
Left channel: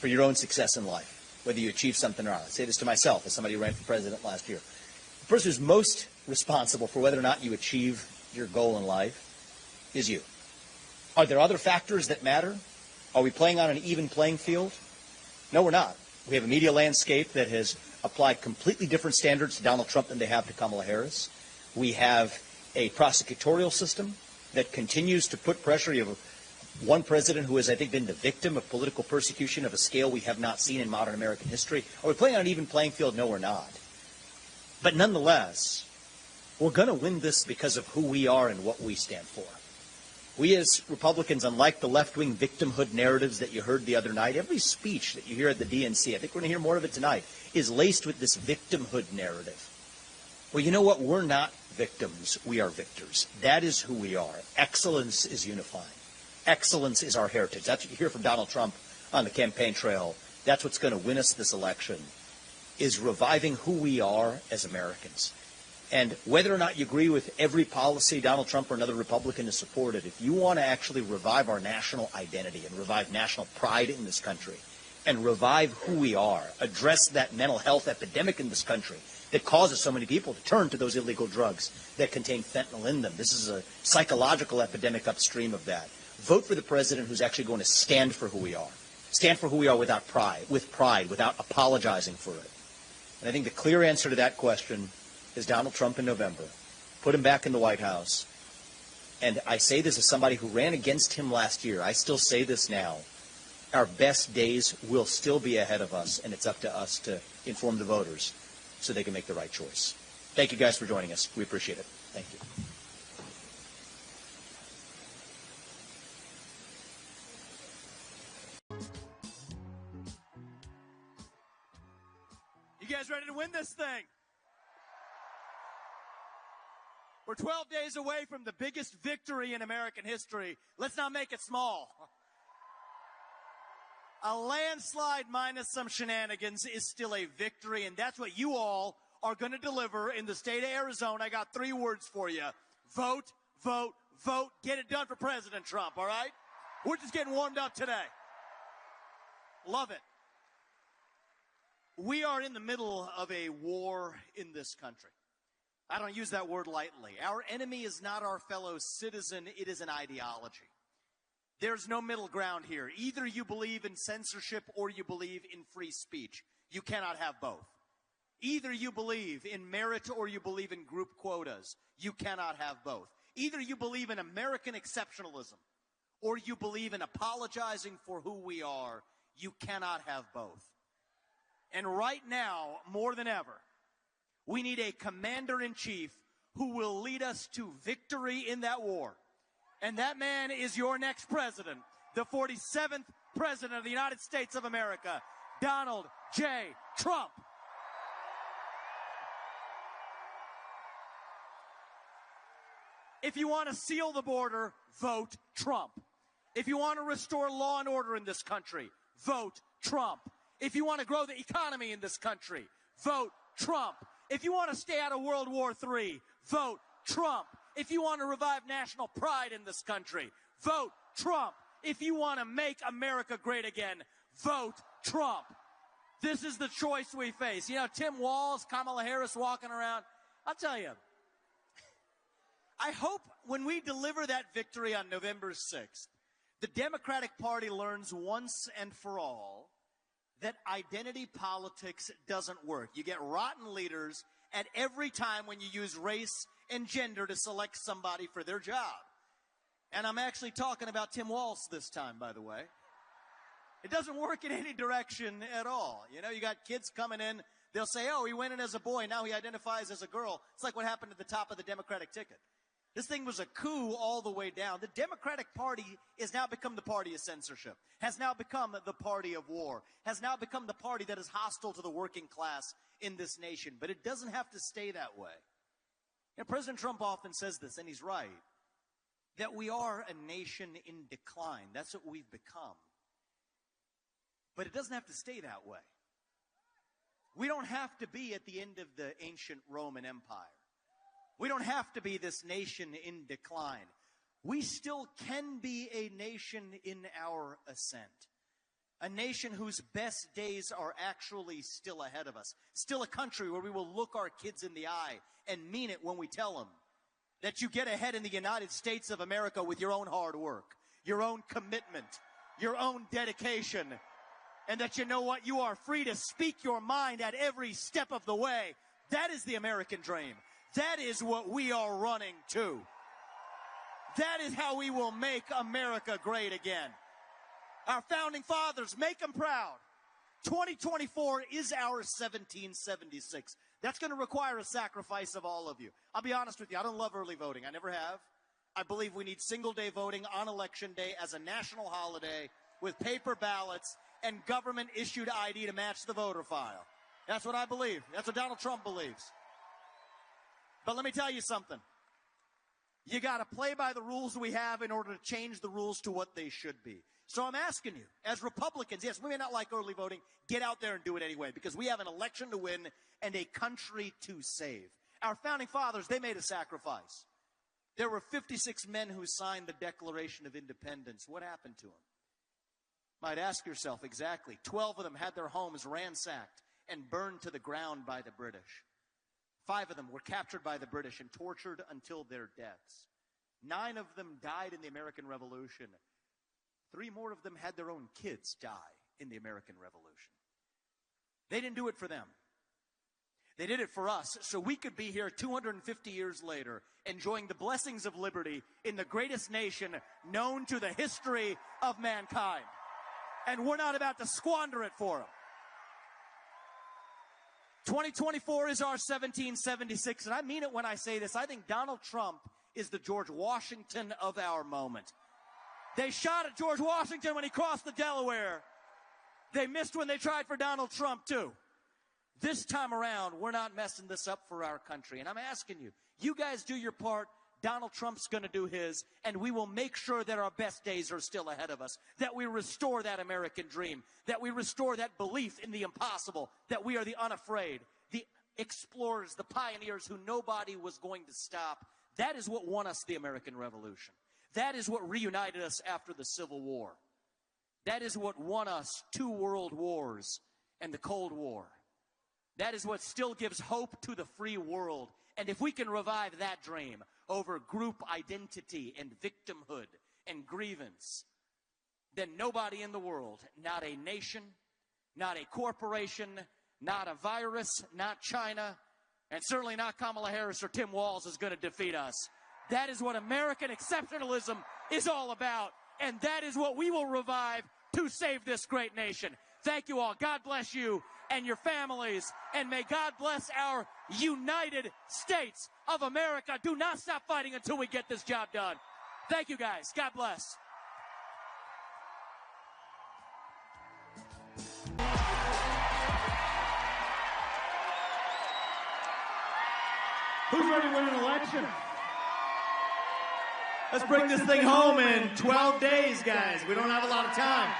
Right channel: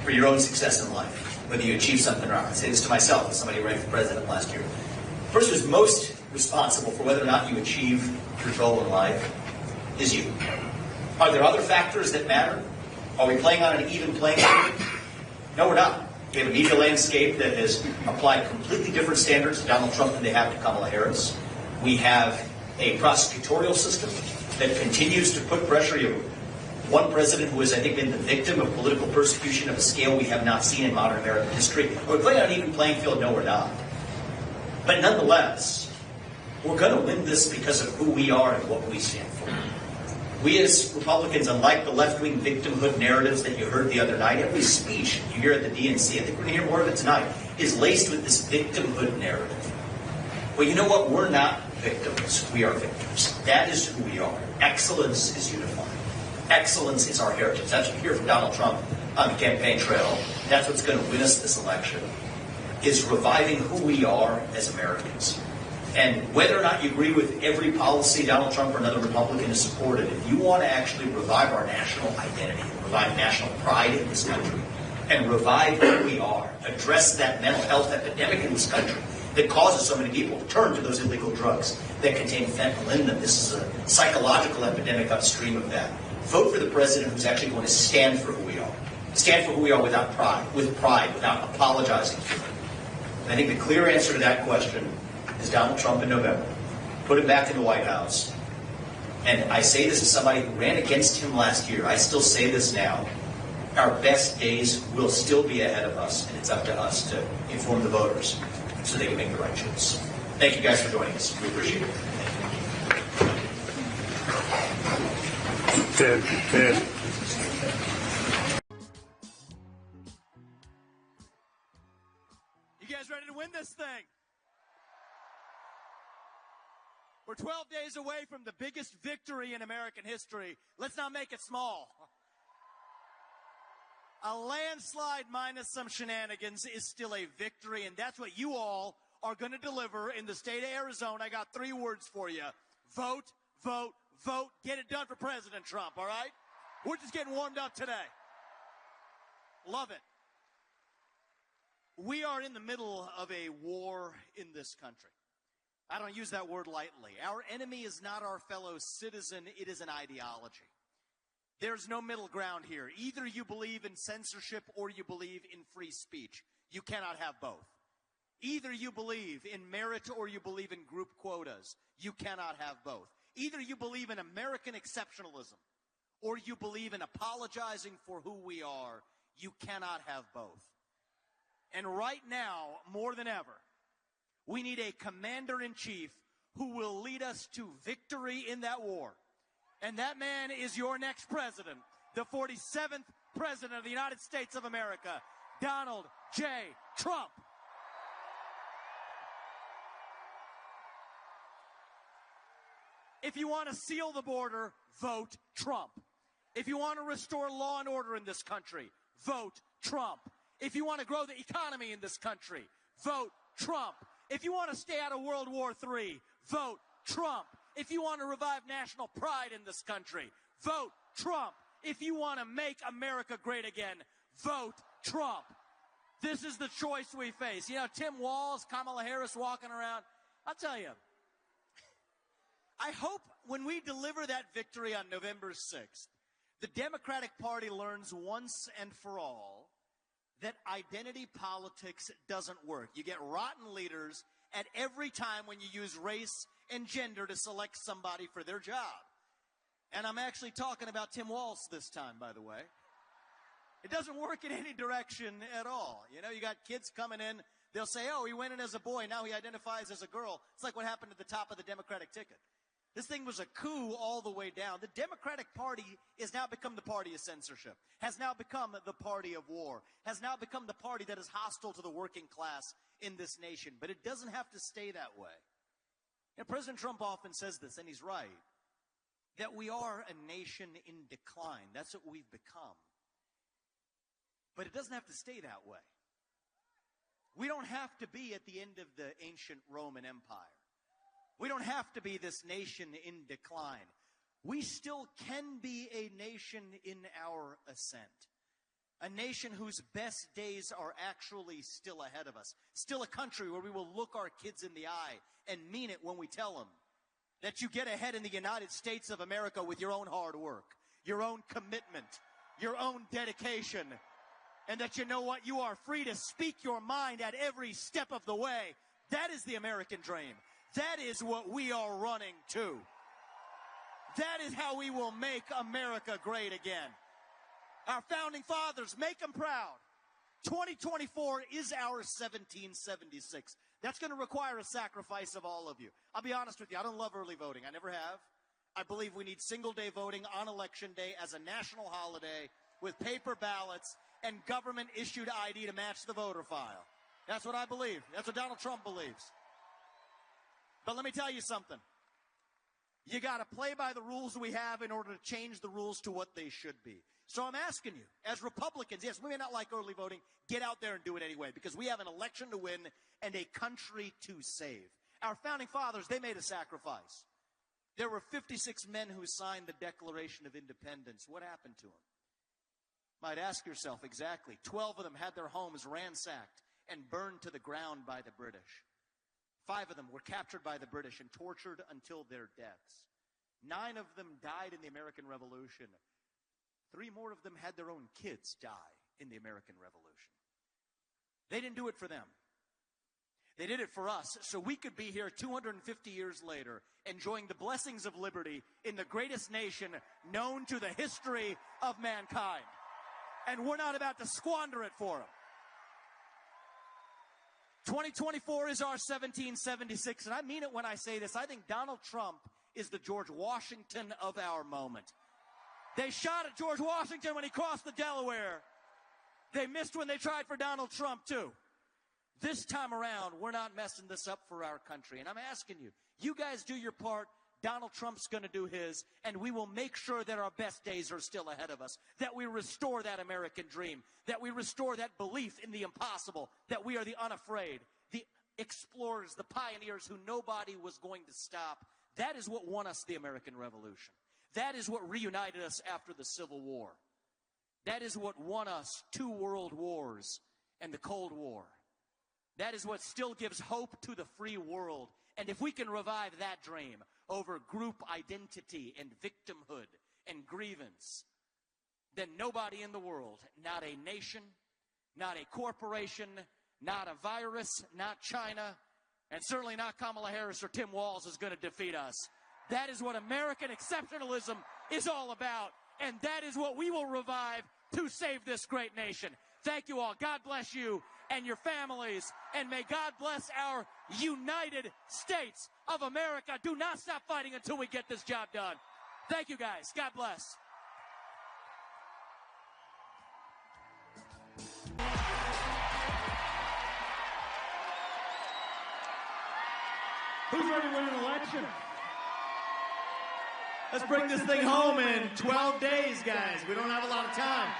for your own success in life, whether you achieve something or not, I say this to myself as somebody running for president last year, the person who's most responsible for whether or not you achieve your goal in life is you. Are there other factors that matter? Are we playing on an even playing field? No, we're not. We have a media landscape that is applying completely different standards to Donald Trump than they have to Kamala Harris. We have a prosecutorial system that continues to put pressure. One president who has, I think, been the victim of political persecution of a scale we have not seen in modern American history. We're playing on an even playing field. No, we're not. But nonetheless, we're going to win this because of who we are and what we stand for. We as Republicans, unlike the left-wing victimhood narratives that you heard the other night, every speech you hear at the DNC, I think we're going to hear more of it tonight. is laced with this victimhood narrative. Well, you know what? We're not victims. We are victors. That is who we are. Excellence is unifying. Excellence is our heritage. That's what you hear from Donald Trump on the campaign trail. That's what's going to win us this election, is reviving who we are as Americans. And whether or not you agree with every policy Donald Trump or another Republican has supported, if you want to actually revive our national identity, revive national pride in this country, and revive who we are, address that mental health epidemic in this country that causes so many people to turn to those illegal drugs that contain fentanyl in them. This is a psychological epidemic upstream of that. Vote for the president who's actually going to stand for who we are. Stand for who we are without pride, without apologizing for it. And I think the clear answer to that question is Donald Trump in November. Put him back in the White House. And I say this as somebody who ran against him last year. I still say this now. Our best days will still be ahead of us, and it's up to us to inform the voters so they can make the right choice. Thank you guys for joining us. We appreciate it. Ted. You guys ready to win this thing? We're 12 days away from the biggest victory in American history. Let's not make it small. A landslide minus some shenanigans is still a victory, and that's what you all are going to deliver in the state of Arizona. I got 3 words for you. Vote, vote, vote. Get it done for President Trump, all right? We're just getting warmed up today. Love it. We are in the middle of a war in this country. I don't use that word lightly. Our enemy is not our fellow citizen. It is an ideology. There's no middle ground here. Either you believe in censorship or you believe in free speech. You cannot have both. Either you believe in merit or you believe in group quotas. You cannot have both. Either you believe in American exceptionalism or you believe in apologizing for who we are. You cannot have both. And right now, more than ever, we need a commander-in-chief who will lead us to victory in that war. And that man is your next president, the 47th president of the United States of America, Donald J. Trump. If you want to seal the border, vote Trump. If you want to restore law and order in this country, vote Trump. If you want to grow the economy in this country, vote Trump. If you want to stay out of World War III, vote Trump. If you want to revive national pride in this country, vote Trump. If you want to make America great again, vote Trump. This is the choice we face. You know, Tim Walz, Kamala Harris walking around. I'll tell you, I hope when we deliver that victory on November 6th, the Democratic Party learns once and for all that identity politics doesn't work. You get rotten leaders at every time when you use race and gender to select somebody for their job. And I'm actually talking about Tim Walz this time, by the way. It doesn't work in any direction at all. You know, you got kids coming in, they'll say, oh, he went in as a boy, now he identifies as a girl. It's like what happened at the top of the Democratic ticket. This thing was a coup all the way down. The Democratic Party has now become the party of censorship, has now become the party of war, has now become the party that is hostile to the working class in this nation. But it doesn't have to stay that way. You know, President Trump often says this, and he's right, that we are a nation in decline. That's what we've become. But it doesn't have to stay that way. We don't have to be at the end of the ancient Roman Empire. We don't have to be this nation in decline. We still can be a nation in our ascent. A nation whose best days are actually still ahead of us. Still a country where we will look our kids in the eye and mean it when we tell them that you get ahead in the United States of America with your own hard work, your own commitment, your own dedication, and that you know what? You are free to speak your mind at every step of the way. That is the American dream. That is what we are running to. That is how we will make America great again. Our founding fathers, make them proud. 2024 is our 1776. That's going to require a sacrifice of all of you. I'll be honest with you, I don't love early voting. I never have. I believe we need single-day voting on Election Day as a national holiday with paper ballots and government-issued ID to match the voter file. That's what I believe. That's what Donald Trump believes. But let me tell you something. You got to play by the rules we have in order to change the rules to what they should be. So I'm asking you, as Republicans, yes, we may not like early voting, get out there and do it anyway, because we have an election to win and a country to save. Our founding fathers, they made a sacrifice. There were 56 men who signed the Declaration of Independence. What happened to them? Might ask yourself exactly. 12 of them had their homes ransacked and burned to the ground by the British. 5 of them were captured by the British and tortured until their deaths. 9 of them died in the American Revolution. 3 more of them had their own kids die in the American Revolution. They didn't do it for them. They did it for us, so we could be here 250 years later, enjoying the blessings of liberty in the greatest nation known to the history of mankind. And we're not about to squander it for them. 2024 is our 1776, and I mean it when I say this. I think Donald Trump is the George Washington of our moment. They shot at George Washington when he crossed the Delaware. They missed when they tried for Donald Trump, too. This time around, we're not messing this up for our country. And I'm asking you, you guys do your part. Donald Trump's going to do his, and we will make sure that our best days are still ahead of us, that we restore that American dream, that we restore that belief in the impossible, that we are the unafraid, the explorers, the pioneers who nobody was going to stop. That is what won us the American Revolution. That is what reunited us after the Civil War. That is what won us 2 world wars and the Cold War. That is what still gives hope to the free world. And if we can revive that dream over group identity and victimhood and grievance, then nobody in the world, not a nation, not a corporation, not a virus, not China, and certainly not Kamala Harris or Tim Walz is going to defeat us. That is what American exceptionalism is all about, and that is what we will revive to save this great nation. Thank you all. God bless you and your families, and may God bless our United States of America. Do not stop fighting until we get this job done. Thank you, guys. God bless. Who's ready to win an election? Let's bring this thing home in 12 days, guys. We don't have a lot of time.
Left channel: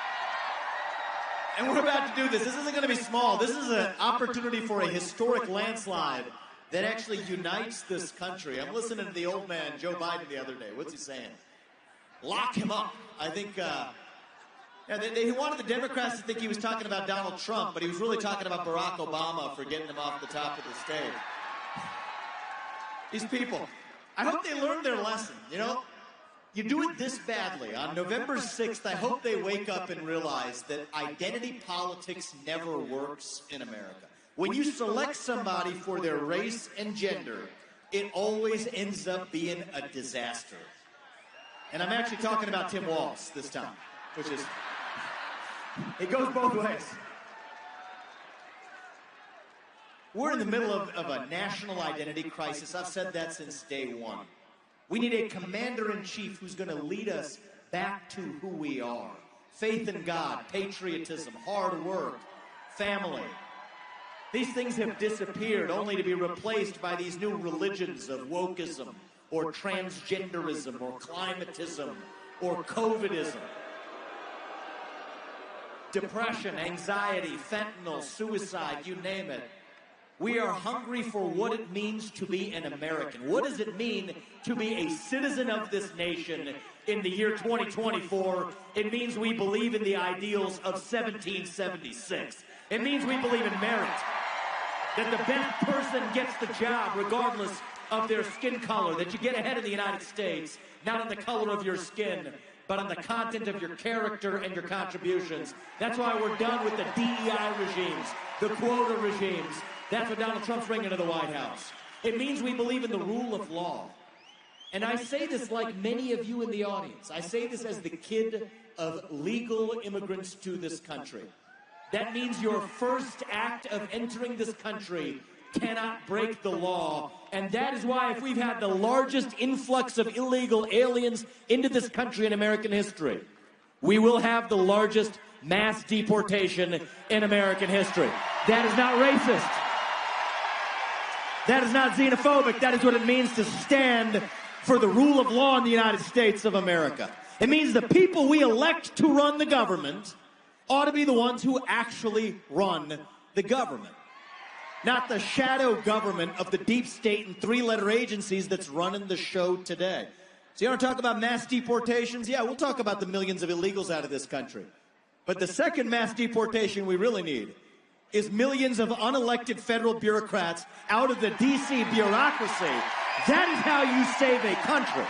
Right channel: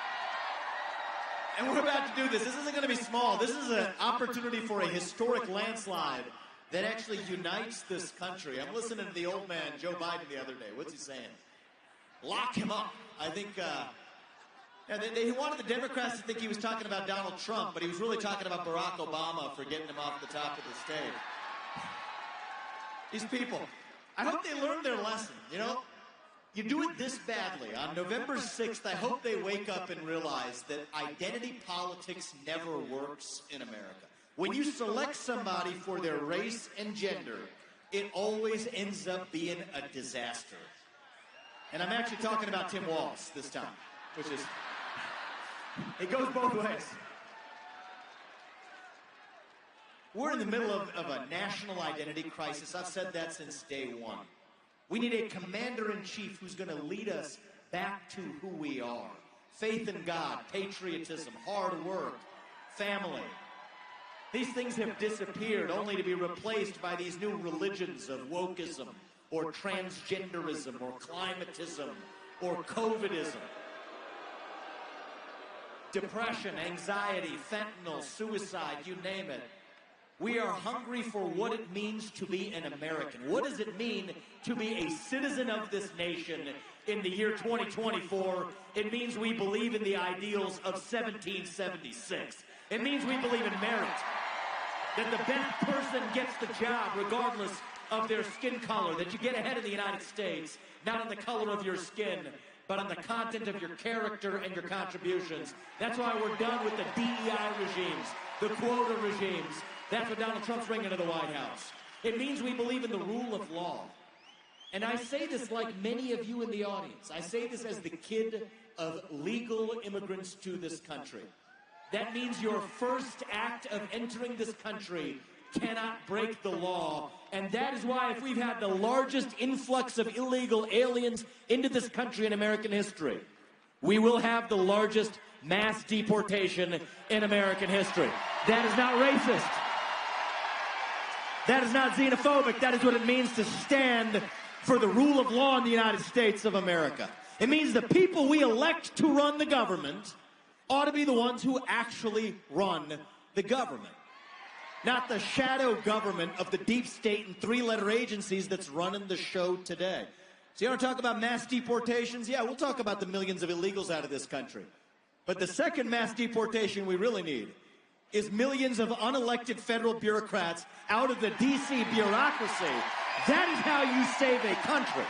And we're about to do this. This isn't going to be small. This is an opportunity for a historic landslide that actually unites this country. I'm listening to the old man, Joe Biden, the other day. What's he saying? Lock him up. I think he wanted the Democrats to think he was talking about Donald Trump, but he was really talking about Barack Obama for getting him off the top of the stage. These people, I hope they learned their lesson, you know? You do it this badly. On November 6th, I hope they wake up and realize that identity politics never works in America. When you select somebody for their race and gender, it always ends up being a disaster. And I'm actually talking about Tim Walz this time, which is, it goes both ways. We're in the middle of a national identity crisis. I've said that since day one. We need a commander-in-chief who's going to lead us back to who we are. Faith in God, patriotism, hard work, family. These things have disappeared only to be replaced by these new religions of wokeism or transgenderism or climatism or COVIDism. Depression, anxiety, fentanyl, suicide, you name it. We are hungry for what it means to be an American. What does it mean to be a citizen of this nation in the year 2024? It means we believe in the ideals of 1776. It means we believe in merit. That the best person gets the job regardless of their skin color. That you get ahead in the United States, not on the color of your skin, but on the content of your character and your contributions. That's why we're done with the DEI regimes, the quota regimes. That's what Donald Trump's bringing to the White House. It means we believe in the rule of law. And I say this like many of you in the audience. I say this as the kid of legal immigrants to this country. That means your first act of entering this country cannot break the law. And that is why if we've had the largest influx of illegal aliens into this country in American history, We will have the largest mass deportation in American history. That is not racist. That is not xenophobic. That is what it means to stand for the rule of law in the United States of America. It means the people we elect to run the government ought to be the ones who actually run the government, not the shadow government of the deep state and three-letter agencies that's running the show today. So you want to talk about mass deportations? Yeah, we'll talk about the millions of illegals out of this country. But the second mass deportation we really need is millions of unelected federal bureaucrats out of the D.C. bureaucracy. That is how you save a country.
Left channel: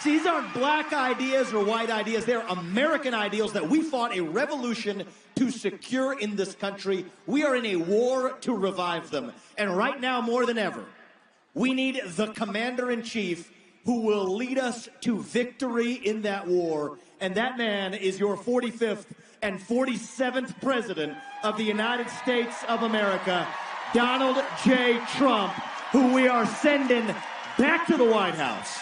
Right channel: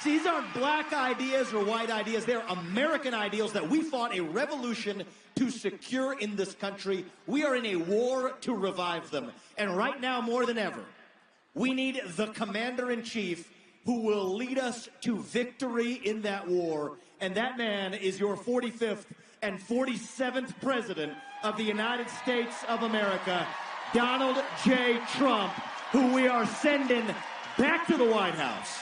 See, these aren't black ideas or white ideas. They're American ideals that we fought a revolution to secure in this country. We are in a war to revive them. And right now, more than ever, we need the commander-in-chief who will lead us to victory in that war. And that man is your 45th and 47th President of the United States of America, Donald J. Trump, who we are sending back to the White House.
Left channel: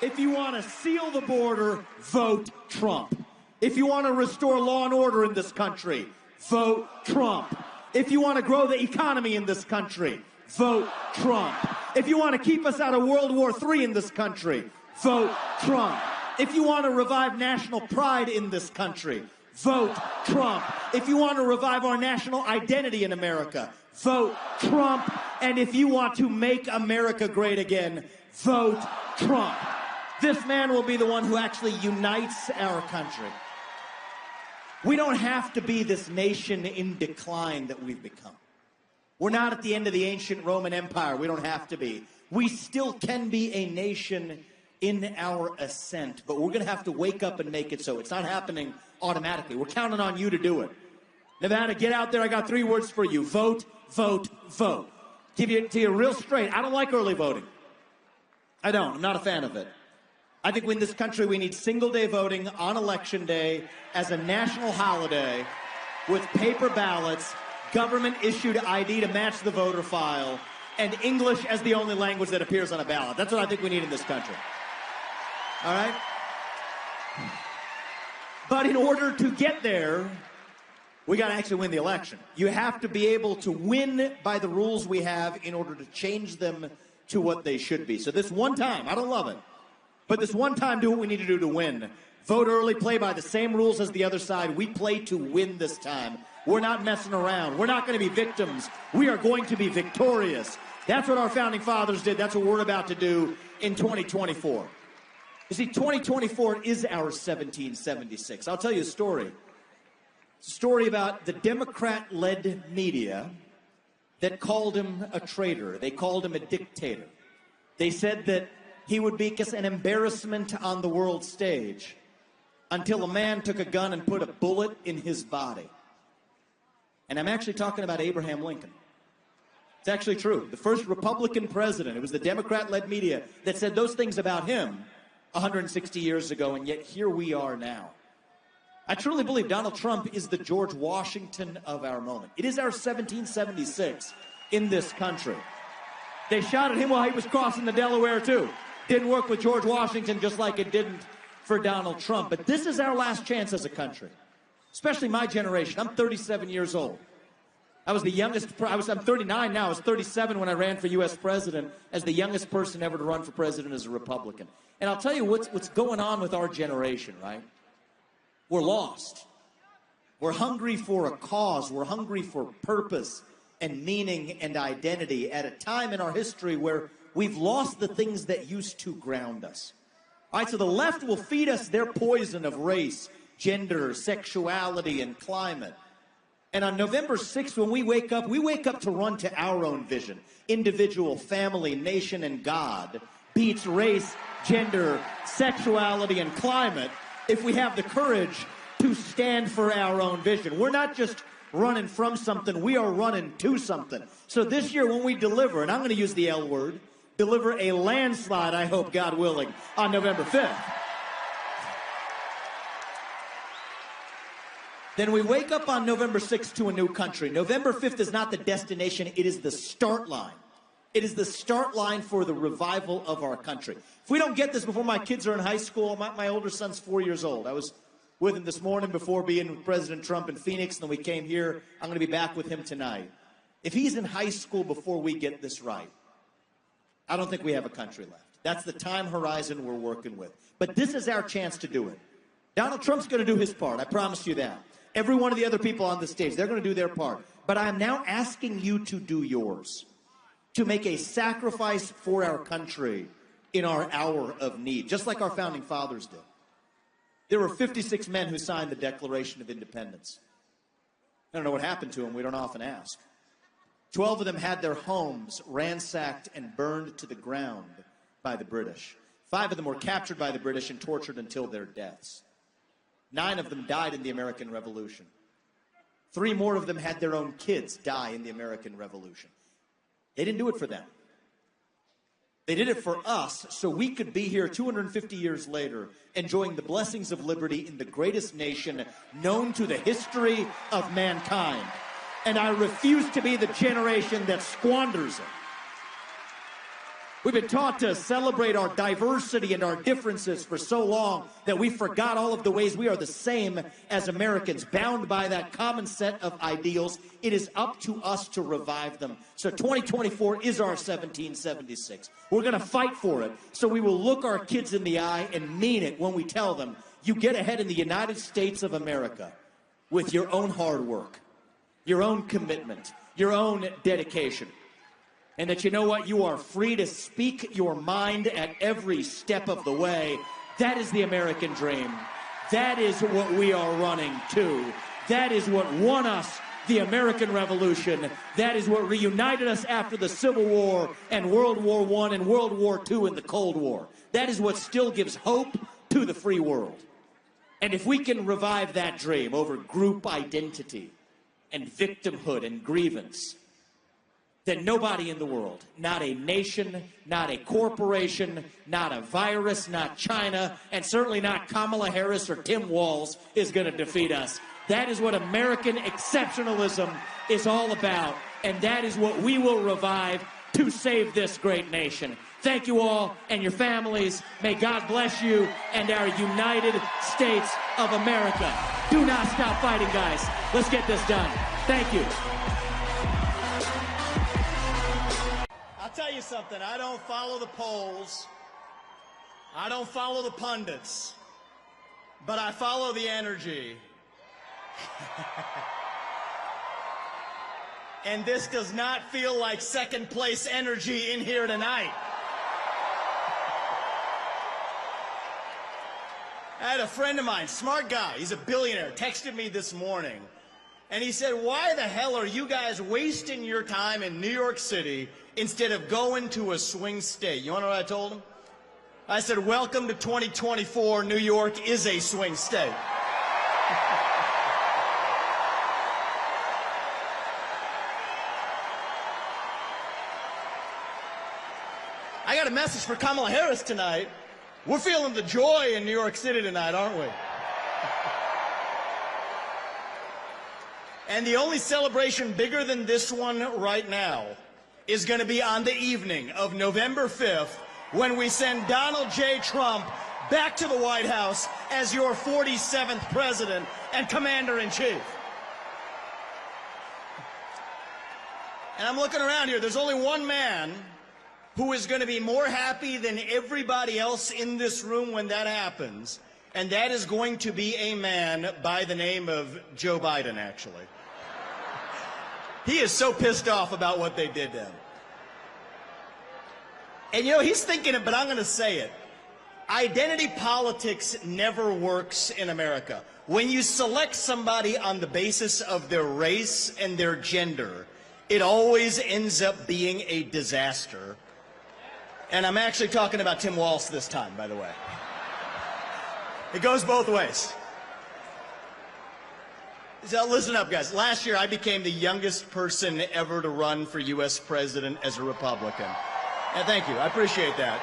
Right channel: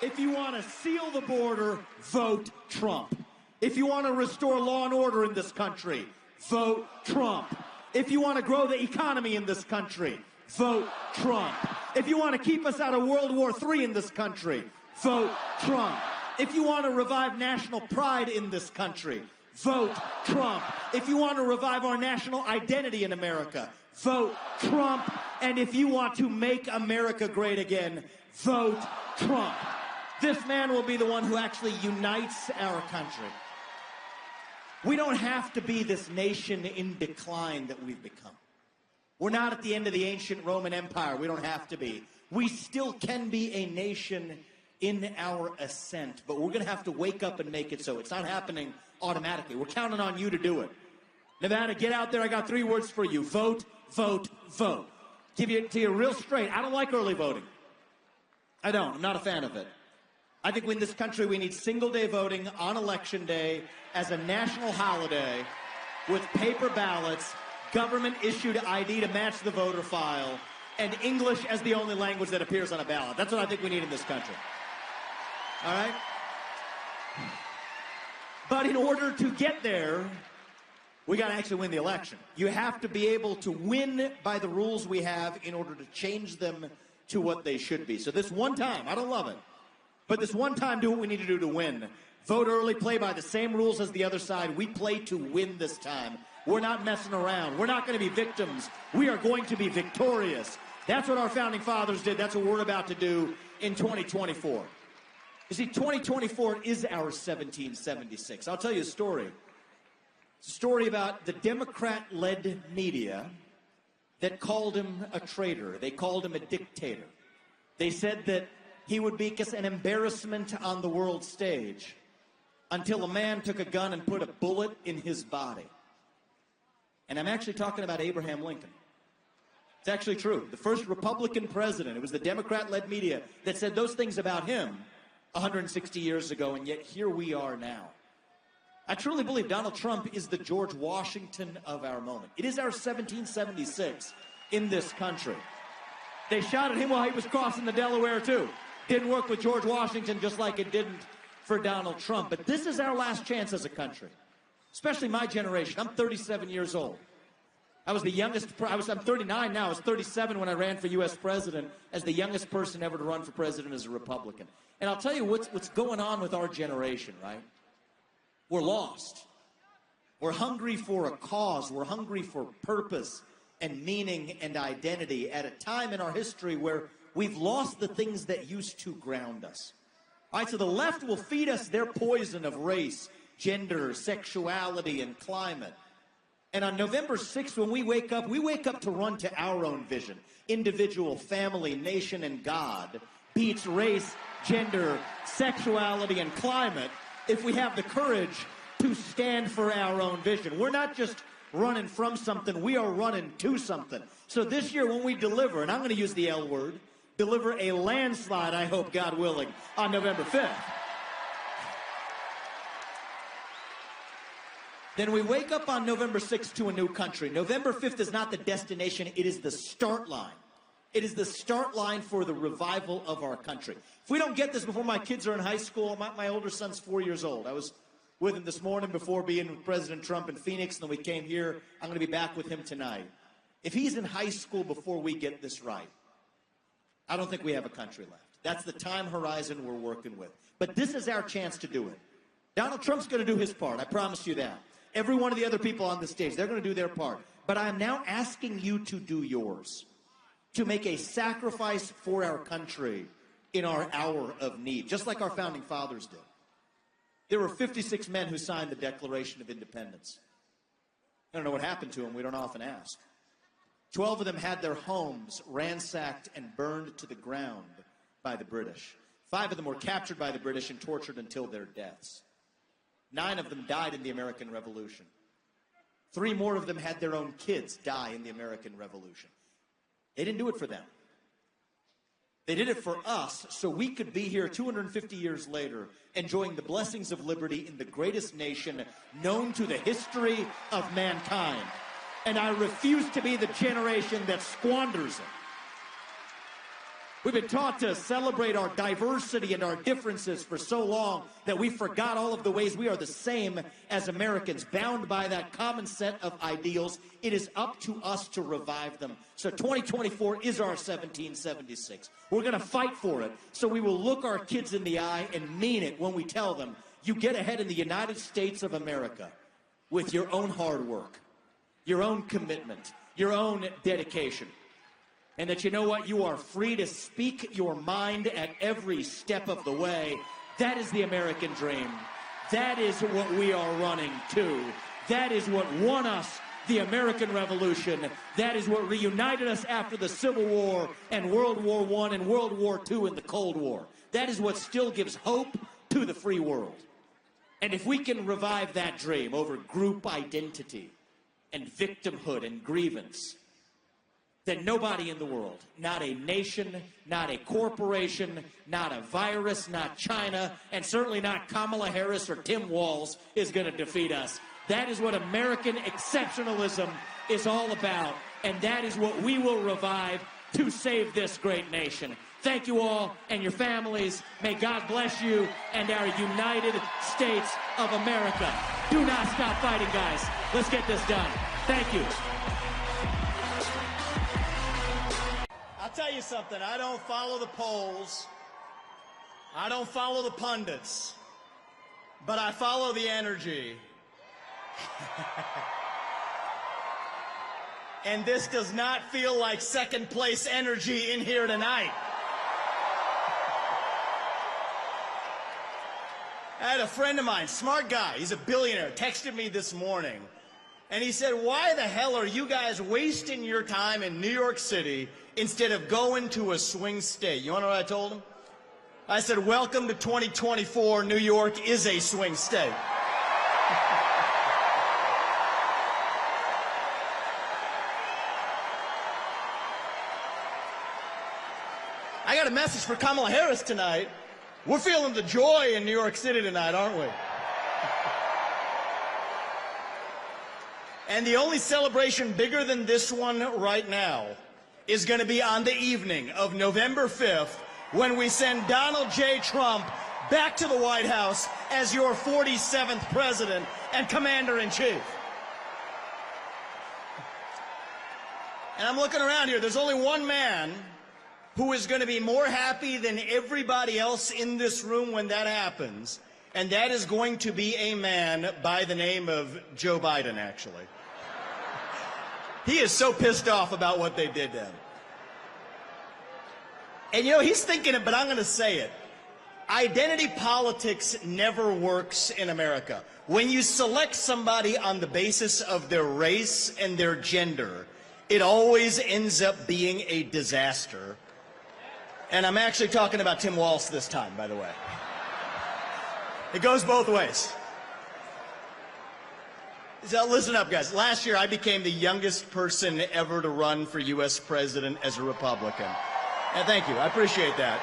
If you want to seal the border, vote Trump. If you want to restore law and order in this country, vote Trump. If you want to grow the economy in this country, vote Trump. If you want to keep us out of World War III in this country, vote Trump. If you want to revive national pride in this country, vote Trump. If you want to revive our national identity in America, vote Trump. And if you want to make America great again, vote Trump. This man will be the one who actually unites our country. We don't have to be this nation in decline that we've become. We're not at the end of the ancient Roman Empire. We don't have to be. We still can be a nation in our ascent, but we're going to have to wake up and make it so. It's not happening automatically. We're counting on you to do it. Nevada, get out there. I got 3 words for you. Vote, vote, vote. Give it to you real straight. I don't like early voting. I don't. I'm not a fan of it. I think in this country we need single-day voting on Election Day as a national holiday with paper ballots, government-issued ID to match the voter file, and English as the only language that appears on a ballot. That's what I think we need in this country. All right? But in order to get there, we got to actually win the election. You have to be able to win by the rules we have in order to change them to what they should be. So this one time, I don't love it, but this one time, do what we need to do to win. Vote early, play by the same rules as the other side. We play to win this time. We're not messing around. We're not going to be victims. We are going to be victorious. That's what our founding fathers did. That's what we're about to do in 2024. You see, 2024 is our 1776. I'll tell you a story. It's a story about the Democrat-led media that called him a traitor. They called him a dictator. They said that he would be an embarrassment on the world stage until a man took a gun and put a bullet in his body. And I'm actually talking about Abraham Lincoln. It's actually true. The first Republican president, it was the Democrat-led media that said those things about him 160 years ago, and yet here we are now. I truly believe Donald Trump is the George Washington of our moment. It is our 1776 in this country. They shot at him while he was crossing the Delaware, too. Didn't work with George Washington just like it didn't for Donald Trump. But this is our last chance as a country, especially my generation. I'm 37 years old. I was the youngest. I'm 39 now. I was 37 when I ran for U.S. president as the youngest person ever to run for president as a Republican. And I'll tell you what's going on with our generation, right? We're lost. We're hungry for a cause. We're hungry for purpose and meaning and identity at a time in our history where we've lost the things that used to ground us. All right, so the left will feed us their poison of race, gender, sexuality, and climate. And on November 6th, when we wake up to run to our own vision. Individual, family, nation, and God beats race, gender, sexuality, and climate if we have the courage to stand for our own vision. We're not just running from something, we are running to something. So this year when we deliver, and I'm going to use the L word, deliver a landslide, I hope, God willing, on November 5th. Then we wake up on November 6th to a new country. November 5th is not the destination, it is the start line. It is the start line for the revival of our country. If we don't get this before my kids are in high school, my older son's 4 years old. I was with him this morning before being with President Trump in Phoenix, and then we came here. I'm going to be back with him tonight. If he's in high school before we get this right, I don't think we have a country left. That's the time horizon we're working with. But this is our chance to do it. Donald Trump's going to do his part. I promise you that. Every one of the other people on the stage, they're going to do their part. But I am now asking you to do yours, to make a sacrifice for our country in our hour of need, just like our founding fathers did. There were 56 men who signed the Declaration of Independence. I don't know what happened to them. We don't often ask. 12 of them had their homes ransacked and burned to the ground by the British. 5 of them were captured by the British and tortured until their deaths. 9 of them died in the American Revolution. 3 more of them had their own kids die in the American Revolution. They didn't do it for them. They did it for us so we could be here 250 years later enjoying the blessings of liberty in the greatest nation known to the history of mankind. And I refuse to be the generation that squanders it. We've been taught to celebrate our diversity and our differences for so long that we forgot all of the ways we are the same as Americans, bound by that common set of ideals. It is up to us to revive them. So 2024 is our 1776. We're going to fight for it. So we will look our kids in the eye and mean it when we tell them, you get ahead in the United States of America with your own hard work, your own commitment, your own dedication. And that, you know what, you are free to speak your mind at every step of the way. That is the American dream. That is what we are running to. That is what won us the American Revolution. That is what reunited us after the Civil War and World War I and World War II and the Cold War. That is what still gives hope to the free world. And if we can revive that dream over group identity and victimhood and grievance, then nobody in the world, not a nation, not a corporation, not a virus, not China, and certainly not Kamala Harris or Tim Walz is going to defeat us. That is what American exceptionalism is all about, and that is what we will revive to save this great nation. Thank you all and your families. May God bless you and our United States of America. Do not stop fighting, guys. Let's get this done. Thank you. I'll tell you something, I don't follow the polls, I don't follow the pundits, but I follow the energy. And this does not feel like second place energy in here tonight. I had a friend of mine, smart guy, he's a billionaire, texted me this morning. And he said, why the hell are you guys wasting your time in New York City instead of going to a swing state? You want to know what I told him? I said, welcome to 2024. New York is a swing state. I got a message for Kamala Harris tonight. We're feeling the joy in New York City tonight, aren't we? And the only celebration bigger than this one right now is going to be on the evening of November 5th when we send Donald J. Trump back to the White House as your 47th president and commander-in-chief. And I'm looking around here. There's only one man who is going to be more happy than everybody else in this room when that happens, and that is going to be a man by the name of Joe Biden, actually. He is so pissed off about what they did to him. And you know, he's thinking it, but I'm going to say it. Identity politics never works in America. When you select somebody on the basis of their race and their gender, it always ends up being a disaster. And I'm actually talking about Tim Walz this time, by the way. It goes both ways. So listen up, guys. Last year, I became the youngest person ever to run for U.S. president as a Republican. And thank you. I appreciate that.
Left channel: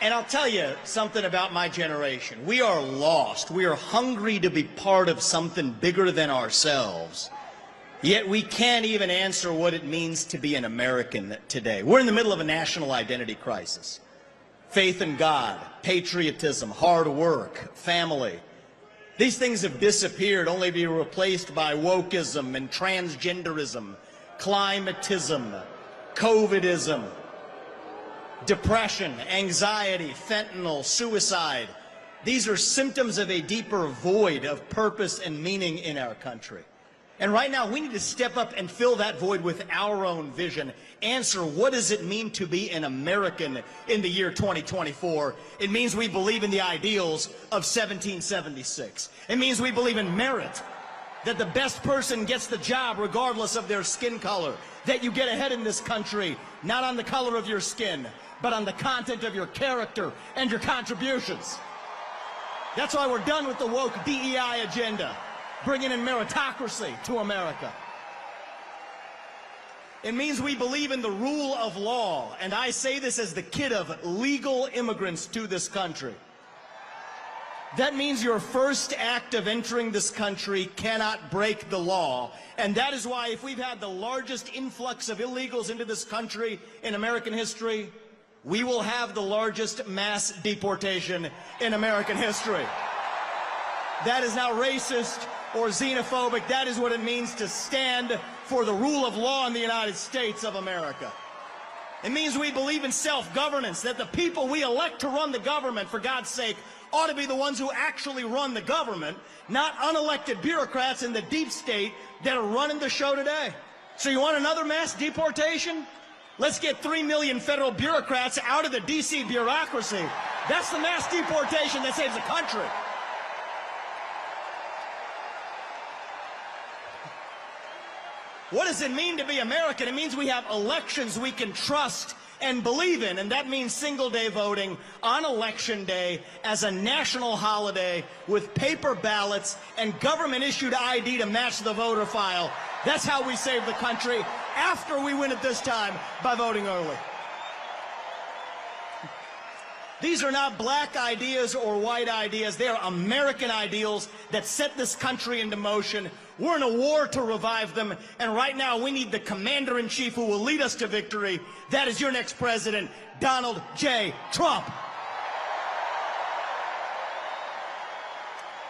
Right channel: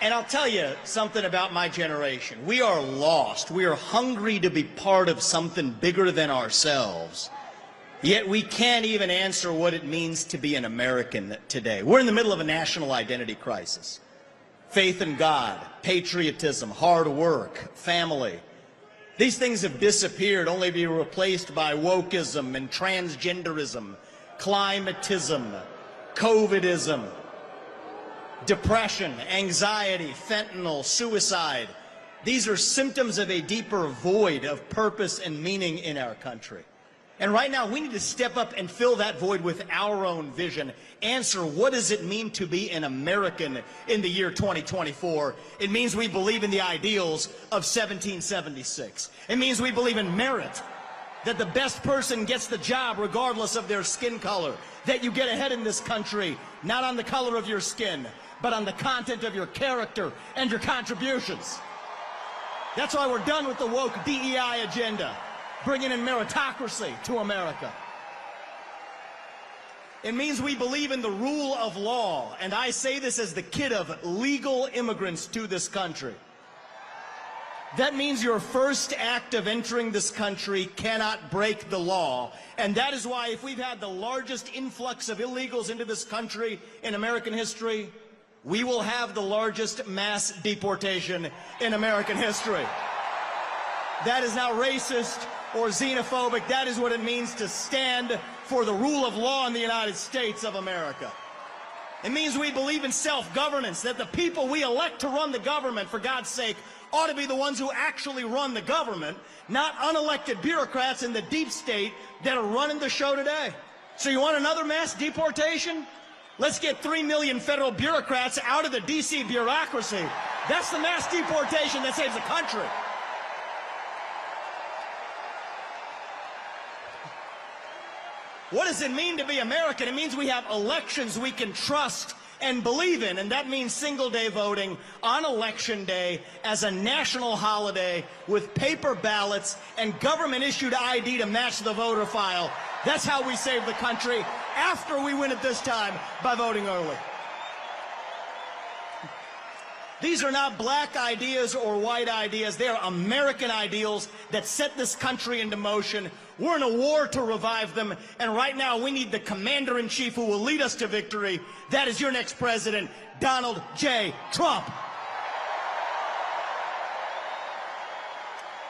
And I'll tell you something about my generation. We are lost. We are hungry to be part of something bigger than ourselves. Yet we can't even answer what it means to be an American today. We're in the middle of a national identity crisis. Faith in God, patriotism, hard work, family. These things have disappeared only to be replaced by wokeism and transgenderism, climatism, COVIDism, depression, anxiety, fentanyl, suicide. These are symptoms of a deeper void of purpose and meaning in our country. And right now, we need to step up and fill that void with our own vision. Answer, what does it mean to be an American in the year 2024? It means we believe in the ideals of 1776. It means we believe in merit, that the best person gets the job regardless of their skin color, that you get ahead in this country, not on the color of your skin, but on the content of your character and your contributions. That's why we're done with the woke DEI agenda, bringing in meritocracy to America. It means we believe in the rule of law, and I say this as the kid of legal immigrants to this country. That means your first act of entering this country cannot break the law, and that is why if we've had the largest influx of illegals into this country in American history, we will have the largest mass deportation in American history. That is not racist or xenophobic. That is what it means to stand for the rule of law in the United States of America. It means we believe in self-governance, that the people we elect to run the government, for God's sake, ought to be the ones who actually run the government, not unelected bureaucrats in the deep state that are running the show today. So you want another mass deportation? Let's get 3 million federal bureaucrats out of the D.C. bureaucracy. That's the mass deportation that saves the country. What does it mean to be American? It means we have elections we can trust and believe in, and that means single-day voting on Election Day as a national holiday with paper ballots and government-issued ID to match the voter file. That's how we save the country after we win it this time by voting early. These are not black ideas or white ideas. They are American ideals that set this country into motion. We're in a war to revive them, and right now we need the commander-in-chief who will lead us to victory. That is your next president, Donald J. Trump.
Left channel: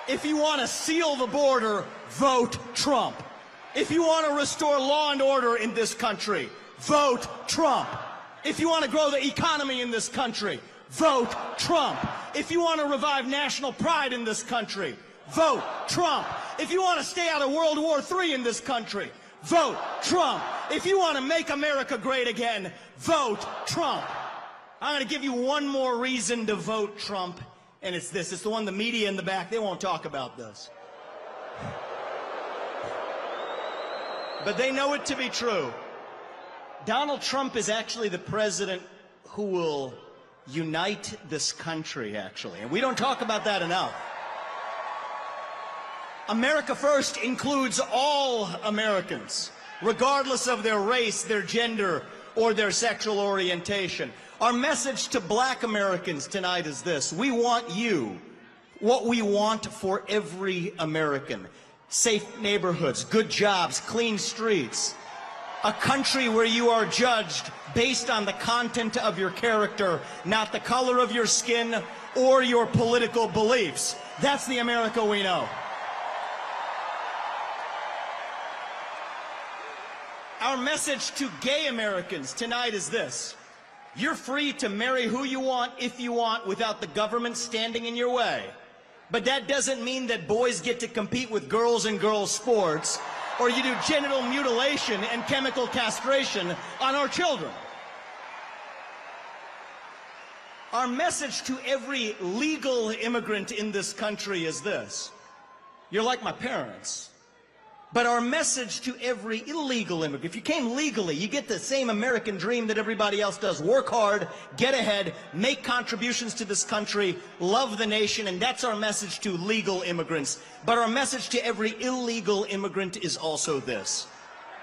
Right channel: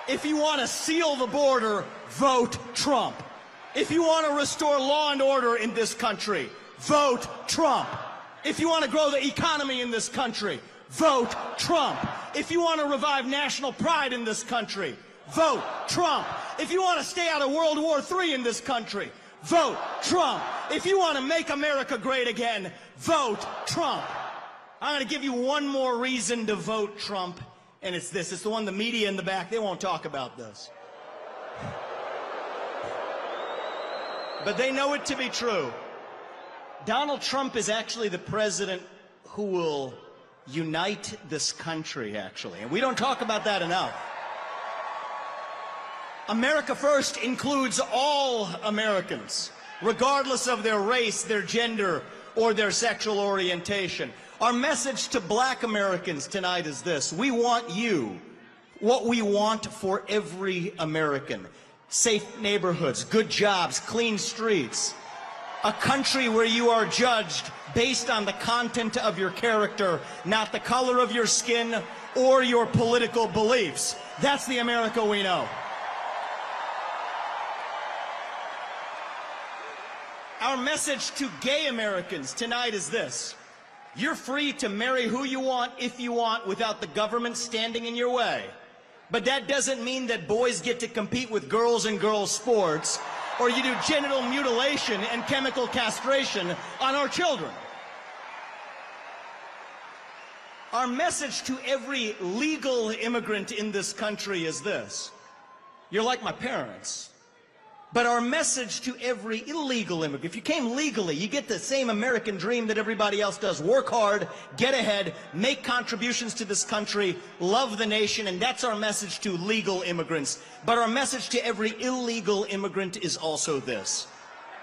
If you want to seal the border, vote Trump. If you want to restore law and order in this country, vote Trump. If you want to grow the economy in this country, vote Trump. If you want to revive national pride in this country, vote Trump. If you want to stay out of World War III in this country, vote Trump. If you want to make America great again, vote Trump. I'm going to give you one more reason to vote Trump, and it's this. It's the one the media in the back, they won't talk about this. But they know it to be true. Donald Trump is actually the president who will unite this country, actually. And we don't talk about that enough. America First includes all Americans, regardless of their race, their gender, or their sexual orientation. Our message to black Americans tonight is this. We want you, what we want for every American. Safe neighborhoods, good jobs, clean streets. A country where you are judged based on the content of your character, not the color of your skin or your political beliefs. That's the America we know. Our message to gay Americans tonight is this. You're free to marry who you want, if you want, without the government standing in your way. But that doesn't mean that boys get to compete with girls in girls' sports, or you do genital mutilation and chemical castration on our children. Our message to every legal immigrant in this country is this. You're like my parents. But our message to every illegal immigrant, if you came legally, you get the same American dream that everybody else does. Work hard, get ahead, make contributions to this country, love the nation, and that's our message to legal immigrants. But our message to every illegal immigrant is also this.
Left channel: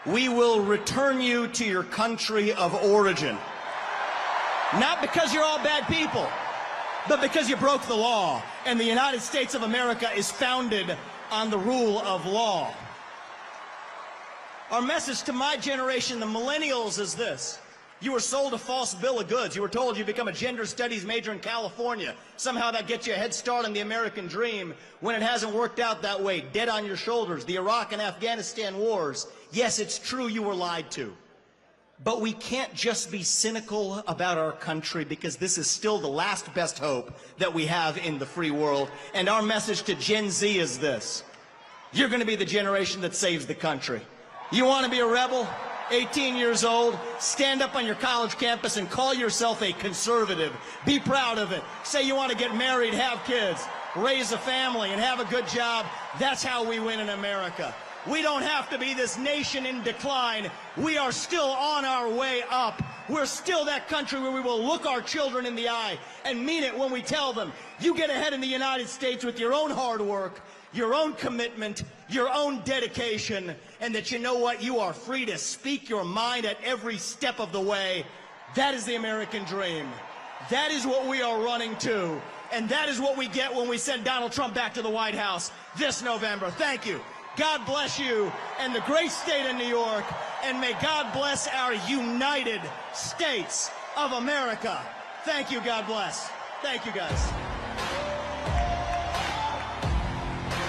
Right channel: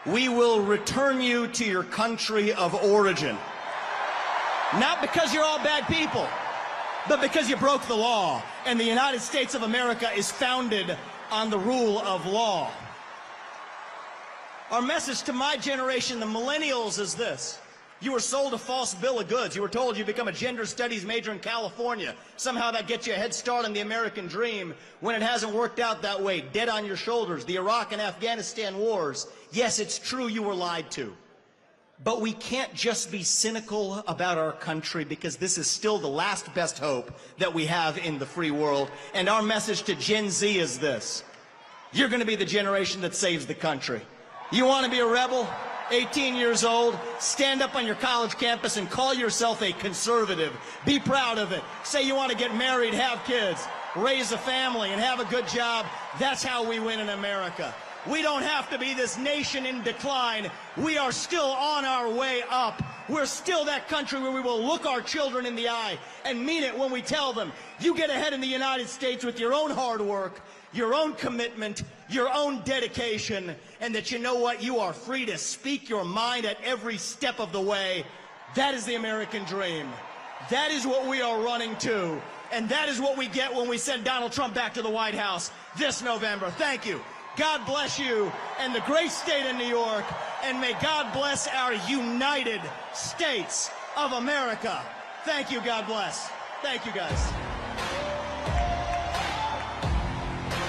We will return you to your country of origin. Not because you're all bad people, but because you broke the law. And the United States of America is founded on the rule of law. Our message to my generation, the millennials, is this. You were sold a false bill of goods. You were told you become a gender studies major in California. Somehow that gets you a head start on the American dream when it hasn't worked out that way. Dead on your shoulders. The Iraq and Afghanistan wars. Yes, it's true you were lied to. But we can't just be cynical about our country because this is still the last best hope that we have in the free world. And our message to Gen Z is this. You're going to be the generation that saves the country. You want to be a rebel? 18 years old, stand up on your college campus and call yourself a conservative. Be proud of it. Say you want to get married, have kids, raise a family, and have a good job. That's how we win in America. We don't have to be this nation in decline. We are still on our way up. We're still that country where we will look our children in the eye and mean it when we tell them, you get ahead in the United States with your own hard work, your own commitment, your own dedication, and that you know what? You are free to speak your mind at every step of the way. That is the American dream. That is what we are running to. And that is what we get when we send Donald Trump back to the White House this November. Thank you. God bless you and the great state of New York. And may God bless our United States of America. Thank you. God bless. Thank you, guys.